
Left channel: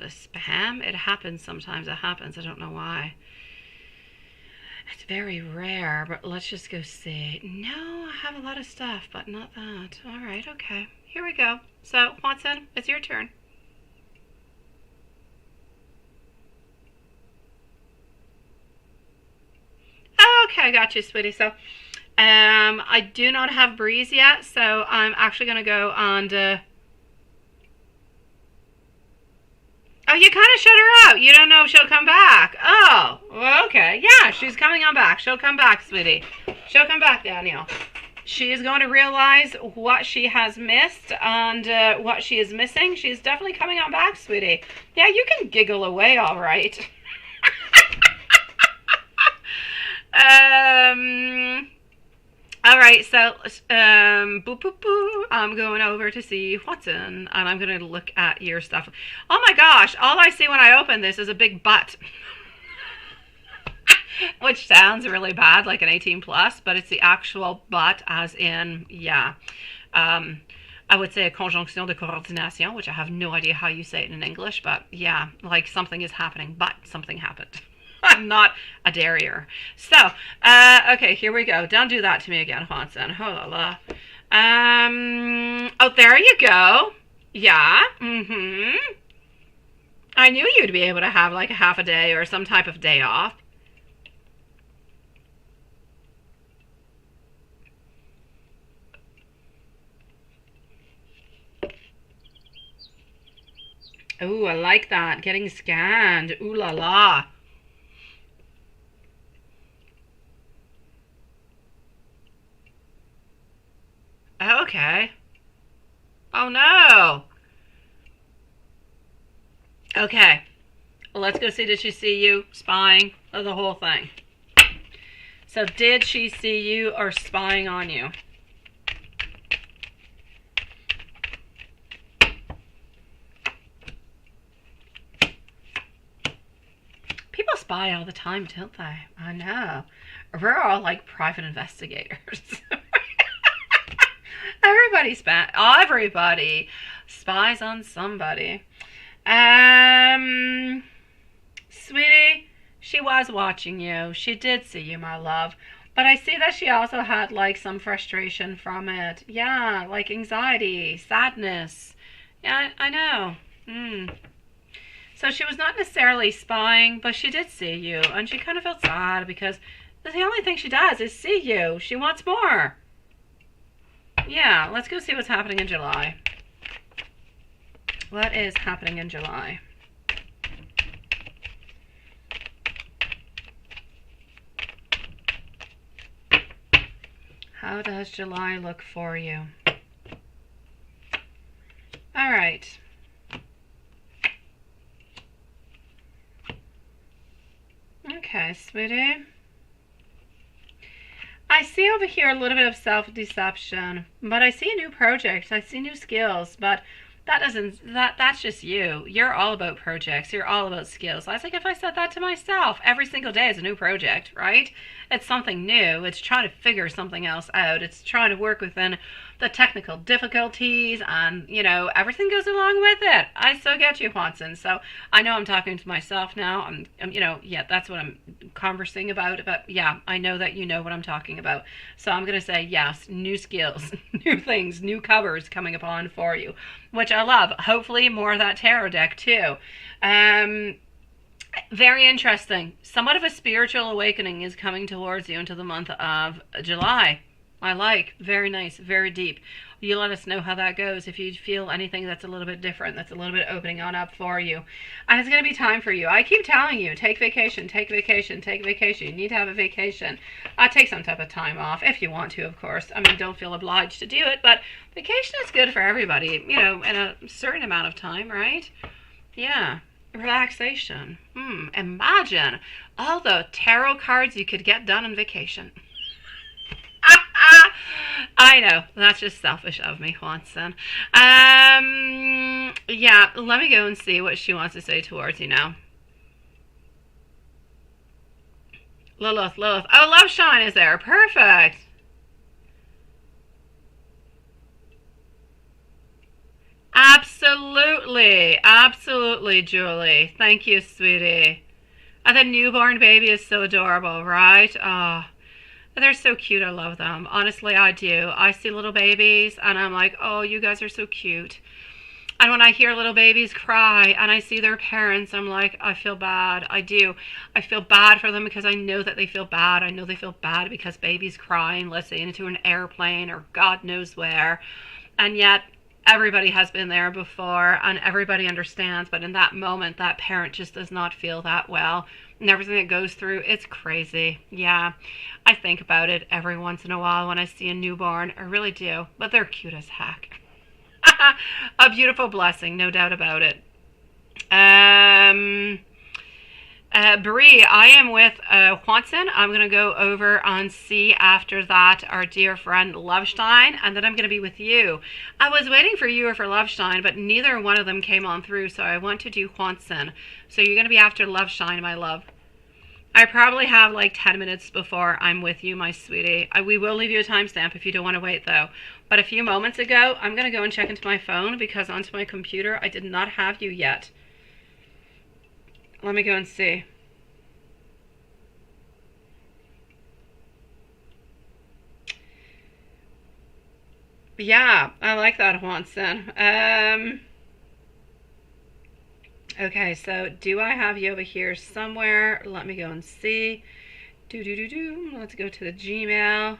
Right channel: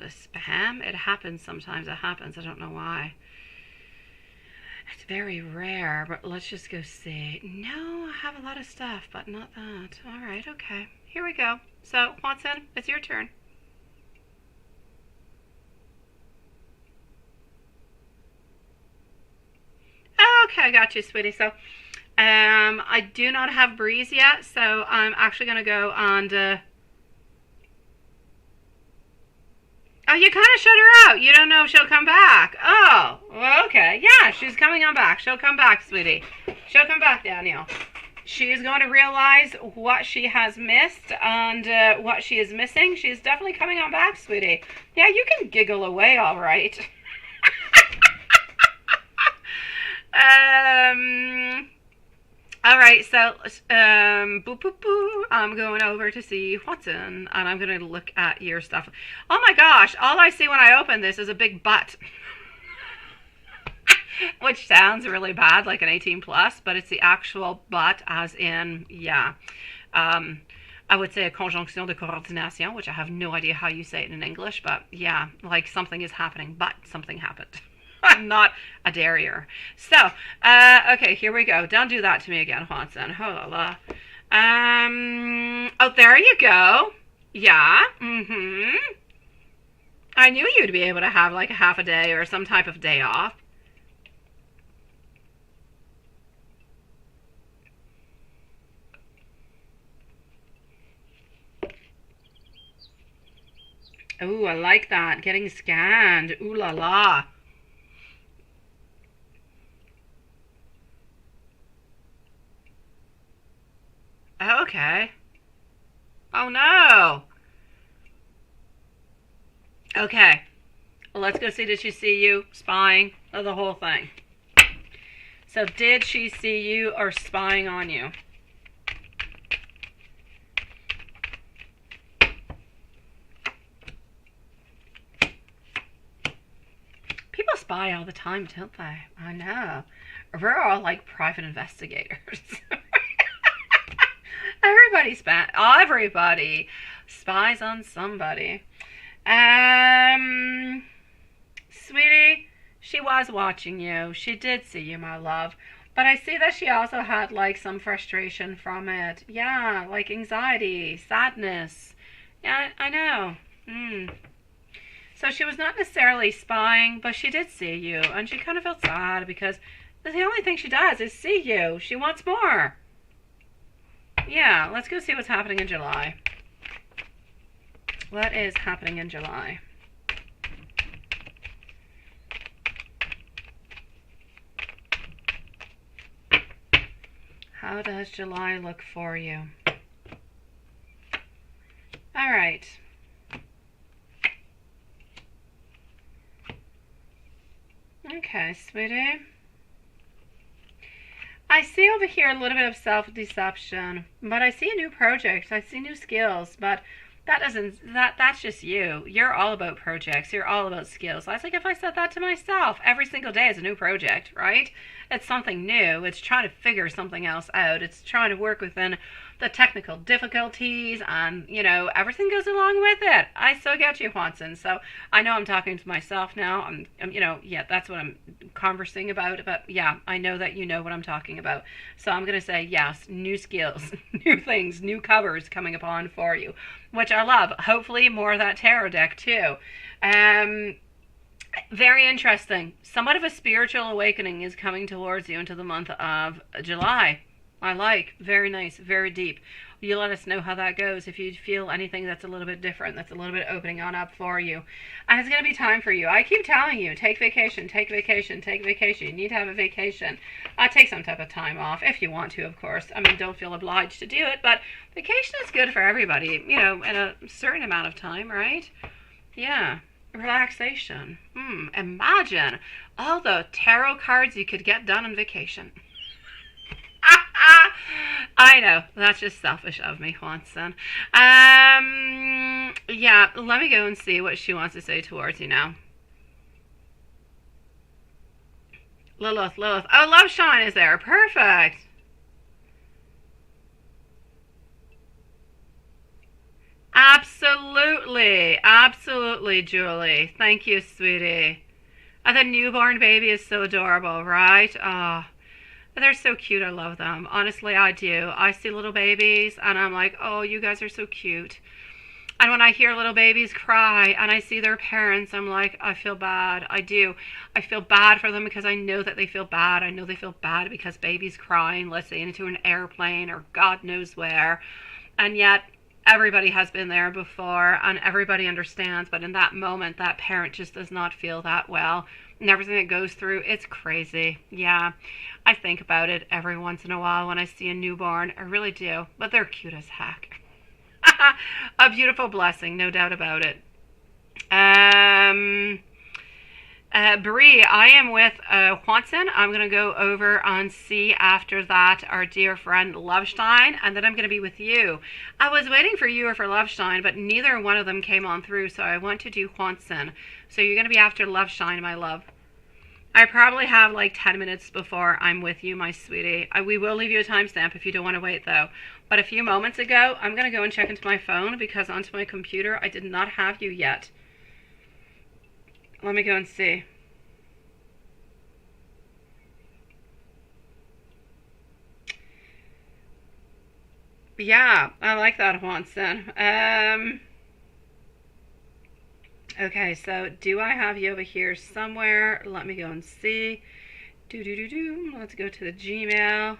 spam? It happens sometimes. It happens. I don't know why. It's very rare, but let's just go see. No, I have a lot of stuff, but not that. All right, okay. Here we go. So, Watson, it's your turn. Okay, I got you, sweetie. So, I do not have Breeze yet, so I'm actually going to go on to... Oh, you kind of shut her out. You don't know if she'll come back. Oh, well, okay. Yeah, she's coming on back. She'll come back, sweetie. She'll come back, Daniel. She is going to realize what she has missed and what she is missing. She's definitely coming on back, sweetie. Yeah, you can giggle away, all right. All right, so boop, boop, boop. I'm going over to see Watson, and I'm going to look at your stuff. Oh my gosh, all I see when I open this is a big butt. Which sounds really bad, like an 18 plus, but it's the actual butt, as in, yeah. I would say a conjonction de coordination, which I have no idea how you say it in English, but yeah, like something is happening, but something happened. I'm not a derriere. So, okay, here we go. Don't do that to me again, Watson. Oh la la. Oh, there you go. Yeah. I knew you'd be able to have like a half a day or some type of day off. Oh, I like that. Getting scanned. Ooh la la. Okay. Oh no. Okay. Well, let's go see. Did she see you spying? Oh, the whole thing. So did she see you or spying on you? People spy all the time, don't they? I know. We're all like private investigators. Everybody spies on somebody. Sweetie, she was watching you. She did see you, my love. But I see that she also had like some frustration from it. Yeah, like anxiety, sadness. Yeah, I know. So she was not necessarily spying, but she did see you. And she kind of felt sad because the only thing she does is see you. She wants more. Yeah, let's go see what's happening in July. What is happening in July? How does July look for you? All right. Okay, sweetie. I see over here a little bit of self-deception, but I see a new project. I see new skills, but that's just you. You're all about projects. You're all about skills. I think if I said that to myself, every single day is a new project, right? It's something new. It's trying to figure something else out. It's trying to work within the technical difficulties, and you know, everything goes along with it. I still get you, Watson. So I know I'm talking to myself now. I'm yeah, that's what I'm conversing about. But yeah, I know that you know what I'm talking about. So I'm gonna say yes, new skills, new things, new covers coming upon for you, which I love. Hopefully more of that tarot deck too. Very interesting. Somewhat of a spiritual awakening is coming towards you into the month of July. I like. Very nice. Very deep. You let us know how that goes. If you feel anything that's a little bit different, that's a little bit opening on up for you. And it's going to be time for you. I keep telling you, take vacation, take vacation, take vacation. You need to have a vacation. Take some type of time off if you want to, of course. I mean, don't feel obliged to do it, but vacation is good for everybody, you know, in a certain amount of time, right? Yeah. Relaxation. Imagine all the tarot cards you could get done on vacation. I know, that's just selfish of me, Watson. Yeah, let me go and see what she wants to say towards you now. Lilith. Oh, Love Shine is there. Perfect. Absolutely, Julie. Thank you, sweetie. The newborn baby is so adorable, right? Oh, they're so cute. I love them. Honestly, I do. I see little babies and I'm like, oh, you guys are so cute. And when I hear little babies cry and I see their parents, I'm like, I feel bad. I do. I feel bad for them because I know that they feel bad. I know they feel bad because babies crying, let's say into an airplane or God knows where. And yet everybody has been there before and everybody understands. But in that moment, that parent just does not feel that well. And everything that goes through, it's crazy. Yeah, I think about it every once in a while when I see a newborn. I really do. But they're cute as heck. A beautiful blessing, no doubt about it. Bree, I am with Juanson. I'm going to go over and see after that our dear friend Lovestein, and then I'm going to be with you. I was waiting for you or for Lovestein, but neither one of them came on through, so I want to do Juanson. So you're going to be after Lovestein, my love. I probably have like 10 minutes before I'm with you, my sweetie. We will leave you a timestamp if you don't want to wait, though. But a few moments ago, I'm going to go and check into my phone because onto my computer, I did not have you yet. Let me go and see. Yeah, I like that, Juanson. Okay, so do I have you over here somewhere? Let me go and see. Let's go to the Gmail.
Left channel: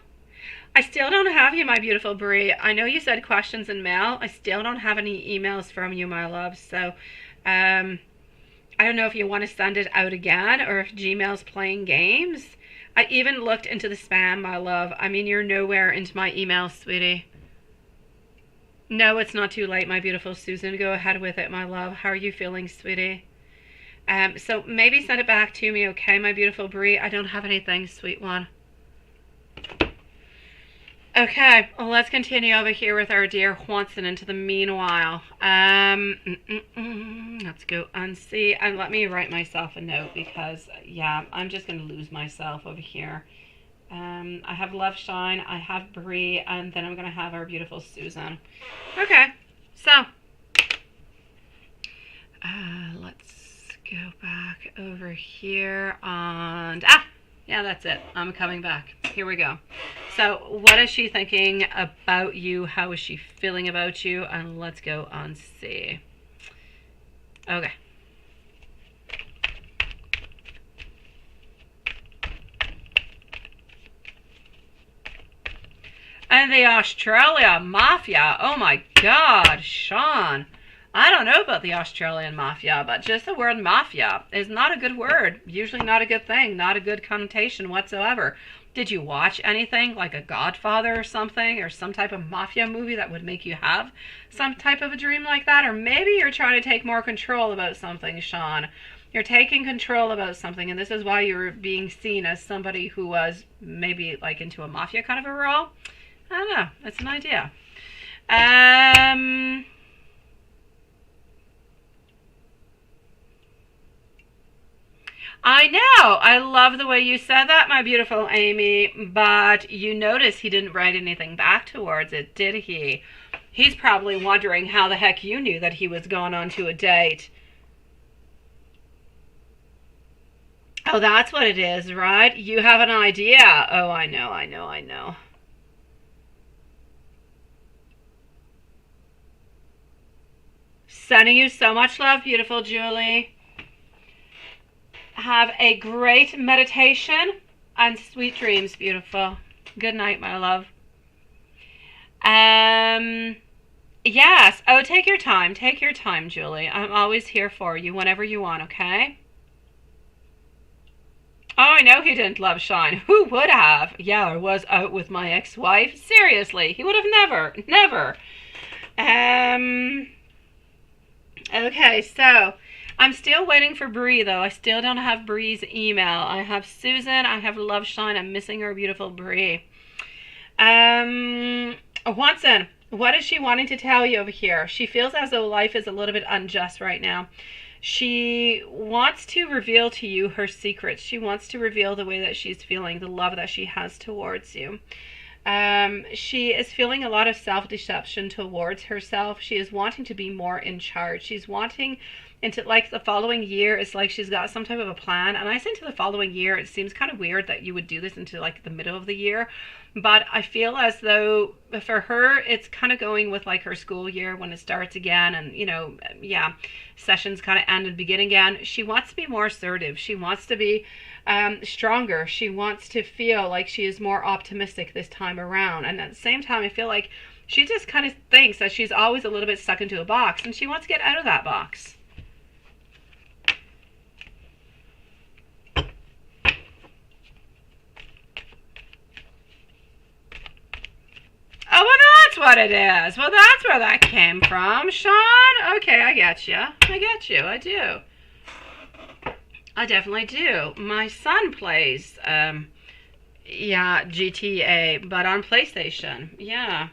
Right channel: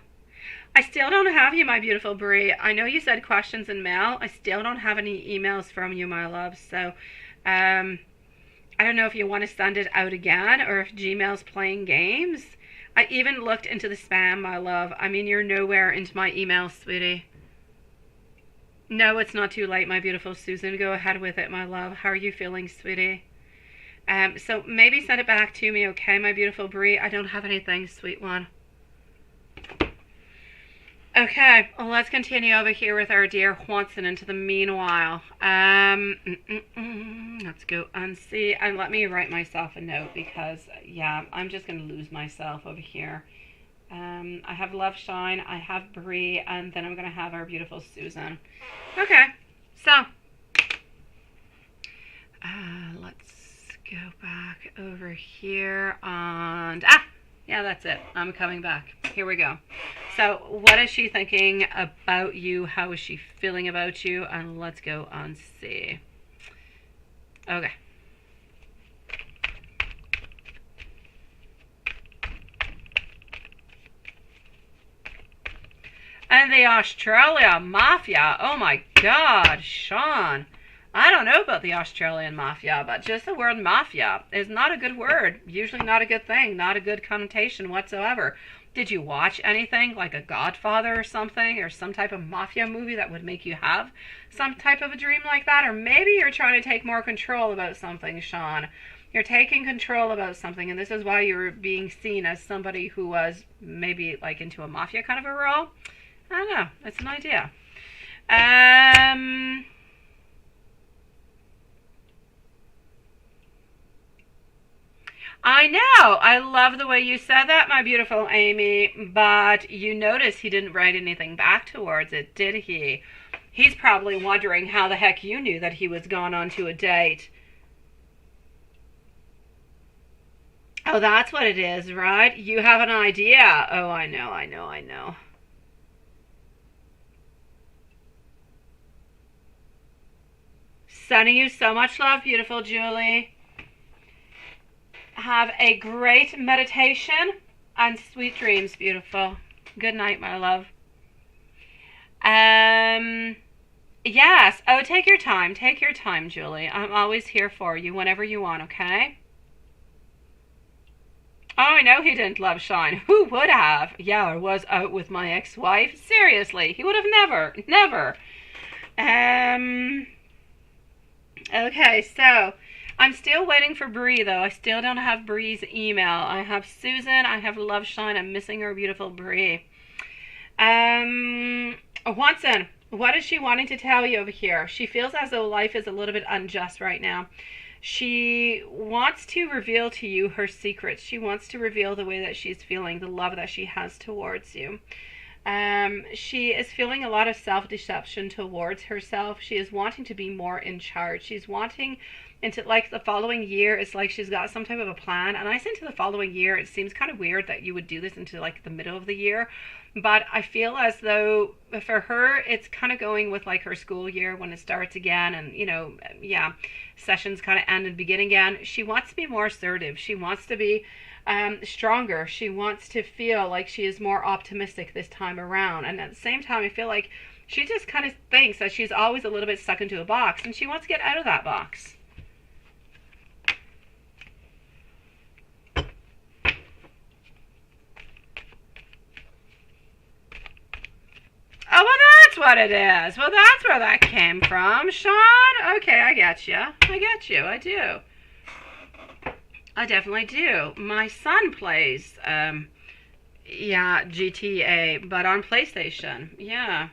I still don't have you, my beautiful Brie. I know you said questions in mail. I still don't have any emails from you, my love. So, I don't know if you want to send it out again or if Gmail's playing games. I even looked into the spam, my love. I mean, you're nowhere into my email, sweetie. No, it's not too late, my beautiful Susan. Go ahead with it, my love. How are you feeling, sweetie? So maybe send it back to me, okay, my beautiful Brie? I don't have anything, sweet one. Okay, well, let's continue over here with our dear Juanson into the meanwhile. Let's go unsee. And let me write myself a note because, yeah, I'm just going to lose myself over here. I have Loveshine, I have Brie, and then I'm going to have our beautiful Susan. Okay, so let's go back over here and yeah, that's it. I'm coming back. Here we go. So what is she thinking about you? How is she feeling about you? And let's go and see. Okay. And the Australia Mafia. Oh my God, Sean. I don't know about the Australian Mafia, but just the word mafia is not a good word. Usually not a good thing, not a good connotation whatsoever. Did you watch anything like a Godfather or something, or some type of mafia movie that would make you have some type of a dream like that? Or maybe you're trying to take more control about something, Sean. You're taking control about something, and this is why you're being seen as somebody who was maybe like into a mafia kind of a role. I don't know. That's an idea. I know. I love the way you said that, my beautiful Amy. But you notice he didn't write anything back towards it, did he? He's probably wondering how the heck you knew that he was going on to a date. Oh, that's what it is, right? You have an idea. Oh, I know. Sending you so much love, beautiful Julie. Have a great meditation and sweet dreams, beautiful. Good night, my love. Yes. Oh, take your time. Take your time, Julie. I'm always here for you whenever you want, okay? Oh, I know he didn't love Shine. Who would have? Yeah, I was out with my ex-wife. Seriously, he would have never. Okay, so I'm still waiting for Bree, though. I still don't have Bree's email. I have Susan. I have Loveshine. I'm missing her beautiful Bree. Watson, what is she wanting to tell you over here? She feels as though life is a little bit unjust right now. She wants to reveal to you her secrets. She wants to reveal the way that she's feeling, the love that she has towards you. She is feeling a lot of self-deception towards herself. She is wanting to be more in charge. She's wanting into like the following year. It's like she's got some type of a plan. And I say into the following year, it seems kind of weird that you would do this into like the middle of the year. But I feel as though for her, it's kind of going with like her school year when it starts again. And, you know, yeah, sessions kind of end and begin again. She wants to be more assertive. She wants to be stronger. She wants to feel like she is more optimistic this time around. And at the same time, I feel like she just kind of thinks that she's always a little bit stuck into a box, and she wants to get out of that box. Oh, well, that's what it is. Well, that's where that came from, Sean. Okay, I get you. I get you. I do. I definitely do. My son plays, GTA, but on PlayStation. Yeah.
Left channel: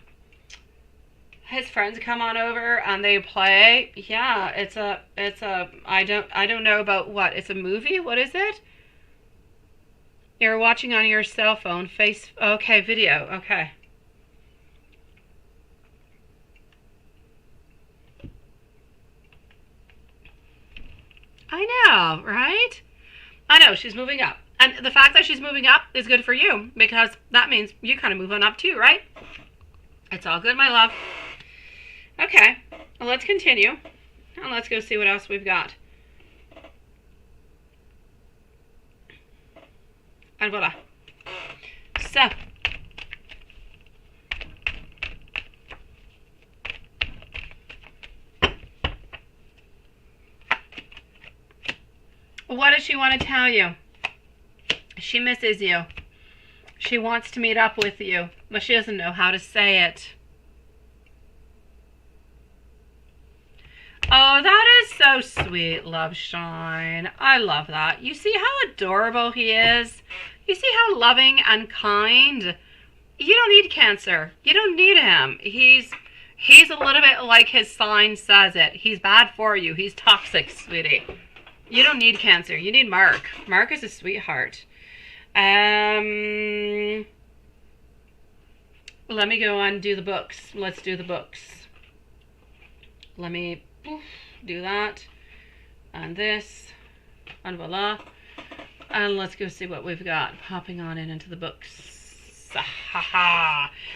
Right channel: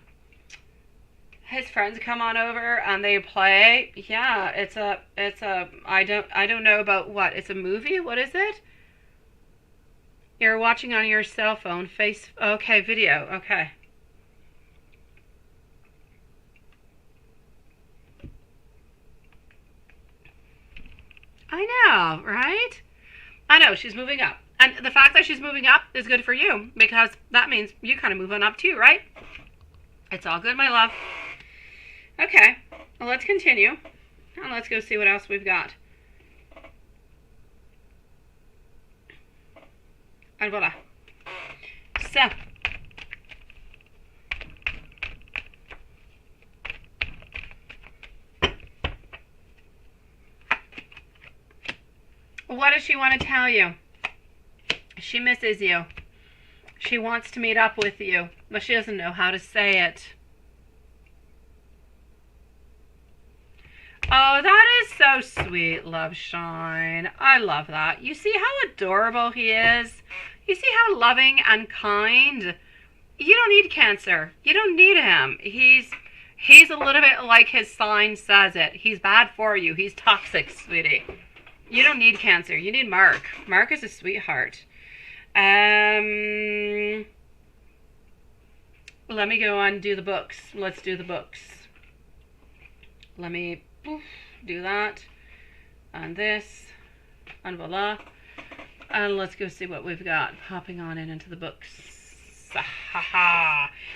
His friends come on over and they play. Yeah, it's a, I don't know about what. It's a movie? What is it? You're watching on your cell phone. Okay, video. Okay. I know, right? I know, she's moving up. And the fact that she's moving up is good for you, because that means you kind of move on up too, right? It's all good, my love. Okay, well, let's continue. And let's go see what else we've got. And voila. So. What does she want to tell you? She misses you. She wants to meet up with you, but she doesn't know how to say it. Oh, that is so sweet, Love Shine. I love that. You see how adorable he is? You see how loving and kind? You don't need Cancer. You don't need him. He's a little bit like his sign says it. He's bad for you. He's toxic, sweetie. You don't need Cancer. You need Mark. Mark is a sweetheart. Let me go on and do the books. Let's do the books. Let me do that. And this. And voila. And let's go see what we've got. Hopping on into the books.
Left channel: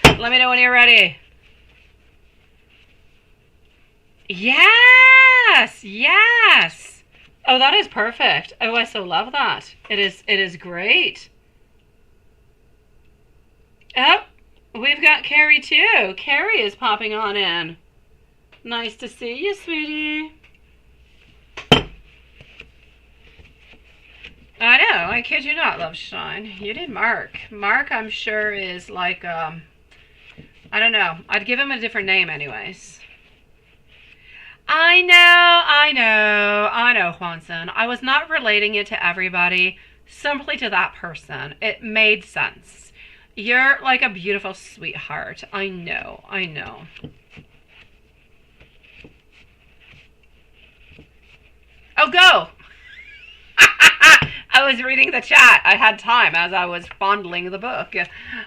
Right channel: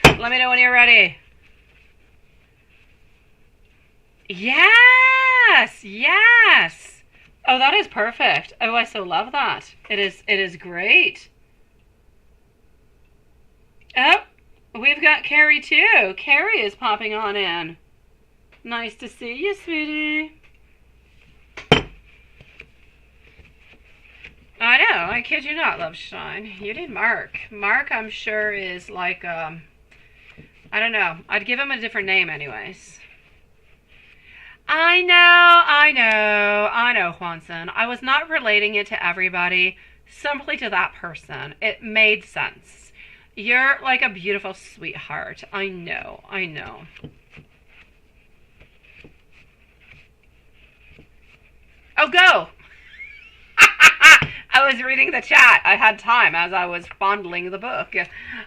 Let me know when you're ready. Yes! Yes! Oh, that is perfect. Oh, I so love that. It is great. Oh, we've got Carrie too. Carrie is popping on in. Nice to see you, sweetie. I know, I kid you not, Love Shine. You need Mark. Mark, I'm sure, is like, I don't know. I'd give him a different name anyways. I know, Juanson. I was not relating it to everybody, simply to that person. It made sense. You're like a beautiful sweetheart. I know. Oh, go! I was reading the chat. I had time as I was fondling the book.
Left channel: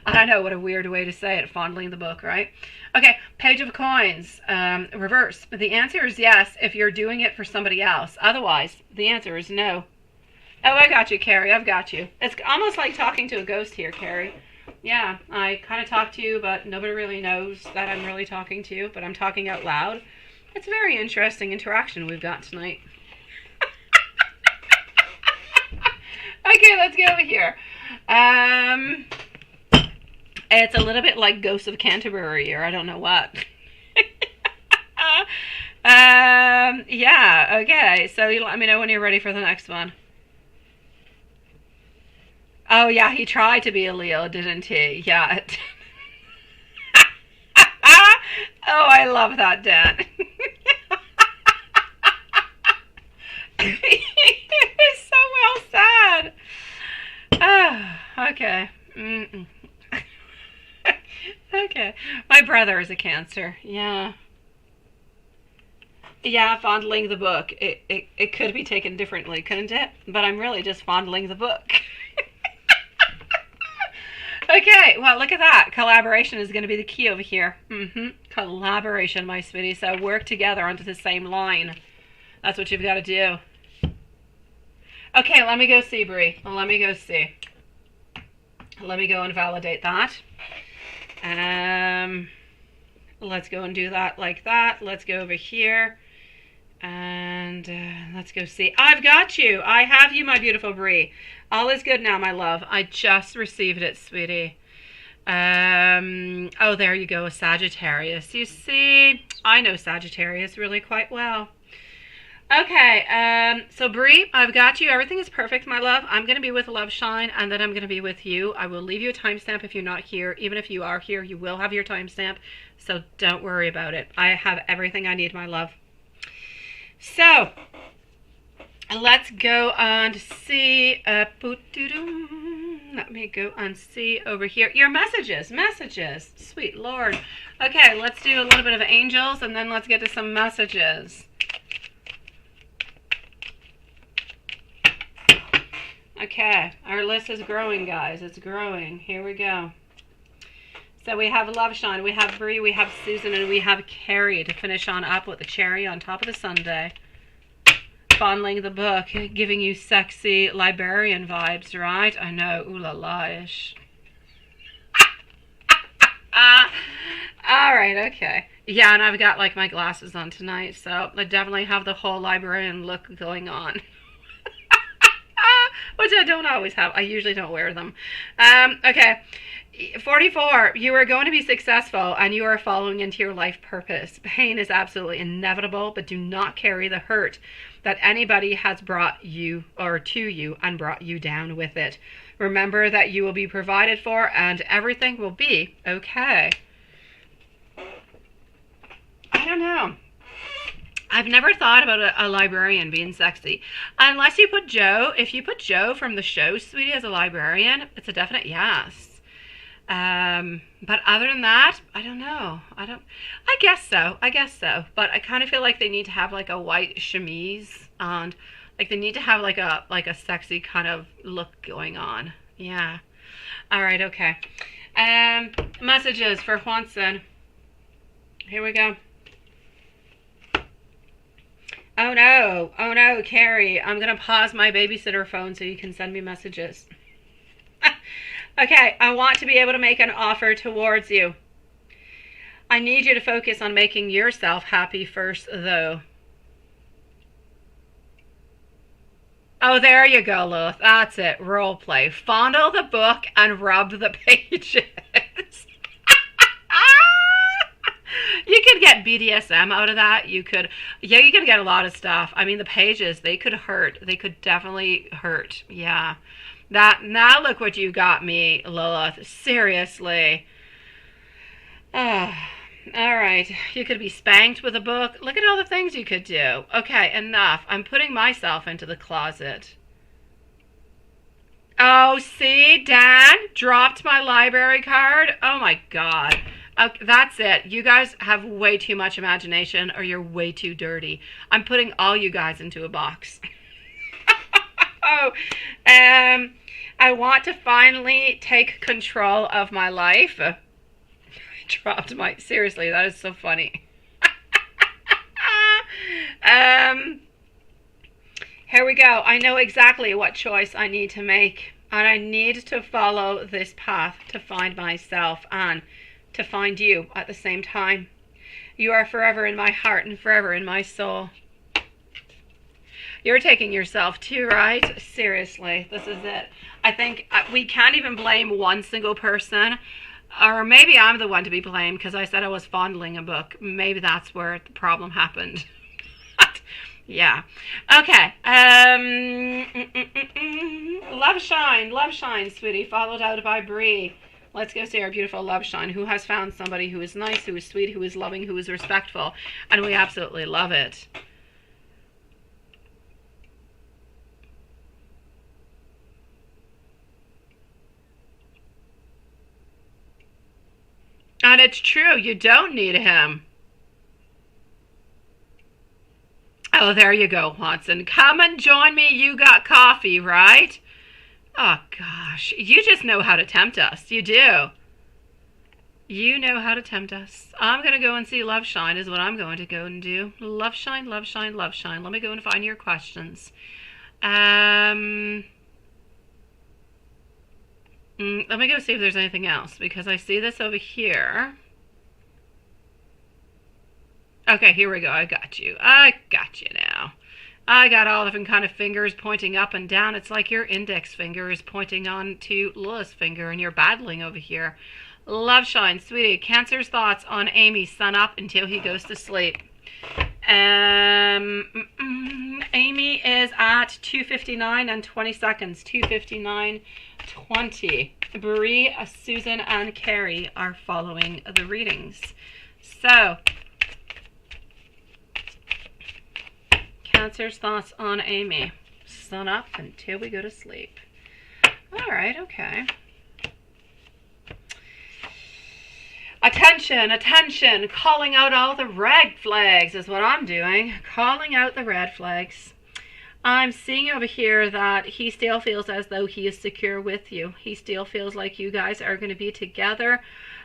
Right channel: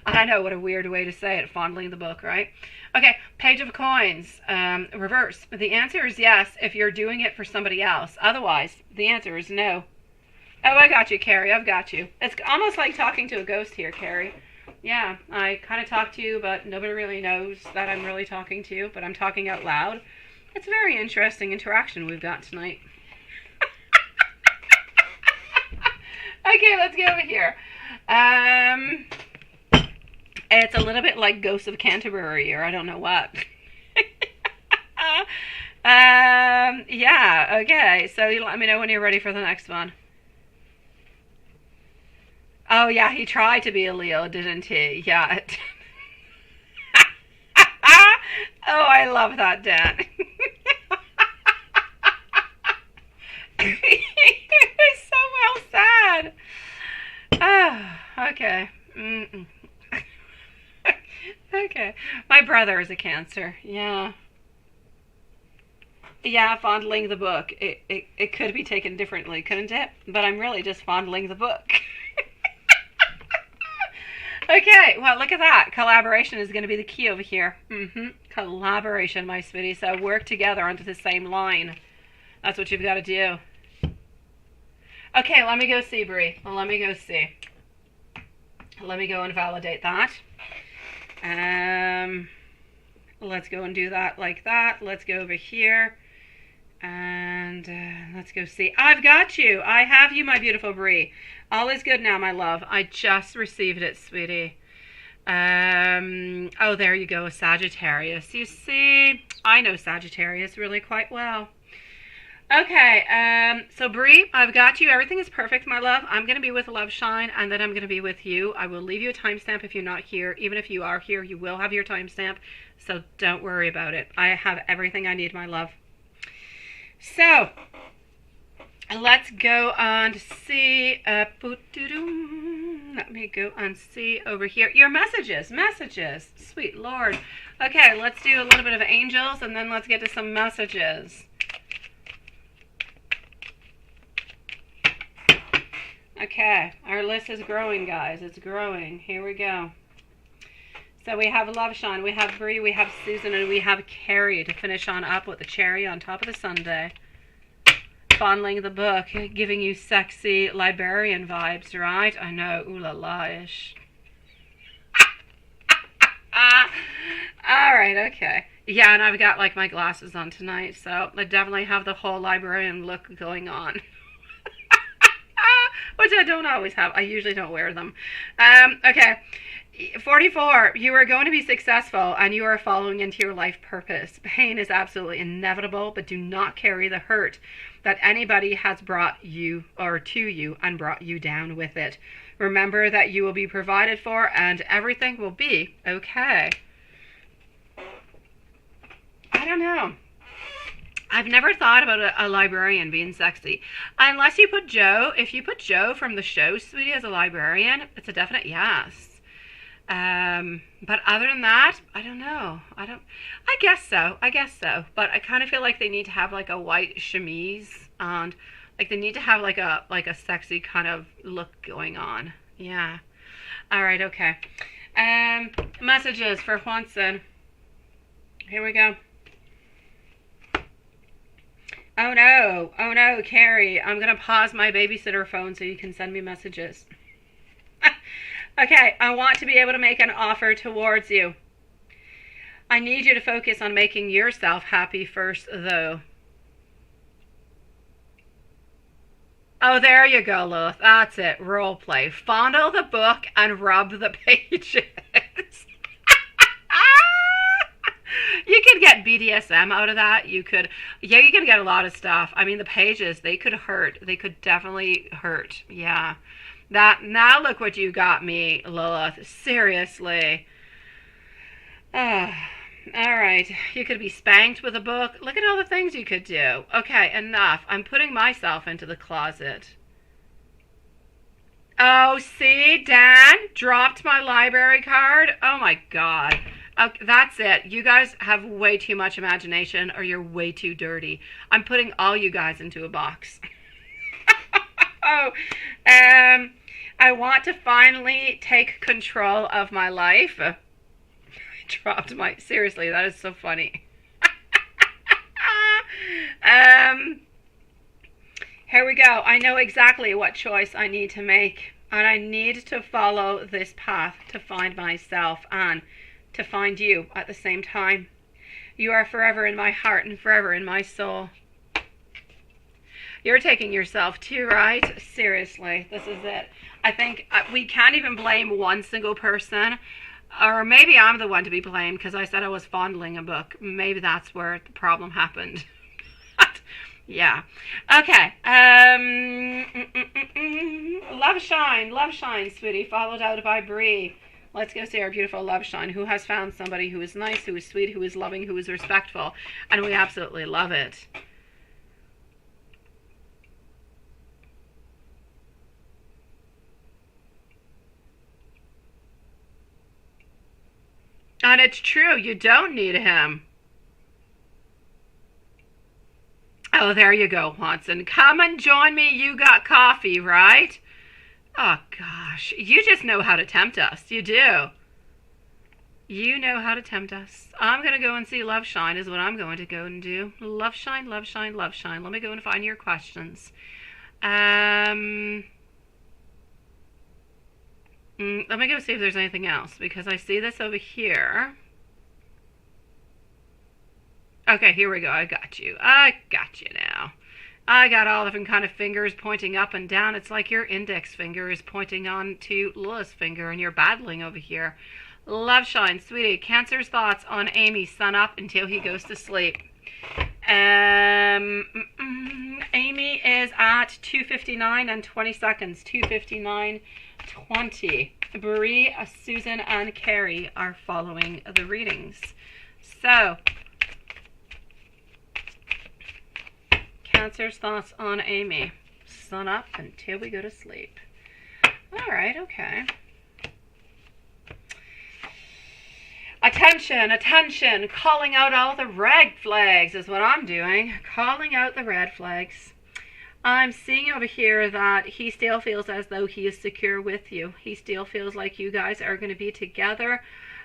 I know, what a weird way to say it, fondling the book, right? Okay, Page of Coins, reverse. The answer is yes if you're doing it for somebody else. Otherwise, the answer is no. Oh, I got you, Carrie. I've got you. It's almost like talking to a ghost here, Carrie. Yeah, I kind of talk to you, but nobody really knows that I'm really talking to you, but I'm talking out loud. It's a very interesting interaction we've got tonight. Okay, let's go over here. It's a little bit like Ghosts of Canterbury, or I don't know what. Yeah, okay. So you let me know when you're ready for the next one. Oh, yeah, he tried to be a Leo, didn't he? Yeah. Oh, I love that, Dan. It was so well said. Oh, okay. Okay. My brother is a Cancer. Yeah. Yeah, fondling the book. It could be taken differently, couldn't it? But I'm really just fondling the book. Okay, well, look at that. Collaboration is going to be the key over here. Collaboration, my sweetie. So work together onto the same line. That's what you've got to do. Okay, let me go see, Bree. Let me go see. Let me go and validate that. Let's go and do that like that. Let's go over here. And let's go see. I've got you. I have you, my beautiful Bree. All is good now, my love. I just received it, sweetie. Oh, there you go, a Sagittarius. You see, I know Sagittarius really quite well. Okay, so Bree, I've got you. Everything is perfect, my love. I'm going to be with Love Shine, and then I'm going to be with you. I will leave you a timestamp if you're not here. Even if you are here, you will have your timestamp, so don't worry about it. I have everything I need, my love. So, let's go and see. Let me go and see over here. Your messages. Sweet Lord. Okay, let's do a little bit of angels, and then let's get to some messages. Okay, our list is growing, guys. It's growing. Here we go. So we have Love Shine, we have Bree, we have Susan, and we have Carrie to finish on up with the cherry on top of the sundae. Fondling the book, giving you sexy librarian vibes, right? I know, ooh la la-ish. All right, okay. Yeah, and I've got like my glasses on tonight, so I definitely have the whole librarian look going on. Which I don't always have. I usually don't wear them. Okay. 44, you are going to be successful and you are following into your life purpose. Pain is absolutely inevitable, but do not carry the hurt that anybody has brought you or to you and brought you down with it. Remember that you will be provided for and everything will be okay. I don't know. I've never thought about a librarian being sexy. Unless you put Joe. If you put Joe from the show, sweetie, as a librarian, it's a definite yes. But other than that, I don't know. I guess so. But I kind of feel like they need to have like a white chemise and like they need to have like a sexy kind of look going on. Yeah. All right. Okay. Messages for Juanson. Here we go. Oh no, Carrie, I'm going to pause my babysitter phone so you can send me messages. Okay, I want to be able to make an offer towards you. I need you to focus on making yourself happy first, though. Oh, there you go, Lilith. That's it. Role play. Fondle the book and rub the pages. You could get BDSM out of that. You could get a lot of stuff. I mean, the pages, they could hurt. They could definitely hurt. Yeah. Now look what you got me, Lilith. Seriously. All right. You could be spanked with a book. Look at all the things you could do. Okay, enough. I'm putting myself into the closet. Oh, see? Dan dropped my library card. Oh, my God. Okay, that's it. You guys have way too much imagination or you're way too dirty. I'm putting all you guys into a box. I want to finally take control of my life. I dropped my... Seriously, that is so funny. Here we go. I know exactly what choice I need to make. And I need to follow this path to find myself and to find you at the same time. You are forever in my heart and forever in my soul. You're taking yourself too, right? Seriously, this is it. I think we can't even blame one single person. Or maybe I'm the one to be blamed because I said I was fondling a book. Maybe that's where the problem happened. Yeah. Okay. Love Shine, sweetie. Followed out by Bree. Let's go see our beautiful Love Shine, who has found somebody who is nice, who is sweet, who is loving, who is respectful. And we absolutely love it. And it's true, you don't need him. Oh, there you go, Watson. Come and join me. You got coffee, right? Oh, gosh. You just know how to tempt us. You do. You know how to tempt us. I'm going to go and see Love Shine is what I'm going to go and do. Love Shine, Love Shine, Love Shine. Let me go and find your questions. Let me go see if there's anything else, because I see this over here. Okay, here we go. I got you. I got you now. I got all different kind of fingers pointing up and down. It's like your index finger is pointing on to Lilith's finger and you're battling over here. Love Shine, sweetie. Cancer's thoughts on Amy, sun up until he goes to sleep. Amy is at 2:59 and 20 seconds. 2:59:20. Bree, Susan, and Carrie are following the readings. So, Cancer's thoughts on Amy. Sun up until we go to sleep. All right, okay. Attention, attention. Calling out all the red flags is what I'm doing. Calling out the red flags. I'm seeing over here that he still feels as though he is secure with you. He still feels like you guys are going to be together.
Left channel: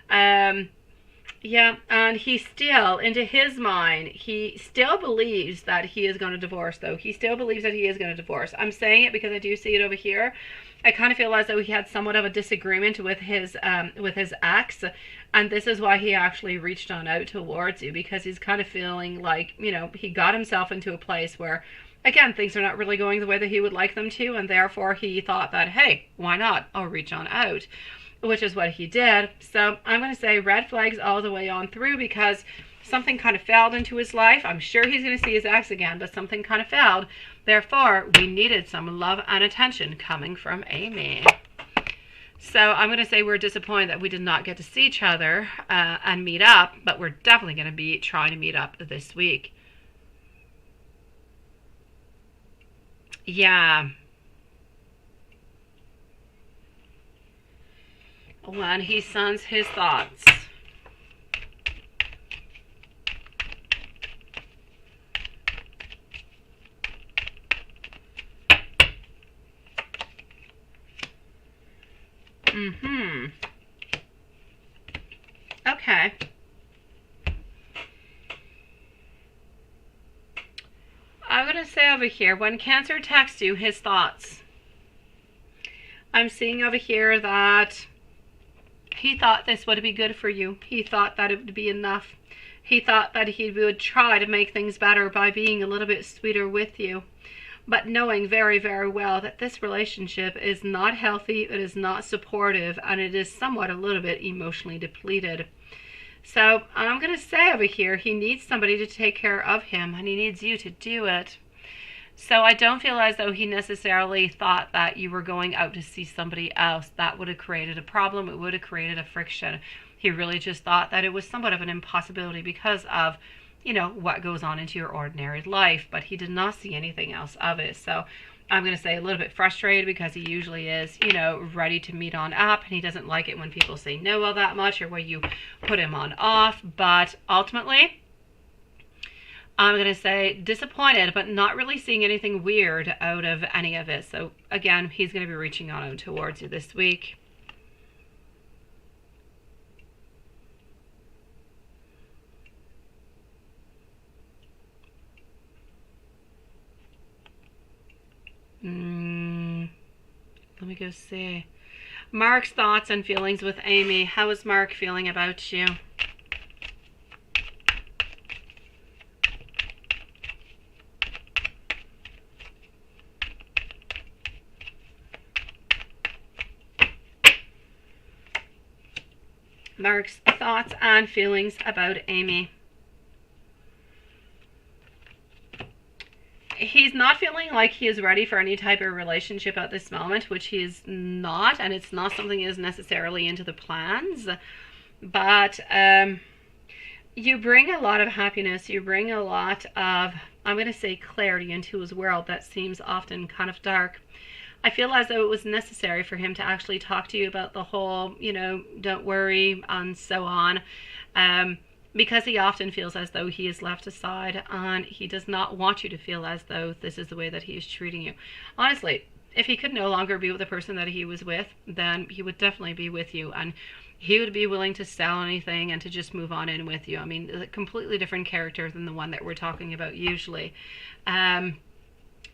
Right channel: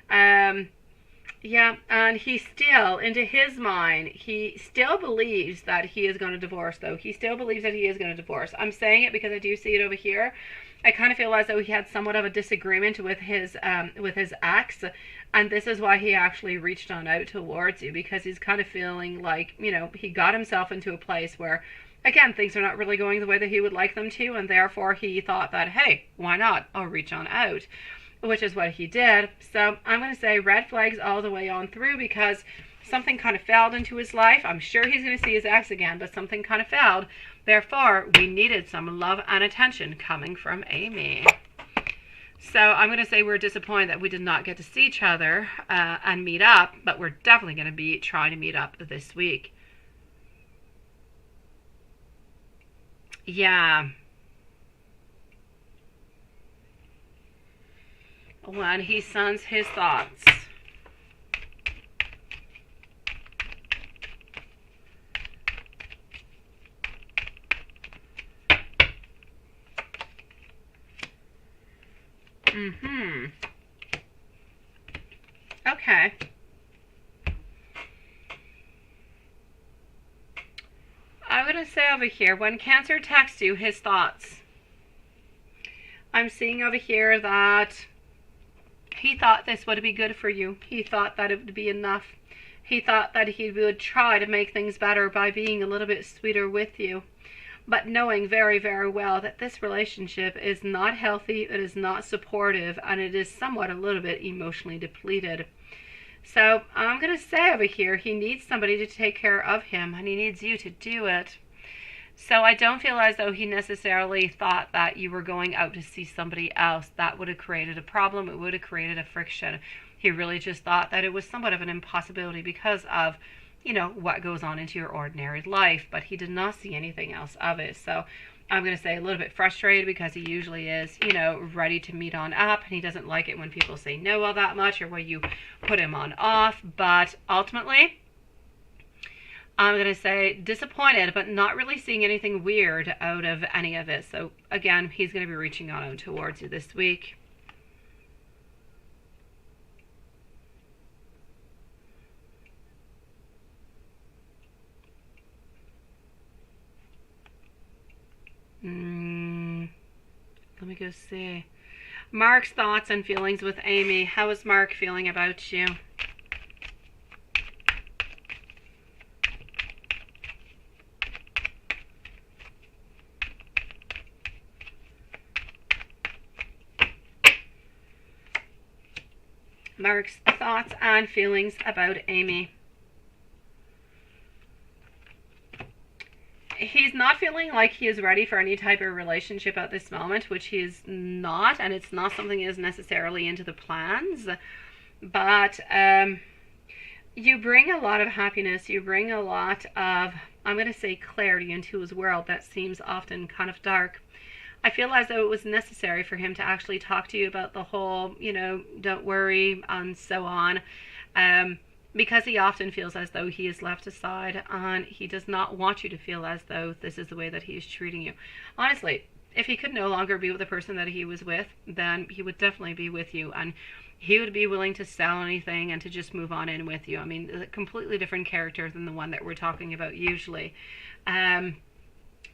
Yeah, and he still, into his mind, he still believes that he is going to divorce, though. He still believes that he is going to divorce. I'm saying it because I do see it over here. I kind of feel as though he had somewhat of a disagreement with his ex, and this is why he actually reached on out towards you, because he's kind of feeling like, you know, he got himself into a place where, again, things are not really going the way that he would like them to, and therefore he thought that, hey, why not? I'll reach on out, which is what he did. So I'm going to say red flags all the way on through, because something kind of failed into his life. I'm sure he's going to see his ex again, but something kind of failed. Therefore, we needed some love and attention coming from Amy. So I'm going to say we're disappointed that we did not get to see each other and meet up, but we're definitely going to be trying to meet up this week. Yeah. When he sends his thoughts. Okay. I'm going to say over here, when Cancer texts you his thoughts, I'm seeing over here that he thought this would be good for you. He thought that it would be enough. He thought that he would try to make things better by being a little bit sweeter with you, but knowing very, very well that this relationship is not healthy, it is not supportive, and it is somewhat a little bit emotionally depleted. So I'm going to say over here, he needs somebody to take care of him, and he needs you to do it. So I don't feel as though he necessarily thought that you were going out to see somebody else. That would have created a problem. It would have created a friction. He really just thought that it was somewhat of an impossibility because of, you know, what goes on into your ordinary life. But he did not see anything else of it. So I'm going to say a little bit frustrated, because he usually is, you know, ready to meet on up. And he doesn't like it when people say no all that much, or when you put him on off. But ultimately, I'm going to say disappointed, but not really seeing anything weird out of any of it. So again, he's going to be reaching on towards you this week. Let me go see. Mark's thoughts and feelings with Amy. How is Mark feeling about you? Mark's thoughts and feelings about Amy. He's not feeling like he is ready for any type of relationship at this moment, which he is not, and it's not something that is necessarily into the plans. But you bring a lot of happiness. You bring a lot of, I'm going to say, clarity into his world that seems often kind of dark. I feel as though it was necessary for him to actually talk to you about the whole, you know, don't worry and so on, because he often feels as though he is left aside, and he does not want you to feel as though this is the way that he is treating you. Honestly, if he could no longer be with the person that he was with, then he would definitely be with you, and he would be willing to sell anything and to just move on in with you. I mean, a completely different character than the one that we're talking about usually.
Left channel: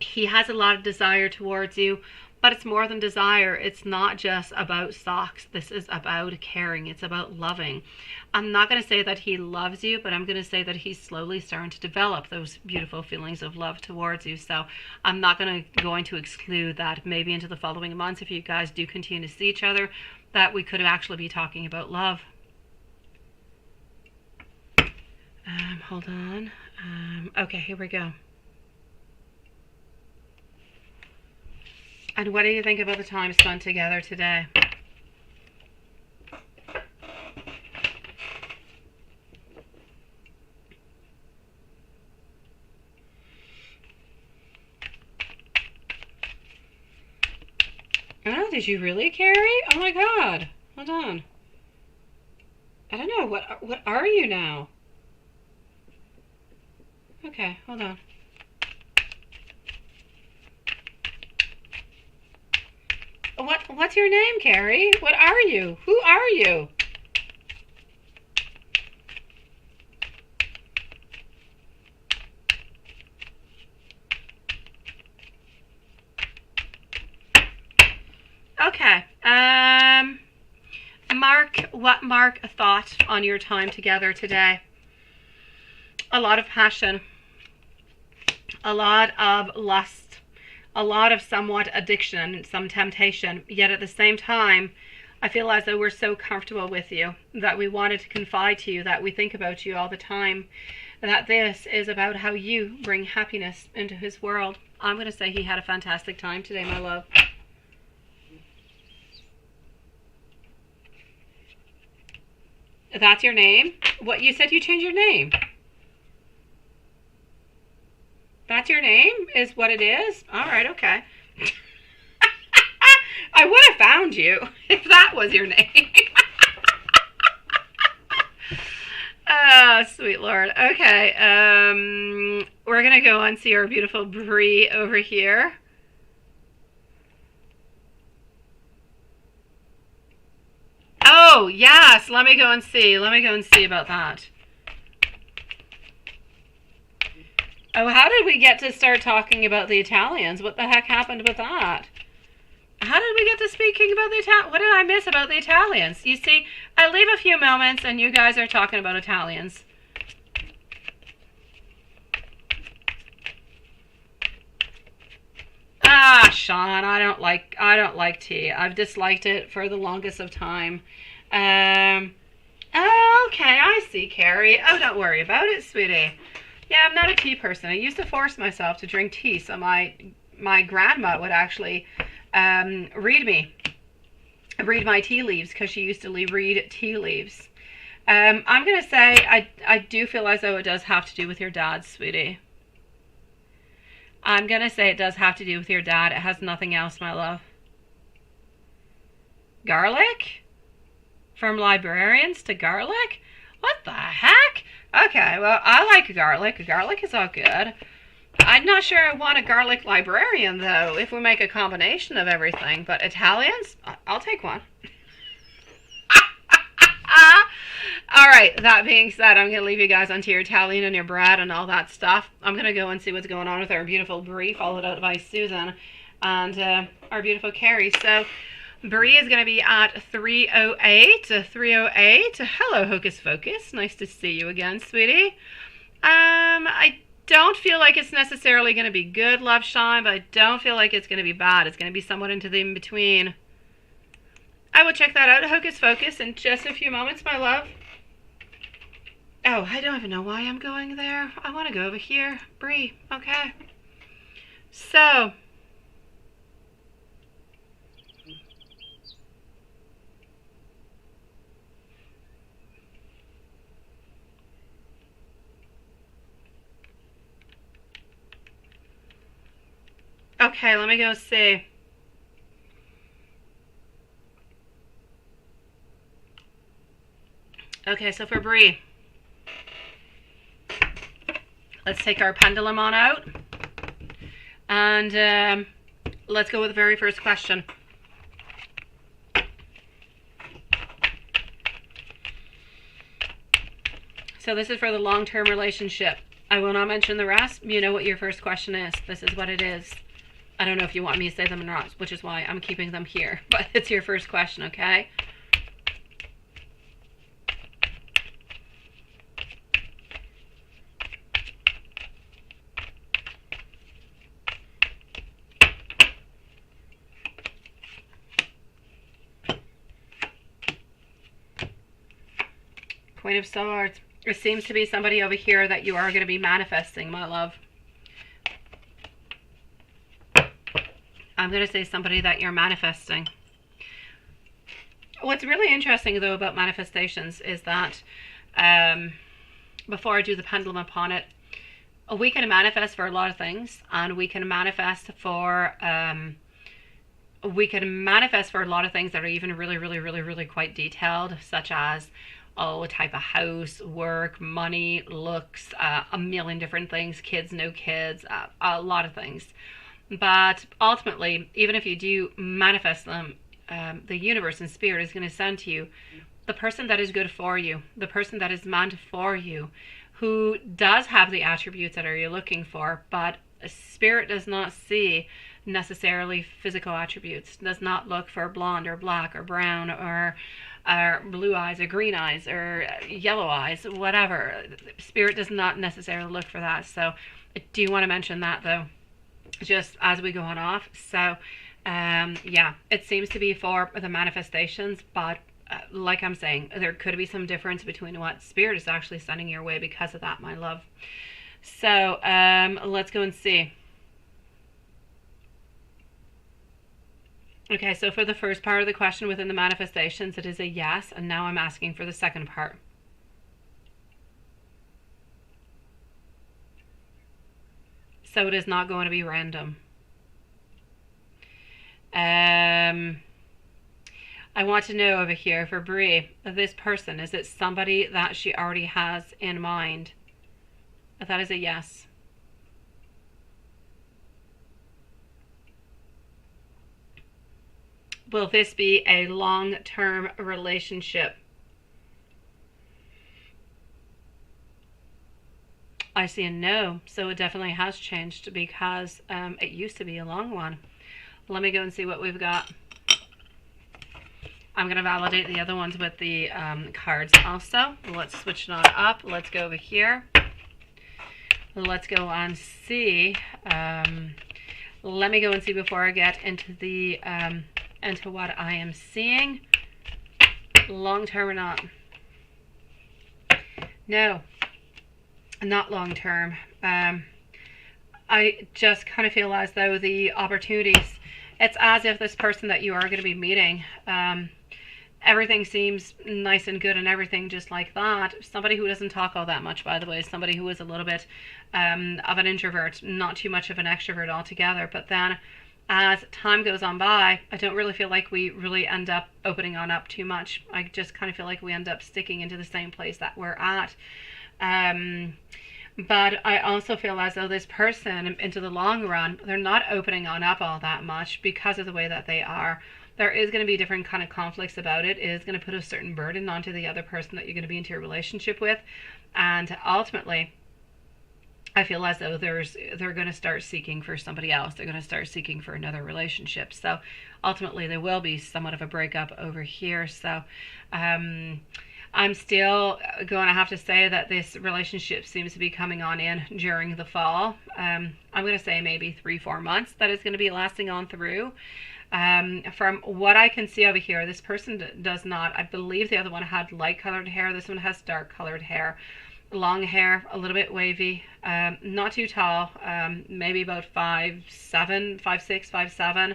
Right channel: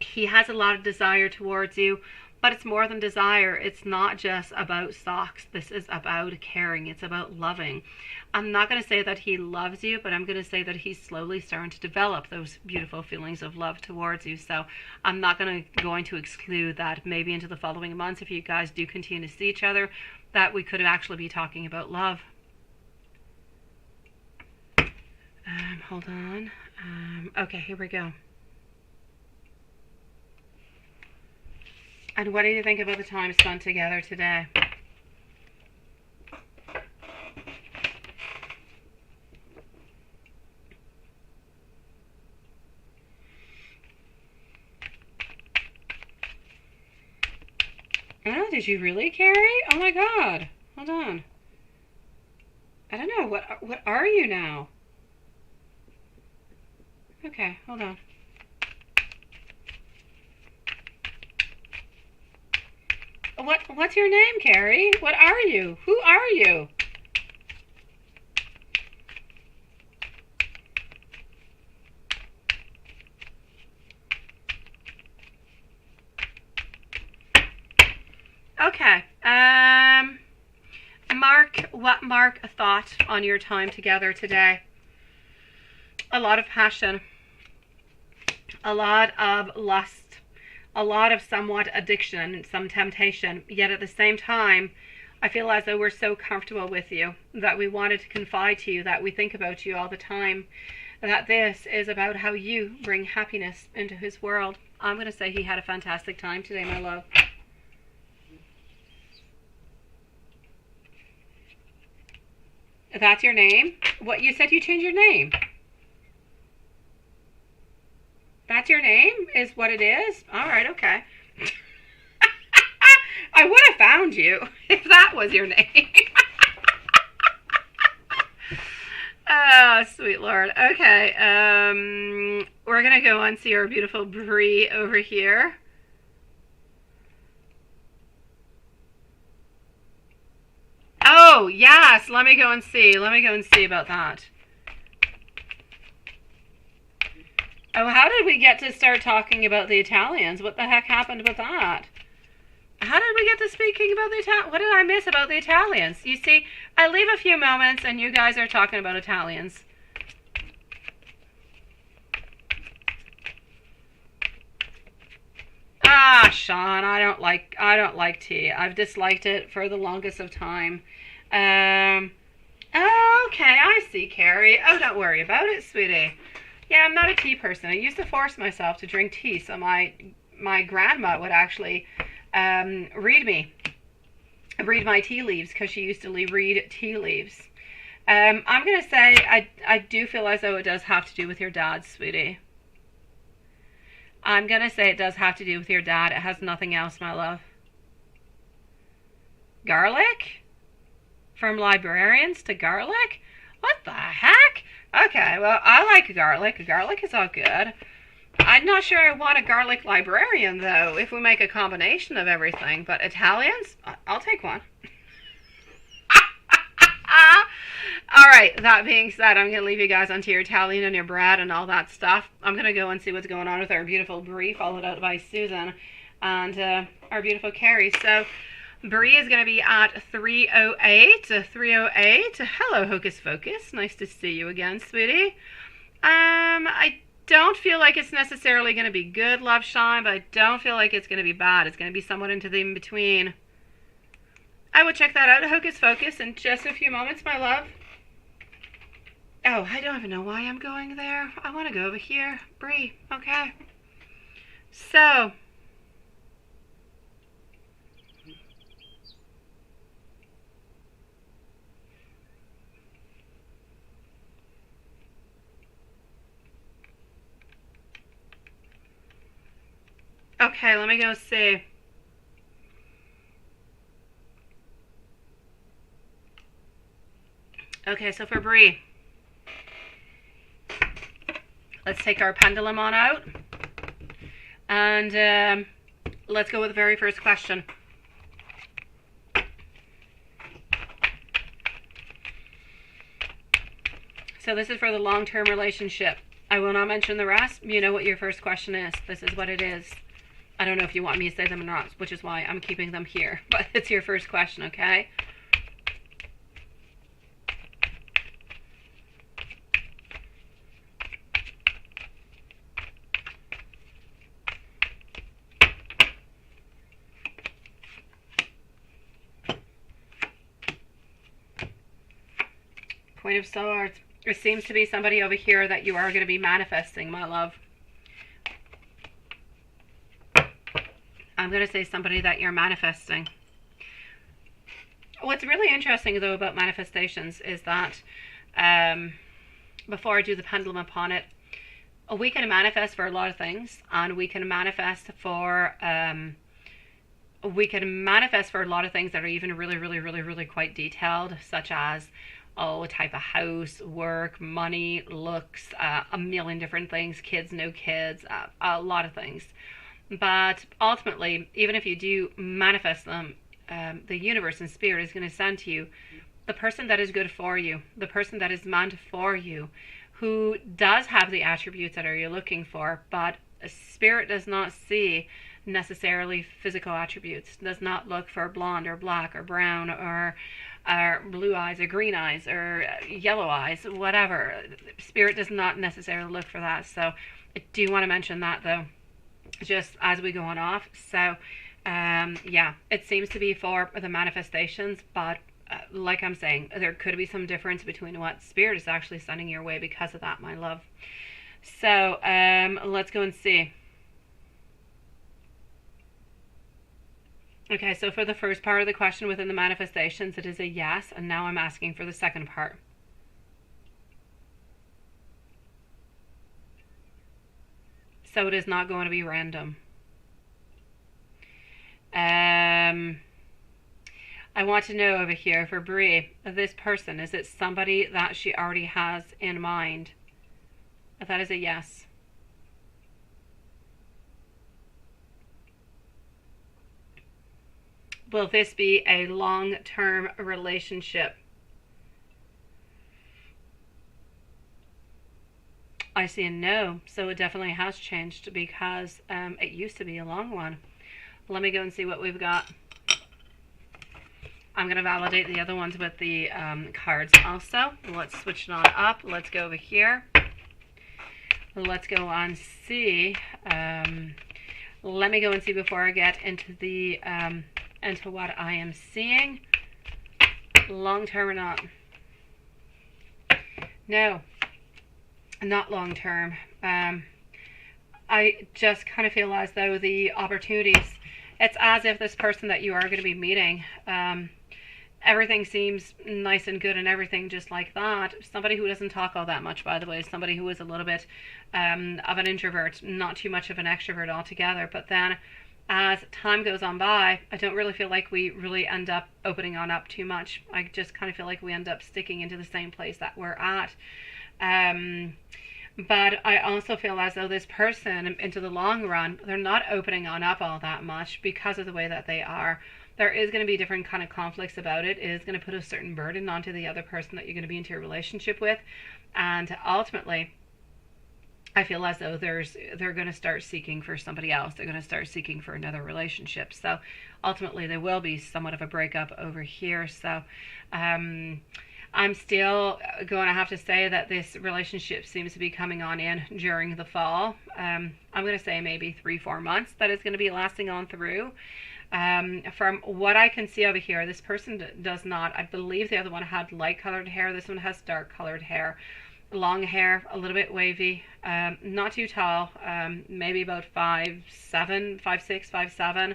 He has a lot of desire towards you, but it's more than desire. It's not just about socks. This is about caring. It's about loving. I'm not going to say that he loves you, but I'm going to say that he's slowly starting to develop those beautiful feelings of love towards you. So I'm not going to exclude that maybe into the following months, if you guys do continue to see each other, that we could actually be talking about love. Hold on. Okay, here we go. And what do you think about the time spent together today? Oh, did you really, Carrie? Oh my God. Hold on. I don't know. What are you now? Okay, hold on. What's your name, Carrie? What are you? Who are you? Okay. Mark a thought on your time together today. A lot of passion. A lot of lust. A lot of somewhat addiction, some temptation. Yet at the same time, I feel as though we're so comfortable with you, that we wanted to confide to you, that we think about you all the time, that this is about how you bring happiness into his world. I'm going to say he had a fantastic time today, my love. That's your name? What, you said you changed your name? That's your name? Is what it is? Alright, okay. I would have found you if that was your name. Oh, sweet Lord. Okay, we're going to go and see our beautiful Bree over here. Oh, yes. Let me go and see. Let me go and see about that. Oh, how did we get to start talking about the Italians? What the heck happened with that? How did we get to speaking about the Italians? What did I miss about the Italians? You see, I leave a few moments and you guys are talking about Italians. Ah, Sean, I don't like tea. I've disliked it for the longest of time. Oh, okay, I see, Carrie. Oh, don't worry about it, sweetie. Yeah, I'm not a tea person. I used to force myself to drink tea, so my grandma would actually read my tea leaves, because she used to read tea leaves. I'm going to say I do feel as though it does have to do with your dad, sweetie. I'm going to say it does have to do with your dad. It has nothing else, my love. Garlic? From librarians to garlic? What the heck? Okay, well, I like garlic. Garlic is all good. I'm not sure I want a garlic librarian, though, if we make a combination of everything. But Italians? I'll take one. All right, that being said, I'm going to leave you guys onto your Italian and your Brad and all that stuff. I'm going to go and see what's going on with our beautiful Brie, followed out by Susan and our beautiful Carrie. So Brie is going to be at 308. 308. Hello, Hocus Focus. Nice to see you again, sweetie. I don't feel like it's necessarily going to be good, Love Shine, but I don't feel like it's going to be bad. It's going to be somewhat into the in-between. I will check that out, Hocus Focus, in just a few moments, my love. Oh, I don't even know why I'm going there. I want to go over here. Brie, okay. So, okay, let me go see. Okay, so for Brie, let's take our pendulum on out. And let's go with the very first question. So this is for the long-term relationship. I will not mention the rest. You know what your first question is. This is what it is. I don't know if you want me to say them or not, which is why I'm keeping them here. But it's your first question, okay? Queen of Swords. It seems to be somebody over here that you are going to be manifesting, my love. I'm going to say somebody that you're manifesting. What's really interesting, though, about manifestations is that, before I do the pendulum upon it, we can manifest for a lot of things, and we can manifest for a lot of things that are even really quite detailed, such as, a type of house, work, money, looks, a million different things, kids, no kids, a lot of things. But ultimately, even if you do manifest them, the universe and spirit is going to send to you the person that is good for you, the person that is meant for you, who does have the attributes that you're looking for, but spirit does not see necessarily physical attributes, does not look for blonde or black or brown or blue eyes or green eyes or yellow eyes, whatever. Spirit does not necessarily look for that. So I do want to mention that, though, just as we go on off. So yeah, it seems to be for the manifestations, but like I'm saying, there could be some difference between what spirit is actually sending your way because of that, my love. So let's go and see. Okay, so for the first part of the question within the manifestations, it is a yes, and now I'm asking for the second part. So it is not going to be random. I want to know over here for Brie, this person, is it somebody that she already has in mind? That is a yes. Will this be a long-term relationship? I see a no, so it definitely has changed because it used to be a long one. Let me go and see what we've got. I'm going to validate the other ones with the cards also. Let's switch it on up. Let's go over here. Let's go on see. Let me go and see before I get into the into what I am seeing. Long term or not? No, not long term. I just kind of feel as though the opportunities, it's as if this person that you are going to be meeting, everything seems nice and good and everything just like that. Somebody who doesn't talk all that much, by the way, somebody who is a little bit of an introvert, not too much of an extrovert altogether. But then as time goes on by, I don't really feel like we really end up opening on up too much. I just kind of feel like we end up sticking into the same place that we're at. But I also feel as though this person, into the long run, they're not opening on up all that much because of the way that they are. There is going to be different kind of conflicts about it. It is going to put a certain burden onto the other person that you're going to be into a relationship with. And ultimately, I feel as though they're going to start seeking for somebody else. They're going to start seeking for another relationship. So ultimately, there will be somewhat of a breakup over here. So I'm still going to have to say that this relationship seems to be coming on in during the fall. I'm going to say maybe 3-4 months that is going to be lasting on through. From what I can see over here, this person does not. I believe the other one had light colored hair. This one has dark colored hair. Long hair, a little bit wavy, not too tall, maybe about 5'7", 5'6", 5'7".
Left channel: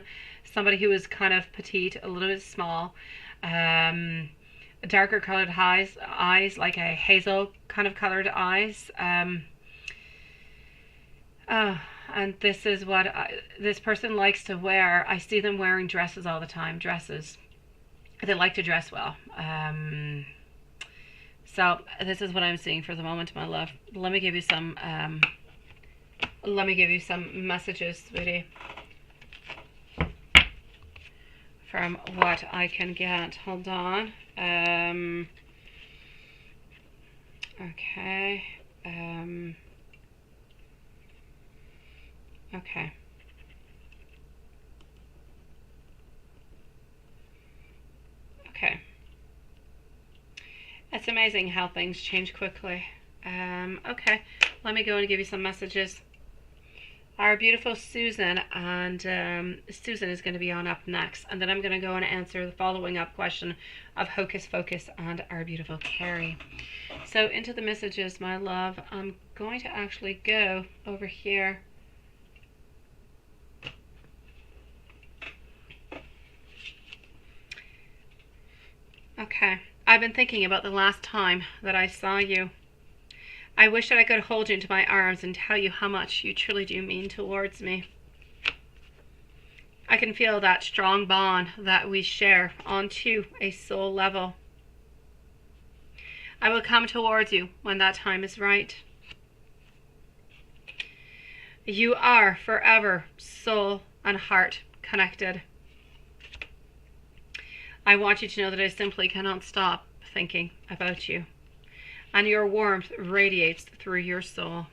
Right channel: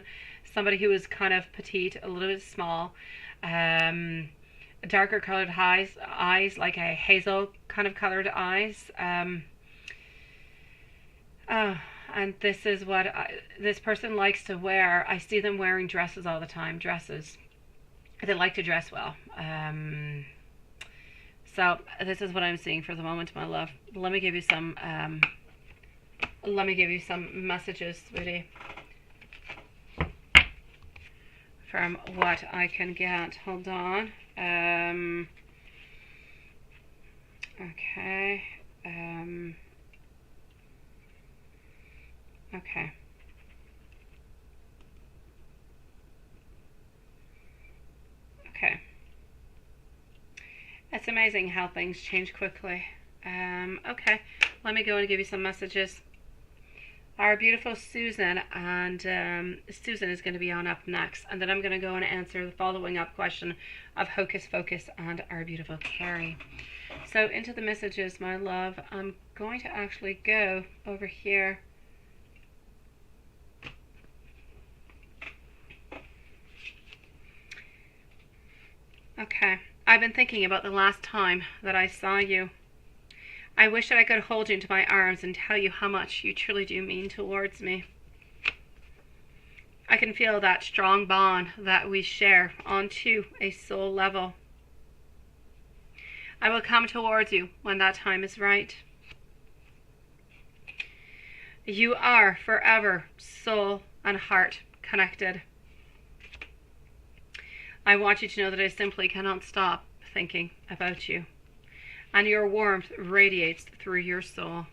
Somebody who is kind of petite, a little bit small. Darker colored eyes, like a hazel kind of colored eyes. And this is what this person likes to wear. I see them wearing dresses all the time, dresses. They like to dress well. So this is what I'm seeing for the moment, my love. Let me give you some messages, sweetie. from what I can get. Hold on. Okay. Okay. Okay. It's amazing how things change quickly. Okay. Let me go and give you some messages. Our beautiful Susan, and Susan is going to be on up next, and then I'm going to go and answer the following up question of Hocus Focus and our beautiful Carrie. So into the messages, my love, I'm going to actually go over here. Okay, I've been thinking about the last time that I saw you. I wish that I could hold you into my arms and tell you how much you truly do mean towards me. I can feel that strong bond that we share onto a soul level. I will come towards you when that time is right. You are forever soul and heart connected. I want you to know that I simply cannot stop thinking about you. And your warmth radiates through your soul.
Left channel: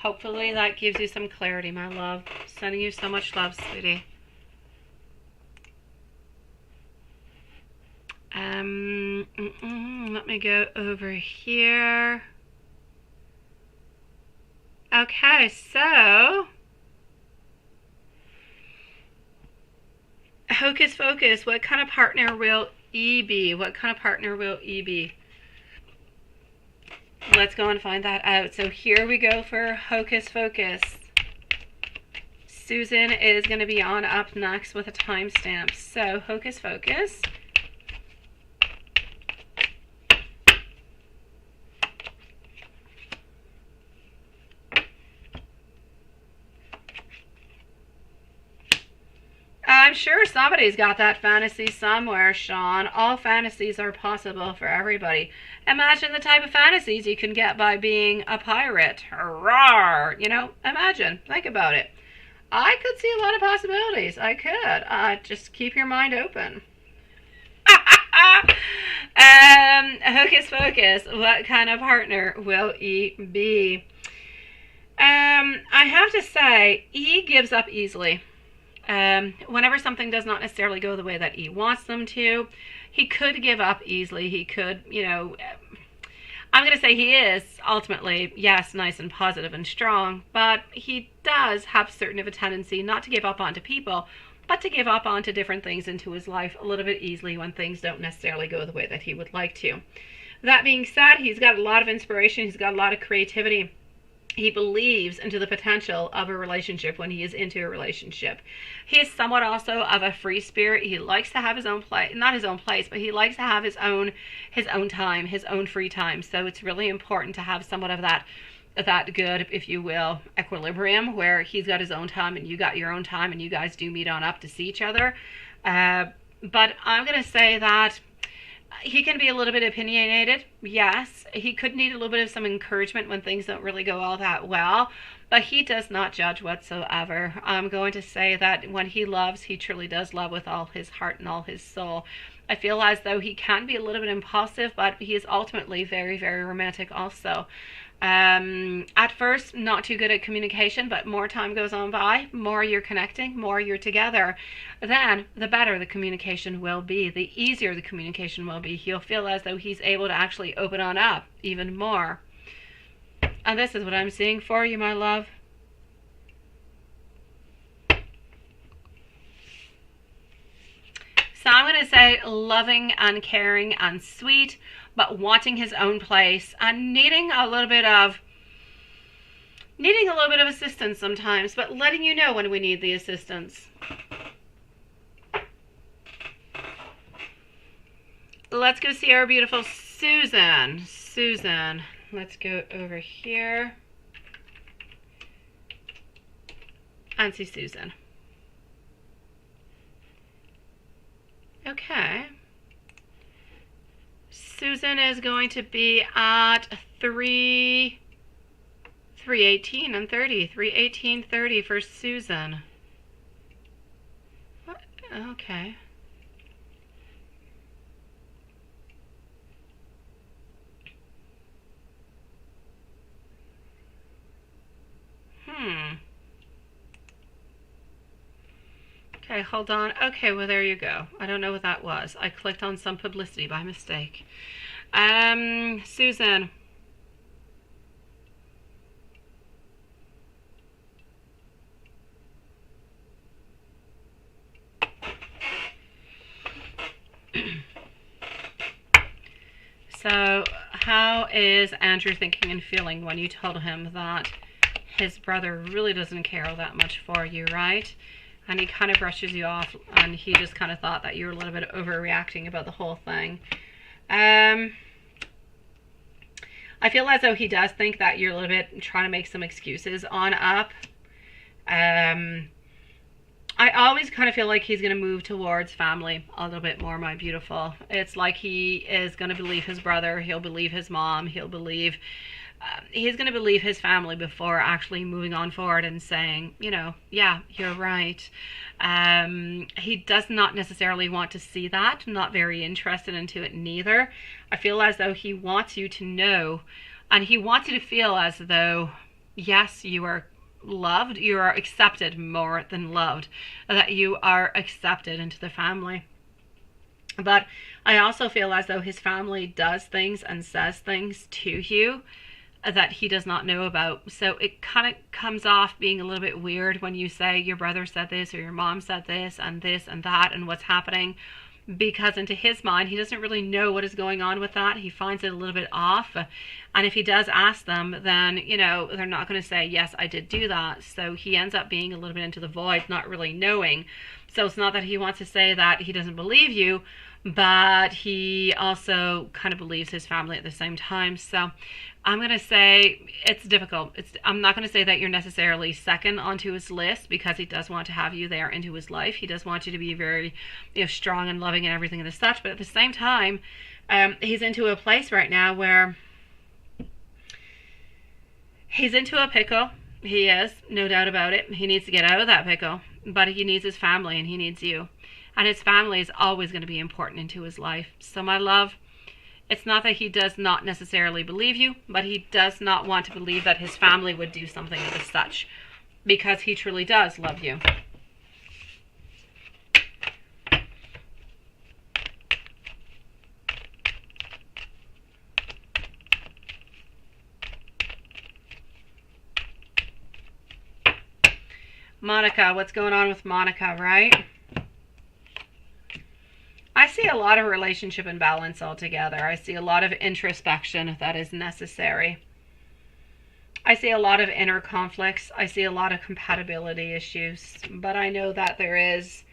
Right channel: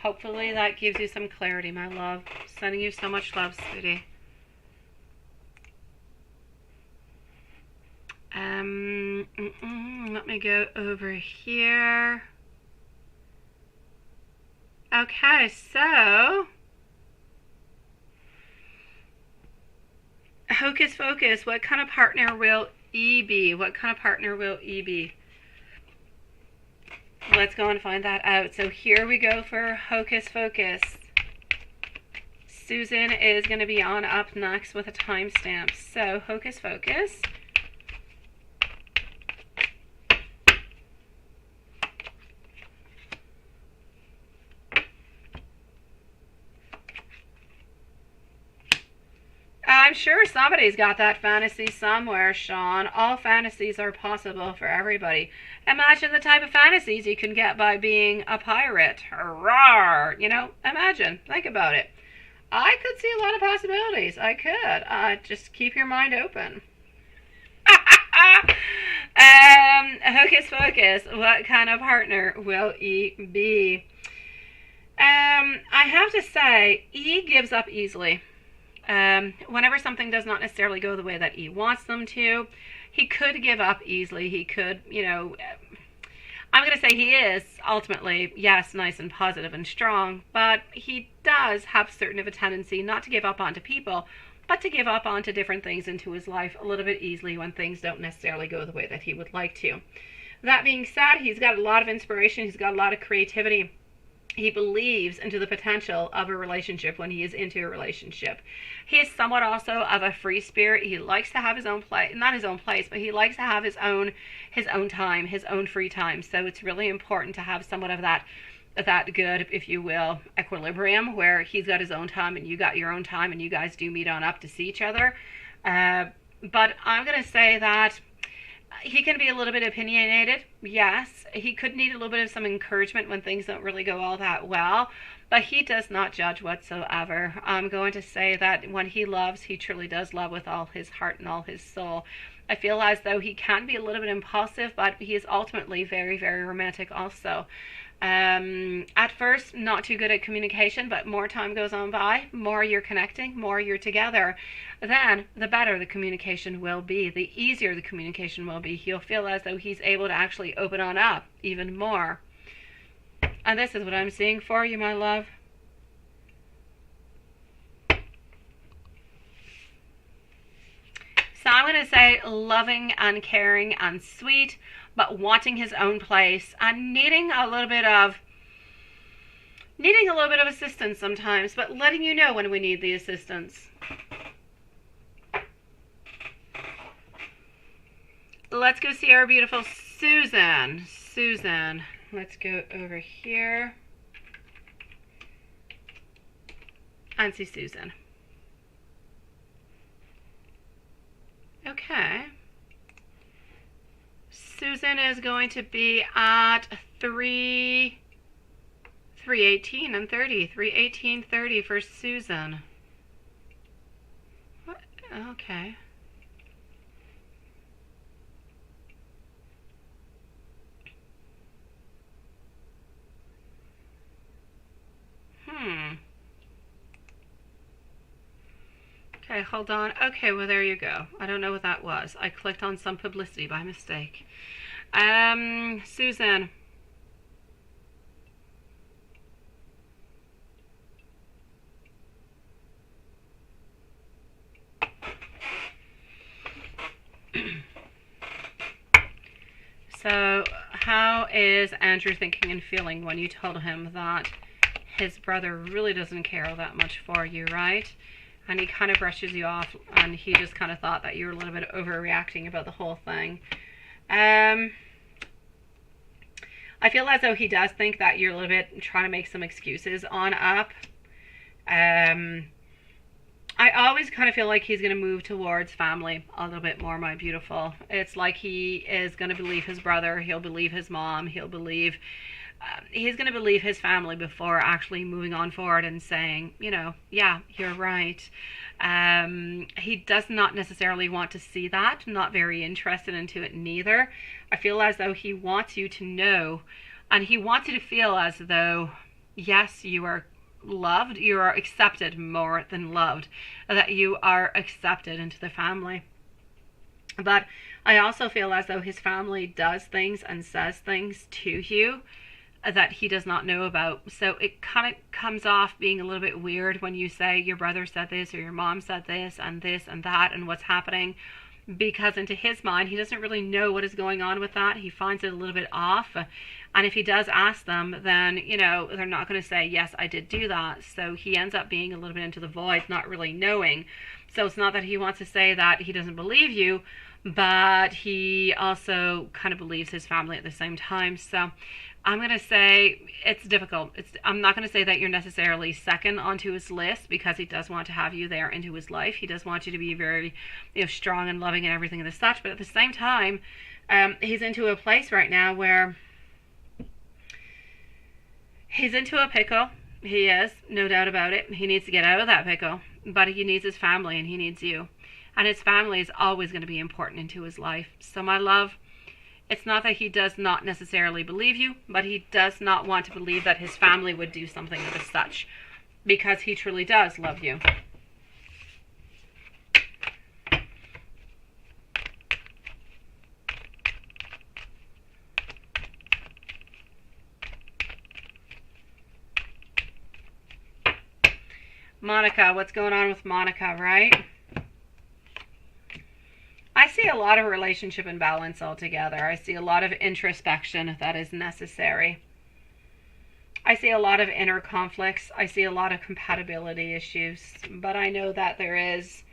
Hopefully that gives you some clarity, my love. Sending you so much love, sweetie. Let me go over here. Okay, so Hocus Focus, what kind of partner will E be? What kind of partner will E be? Let's go and find that out. So here we go for Hocus Focus. Susan is going to be on up next with a timestamp. So Hocus Focus. I'm sure somebody's got that fantasy somewhere, Sean. All fantasies are possible for everybody. Imagine the type of fantasies you can get by being a pirate. Rawr! You know, imagine. Think about it. I could see a lot of possibilities. I could. Just keep your mind open. Hocus Focus. What kind of partner will E be? I have to say, E gives up easily. Whenever something does not necessarily go the way that E wants them to, he could give up easily. He could, you know, I'm going to say he is ultimately, yes, nice and positive and strong, but he does have certain of a tendency not to give up onto people, but to give up onto different things into his life a little bit easily when things don't necessarily go the way that he would like to. That being said, he's got a lot of inspiration. He's got a lot of creativity. He believes into the potential of a relationship when he is into a relationship. He is somewhat also of a free spirit. He likes to have his own place, not his own place, but he likes to have his own time, his own free time. So it's really important to have somewhat of that good, if you will, equilibrium where he's got his own time and you got your own time and you guys do meet on up to see each other. But I'm going to say that he can be a little bit opinionated. Yes, he could need a little bit of some encouragement when things don't really go all that well, but he does not judge whatsoever. I'm going to say that when he loves, he truly does love with all his heart and all his soul. I feel as though he can be a little bit impulsive, but he is ultimately very, very romantic also. At first, not too good at communication, but more time goes on by, more you're connecting, more you're together, then the better the communication will be, the easier the communication will be. He'll feel as though he's able to actually open on up even more. And this is what I'm seeing for you, my love. So I'm going to say loving and caring and sweet, but wanting his own place and needing a little bit of assistance sometimes, but letting you know when we need the assistance. Let's go see our beautiful Susan. Susan. Let's go over here and see Susan. Okay. Susan is going to be at 3 318 and 30. 318, 30 for Susan. What? Okay. Okay, hold on. Okay, well, there you go. I don't know what that was. I clicked on some publicity by mistake. Susan. So, how is Andrew thinking and feeling when you told him that his brother really doesn't care that much for you, right? And he kind of brushes you off, and he just kind of thought that you were a little bit overreacting about the whole thing. I feel as though he does think that you're a little bit trying to make some excuses on up. I always kind of feel like he's going to move towards family a little bit more, my beautiful. It's like he is going to believe his brother. He'll believe his mom. He's going to believe his family before actually moving on forward and saying, you know, yeah, you're right. He does not necessarily want to see that. I'm not very interested into it neither. I feel as though he wants you to know, and he wants you to feel as though, yes, you are loved, you are accepted more than loved, that you are accepted into the family. But I also feel as though his family does things and says things to you that he does not know about. So it kind of comes off being a little bit weird when you say your brother said this or your mom said this and that and what's happening, because into his mind he doesn't really know what is going on with that. He finds it a little bit off, and if he does ask them, then, you know, they're not going to say, yes, I did do that. So he ends up being a little bit into the void, not really knowing. So it's not that he wants to say that he doesn't believe you, but he also kind of believes his family at the same time. So I'm going to say it's difficult. I'm not going to say that you're necessarily second onto his list, because he does want to have you there into his life. He does want you to be very, you know, strong and loving and everything and such. But at the same time, he's into a place right now where he's into a pickle. He is, no doubt about it. He needs to get out of that pickle, but he needs his family and he needs you. And his family is always going to be important into his life. So my love, it's not that he does not necessarily believe you, but he does not want to believe that his family would do something as such, because he truly does love you. Monica, what's going on with Monica, right? I see a lot of relationship imbalance altogether. I see a lot of introspection that is necessary. I see a lot of inner conflicts. I see a lot of compatibility issues. But I know that there is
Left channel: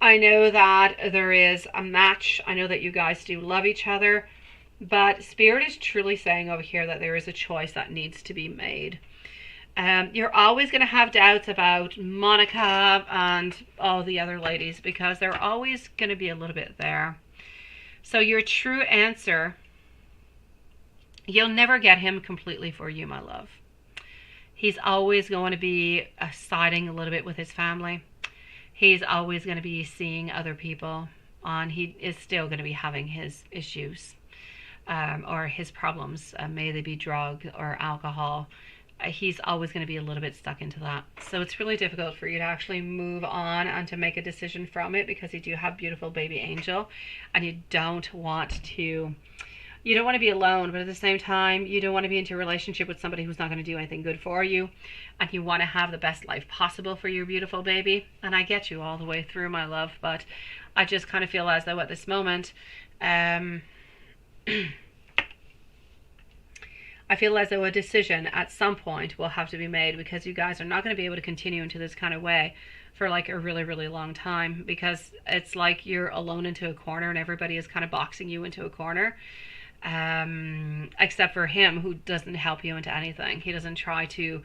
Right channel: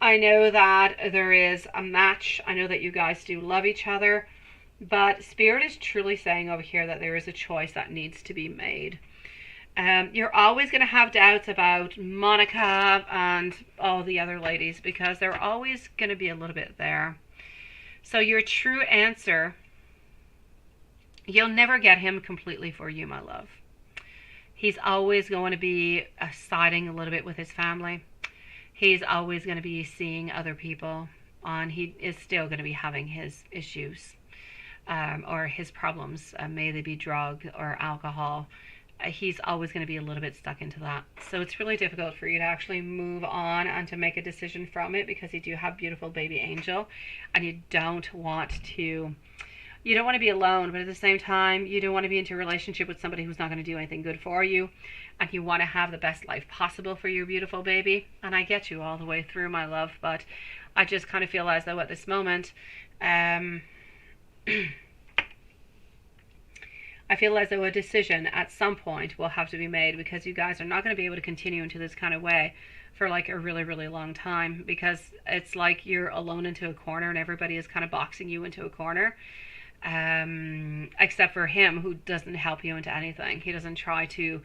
a match. I know that you guys do love each other. But Spirit is truly saying over here that there is a choice that needs to be made. You're always going to have doubts about Monica and all the other ladies, because they're always going to be a little bit there. So your true answer, you'll never get him completely for you, my love. He's always going to be siding a little bit with his family. He's always going to be seeing other people on. He is still going to be having his issues or his problems. May they be drug or alcohol. He's always going to be a little bit stuck into that. So it's really difficult for you to actually move on and to make a decision from it, because you do have beautiful baby angel, and you don't want to be alone, but at the same time, you don't want to be into a relationship with somebody who's not going to do anything good for you, and you want to have the best life possible for your beautiful baby. And I get you all the way through, my love, but I just kind of feel as though at this moment, I feel as though a decision at some point will have to be made, because you guys are not going to be able to continue into this kind of way for like a really, really long time, because it's like you're alone into a corner and everybody is kind of boxing you into a corner, except for him, who doesn't help you into anything. He doesn't try to,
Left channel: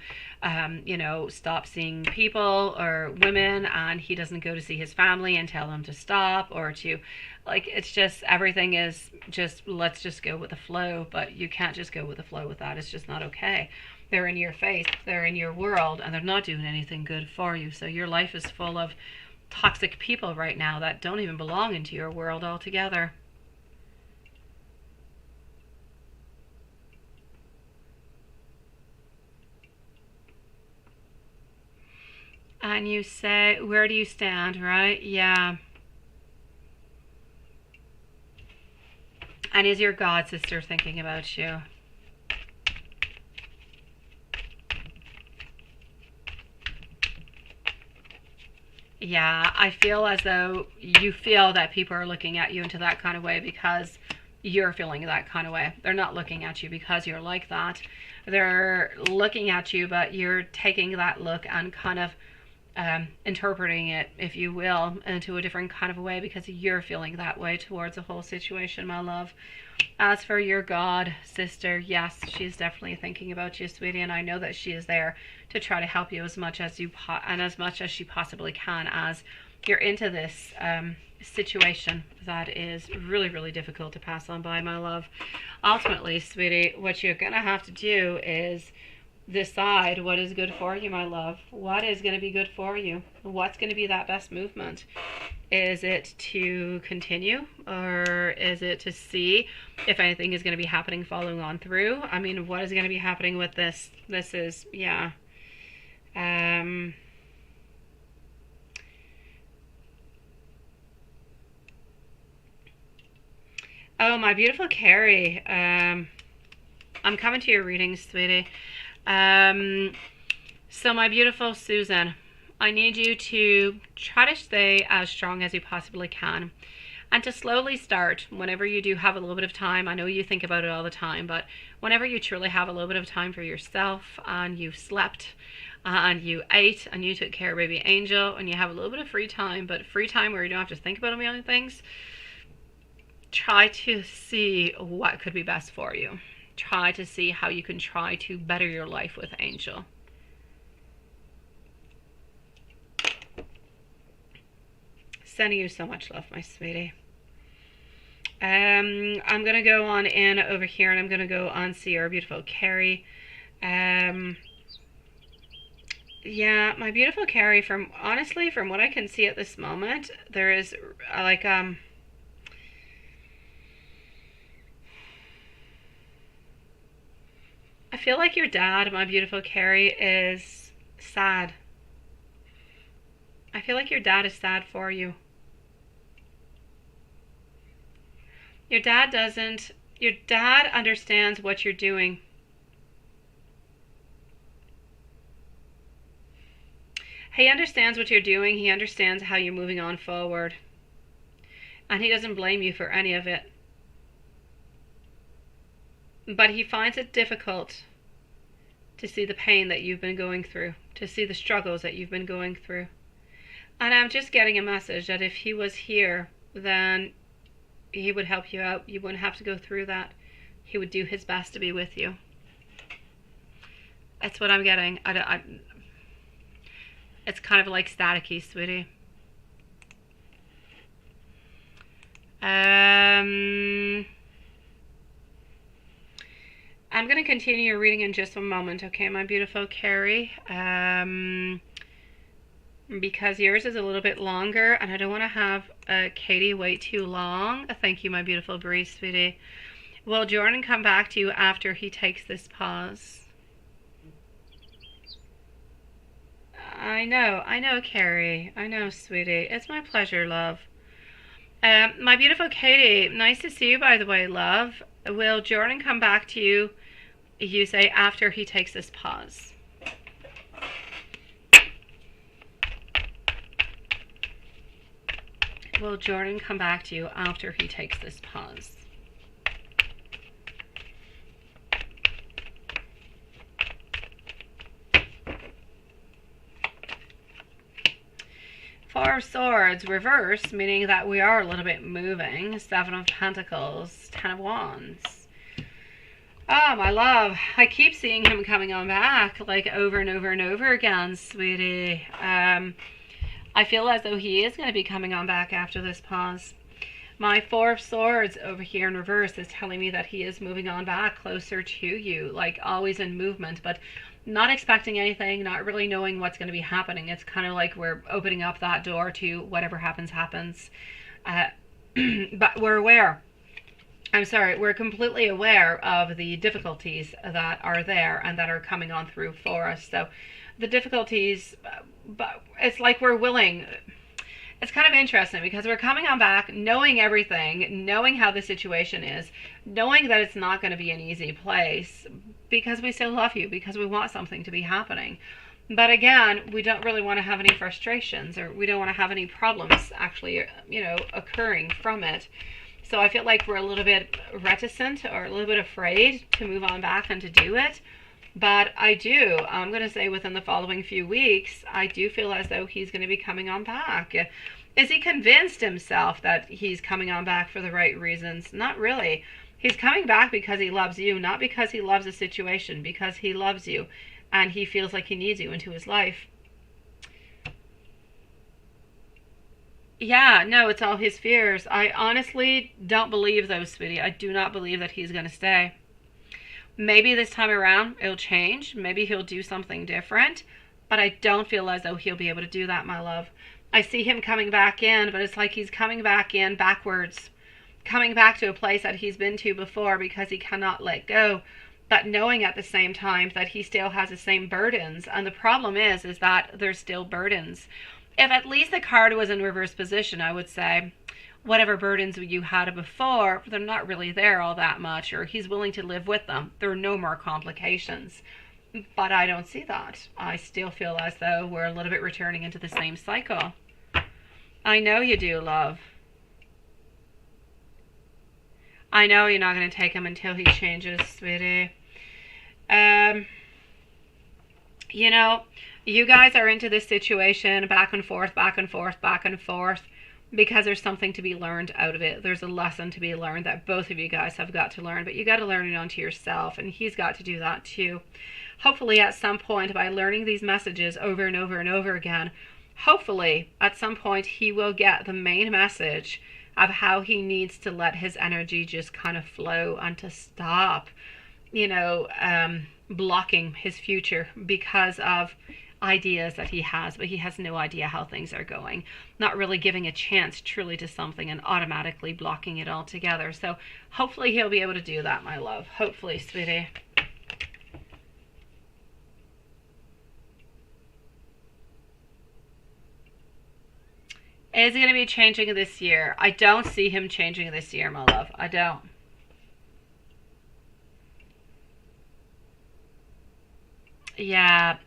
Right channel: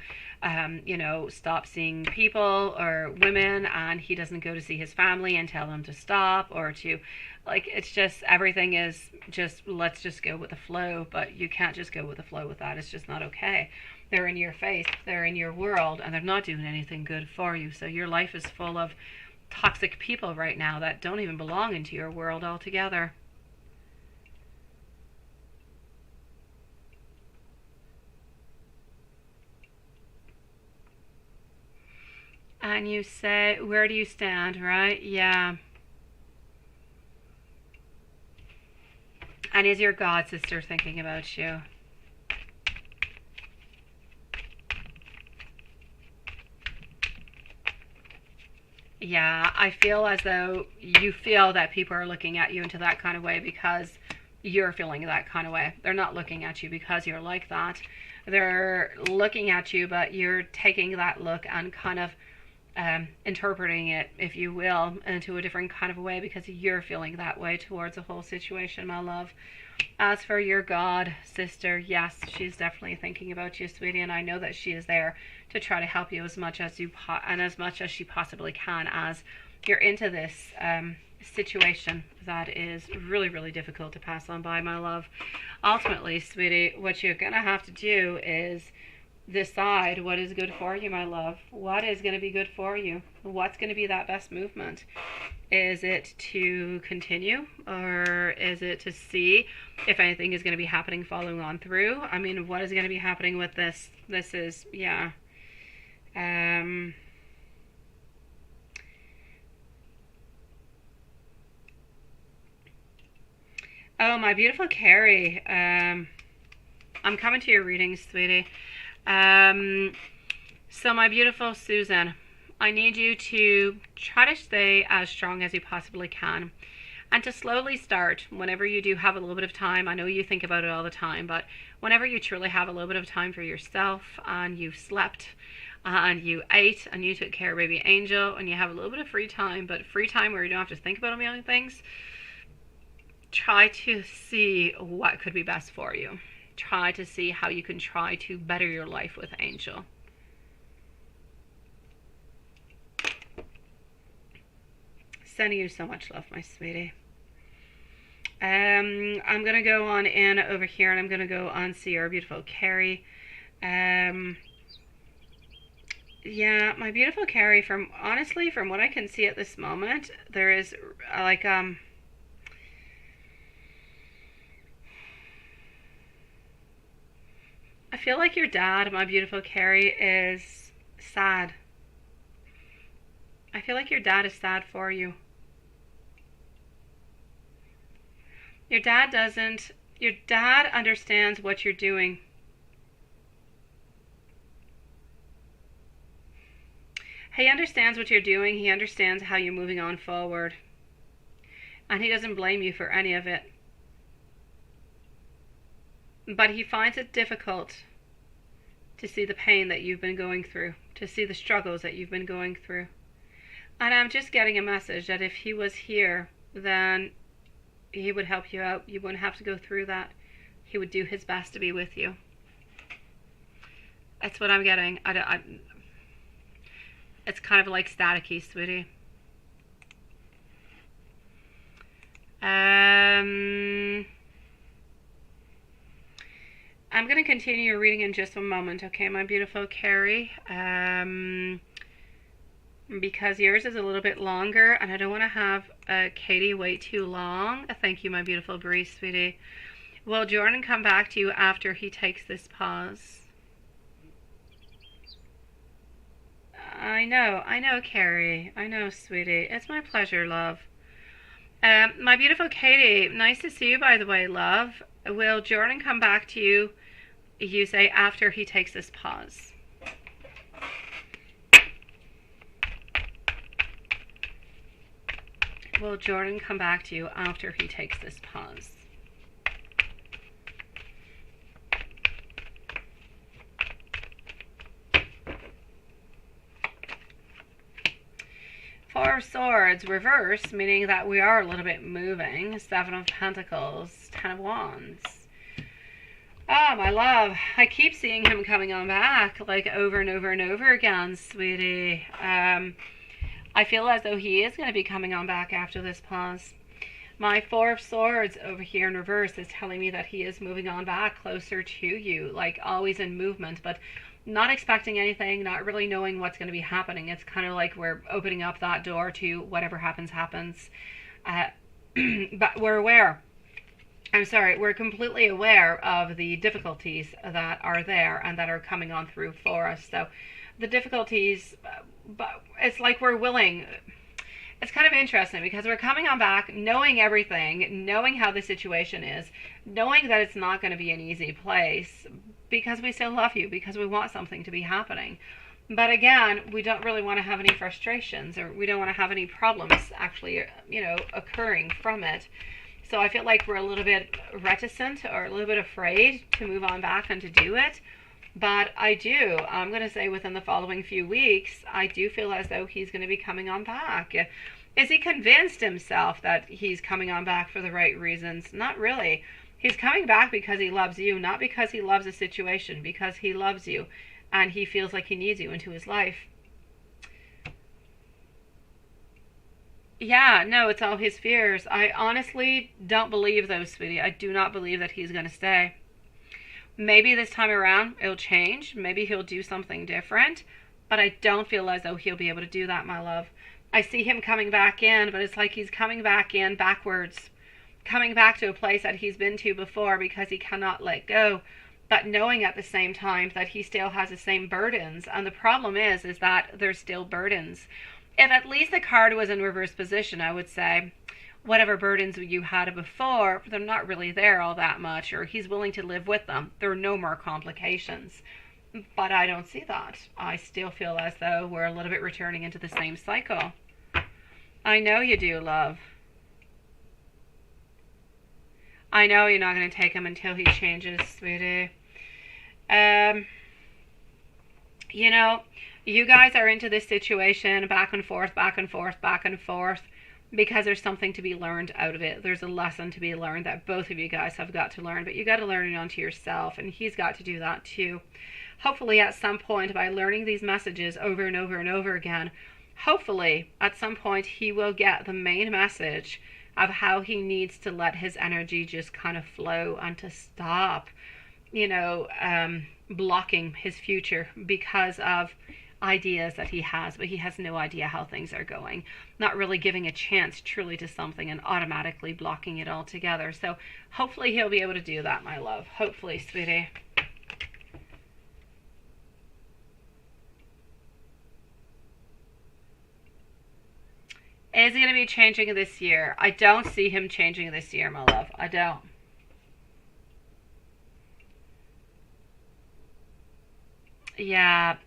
stop seeing people or women, and he doesn't go to see his family and tell them to stop, or to, like, it's just, everything is just, let's just go with the flow. But you can't just go with the flow with that. It's just not okay. They're in your face, they're in your world, and they're not doing anything good for you. So your life is full of toxic people right now that don't even belong into your world altogether. And you say, where do you stand, right? Yeah. And is your god sister thinking about you? Yeah, I feel as though you feel that people are looking at you into that kind of way because you're feeling that kind of way. They're not looking at you because you're like that. They're looking at you, but you're taking that look and kind of interpreting it, if you will, into a different kind of a way because you're feeling that way towards the whole situation, my love. As for your god sister, yes, she's definitely thinking about you, sweetie, and I know that she is there to try to help you as much as as much as she possibly can, as you're into this situation that is really, really difficult to pass on by, my love. Ultimately, sweetie, what you're gonna have to do is decide what is good for you, my love. What is going to be good for you? What's going to be that best movement? Is it to continue, or is it to see if anything is going to be happening following on through? I mean, what is going to be happening with this? This is, yeah. Oh, my beautiful Carrie. I'm coming to your readings, sweetie. So my beautiful Susan, I need you to try to stay as strong as you possibly can and to slowly start whenever you do have a little bit of time. I know you think about it all the time, but whenever you truly have a little bit of time for yourself and you've slept and you ate and you took care of baby Angel and you have a little bit of free time, but free time where you don't have to think about a million things, try to see what could be best for you. Try to see how you can try to better your life with Angel. Sending you so much love, my sweetie. I'm going to go on in over here and I'm going to go on see our beautiful Carrie. Yeah, my beautiful Carrie, honestly, from what I can see at this moment, there is like, I feel like your dad, my beautiful Carrie, is sad. I feel like your dad is sad for you. Your dad understands what you're doing. He understands what you're doing. He understands how you're moving on forward. And he doesn't blame you for any of it. But he finds it difficult to see the pain that you've been going through, to see the struggles that you've been going through. And I'm just getting a message that if he was here, then he would help you out. You wouldn't have to go through that. He would do his best to be with you. That's what I'm getting. It's kind of like staticky, sweetie. I'm going to continue your reading in just a moment, okay, my beautiful Carrie? Because yours is a little bit longer, and I don't want to have Katie wait too long. Thank you, my beautiful Bree, sweetie. Will Jordan come back to you after he takes this pause? I know, Carrie. I know, sweetie. It's my pleasure, love. My beautiful Katie, nice to see you, by the way, love. Will Jordan come back to you, you say, after he takes this pause? Will Jordan come back to you after he takes this pause? Four of Swords, reverse, meaning that we are a little bit moving. Seven of Pentacles, Ten of Wands. Oh, my love. I keep seeing him coming on back, like over and over and over again, sweetie. I feel as though he is going to be coming on back after this pause. My Four of Swords over here in reverse is telling me that he is moving on back closer to you, like always in movement, but not expecting anything, not really knowing what's going to be happening. It's kind of like we're opening up that door to whatever happens, happens. But we're aware. I'm sorry, we're completely aware of the difficulties that are there and that are coming on through for us. So the difficulties, but it's like we're willing. It's kind of interesting because we're coming on back knowing everything, knowing how the situation is, knowing that it's not going to be an easy place because we still love you, because we want something to be happening. But again, we don't really want to have any frustrations, or we don't want to have any problems actually, occurring from it. So I feel like we're a little bit reticent or a little bit afraid to move on back and to do it. But I'm going to say within the following few weeks, I do feel as though he's going to be coming on back. Is he convinced himself that he's coming on back for the right reasons? Not really. He's coming back because he loves you, not because he loves a situation, because he loves you and he feels like he needs you into his life. Yeah, no, it's all his fears. I honestly don't believe those, sweetie. I do not believe that he's going to stay. Maybe this time around it'll change. Maybe he'll do something different. But I don't feel as though he'll be able to do that, my love. I see him coming back in, but it's like he's coming back in backwards. Coming back to a place that he's been to before because he cannot let go. But knowing at the same time that he still has the same burdens. And the problem is that there's still burdens. If at least the card was in reverse position, I would say whatever burdens you had before, they're not really there all that much, or he's willing to live with them. There are no more complications. But I don't see that. I still feel as though we're a little bit returning into the same cycle. I know you do, love. I know you're not going to take him until he changes, sweetie. You guys are into this situation back and forth, back and forth, back and forth, because there's something to be learned out of it. There's a lesson to be learned that both of you guys have got to learn, but you got to learn it onto yourself, and he's got to do that too. Hopefully at some point, by learning these messages over and over and over again, hopefully at some point he will get the main message of how he needs to let his energy just kind of flow and to stop, blocking his future because of ideas that he has, but he has no idea how things are going, not really giving a chance truly to something and automatically blocking it altogether. So hopefully he'll be able to do that, my love. Hopefully, sweetie. Is he going to be changing this year? I don't see him changing this year, my love. I don't. Yeah.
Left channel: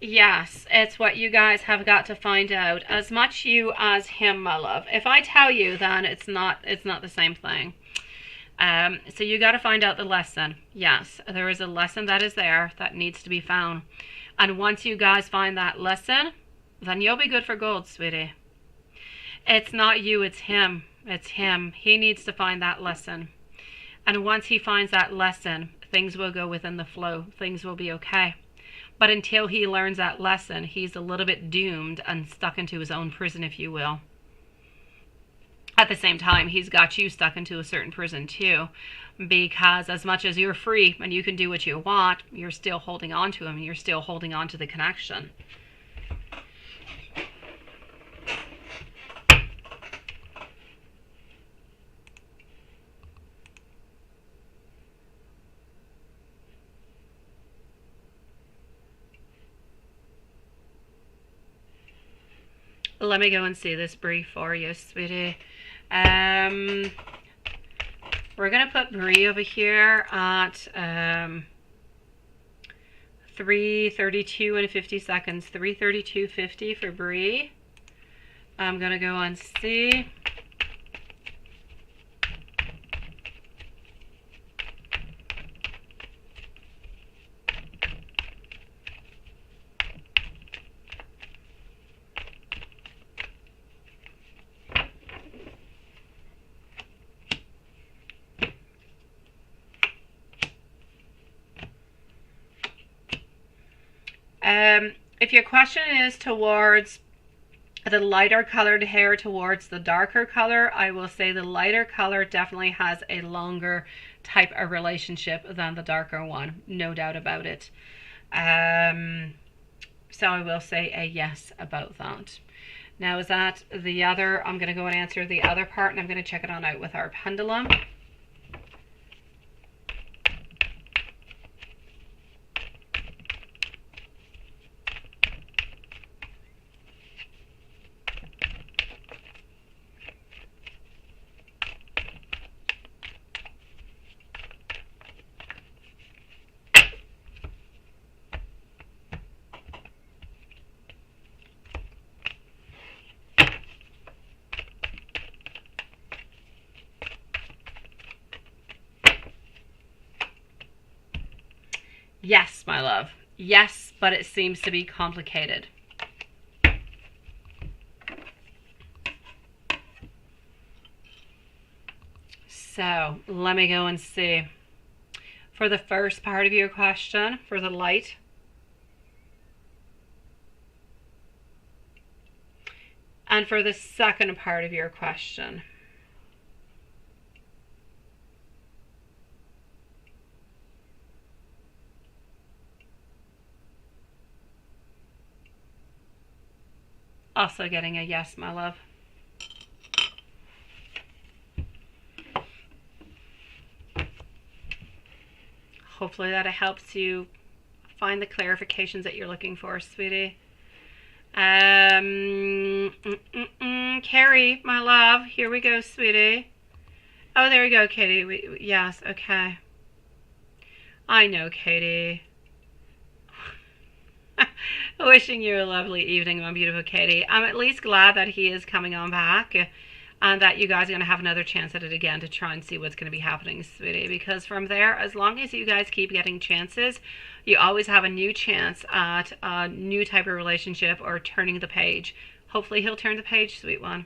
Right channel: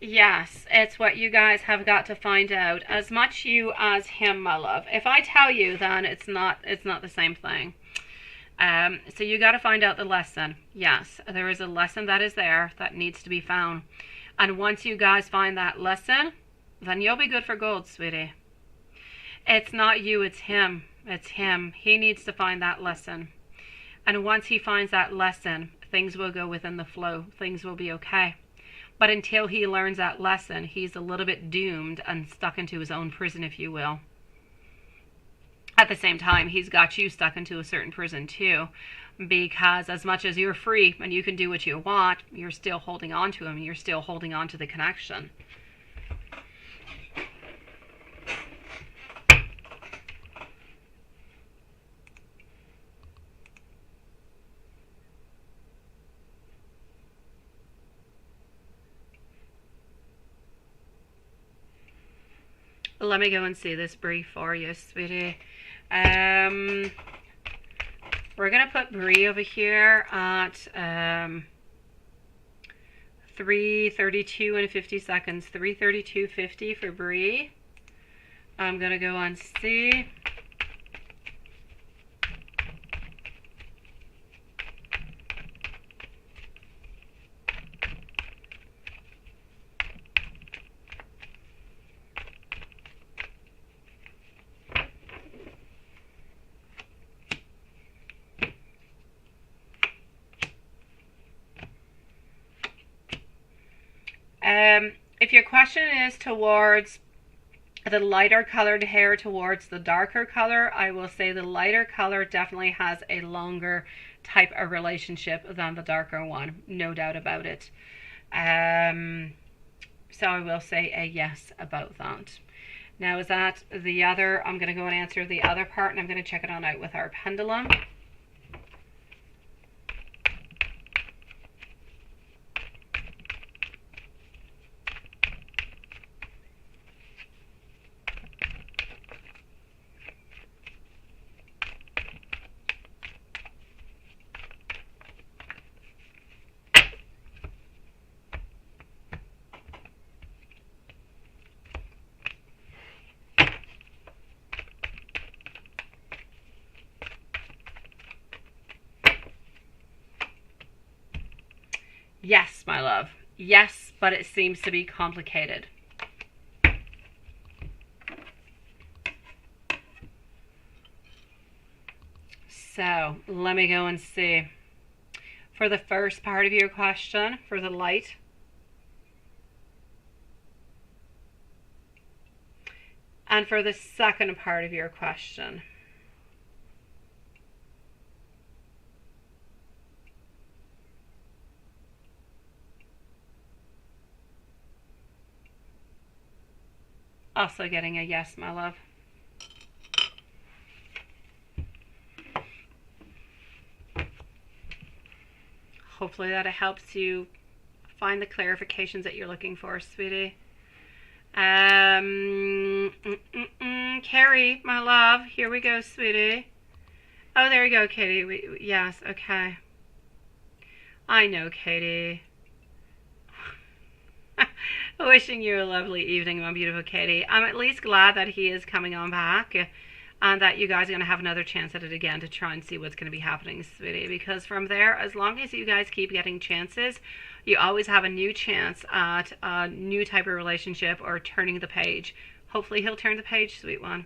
Yes, it's what you guys have got to find out. As much you as him, my love. If I tell you, then it's not the same thing. So you got to find out the lesson. Yes, there is a lesson that is there that needs to be found. And once you guys find that lesson, then you'll be good for gold, sweetie. It's not you, it's him. It's him. He needs to find that lesson. And once he finds that lesson, things will go within the flow. Things will be okay. But until he learns that lesson, he's a little bit doomed and stuck into his own prison, if you will. At the same time, he's got you stuck into a certain prison too. Because as much as you're free and you can do what you want, you're still holding on to him. You're still holding on to the connection. Let me go and see this brief for you, sweetie. We're going to put Bree over here at 3:32 and 50 seconds. 3:32:50 for Bree. I'm going to go on C. If your question is towards the lighter colored hair towards the darker color, I will say the lighter color definitely has a longer type of relationship than the darker one, no doubt about it. So I will say a yes about that. Now, is that the other? I'm going to go and answer the other part, and I'm going to check it on out with our pendulum. Yes, my love. Yes, but it seems to be complicated. So let me go and see. For the first part of your question, for the light, and for the second part of your question. Also getting a yes, my love. Hopefully that helps you find the clarifications that you're looking for, sweetie. Carrie, my love, here we go, sweetie. Oh, there we go, Katie. Yes, okay. I know, Katie. Wishing you a lovely evening, my beautiful Katie. I'm at least glad that he is coming on back and that you guys are going to have another chance at it again to try and see what's going to be happening, sweetie. Because from there, as long as you guys keep getting chances, you always have a new chance at a new type of relationship or turning the page. Hopefully he'll turn the page, sweet one.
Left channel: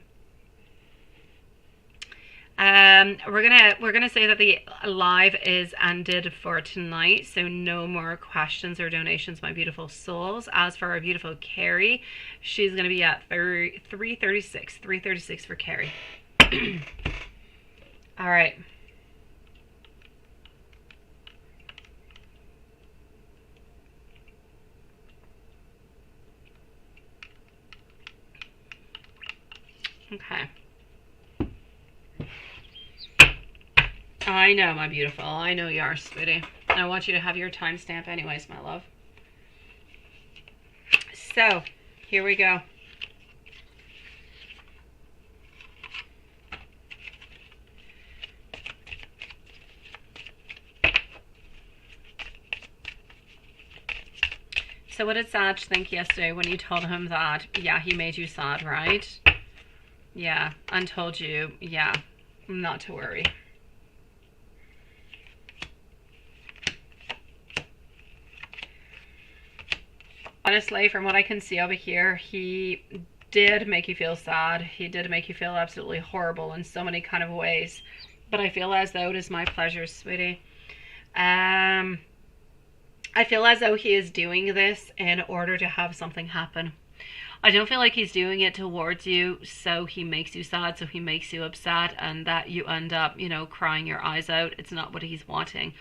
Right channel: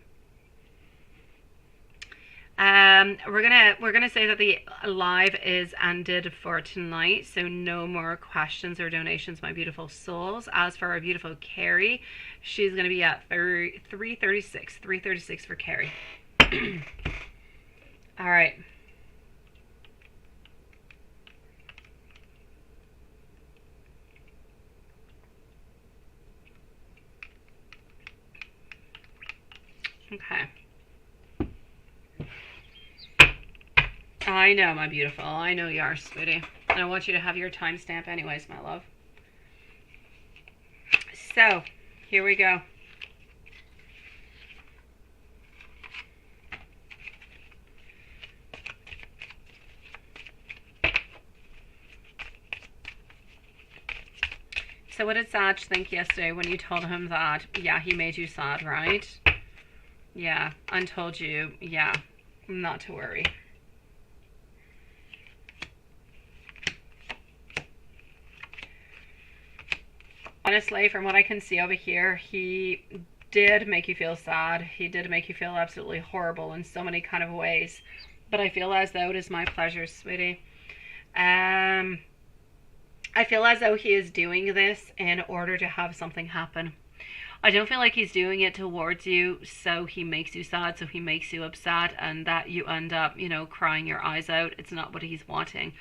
We're gonna say that the live is ended for tonight, so no more questions or donations, my beautiful souls. As for our beautiful Carrie, she's gonna be at 336 for Carrie. All right. Okay. I know, my beautiful. I know you are, sweetie. I want you to have your timestamp anyways, my love. So, here we go. So what did Sag think yesterday when you told him that, yeah, he made you sad, right? Yeah, and told you, yeah, not to worry. Honestly, from what I can see over here, he did make you feel sad. He did make you feel absolutely horrible in so many kind of ways. But I feel as though it is my pleasure, sweetie. I feel as though he is doing this in order to have something happen. I don't feel like he's doing it towards you so he makes you sad, so he makes you upset, and that you end up, you know, crying your eyes out. It's not what he's wanting.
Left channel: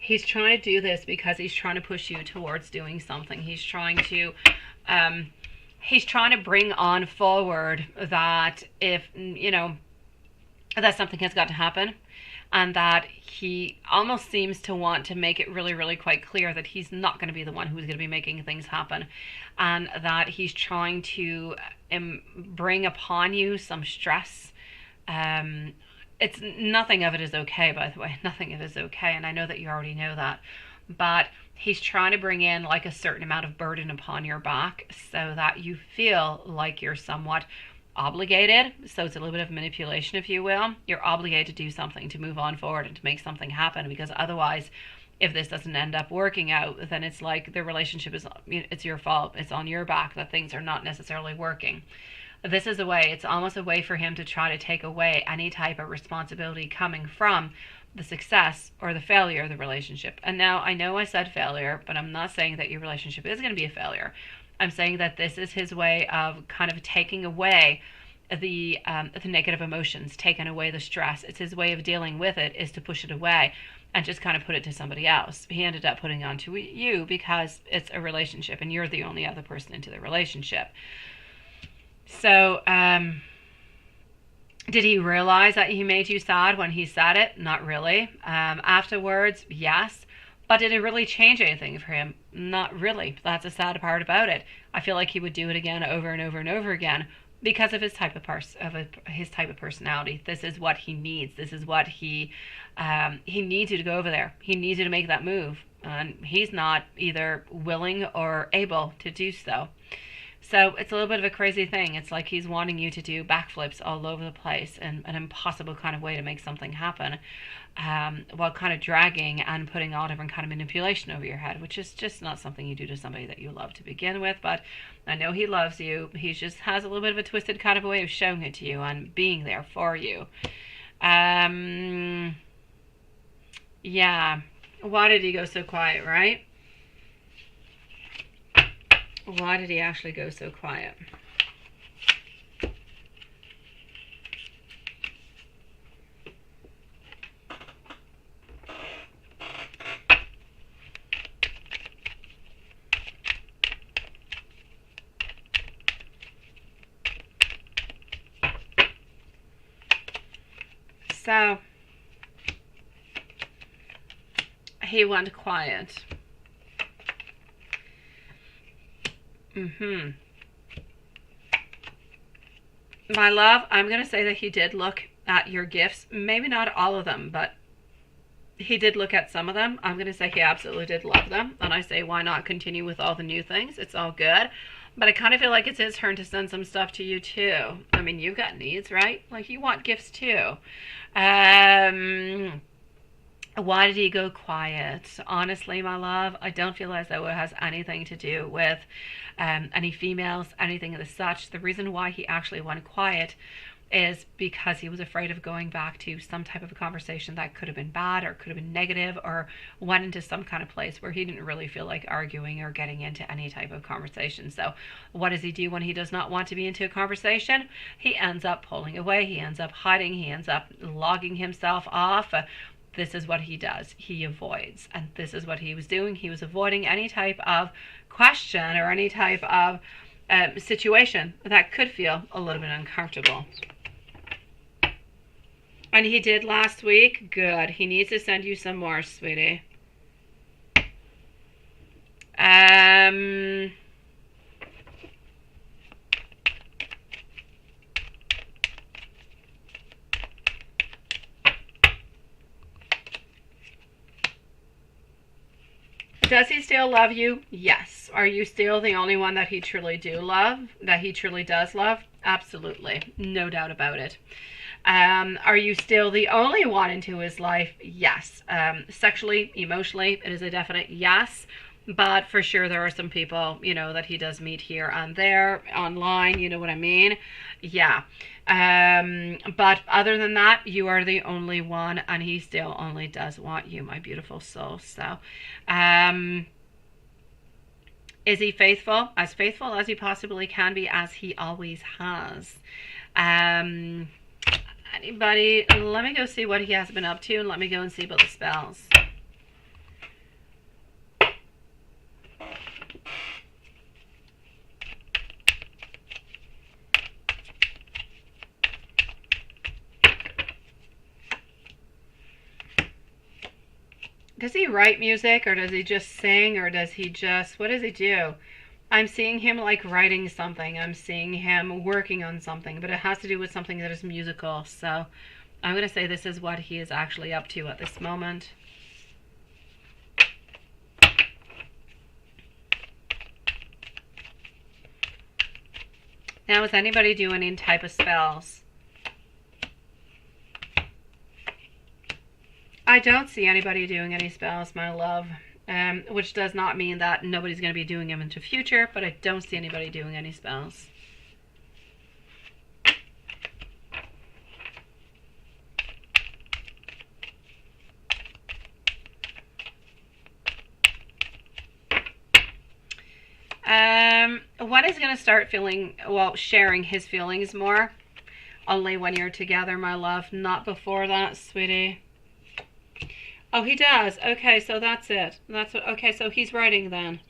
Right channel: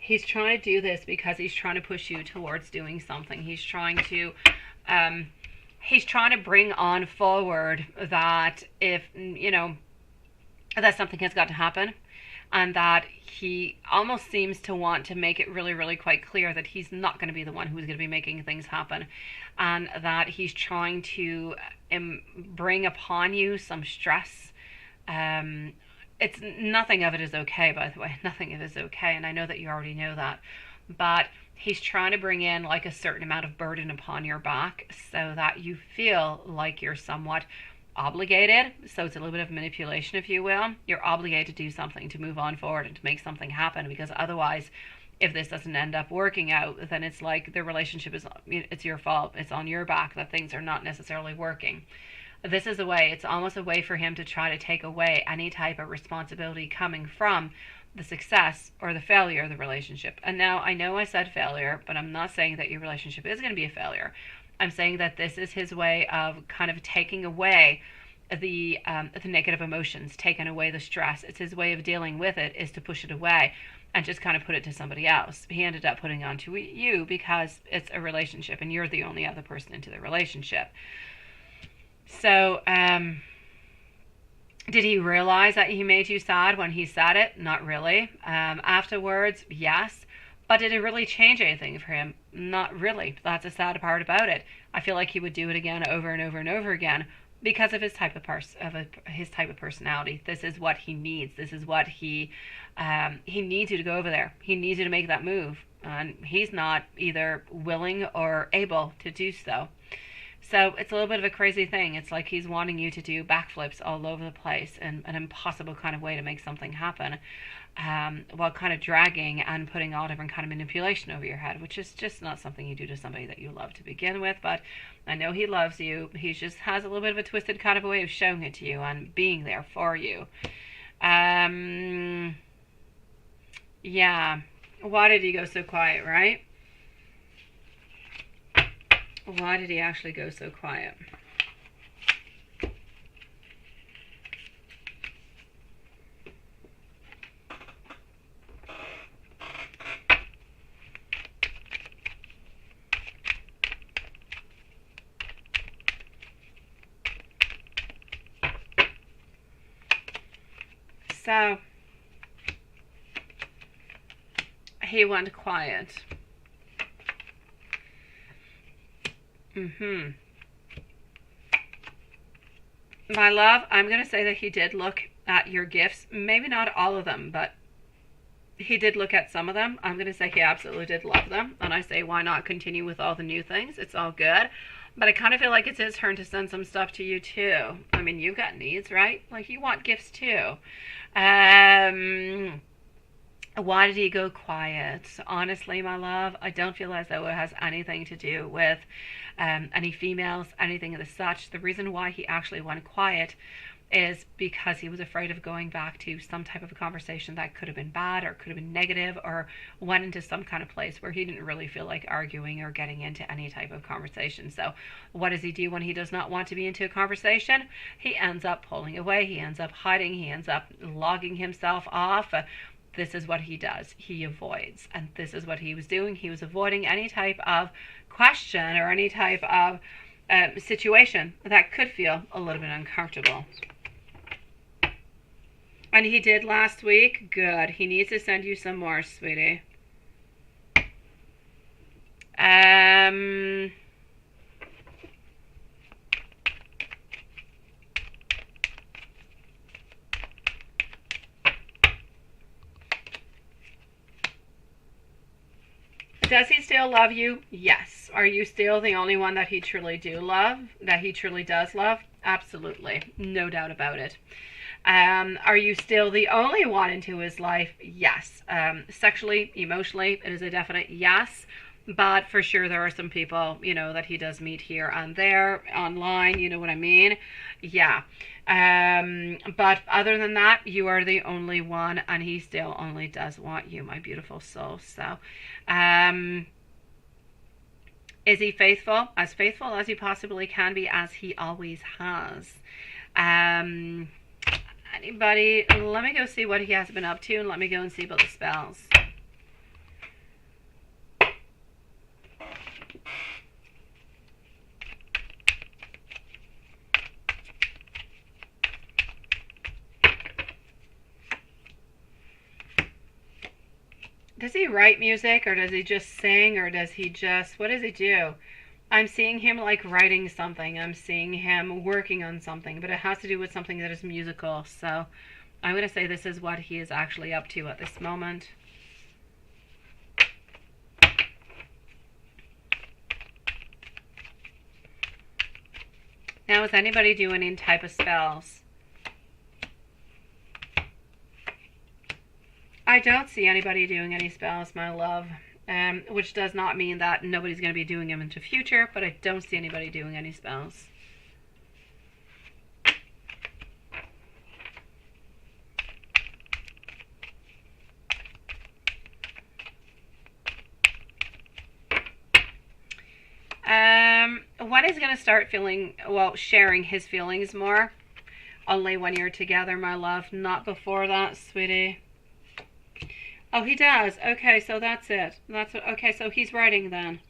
He's trying to do this because he's trying to push you towards doing something. He's trying to bring on forward that if, you know, that something has got to happen, and that he almost seems to want to make it really, really quite clear that he's not going to be the one who's going to be making things happen, and that he's trying to bring upon you some stress. It's nothing of it is okay, by the way. Nothing of it is okay, and I know that you already know that. But he's trying to bring in like a certain amount of burden upon your back so that you feel like you're somewhat obligated. So it's a little bit of manipulation, if you will. You're obligated to do something, to move on forward and to make something happen, because otherwise, if this doesn't end up working out, then it's like the relationship is, it's your fault. It's on your back that things are not necessarily working. This is a way, it's almost a way for him to try to take away any type of responsibility coming from the success or the failure of the relationship. And now I know I said failure, but I'm not saying that your relationship is going to be a failure. I'm saying that this is his way of kind of taking away the negative emotions, taking away the stress. It's his way of dealing with it, is to push it away and just kind of put it to somebody else. He ended up putting on to you because it's a relationship and you're the only other person into the relationship. So, did he realize that he made you sad when he said it? Not really. Afterwards, yes. But did it really change anything for him? Not really. That's the sad part about it. I feel like he would do it again over and over and over again because of his type of his type of personality. This is what he needs. This is what he needs you to go over there. He needs you to make that move, and he's not either willing or able to do so. So it's a little bit of a crazy thing. It's like he's wanting you to do backflips all over the place in an impossible kind of way to make something happen, while kind of dragging and putting all different kind of manipulation over your head, which is just not something you do to somebody that you love to begin with. But I know he loves you. He just has a little bit of a twisted kind of a way of showing it to you and being there for you. Yeah. Why did he go so quiet, right? Why did he actually go so quiet? So, he went quiet. My love, I'm going to say that he did look at your gifts. Maybe not all of them, but he did look at some of them. I'm going to say he absolutely did love them. And I say, why not continue with all the new things? It's all good. But I kind of feel like it's his turn to send some stuff to you too. I mean, you've got needs, right? Like, you want gifts too. Why did he go quiet? Honestly, my love, I don't feel as though it has anything to do with any females, anything of the such. The reason why he actually went quiet is because he was afraid of going back to some type of a conversation that could have been bad or could have been negative, or went into some kind of place where he didn't really feel like arguing or getting into any type of conversation. So what does he do when he does not want to be into a conversation? He ends up pulling away. He ends up hiding. He ends up logging himself off. This is what he does. He avoids. And this is what he was doing. He was avoiding any type of question or any type of situation that could feel a little bit uncomfortable. And he did last week. Good. He needs to send you some more, sweetie. Does he still love you? Yes. Are you still the only one that he truly does love? Absolutely. No doubt about it. Are you still the only one into his life? Yes. Sexually, emotionally, it is a definite yes. But for sure, there are some people, that he does meet here and there, online, you know what I mean? Yeah. But other than that, you are the only one, and he still only does want you, my beautiful soul. So, is he faithful? As faithful as he possibly can be, as he always has. Anybody? Let me go see what he has been up to, and let me go and see about the spells. Does he write music, or does he just sing, or does he just, what does he do? I'm seeing him like writing something. I'm seeing him working on something, but it has to do with something that is musical. So I'm going to say this is what he is actually up to at this moment. Now, is anybody doing any type of spells? I don't see anybody doing any spells, my love. Which does not mean that nobody's going to be doing them into future, but I don't see anybody doing any spells. going to start feeling, well, sharing his feelings more. Only when you're together, my love. Not before that, sweetie. Oh, he does. Okay, so that's it. That's what, okay, so he's writing then.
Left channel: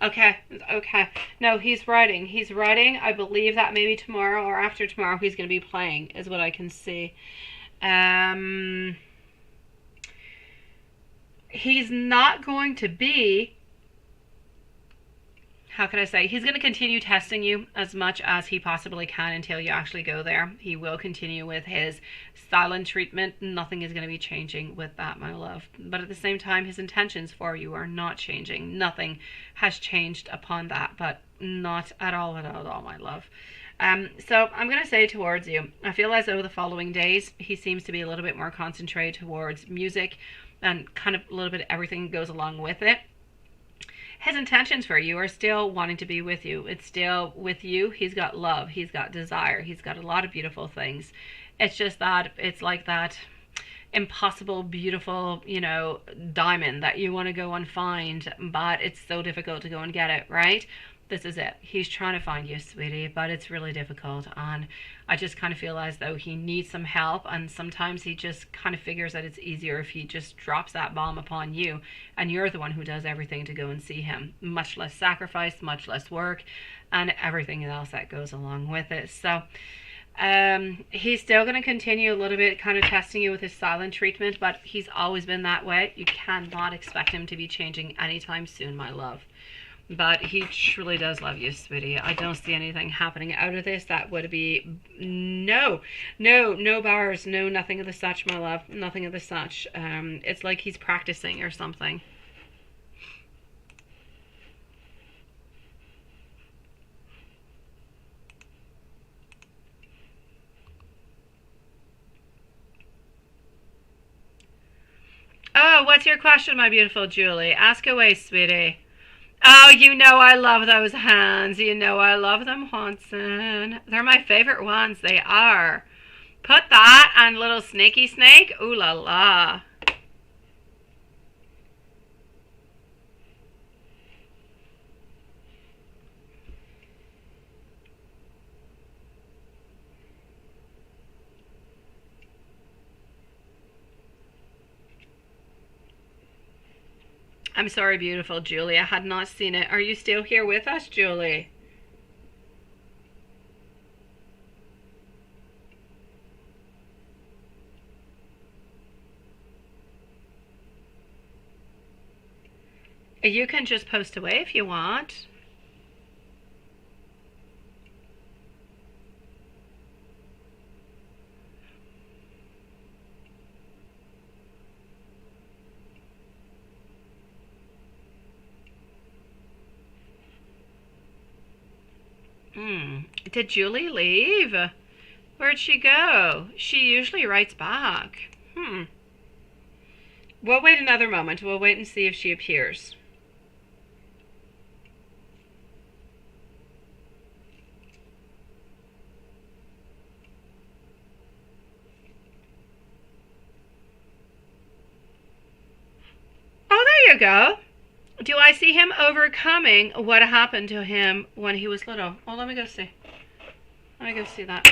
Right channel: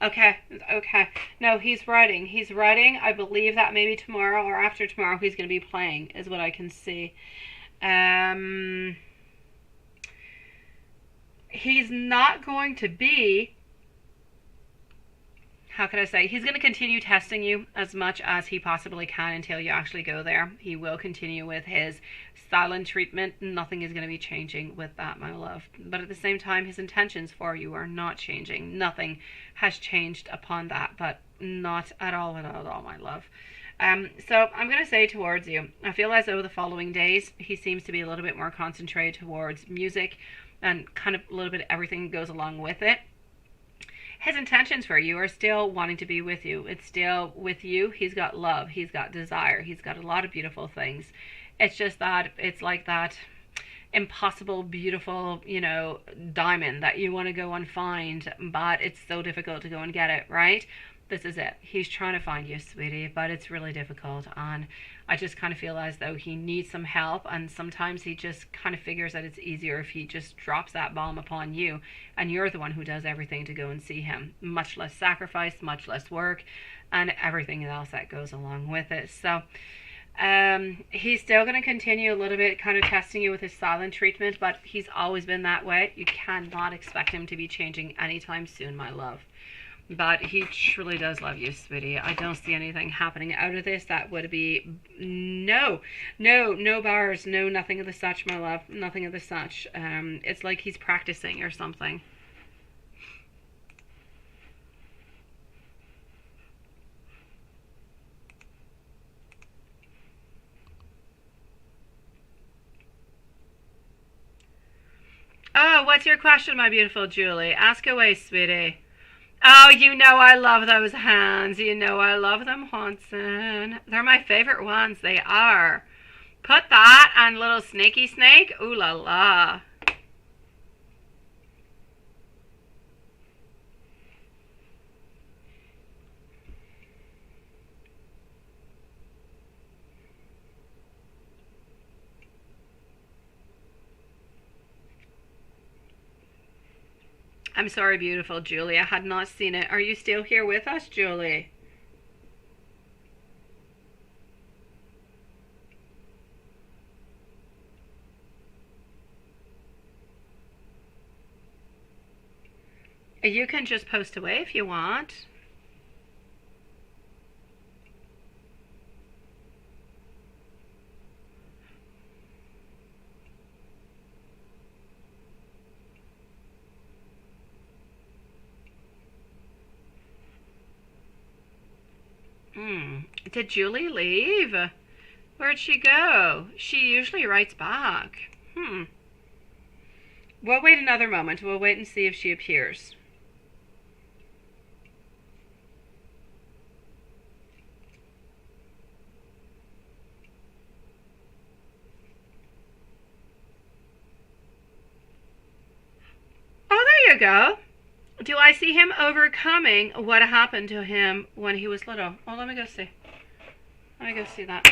Okay, okay. No, he's writing. He's writing. I believe that maybe tomorrow or after tomorrow he's going to be playing, is what I can see. He's not going to be, how can I say, he's going to continue testing you as much as he possibly can until you actually go there. He will continue with his silent treatment. Nothing is going to be changing with that, my love. But at the same time, his intentions for you are not changing. Nothing has changed upon that, but not at all, my love. So I'm going to say towards you, I feel as though the following days, he seems to be a little bit more concentrated towards music and kind of a little bit of everything goes along with it. His intentions for you are still wanting to be with you. It's still with you. He's got love. He's got desire. He's got a lot of beautiful things. It's just that it's like that impossible, beautiful, you know, diamond that you want to go and find, but it's so difficult to go and get it, right? This is it. He's trying to find you, sweetie, but it's really difficult. And I just kind of feel as though he needs some help. And sometimes he just kind of figures that it's easier if he just drops that bomb upon you. And you're the one who does everything to go and see him. Much less sacrifice, much less work, and everything else that goes along with it. So he's still going to continue a little bit kind of testing you with his silent treatment. But he's always been that way. You cannot expect him to be changing anytime soon, my love. But he truly does love you, sweetie. I don't see anything happening out of this that would be no bars, no, nothing of the such, my love. Nothing of the such. It's like he's practicing or something. Oh, what's your question, my beautiful Julie? Ask away, sweetie. Oh, you know I love those hands. You know I love them, Hanson. They're my favorite ones. They are. Put that on little snaky snake. Ooh la la. I'm sorry, beautiful Julie. I had not seen it. Are you still here with us, Julie? You can just post away if you want. Did Julie leave? Where'd she go? She usually writes back. We'll wait another moment. We'll wait and see if she appears. Oh, there you go. Do I see him overcoming what happened to him when he was little? Oh, let me go see. Let me go see that.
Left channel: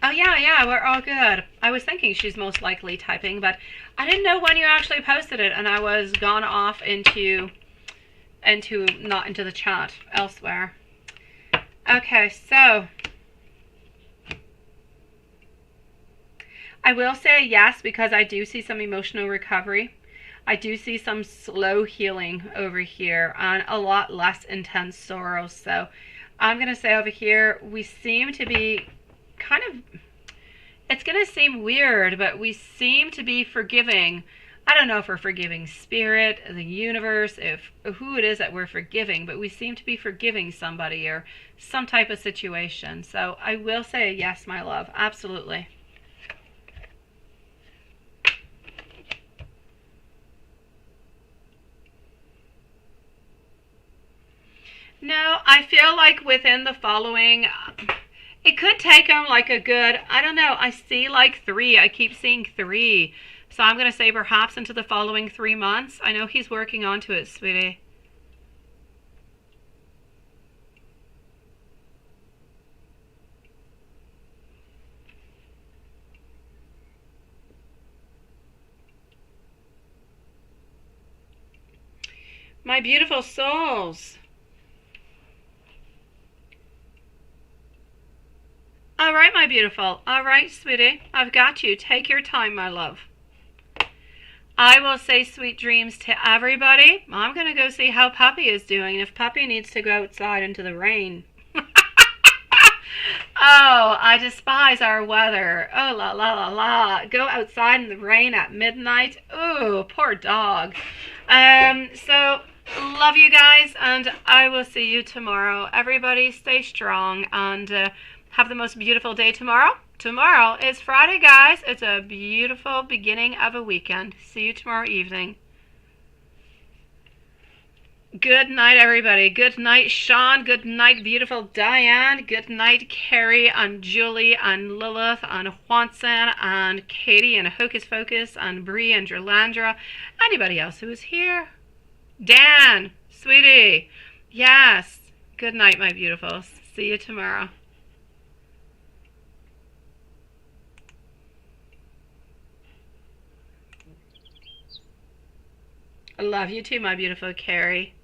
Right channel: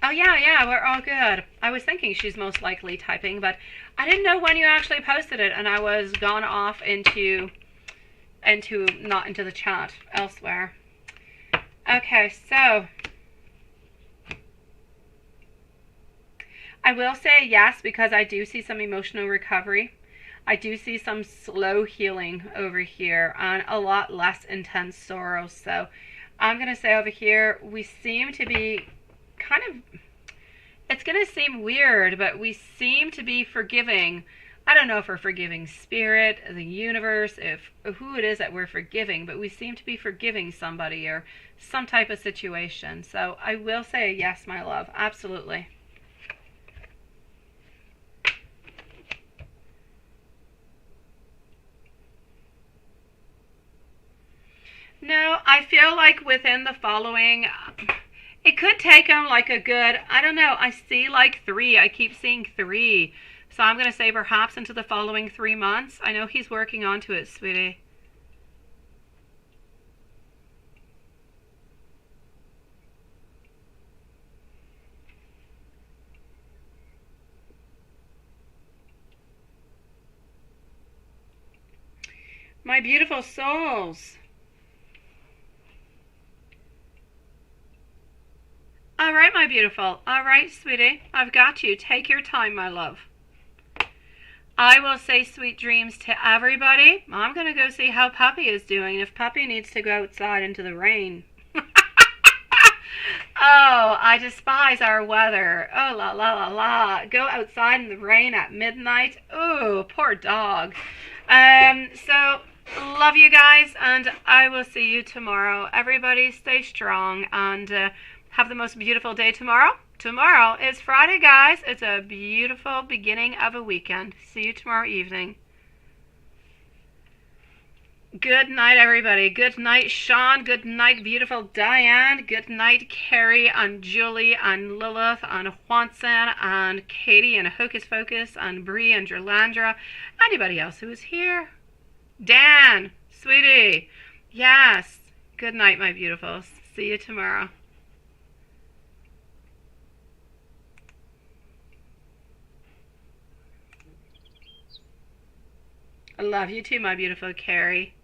Oh, yeah, we're all good. I was thinking she's most likely typing, but I didn't know when you actually posted it, and I was gone off into not into the chat, elsewhere. Okay, so I will say yes, because I do see some emotional recovery. I do see some slow healing over here and a lot less intense sorrow. So I'm going to say over here, we seem to be kind of, it's going to seem weird, but we seem to be forgiving. I don't know if we're forgiving spirit, the universe, if who it is that we're forgiving, but we seem to be forgiving somebody or some type of situation. So I will say yes, my love. Absolutely. No, I feel like within the following, it could take them like a good, I don't know, I see like 3. I keep seeing 3. So I'm going to say perhaps into the following 3 months. I know he's working onto it, sweetie. My beautiful souls. All right, my beautiful. All right, sweetie. I've got you. Take your time, my love. I will say sweet dreams to everybody. I'm going to go see how Puppy is doing. If Puppy needs to go outside into the rain. Oh, I despise our weather. Oh, la, la, la, la. Go outside in the rain at midnight. Oh, poor dog. So, love you guys, and I will see you tomorrow. Everybody stay strong, and have the most beautiful day tomorrow. Tomorrow is Friday, guys. It's a beautiful beginning of a weekend. See you tomorrow evening. Good night, everybody. Good night, Sean. Good night, beautiful Diane. Good night, Carrie and Julie and Lilith and Juanson and Katie and Hocus Focus and Bree and Jerlandra. Anybody else who is here? Dan, sweetie. Yes. Good night, my beautifuls. See you tomorrow. I love you too, my beautiful Carrie.